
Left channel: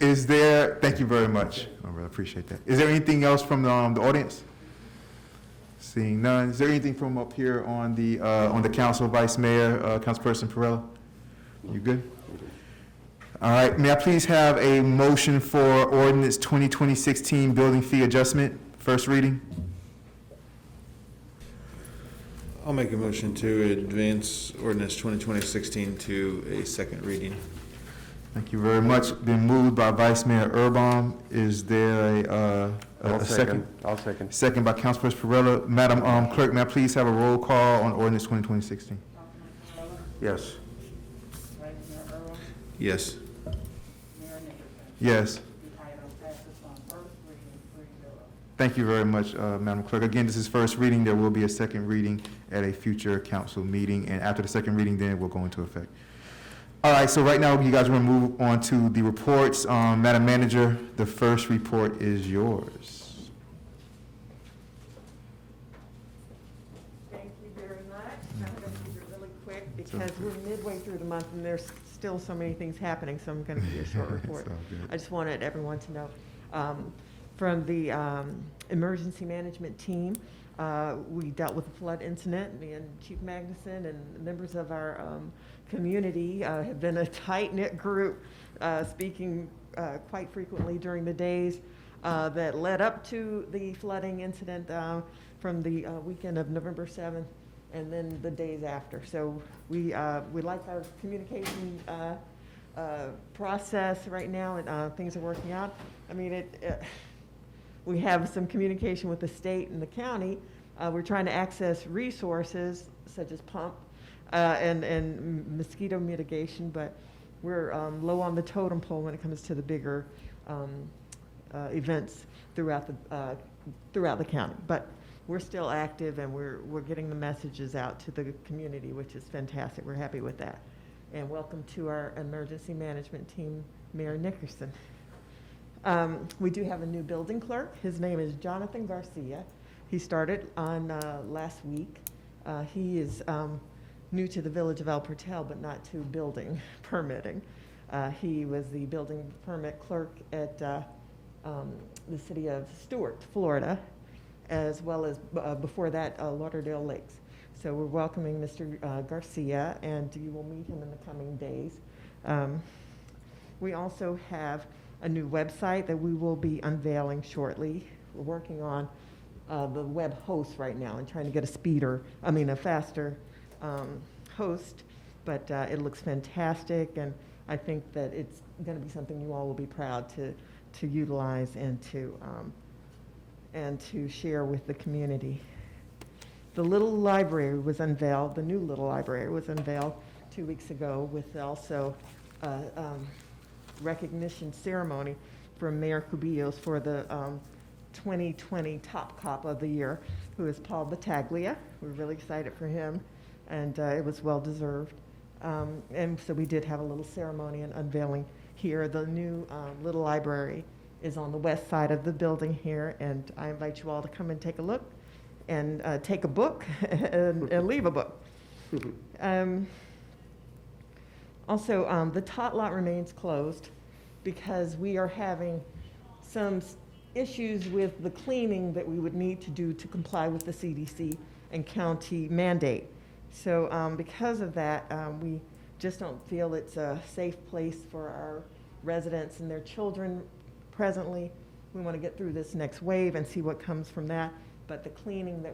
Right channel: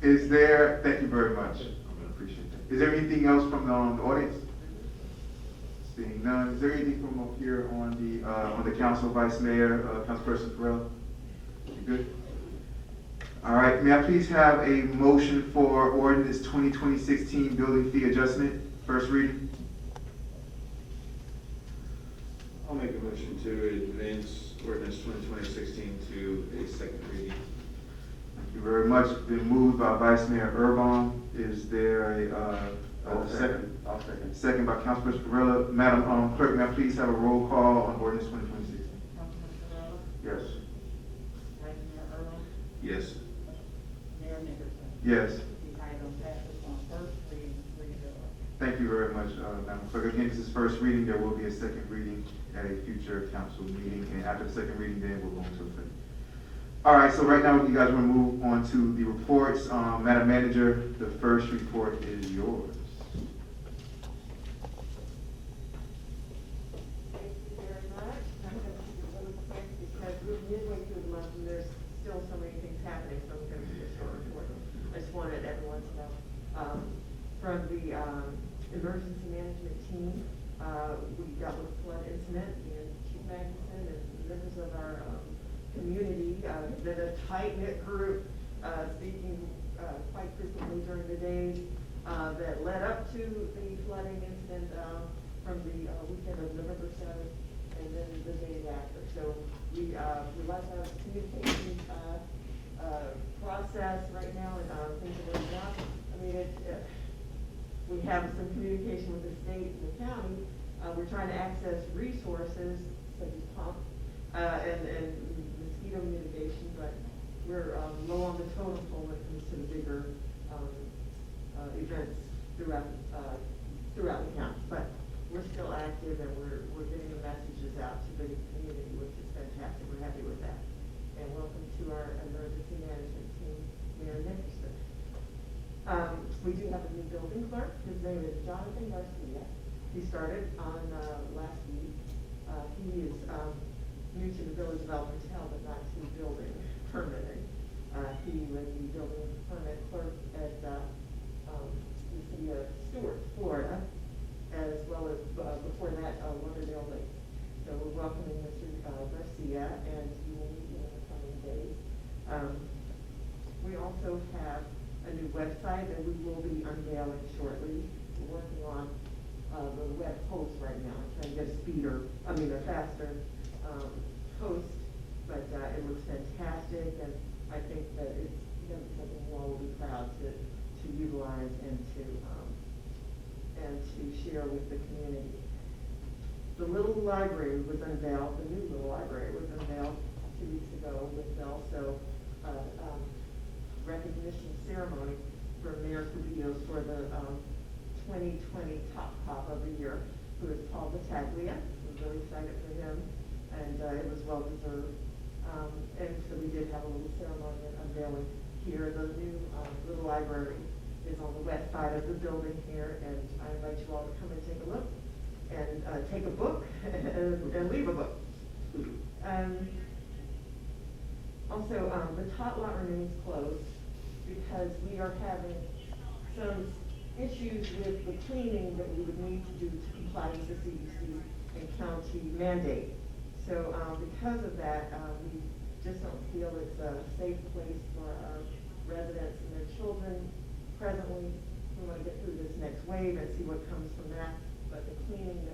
Thank you. Thank you very much. I really appreciate that. Is there anything else from the audience? Seeing none. Is there anything from up here on the council, Vice Mayor, Councilperson Perella? You good? All right, may I please have a motion for ordinance 2020-16 building fee adjustment, first reading? I'll make a motion to advance ordinance 2020-16 to a second reading. Thank you very much. Been moved by Vice Mayor Irvine. Is there a second? I'll second. Second by Councilperson Perella. Madam Clerk, may I please have a roll call on ordinance 2020-16? Yes. Vice Mayor Irwin, Yes. Mayor Nicholson. Yes. The item passes on first reading, 3-0. Thank you very much, Madam Clerk. Again, this is first reading. There will be a second reading at a future council meeting, and after the second reading, then it will go into effect. All right, so right now, you guys want to move on to the reports. Madam Manager, the first report is yours. Thank you very much. I'm going to keep it really quick because we're midway through the month and there's still so many things happening, so I'm going to be a short report. I just wanted everyone to know. From the emergency management team, we dealt with a flood incident, and Chief Magnuson and members of our community have been a tight-knit group, speaking quite frequently during the days that led up to the flooding incident from the weekend of November 7th and then the days after. So we like our communication process right now, and things are working out. I mean, we have some communication with the state and the county. We're trying to access resources such as pump and mosquito mitigation, but we're low on the totem pole when it comes to the bigger events throughout the county. But we're still active, and we're getting the messages out to the community, which is fantastic. We're happy with that. And welcome to our emergency management team, Mayor Nickerson. We do have a new building clerk. His name is Jonathan Garcia. He started on last week. He is new to the village of El Portal, but not to building permitting. He was the building permit clerk at the city of Stuart, Florida, as well as before that, Lauderdale Lakes. So we're welcoming Mr. Garcia, and you will meet him in the coming days. We also have a new website that we will be unveiling shortly. We're working on the web host right now and trying to get a faster host, but it looks fantastic, and I think that it's going to be something you all will be proud to utilize and to share with the community. The little library was unveiled. The new little library was unveiled 2 weeks ago with also recognition ceremony for Mayor Cubillos for the 2020 Top Cop of the Year, who is Paul Battaglia. We're really excited for him, and it was well deserved. And so we did have a little ceremony and unveiling here. The new little library is on the west side of the building here, and I invite you all to come and take a look and take a book and leave a book. Also, the tot lot remains closed because we are having some issues with the cleaning that we would need to do to comply with the CDC and county mandate. So because of that, we just don't feel it's a safe place for our residents and their children presently. We want to get through this next wave and see what comes from that. But the cleaning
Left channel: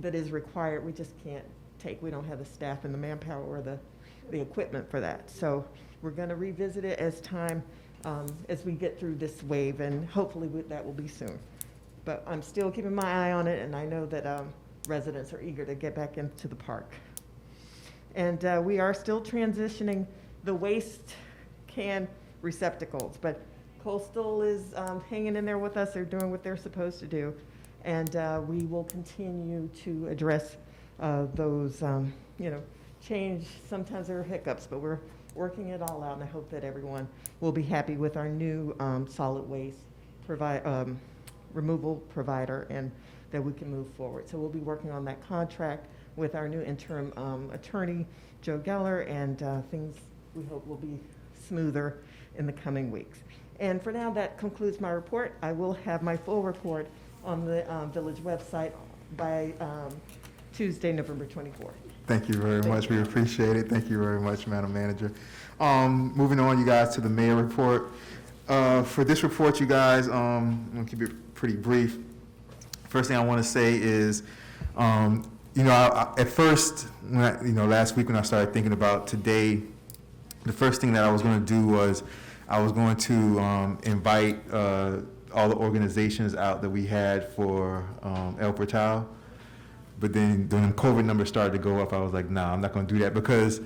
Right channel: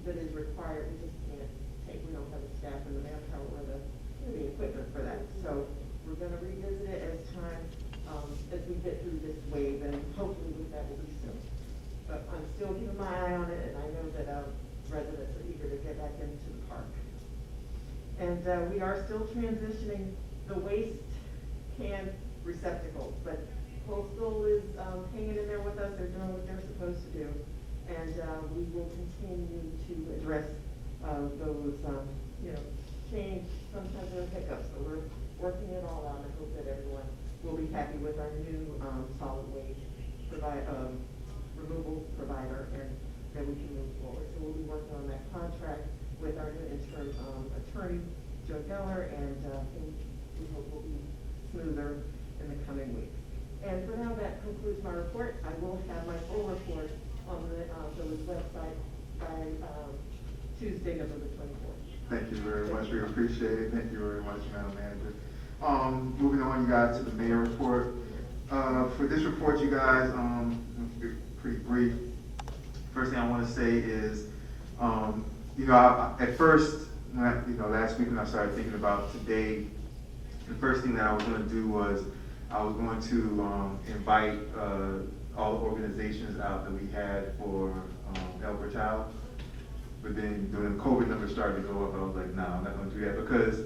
that is required, we just can't take. We don't have the staff and the manpower or the equipment for that. So we're gonna revisit it as time, as we get through this wave, and hopefully that will be soon. But I'm still keeping my eye on it, and I know that residents are eager to get back into the park. And we are still transitioning the waste can receptacles, but Coastal is hanging in there with us. They're doing what they're supposed to do. And we will continue to address those, change. Sometimes there are hiccups, but we're working it all out, and I hope that everyone will be happy with our new solid waste removal provider, and that we can move forward. So we'll be working on that contract with our new interim attorney, Joe Geller, and things we hope will be smoother in the coming weeks. And for now, that concludes my report. I will have my full report on the village website by Tuesday, November 24th. Thank you very much. We appreciate it. Thank you very much, Madam Manager. Moving on, you guys, to the mayor report. For this report, you guys, I'm gonna keep it pretty brief. First thing I want to say is, at first, last week when I started thinking about today, the first thing that I was going to do was I was going to invite all the organizations out that we had for El Portal. But then when COVID numbers started to go up, I was like, nah, I'm not going to do that because,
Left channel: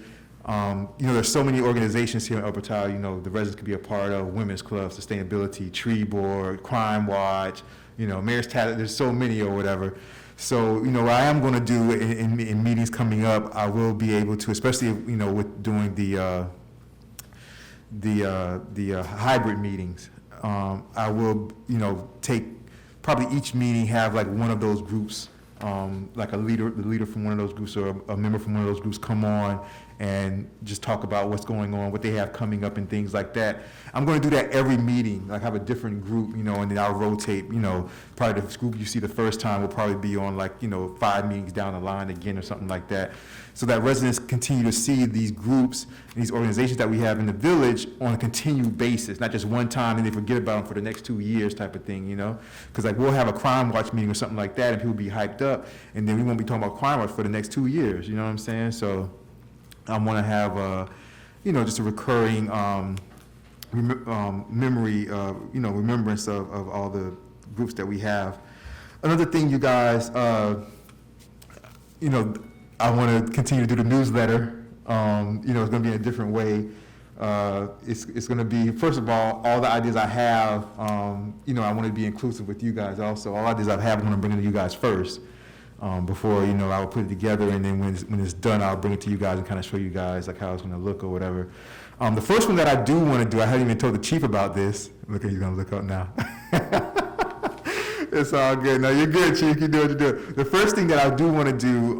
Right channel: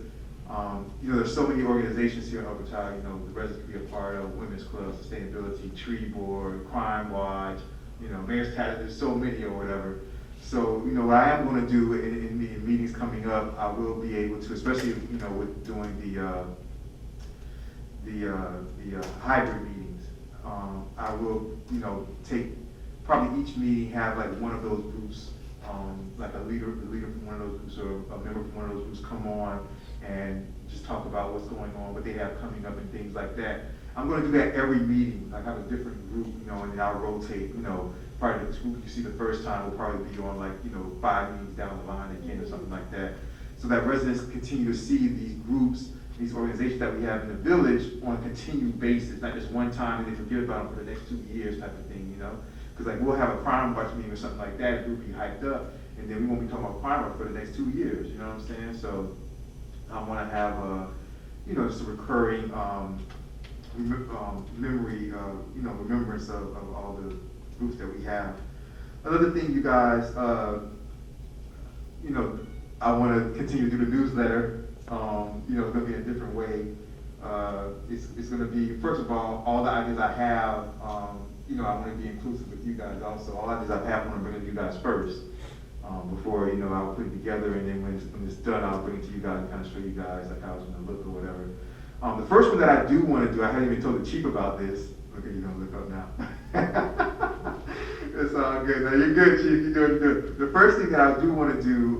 there's so many organizations here in El Portal, the residents could be a part of: Women's Club, Sustainability, Tree Board, Crime Watch, Mayor's Talent. There's so many or whatever. So, what I am going to do in meetings coming up, I will be able to, especially, with doing the hybrid meetings, I will, take probably each meeting, have like one of those groups, like the leader from one of those groups or a member from one of those groups come on and just talk about what's going on, what they have coming up and things like that. I'm going to do that every meeting, like have a different group, and then I'll rotate, probably the group you see the first time will probably be on 5 meetings down the line again or something like that. So that residents continue to see these groups, these organizations that we have in the village on a continued basis, not just one time and they forget about them for the next 2 years type of thing, Because we'll have a Crime Watch meeting or something like that and people will be hyped up, and then we won't be talking about Crime Watch for the next 2 years, you know what I'm saying? So I want to have, just a recurring memory, remembrance of all the groups that we have. Another thing, you guys, I want to continue to do the newsletter. It's going to be in a different way. It's going to be, first of all the ideas I have, I want to be inclusive with you guys also. All ideas I have, I want to bring to you guys first, before, I'll put it together, and then when it's done, I'll bring it to you guys and kind of show you guys how it's going to look or whatever. The first one that I do want to do, I hadn't even told the chief about this. Look, he's going to look up now. It's all good. No, you're good, chief. You do what you do. The first thing that I do want to do,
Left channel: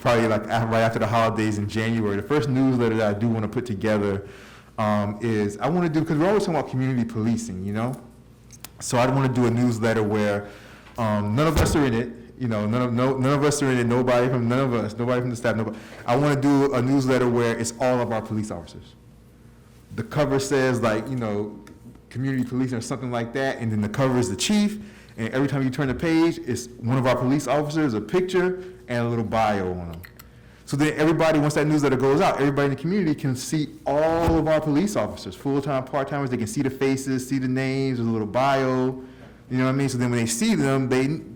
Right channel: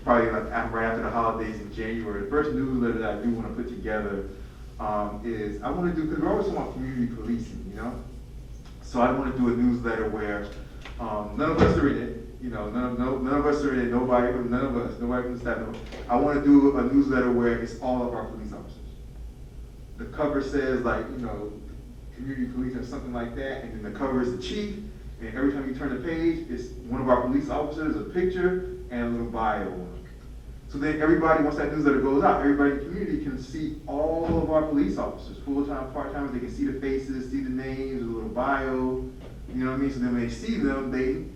probably right after the holidays in January, the first newsletter that I do want to put together is I want to do, because we're always talking about community policing, So I want to do a newsletter where none of us are in it. None of us are in it. Nobody from the staff. Nobody. I want to do a newsletter where it's all of our police officers. The cover says community policing or something like that, and then the cover is the chief. And every time you turn the page, it's one of our police officers, a picture, and a little bio on them. So then everybody, once that newsletter goes out, everybody in the community can see all of our police officers, full-time, part-timers. They can see the faces, see the names, there's a little bio. You know what I mean? So then when they see them,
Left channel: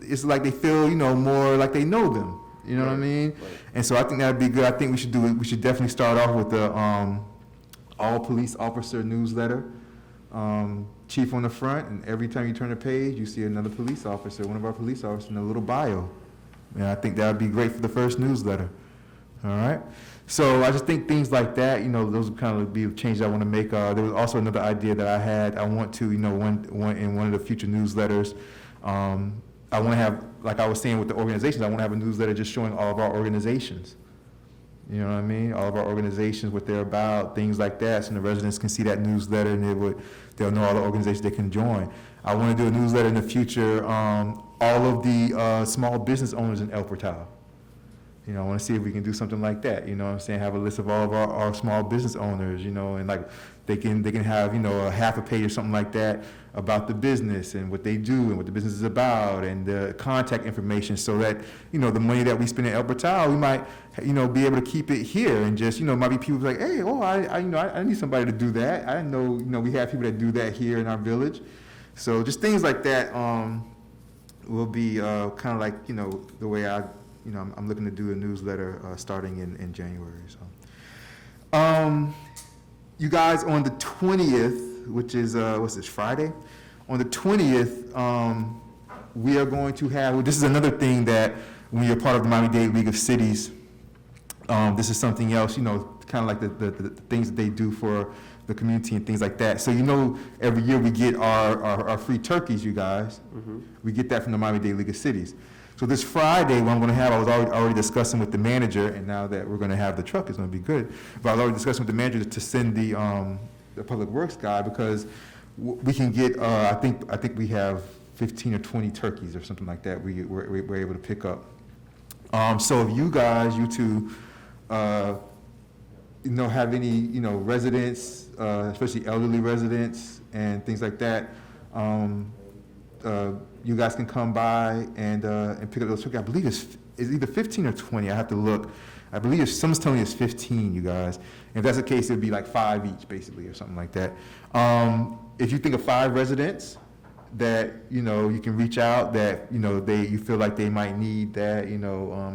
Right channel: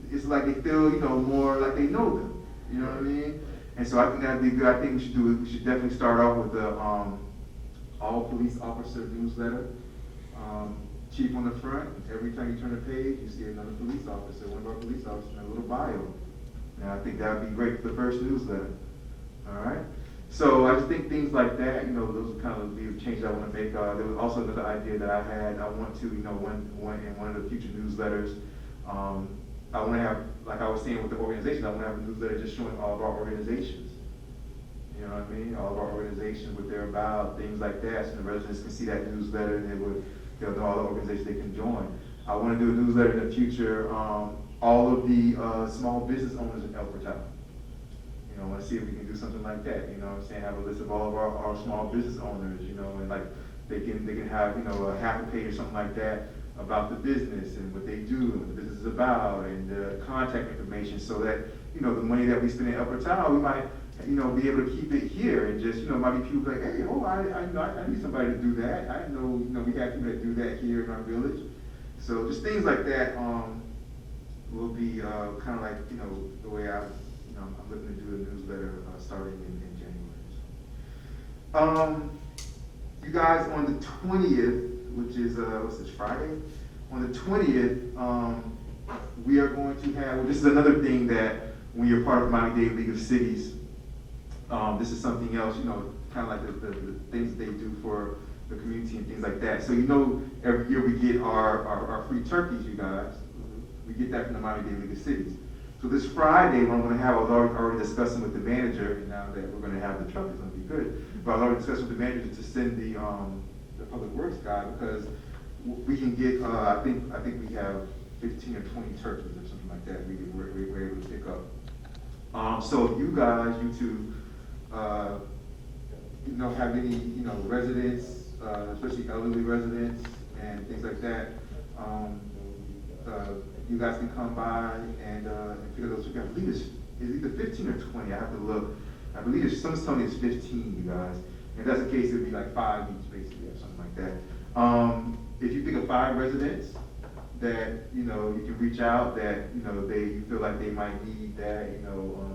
it's like they feel, more like they know them. You know what I mean? And so I think that'd be good. I think we should do it. We should definitely start off with the all police officer newsletter. Chief on the front, and every time you turn the page, you see another police officer, one of our police officers, in a little bio. And I think that would be great for the first newsletter. All right? So I just think things like that, those would kind of be the changes I want to make. There was also another idea that I had. I want to, in one of the future newsletters, I want to have, like I was saying with the organizations, I want to have a newsletter just showing all of our organizations. You know what I mean? All of our organizations, what they're about, things like that. So the residents can see that newsletter and they'll know all the organizations they can join. I want to do a newsletter in the future, all of the small business owners in El Portal. I want to see if we can do something like that. You know what I'm saying? Have a list of all of our small business owners, and like they can have, a half a page or something like that about the business and what they do and what the business is about and the contact information, so that, the money that we spend in El Portal, we might, be able to keep it here, and just, might be people like, hey, I need somebody to do that. I know, we have people that do that here in our village. So just things like that will be kind of like, the way I'm looking to do a newsletter starting in January. So. You guys, on the 20th, which is, what's this, Friday? On the 20th, we are going to have, this is another thing that when you're part of the Miami-Dade League of Cities, this is something else, kind of like the things that they do for the community and things like that. So, every year we get our free turkeys, you guys. Mm-hmm. We get that from the Miami-Dade League of Cities. So this Friday, what I'm going to have, I was already discussing with the manager, and now that we're going to have the truck, it's going to be good. But I was already discussing with the manager to send the public works guy, because we can get, I think we have 15 or 20 turkeys or something like that we're able to pick up. So if you guys, you two, have any, residents, especially elderly residents and things like that, you guys can come by and pick up those turkeys. I believe it's either 15 or 20. I have to look. I believe someone's telling me it's 15, you guys. And if that's the case, it'd be like 5 each, basically, or something like that. If you think of 5 residents that, you can reach out, that, you feel like they might need that,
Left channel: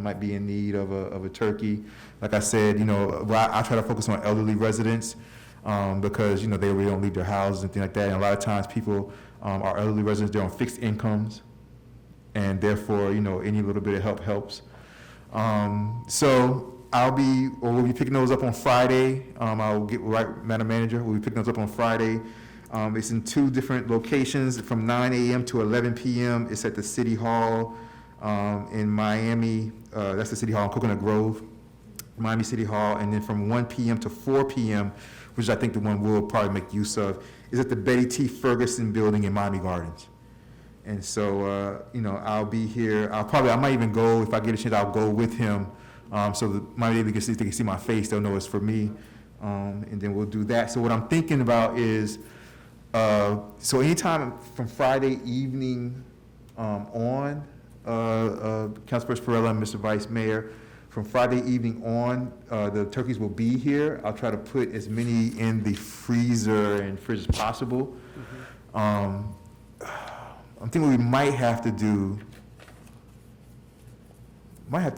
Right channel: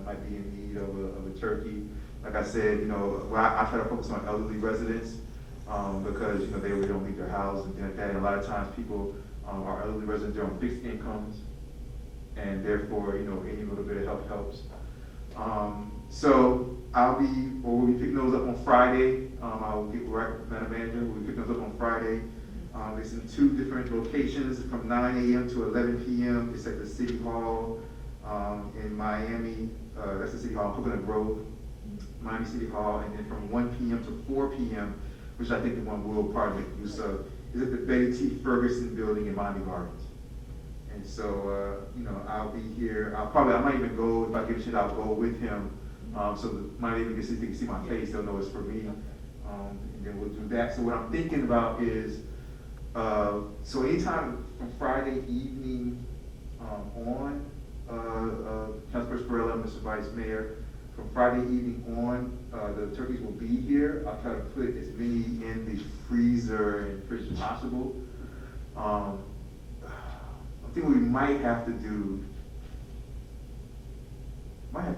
might be in need of a turkey. Like I said, I try to focus on elderly residents because, they really don't leave their houses and things like that. And a lot of times people, our elderly residents, they're on fixed incomes, and therefore, any little bit of help helps. So we'll be picking those up on Friday. I'll get right, Madam Manager, we'll be picking those up on Friday. It's in 2 different locations, from 9 a.m. to 11 p.m. It's at the City Hall in Miami. That's the City Hall in Coconut Grove, Miami City Hall. And then from 1 p.m. to 4 p.m., which I think the one we'll probably make use of, is at the Betty T. Ferguson building in Miami Gardens. And so, I'll be here. I might even go, if I get a chance, I'll go with him. So that my neighbor they can see my face, they'll know it's for me. And then we'll do that. So what I'm thinking about is, so anytime from Friday evening on, Councilperson Perella and Mr. Vice Mayor, from Friday evening on, the turkeys will be here. I'll try to put as many in the freezer and fridge as possible. I'm thinking we might have to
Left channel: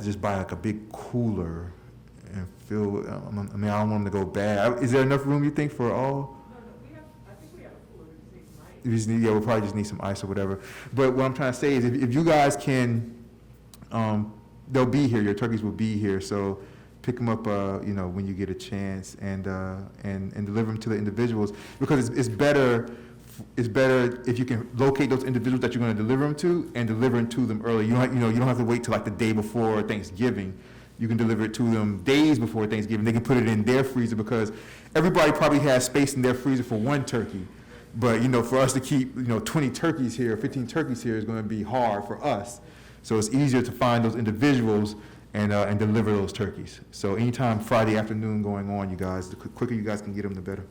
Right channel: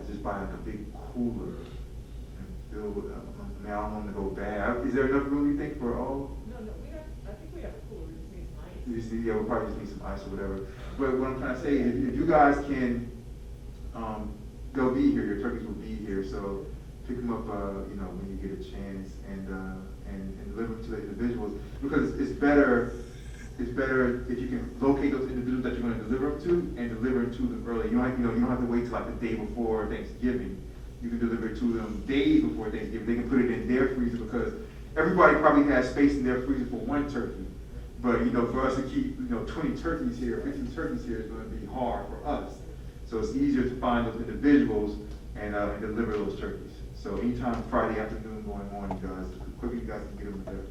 just buy like a big cooler and fill it. I don't want them to go bad. Is there enough room, you think, for all? No, I think we have a cooler, we just need ice. We'll probably just need some ice or whatever. But what I'm trying to say is, if you guys can, they'll be here. Your turkeys will be here. So pick them up, when you get a chance, and deliver them to the individuals, because it's better. It's better if you can locate those individuals that you're going to deliver them to and deliver them to them early. You don't have to wait till like the day before Thanksgiving. You can deliver it to them days before Thanksgiving. They can put it in their freezer, because everybody probably has space in their freezer for 1 turkey. But for us to keep 20 turkeys here, 15 turkeys here is going to be hard for us. So it's easier to find those individuals and deliver those turkeys. So anytime Friday afternoon going on, you guys, the quicker you guys can get them, the better.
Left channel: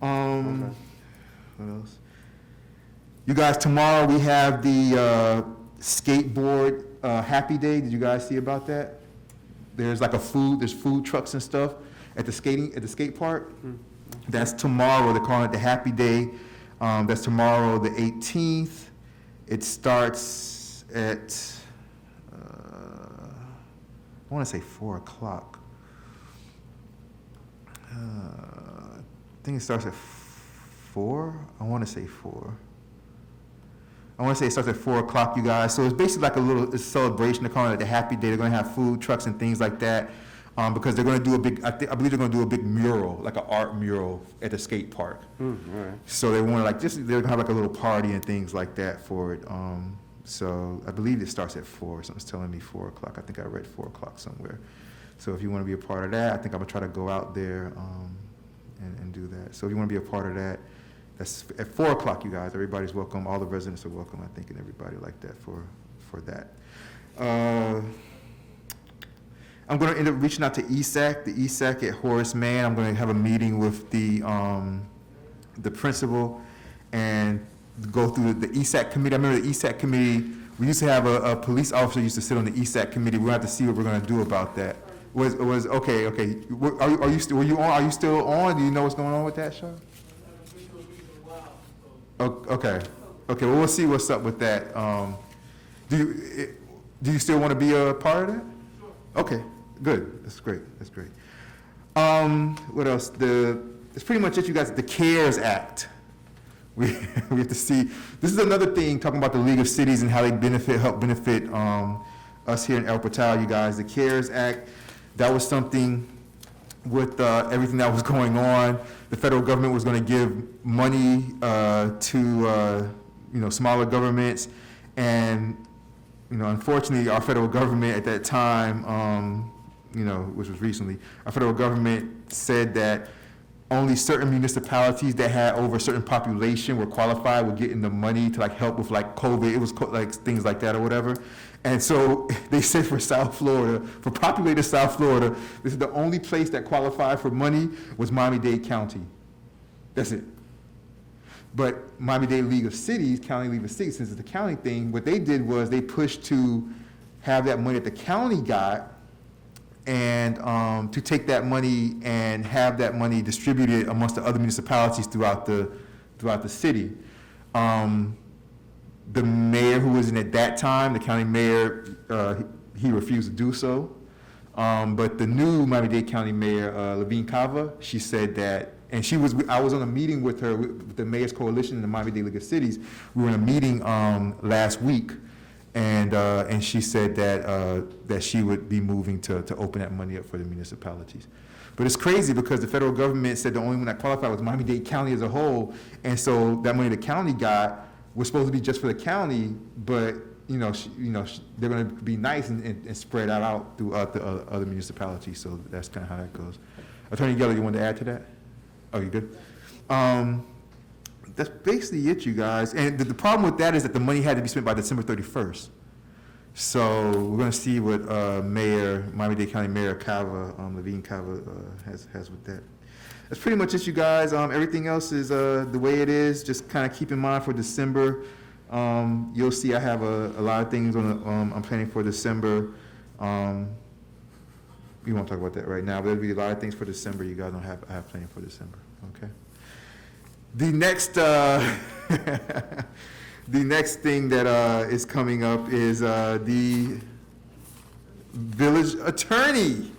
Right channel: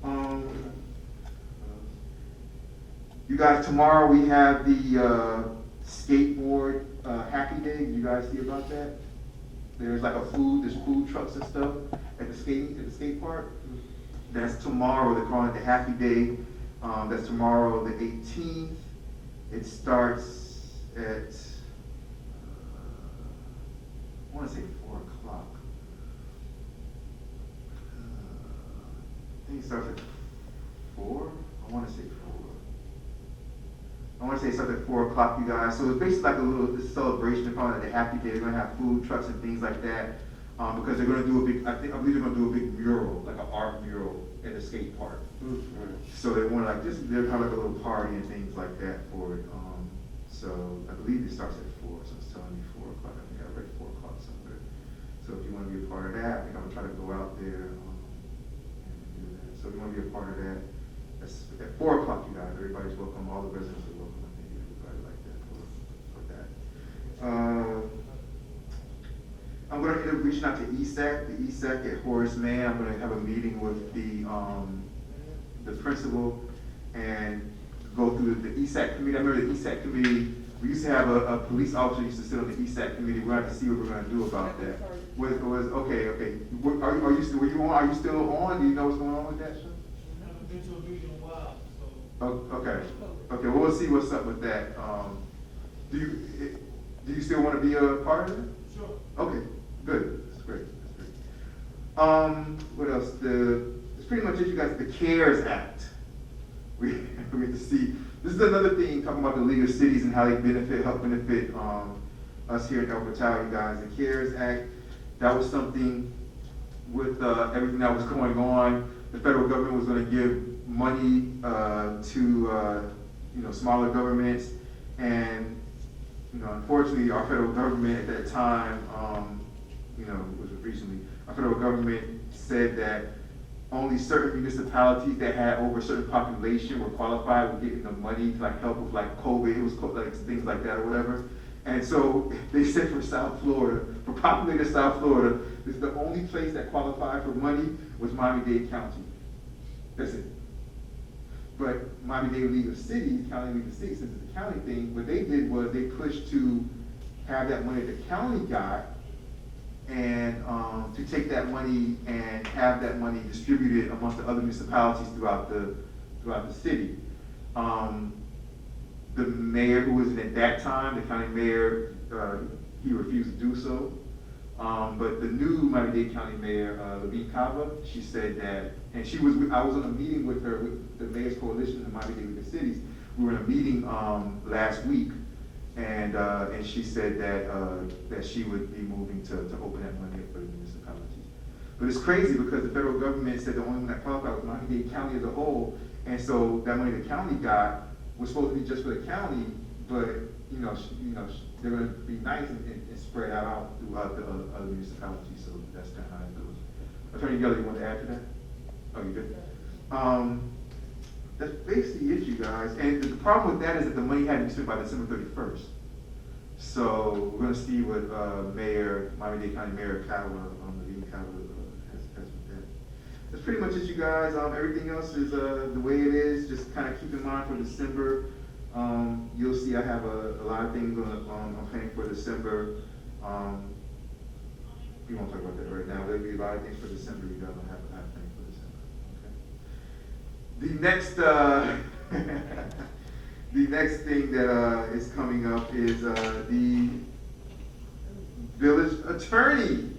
What else? You guys, tomorrow we have the skateboard Happy Day. Did you guys see about that? There's like there's food trucks and stuff at the skate park. Mm-hmm. That's tomorrow. They're calling it the Happy Day. That's tomorrow, the 18th. It starts at I want to say 4 o'clock. I think it starts at 4. I want to say 4. I want to say it starts at 4 o'clock, you guys. So it's basically like a little celebration. They're calling it the Happy Day. They're going to have food trucks and things like that, because they're going to do a big, I believe they're going to do a big mural, like an art mural at the skate park. Right. So they want they're going to have like a little party and things like that for it. So I believe it starts at 4. Someone's telling me 4 o'clock. I think I read 4 o'clock somewhere. So if you want to be a part of that, I think I'm going to try to go out there and do that. So if you want to be a part of that, that's at 4 o'clock, you guys. Everybody's welcome. All the residents are welcome, I think, and everybody like that for that. I'm going to end up reaching out to ESAC, the ESAC at Horace Mann. I'm going to have a meeting with the principal and go through the ESAC committee. I remember the ESAC committee, we used to have a police officer used to sit on the ESAC committee. We'll have to see what we're gonna do about that. Okay. Are you still on? Do you know what's going on with that, Sean? Okay, well, we'll see what's up with that. Do you still want to be a part of that? Sure. Okay, good, that's great. What else? It's pretty much it, you guys, the CARES Act. We have to see, this is another thing, talking about the League of Cities and how they help benefit us here in El Portal, you guys. The CARES Act, that was something with everything that was going on. The federal government was gonna give money to smaller governments, and unfortunately our federal government at that time, which was recently, our federal government said that only certain municipalities that had over a certain population were qualified with getting the money to help with COVID. It was things like that or whatever. And so they said for South Florida, for populated South Florida, this is the only place that qualified for money was Miami-Dade County. That's it. But Miami-Dade League of Cities, County League of Cities, since it's the county thing, what they did was they pushed to have that money that the county got, and to take that money and have that money distributed amongst the other municipalities throughout the city. The mayor who was in at that time, the county mayor, he refused to do so. But the new Miami-Dade County Mayor, Levine Cava, she said that, and I was on a meeting with her, with the Mayor's Coalition in the Miami-Dade League of Cities. We were in a meeting last week, and she said that she would be moving to open that money up for the municipalities. But it's crazy because the federal government said the only one that qualified was Miami-Dade County as a whole, and so that money the county got was supposed to be just for the county, but they're going to be nice and spread that out throughout the other municipalities. So that's kind of how that goes. Attorney Geller, you want to add to that? Oh, you good? That's basically it, you guys. And the problem with that is that the money had to be spent by December 31st. So we're going to see what Miami-Dade County Mayor Cava, Levine Cava, has with that. That's pretty much it, you guys. Everything else is the way it is. Just kind of keep in mind for December. You'll see I have a lot of things I'm planning for December. We won't talk about that right now, but there'll be a lot of things for December you guys don't have planning for December. Okay. The next thing that is coming up is the village attorney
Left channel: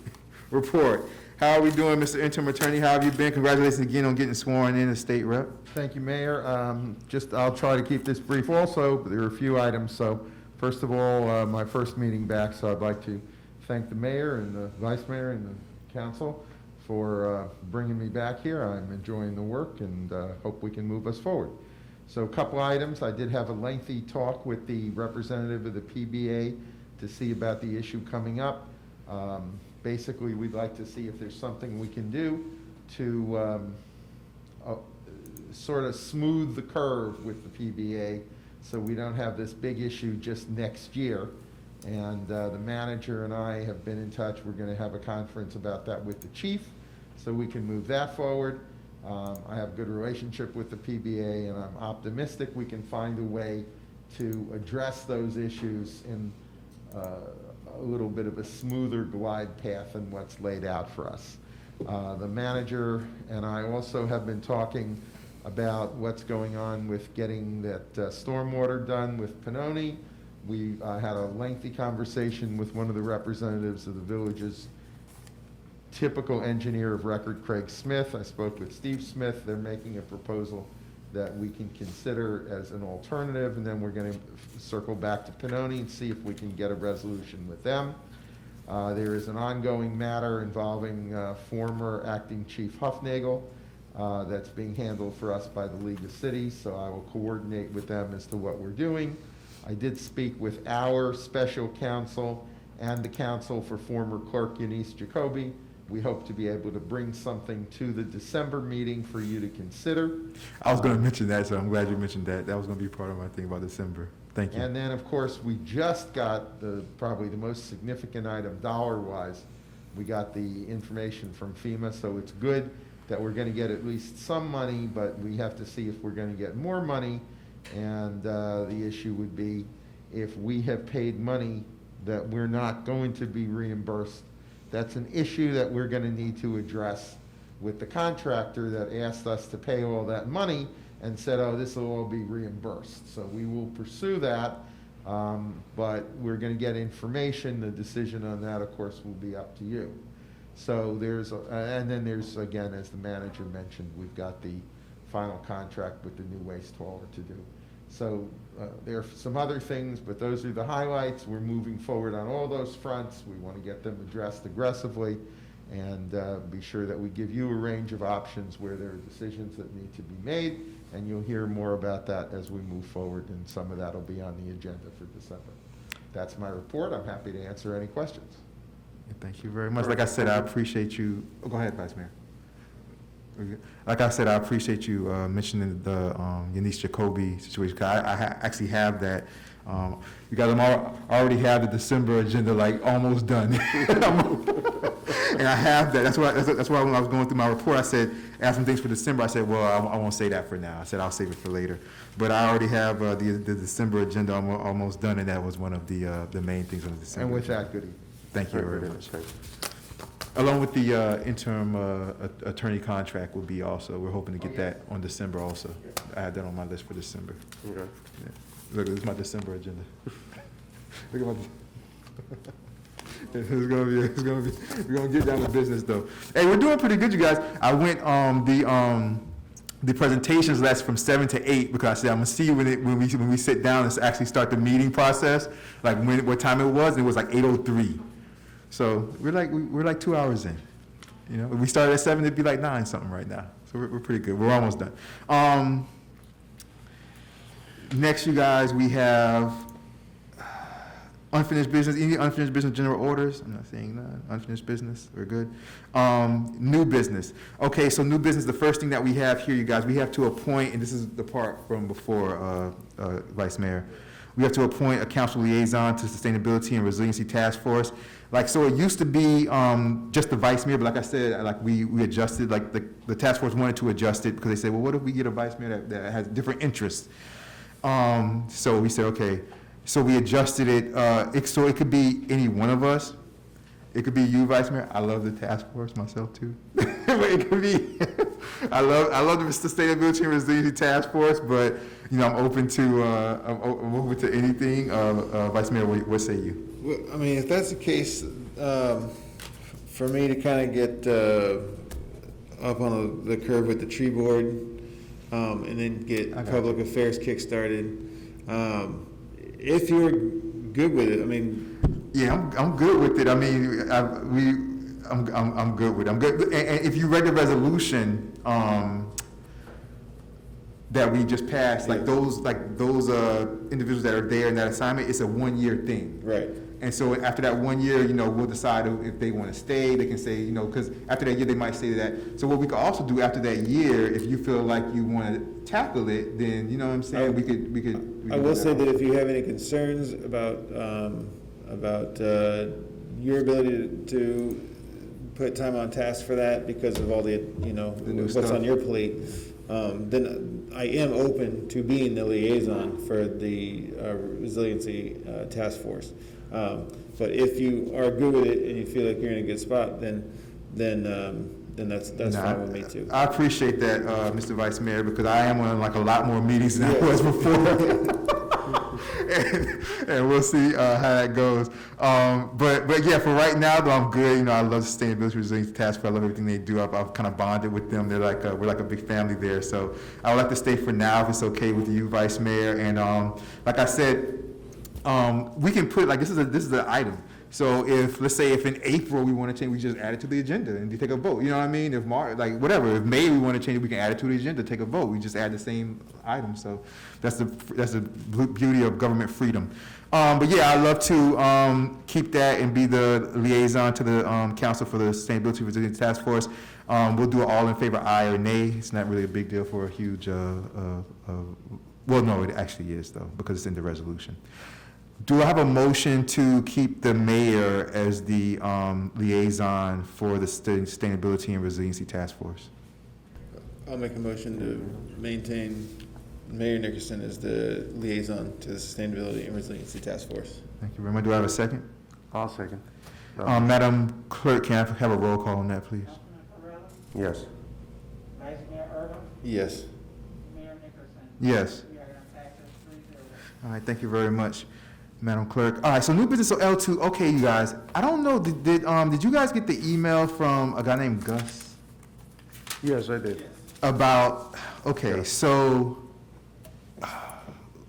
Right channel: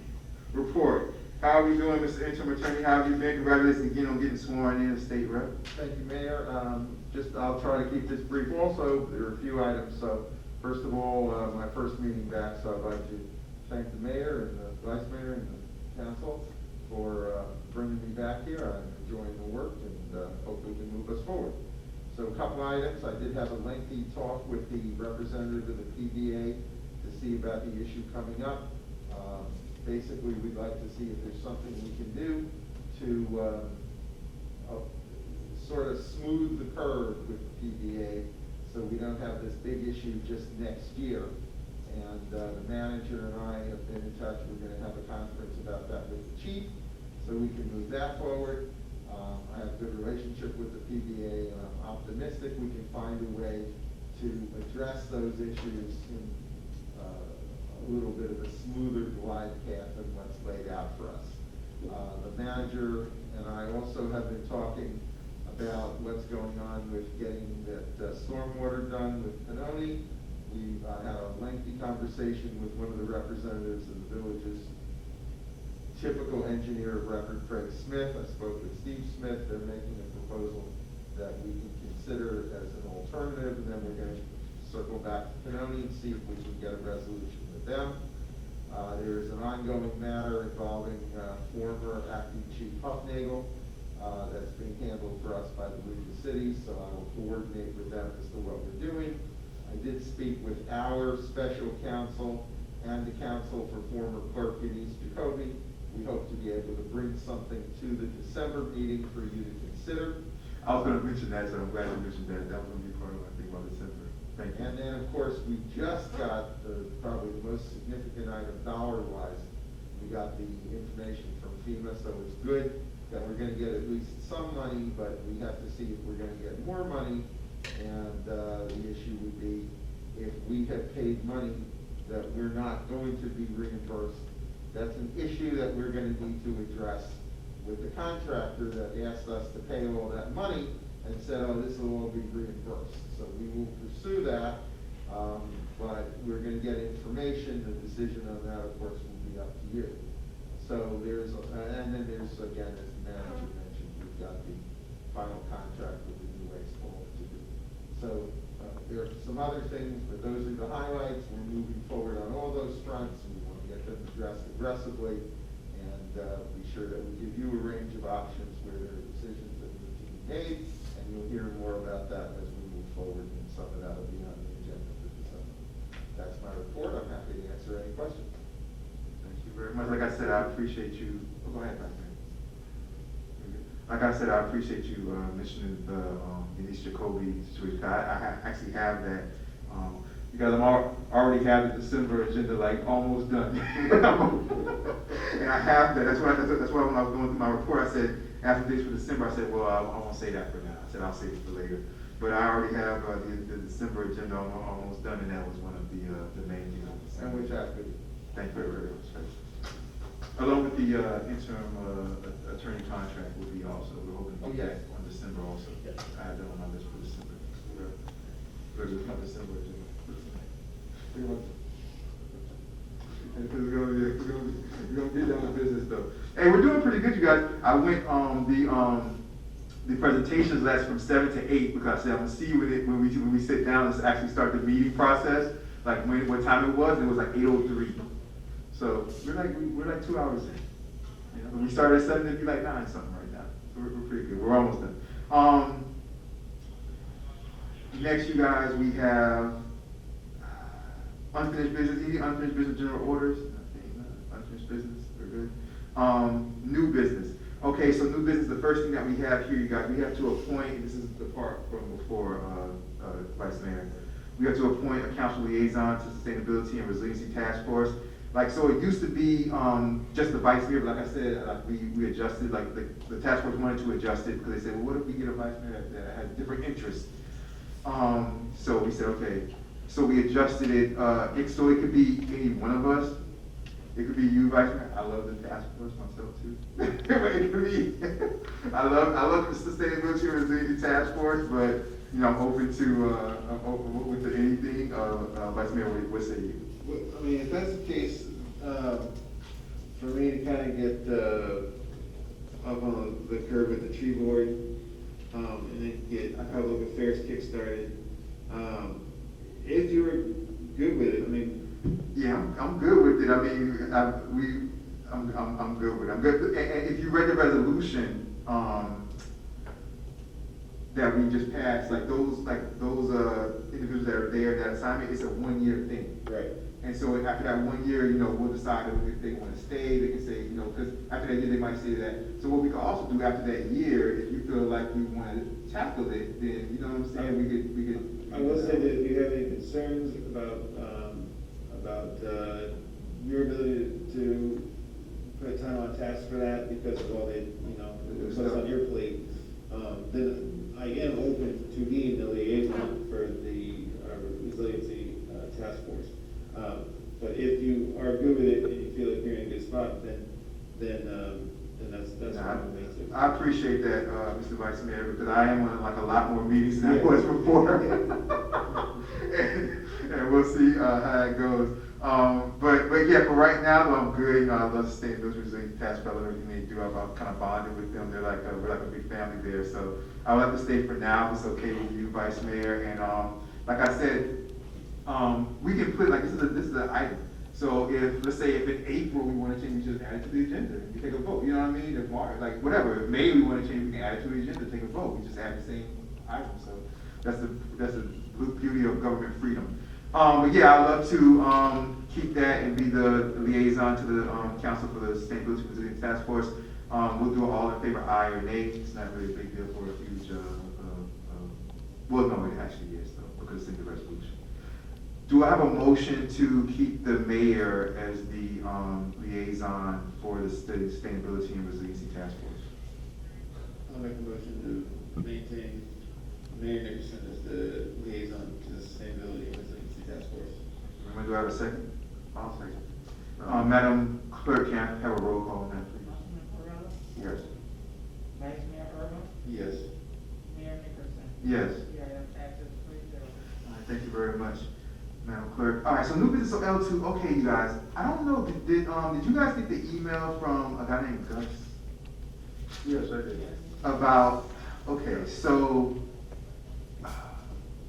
report. How are we doing, Mr. Interim Attorney? How have you been? Congratulations again on getting sworn in as state rep. Thank you, Mayor. I'll try to keep this brief also. There are a few items. So first of all, my first meeting back, so I'd like to thank the mayor and the vice mayor and the council for bringing me back here. I'm enjoying the work and hope we can move us forward. So a couple items. I did have a lengthy talk with the representative of the PBA to see about the issue coming up. Basically, we'd like to see if there's something we can do to sort of smooth the curve with the PBA so we don't have this big issue just next year. And the manager and I have been in touch. We're going to have a conference about that with the chief so we can move that forward. I have a good relationship with the PBA, and I'm optimistic we can find a way to address those issues in a little bit of a smoother glide path than what's laid out for us. The manager and I also have been talking about what's going on with getting that stormwater done with Pannoni. We had a lengthy conversation with one of the representatives of the village's typical engineer of record, Craig Smith. I spoke with Steve Smith. They're making a proposal that we can consider as an alternative, and then we're going to circle back to Pannoni and see if we can get a resolution with them. There is an ongoing matter involving former acting chief Huffnagel that's being handled for us by the League of Cities, so I will coordinate with them as to what we're doing. I did speak with our special counsel and the counsel for former clerk Eunice Jacoby. We hope to be able to bring something to the December meeting for you to consider. I was going to mention that, so I'm glad you mentioned that. That was going to be part of my thing about December. Thank you. And then, of course, we just got probably the most significant item dollar-wise. We got the information from FEMA, so it's good that we're going to get at least some money, but we have to see if we're going to get more money And the issue would be if we have paid money that we're not going to be reimbursed. That's an issue that we're gonna need to address with the contractor that asked us to pay all that money and said, oh, this will all be reimbursed. So we will pursue that, but we're gonna get information. The decision on that, of course, will be up to you. So there's, and then there's, again, as the manager mentioned, we've got the final contract with the new waste hauler to do. So there are some other things, but those are the highlights. We're moving forward on all those fronts. We want to get them addressed aggressively and be sure that we give you a range of options where there are decisions that need to be made, and you'll hear more about that as we move forward, and some of that will be on the agenda for December. That's my report. I'm happy to answer any questions. Thank you very much. Like I said, I appreciate you. Oh, go ahead, Vice Mayor. Like I said, I appreciate you mentioning the Eunice Jacoby situation. 'Cause I actually have that. You guys already have the December agenda like almost done, and I have that. That's why when I was going through my report, I said, ask some things for December. I said, well, I won't say that for now. I said I'll save it for later. But I already have the December agenda almost done, and that was one of the main things on the December. And with that, good evening. Thank you very much. Along with the interim attorney contract will be also, we're hoping to get that on December also. I have that on my list for December. Okay. Yeah. Look, it's my December agenda. Look at my. It's gonna be, we're gonna get down to business though. Hey, we're doing pretty good, you guys. I went the presentations last from 7 to 8 because I said I'm gonna see when we sit down and actually start the meeting process, like what time it was. It was like 8:03. So we're like 2 hours in. You know, if we started at 7, it'd be like 9 something right now. So we're pretty good. We're almost done. Next, you guys, we have unfinished business. Any unfinished business general orders? I'm not seeing none. Unfinished business. We're good. New business. Okay, so new business. The first thing that we have here, you guys, we have to appoint, and this is the part from before, Vice Mayor. We have to appoint a council liaison to Sustainability and Resiliency Task Force. Like, so it used to be just the vice mayor, but like I said, like we adjusted, like the task force wanted to adjust it because they said, well, what if we get a vice mayor that has different interests? So we said, okay. So we adjusted it, so it could be any one of us. It could be you, Vice Mayor. I love the task force myself too. But it could be, I love the Sustainability and Resiliency Task Force, but you know, I'm open to anything. Vice Mayor, what say you? Well, I mean, if that's the case, for me to kind of get up on the curve with the tree board, and then get public affairs kick-started, if you're good with it, I mean. Yeah, I'm good with it. I mean, I'm good with it. I'm good. And if you read the resolution that we just passed, like those individuals that are there in that assignment, it's a 1-year thing. Right. And so after that 1 year, you know, we'll decide if they want to stay. They can say, you know, because after that year, they might say that. So what we could also do after that year, if you feel like you want to tackle it, then, you know what I'm saying, we could. I will say that if you have any concerns about your ability to put time on task for that because of all the, you know, what's stuff on your plate, then I am open to being the liaison for the resiliency task force. But if you are good with it and you feel like you're in a good spot, then that's fine with me too. I appreciate that, Mr. Vice Mayor, because I am on like a lot more meetings than I was before. and we'll see how that goes. But yeah, for right now though, I'm good. You know, I love Sustainability Resilience Task Force. I love everything they do. I've kind of bonded with them. They're like we're like a big family there. So I'll let them stay for now if it's okay with you, Vice Mayor. And like I said, we can put like this is an item. So let's say if in April we want to change, we just add it to the agenda and we take a vote. You know what I mean? If March, like whatever, if May we want to change it, we can add it to the agenda, take a vote. We just add the same item. So that's the beauty of government freedom. But yeah, I'd love to keep that and be the liaison to the Council for the Sustainability Resilience Task Force. We'll do it all in favor, aye or nay. It's not really a big deal for a huge. Well, no, it actually is though because it's in the resolution. Do I have a motion to keep the mayor as the liaison for the Sustainability and Resiliency Task Force? I'll make a motion to maintain Mayor Nickerson is the liaison to the Sustainability and Resiliency Task Force. Thank you very much. Do I have a second? I'll second. Madam Clerk, can I have a roll call on that, please? Yes. Vice Mayor Irma, Yes. Mayor Nickerson. Yes. Yeah, that passes 3-0. All right, thank you very much, Madam Clerk. All right, so new business, so L2, okay, you guys, I don't know, did you guys get the email from a guy named Gus? Yes, I did. About, okay, so,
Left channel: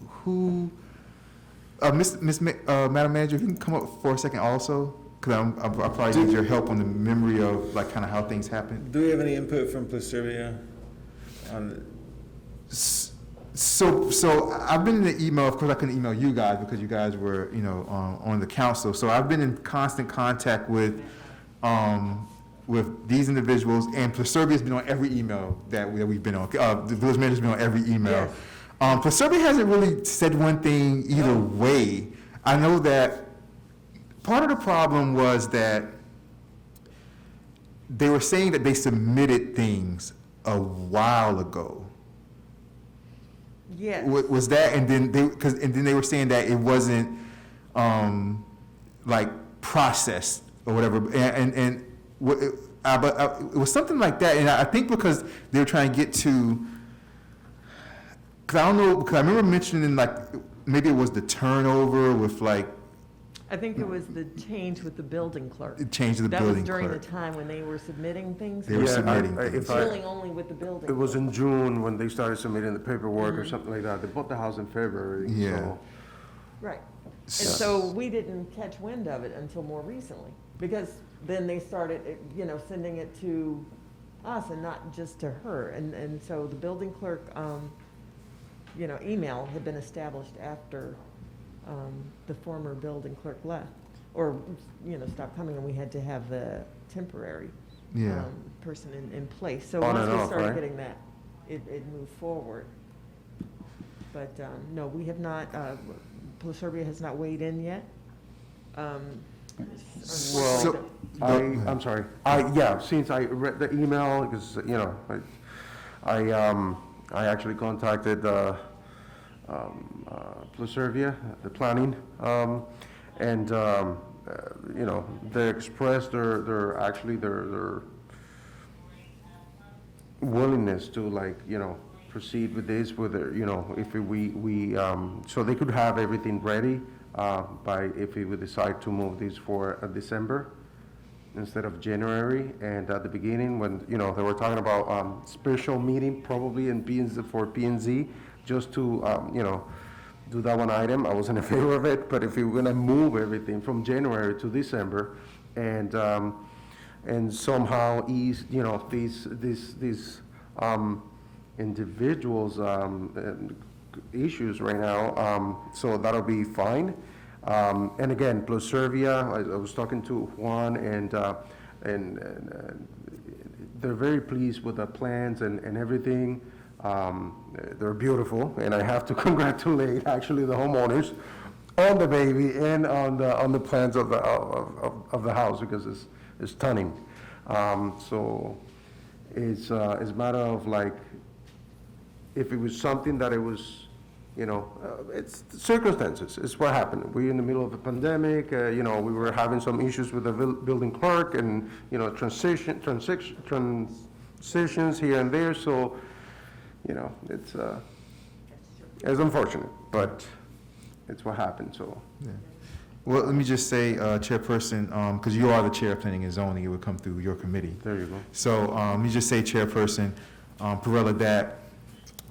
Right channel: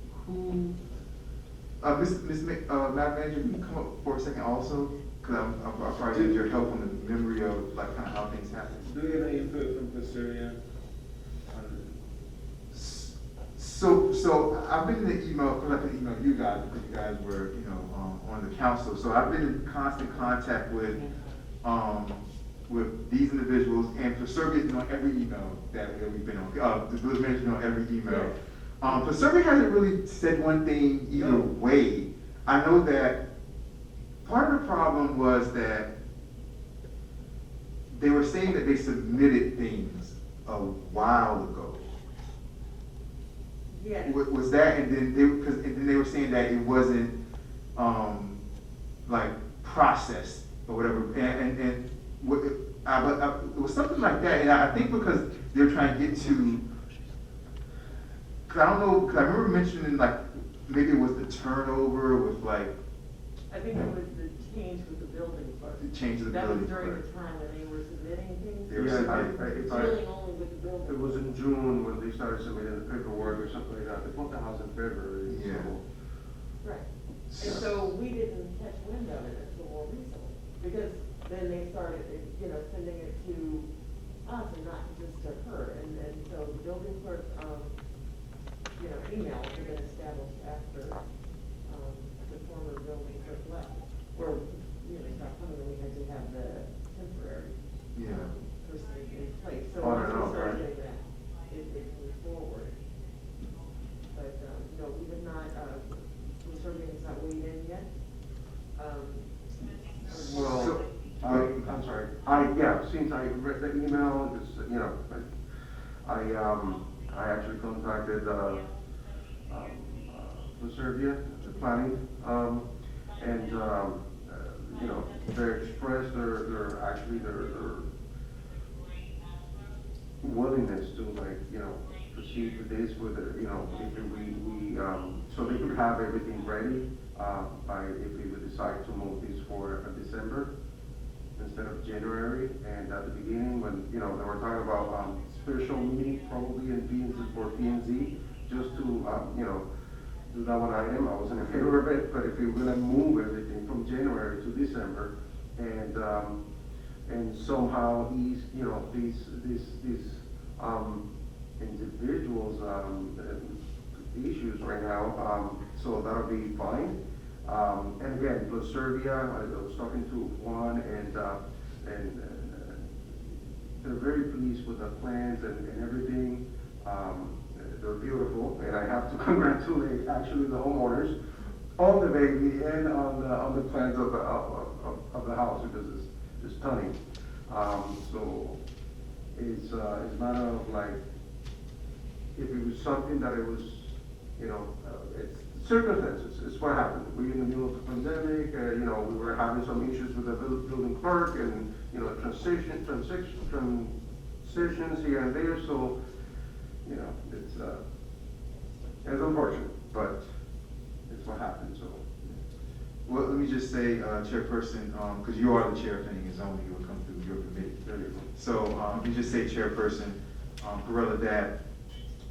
who, Madam Manager, if you can come up for a second also, because I probably need your help on the memory of, like, kind of how things happen. Do we have any input from Pluserbia on? So I've been in the email, of course I couldn't email you guys because you guys were, on the council. So I've been in constant contact with these individuals, and Pluserbia's been on every email that we've been on. The village manager's been on every email. Pluserbia hasn't really said one thing either way. I know that part of the problem was that they were saying that they submitted things a while ago. Yes. Was that, and then they were saying that it wasn't like processed or whatever, but it was something like that, and I think because they were trying to get to, because I don't know, because I remember mentioning like maybe it was the turnover with like. I think it was the change with the building clerk. The change of the building That was during clerk. the time when they were submitting things. They were submitting. It's really only with the building. It was in June when they started submitting the paperwork or something like that. They bought the house in February. Yeah. So. Right. And so we didn't catch wind of it until more recently, because then they started, sending it to us and not just to her. And so the building clerk, email had been established after, the former building clerk left, or, stopped coming, and we had to have the temporary, person in place. So On once and we off, started right? getting that, it moved forward. But, no, we have not, Pluserbia has not weighed in yet. So- I'm sorry. Since I read the email, because, I actually contacted, Pluserbia, the planning, and, they expressed their willingness to proceed with this, so they could have everything ready, if we would decide to move this for December instead of January. And at the beginning, when, they were talking about, special meeting probably in for P&Z, just to, do that one item. I wasn't in favor of it, but if we were gonna move everything from January to December and somehow ease, these individuals' issues right now, so that'll be fine. And again, Pluserbia, I was talking to Juan, and they're very pleased with the plans and everything. They're beautiful, and I have to congratulate actually the homeowners on the baby and on the plans of the house, because it's stunning. So it's a matter of if it was something that it was, it's circumstances. It's what happened. We're in the middle of the pandemic. We were having some issues with the building clerk, and transitions here and there. So. It's unfortunate, but it's what happened, so. Yeah. Well, let me just say, Chairperson, because you are the Chair of Planning and Zoning, it would come through your committee. There you go. So let me just say, Chairperson Perella, that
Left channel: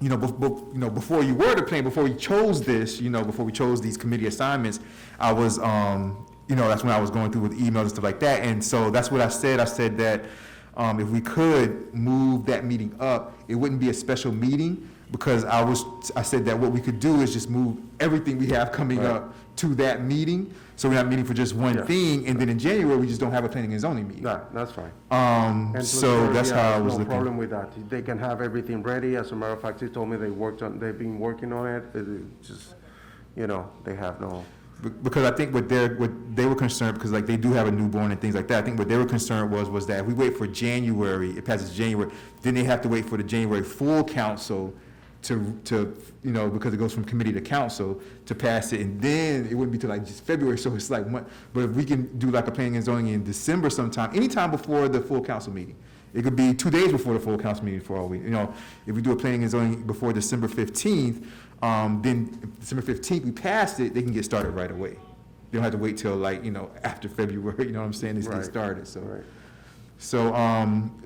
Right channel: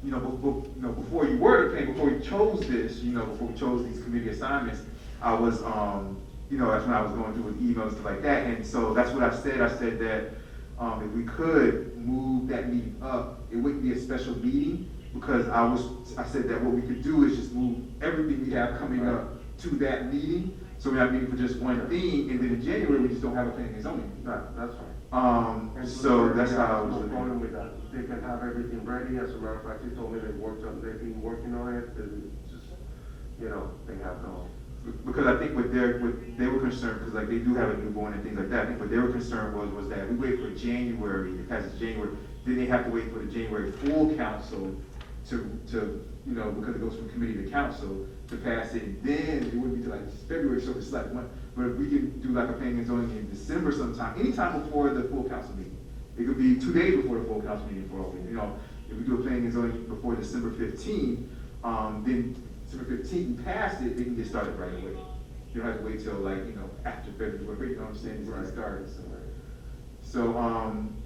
before you were the plan, before we chose this, before we chose these committee assignments, I was, that's when I was going through with emails and stuff like that, and so that's what I said. I said that if we could move that meeting up, it wouldn't be a special meeting, because I said that what we could do is just move everything we have coming up to that meeting, so we're not meeting for just one thing, and then in January, we just don't have a planning and zoning meeting. That's fine. And so that's how I was no looking. problem with that. They can have everything ready. As a matter of fact, they told me they've been working on it. It just, they have no. Because I think what they were concerned, because they do have a newborn and things like that, I think what they were concerned was that if we wait for January, it passes January, then they have to wait for the January full council you know, because it goes from committee to council to pass it, and then it wouldn't be till like just February, so it's like, but if we can do like a planning and zoning in December sometime, anytime before the full council meeting. It could be 2 days before the full council meeting for all we, you know, if we do a planning and zoning before December 15th, then December 15th, we passed it, they can get started right away. They don't have to wait till like, you know, after February, you know what I'm saying, it's get started, so. Right.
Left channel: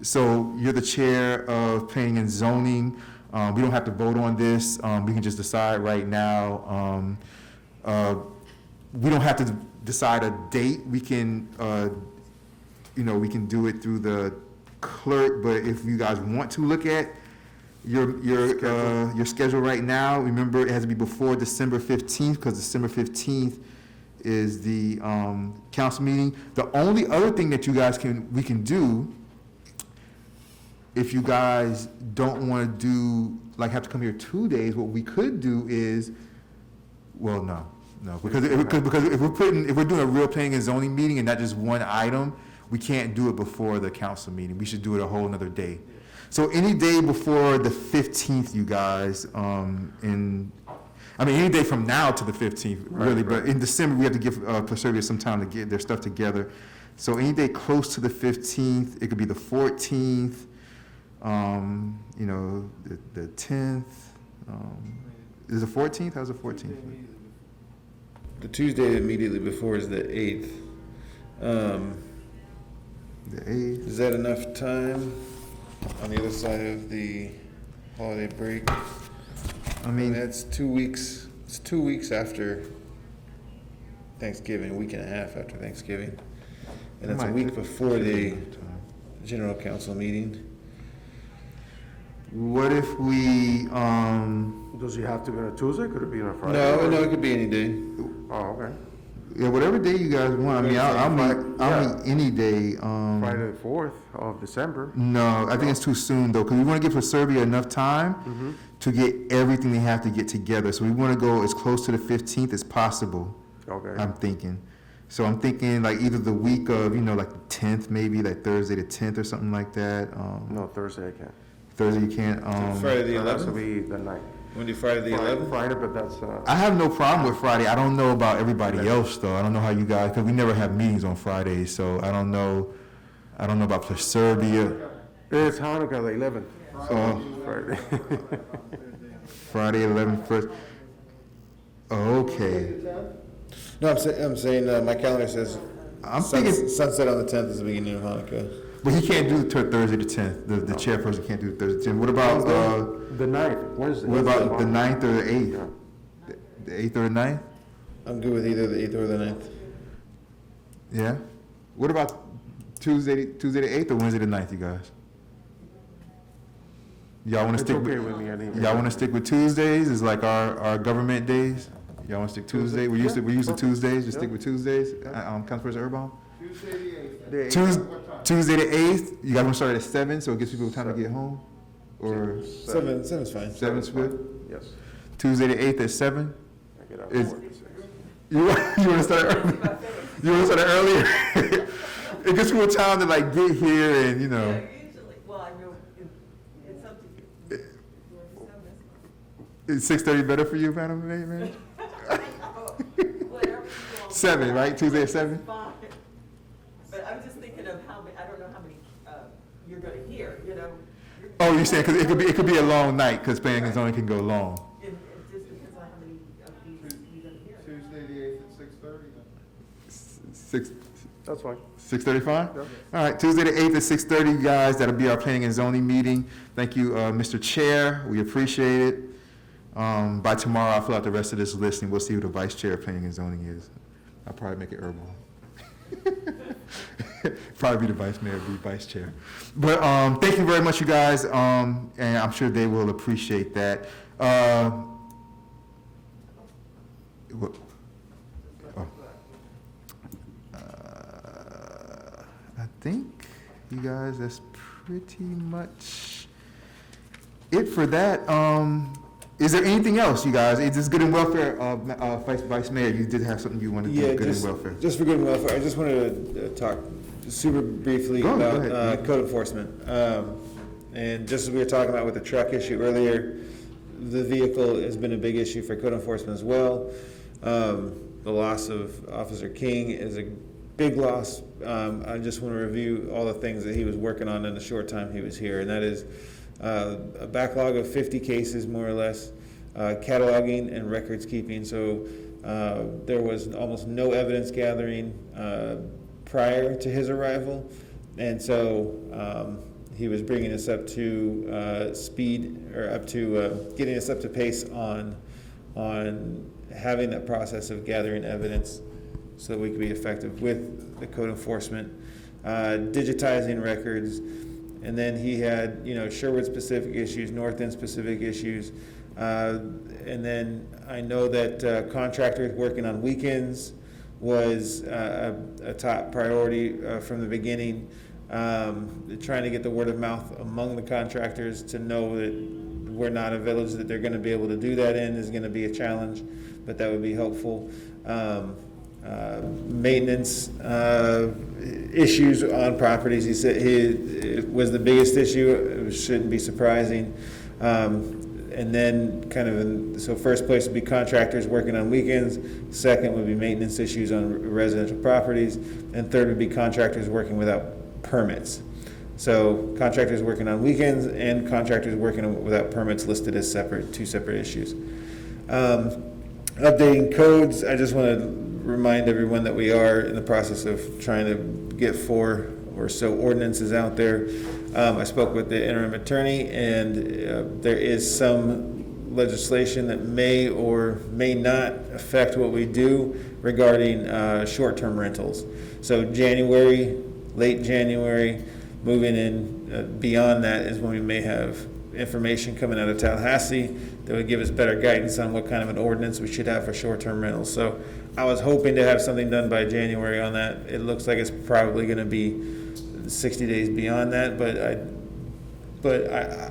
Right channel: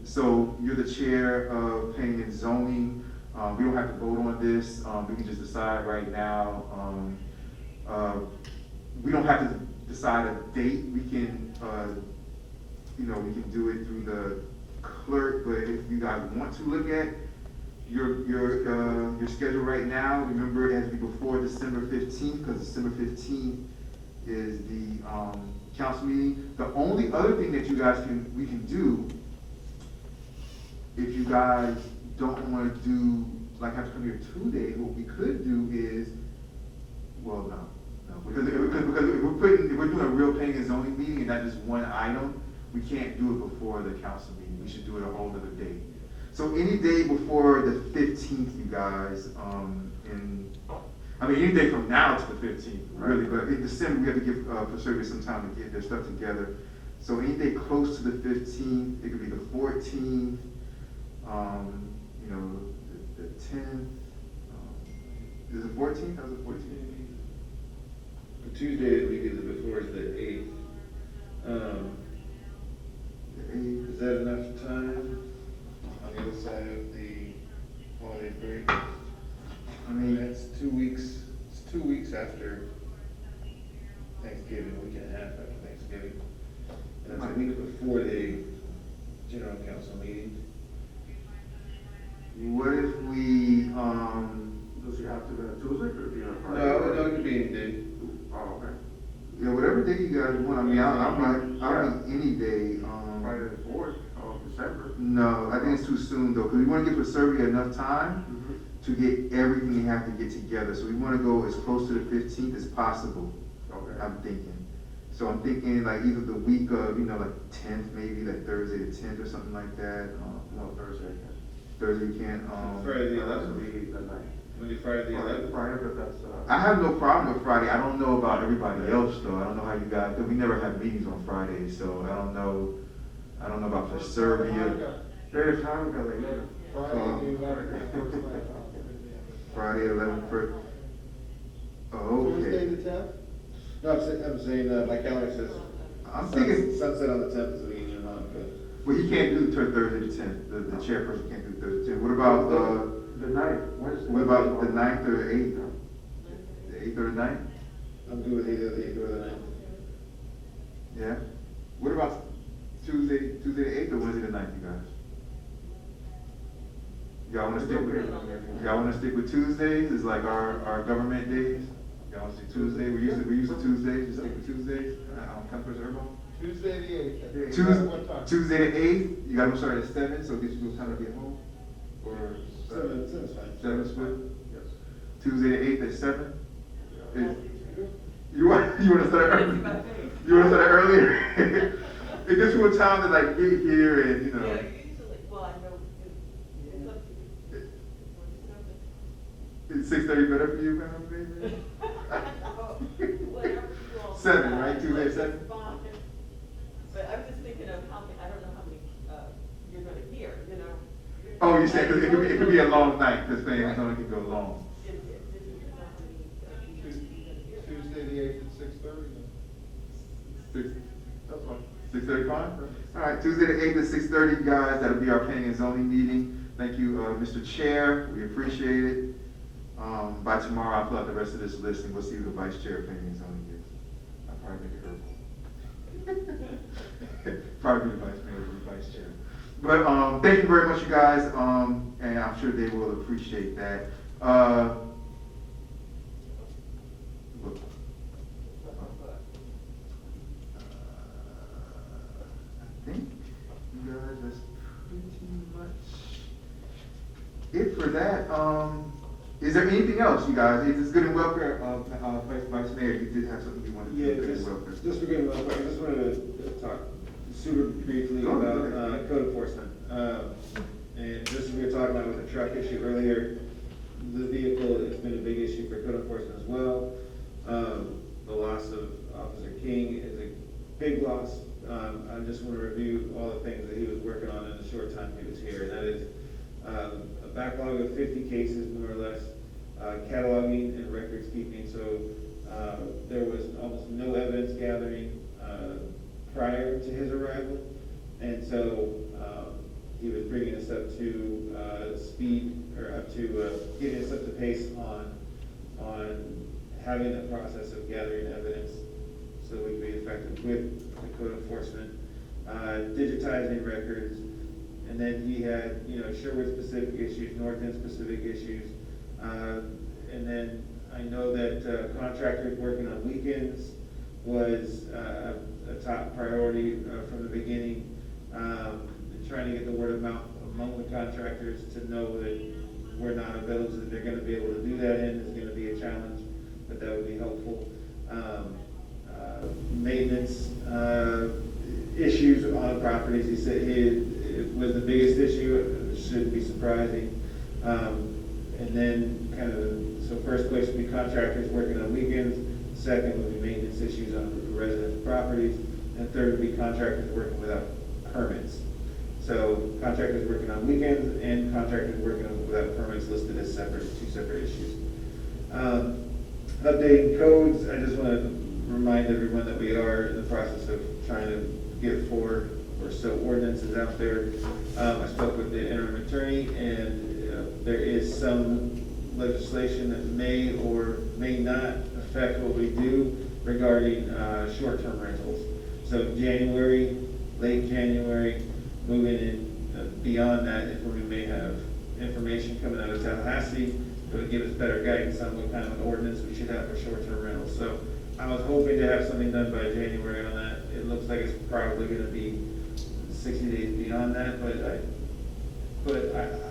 So you're the chair of planning and zoning. We don't have to vote on this. We can just decide right now. We don't have to decide a date. We can, you know, we can do it through the clerk, but if you guys want to look at your schedule right now, remember it has to be before December 15th, because December 15th is the council meeting. The only other thing that you guys we can do, if you guys don't want to do, like have to come here 2 days, what we could do is, well, no, because if we're doing a real planning and zoning meeting and not just one item, we can't do it before the council meeting. We should do it a whole nother day. So any day before the 15th, you guys, any day from now to the 15th, really, but in December, we have to give Preservia some time to get their stuff together. So any day close to the 15th, it could be the 14th, you know, the 10th. Is it 14th? How's the 14th? The Tuesday immediately before is the 8th. The 8th. Is that enough time on the other side of the holiday break? I mean, it's 2 weeks. It's 2 weeks after Thanksgiving, a week and a half after Thanksgiving. And it's a week before the general council meeting. What if we, Does it have to be on a Tuesday? Could it be on a Friday? No, it could be any day. Oh, okay. yeah, whatever day you guys want. I mean, I'll be any day. Friday the 4th of December. No, I think it's too soon though, because we want to give Preservia enough time to get everything they have to get together. So we want to go as close to the 15th as possible. Okay. I'm thinking. So I'm thinking like either the week of, you know, like the 10th, maybe like Thursday the 10th or something like that. No, Thursday I can't. Thursday you can't. Friday the It has to 11th? be the 9th. When do Friday the 11th? Friday, but that's, I have no problem with Friday. I don't know about everybody else though. I don't know how you guys, because we never have meetings on Fridays, so I don't know about Preservia. it's Hanukkah, the 11th. So, Friday. Friday 11th first. Okay. No, I'm saying my calendar says I'm thinking, sunset on the 10th is the beginning of Hanukkah. but he can't do Thursday the 10th. The chairperson can't do Thursday the 10th. What about, The 9th, Wednesday. what about the 9th or the 8th? The 8th or the 9th? I'm good with either the 8th or the 9th. Yeah. What about Tuesday the 8th or Wednesday the 9th, you guys? Y'all want to stick with, y'all want to stick with Tuesdays? It's like our government days. Y'all want to stick Tuesday? We're used to Tuesdays. Just stick with Tuesdays. Councilperson Urban? Tuesday the 8th. Tuesday the 8th. You guys want to start at 7, so it gives people time to get home. Or 7's fine. 7's good. Yes. Tuesday the 8th at 7. I get out Is- of work at 6. You want to start early? You want to start earlier? It gives people time to like get here and you know. Usually, well, I go, it's up to you. Is 6:30 better for you, Madam Mayor? Whatever you want. 7, right? Tuesday at 7? Fine. But I'm just thinking of how many, I don't know how many, you're gonna hear, you know? Oh, you're saying because it could be a long night because planning and zoning can go long. Just because how many, you're gonna hear. Tuesday the 8th at 6:30. 6. That's fine. 6:30 fine? All right, Tuesday the 8th at 6:30, you guys. That'll be our planning and zoning meeting. Thank you, Mr. Chair. We appreciate it. By tomorrow, I'll fill out the rest of this list and we'll see who the vice chair of planning and zoning is. I'll probably make it Irma. Probably be the vice mayor, be vice chair. But thank you very much, you guys, and I'm sure they will appreciate that. What? I think, you guys, that's pretty much it for that. Is there anything else, you guys? Is this good and welfare, Vice Mayor? You did have something you wanted to do, good and welfare. Just for good and welfare, I just wanted to talk super briefly Go about ahead. code enforcement. And just as we were talking about with the truck issue earlier, The vehicle has been a big issue for code enforcement as well. The loss of Officer King is a big loss. I just want to review all the things that he was working on in the short time he was here, and that is a backlog of 50 cases, more or less, cataloging and records keeping. So there was almost no evidence gathering prior to his arrival, and so he was bringing us up to speed, or up to getting us up to pace on having that process of gathering evidence so that we could be effective with the code enforcement, digitizing records. And then he had, Sherwood specific issues, North End specific issues. And then I know that contractors working on weekends was a top priority from the beginning. Trying to get the word of mouth among the contractors to know that we're not a village that they're going to be able to do that in is going to be a challenge, but that would be helpful. Maintenance issues on properties, he said it was the biggest issue. It shouldn't be surprising. And then so first place would be contractors working on weekends, second would be maintenance issues on residential properties, and third would be contractors working without permits. So contractors working on weekends and contractors working without permits listed as two separate issues. Updating codes, I just want to remind everyone that we are in the process of trying to get 4 or so ordinances out there. I spoke with the interim attorney, and there is some legislation that may or may not affect what we do regarding short-term rentals. So January, late January, moving in beyond that is when we may have information coming out of Tallahassee that would give us better guidance on what kind of an ordinance we should have for short-term rentals. So I was hoping to have something done by January on that. It looks like it's probably going to be 60 days beyond that, but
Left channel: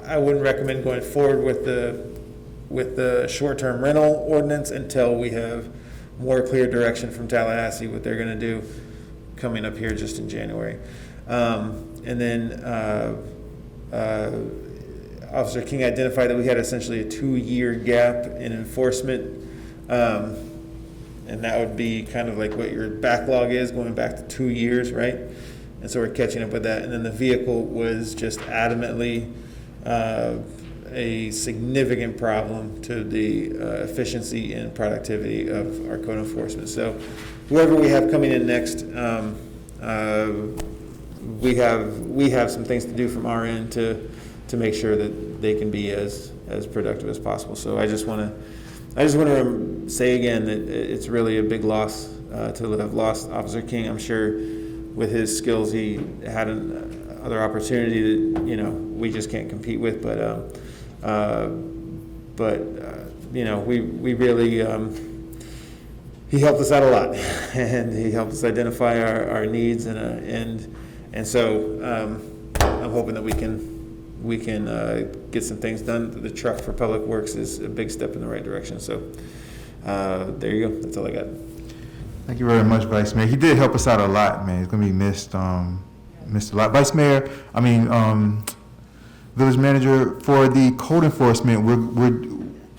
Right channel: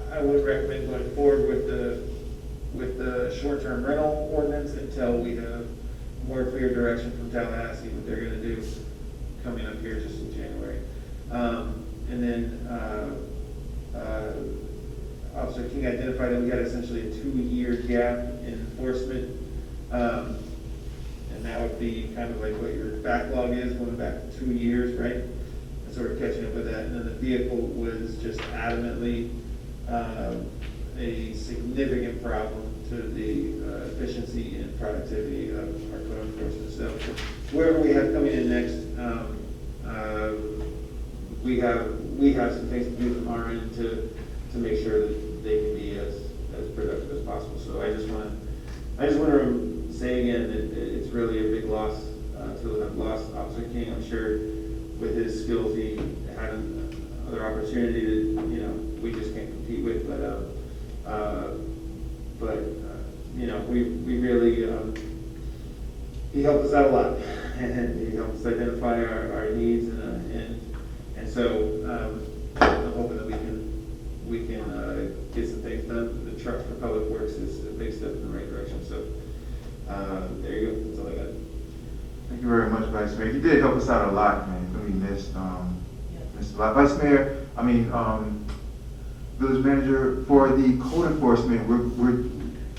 I wouldn't recommend going forward with the short-term rental ordinance until we have more clear direction from Tallahassee what they're going to do coming up here just in January. And then Officer King identified that we had essentially a 2-year gap in enforcement, and that would be kind of like what your backlog is, going back to 2 years, right? And so we're catching up with that. And then the vehicle was just adamantly a significant problem to the efficiency and productivity of our code enforcement. So whoever we have coming in next, we have some things to do from our end to make sure that they can be as productive as possible. So I just want to say again that it's really a big loss to have lost Officer King. I'm sure with his skills he had another opportunity that we just can't compete with. But we really he helped us out a lot, and he helped us identify our needs and so I'm hoping that we can get some things done. The truck for Public Works is a big step in the right direction. So there you go. That's all I got. Thank you very much, Vice Mayor. He did help us out a lot, man. It's gonna be missed a lot. Vice Mayor, Village Manager, for the code enforcement,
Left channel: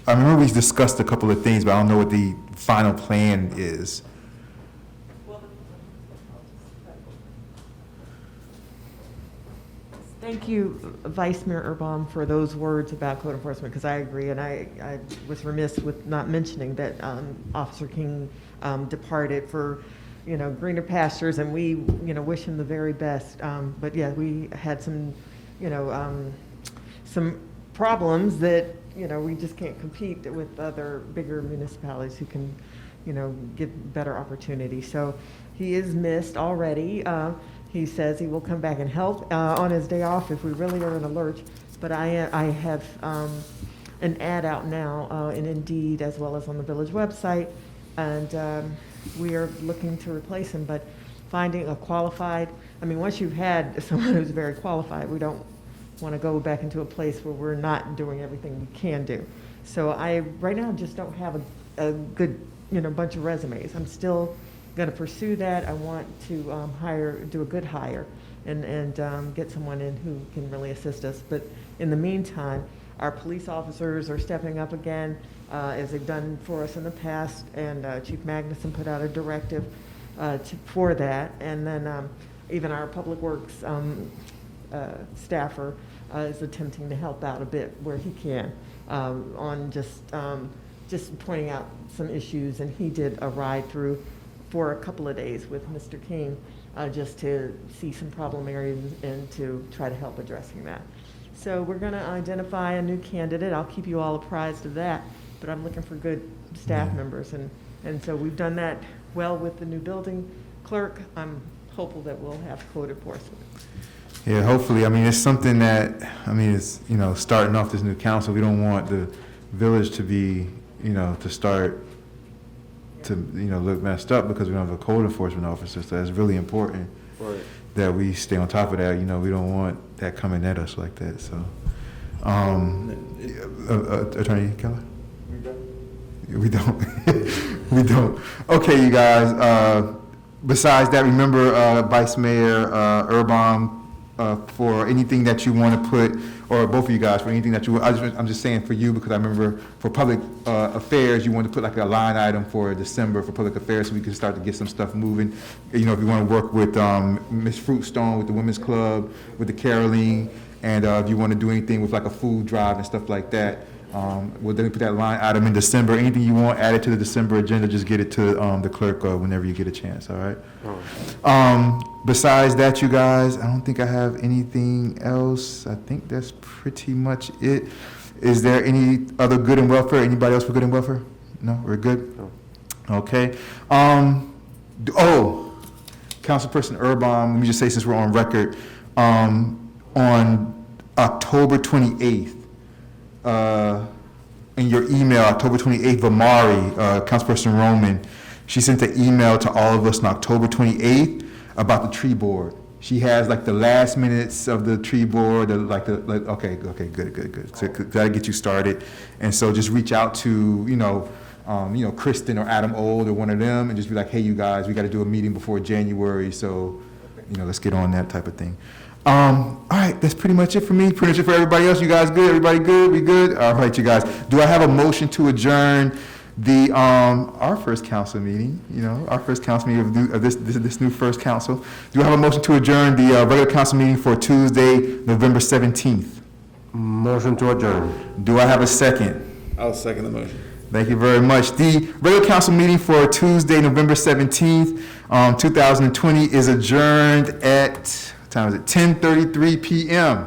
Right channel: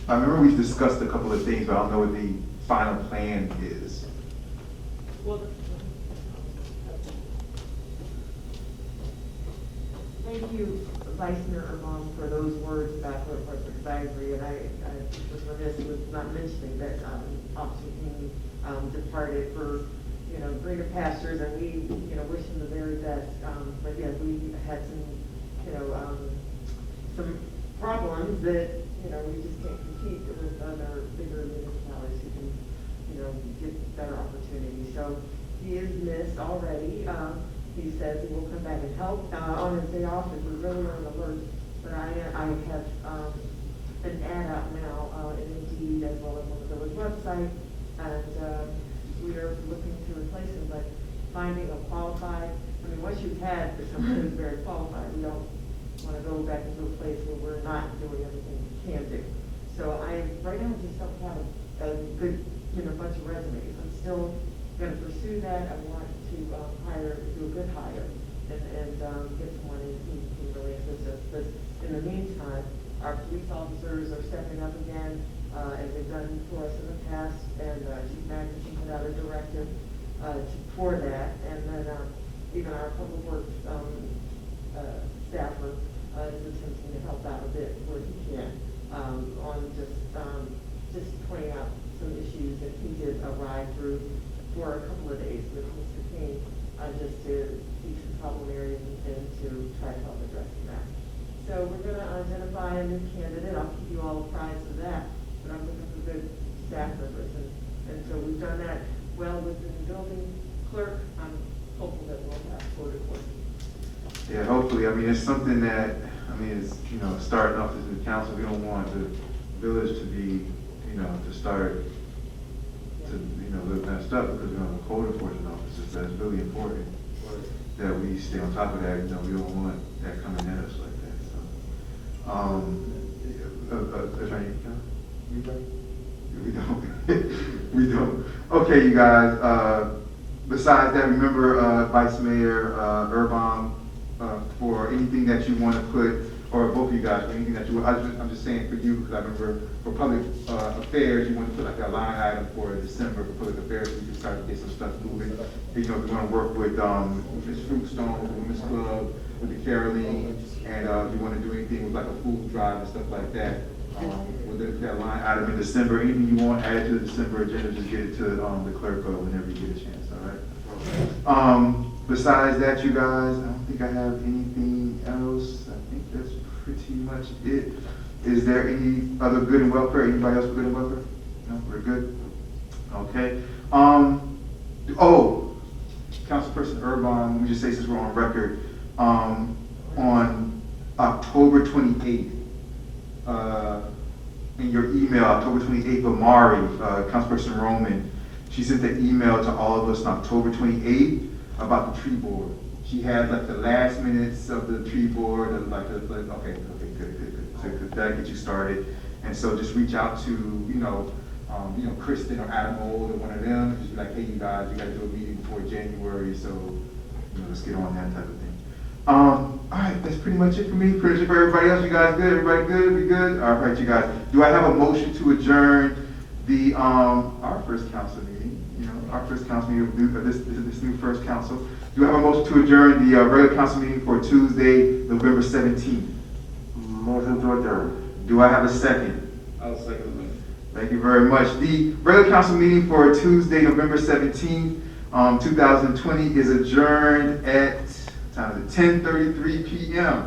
I remember we discussed a couple of things, but I don't know what the final plan is. Thank you, Vice Mayor Irma, for those words about code enforcement, because I agree, and I was remiss with not mentioning that Officer King departed for, greener pastures, and we, wish him the very best. But yeah, we had some, some problems that, we just can't compete with other bigger municipalities who can, get better opportunities. So he is missed already. He says he will come back and help on his day off if we really are in a lurch. But I have an ad out now in Indeed as well as on the village website, and we are looking to replace him. But finding a qualified, once you've had someone who's very qualified, we don't want to go back into a place where we're not doing everything we can do. So I right now just don't have a good bunch of resumes. I'm still going to pursue that. I want to do a good hire and get someone in who can really assist us. But in the meantime, Our police officers are stepping up again, as they've done for us in the past, and Chief Magnuson put out a directive for that. And then even our Public Works staffer is attempting to help out a bit where he can on just pointing out some issues. And he did a ride through for a couple of days with Mr. King just to see some problem areas and to try to help addressing that. So we're going to identify a new candidate. I'll keep you all apprised of that, but I'm looking for good staff members. And so we've done that well with the new building clerk. I'm hopeful that we'll have quota enforcement. Yeah, hopefully. I mean, it's something that, I mean, it's, you know, starting off this new council, we don't want the village to be, you know, to start to, you know, look messed up because we don't have a code enforcement officer. So that's really important that we stay on top of that. You know, we don't want that coming at us like that. So, Attorney Keller? We don't. We don't. Okay, you guys. Besides that, remember Vice Mayor Urban, for anything that you want to put, or both of you guys, for anything that you, I'm just saying for you because I remember for public affairs, you want to put like a line item for December for public affairs so we can start to get some stuff moving. You know, if you want to work with Miss Fruitstone, with the Women's Club, with the Caroline, and if you want to do anything with like a food drive and stuff like that, we'll then put that line item in December. Anything you want added to the December agenda, just get it to the clerk whenever you get a chance, all right? Besides that, you guys, I don't think I have anything else. I think that's pretty much it. Is there any other good and welfare? Anybody else for good and welfare? No, we're good? Okay. Councilperson Urban, let me just say since we're on record, on October 28th, in your email, October 28th, Vamari, Councilperson Roman, she sent an email to all of us on October 28th about the tree board. She has like the last minutes of the tree board, okay, good. So that'll get you started. And so just reach out to, Kristen or Adam Old or one of them and just be like, hey, you guys, we got to do a meeting before January. So, let's get on that type of thing. All right, that's pretty much it for me. Pretty much it for everybody else. You guys good? Everybody good? We good? All right, you guys. Do I have a motion to adjourn the our first council meeting? Our first council meeting of this new first council. Do I have a motion to adjourn the regular council meeting for Tuesday, November 17th? Motion to adjourn. Do I have a second? I'll second the motion. Thank you very much. The regular council meeting for Tuesday, November 17th, 2020 is adjourned at. Time is it 10:33 p.m.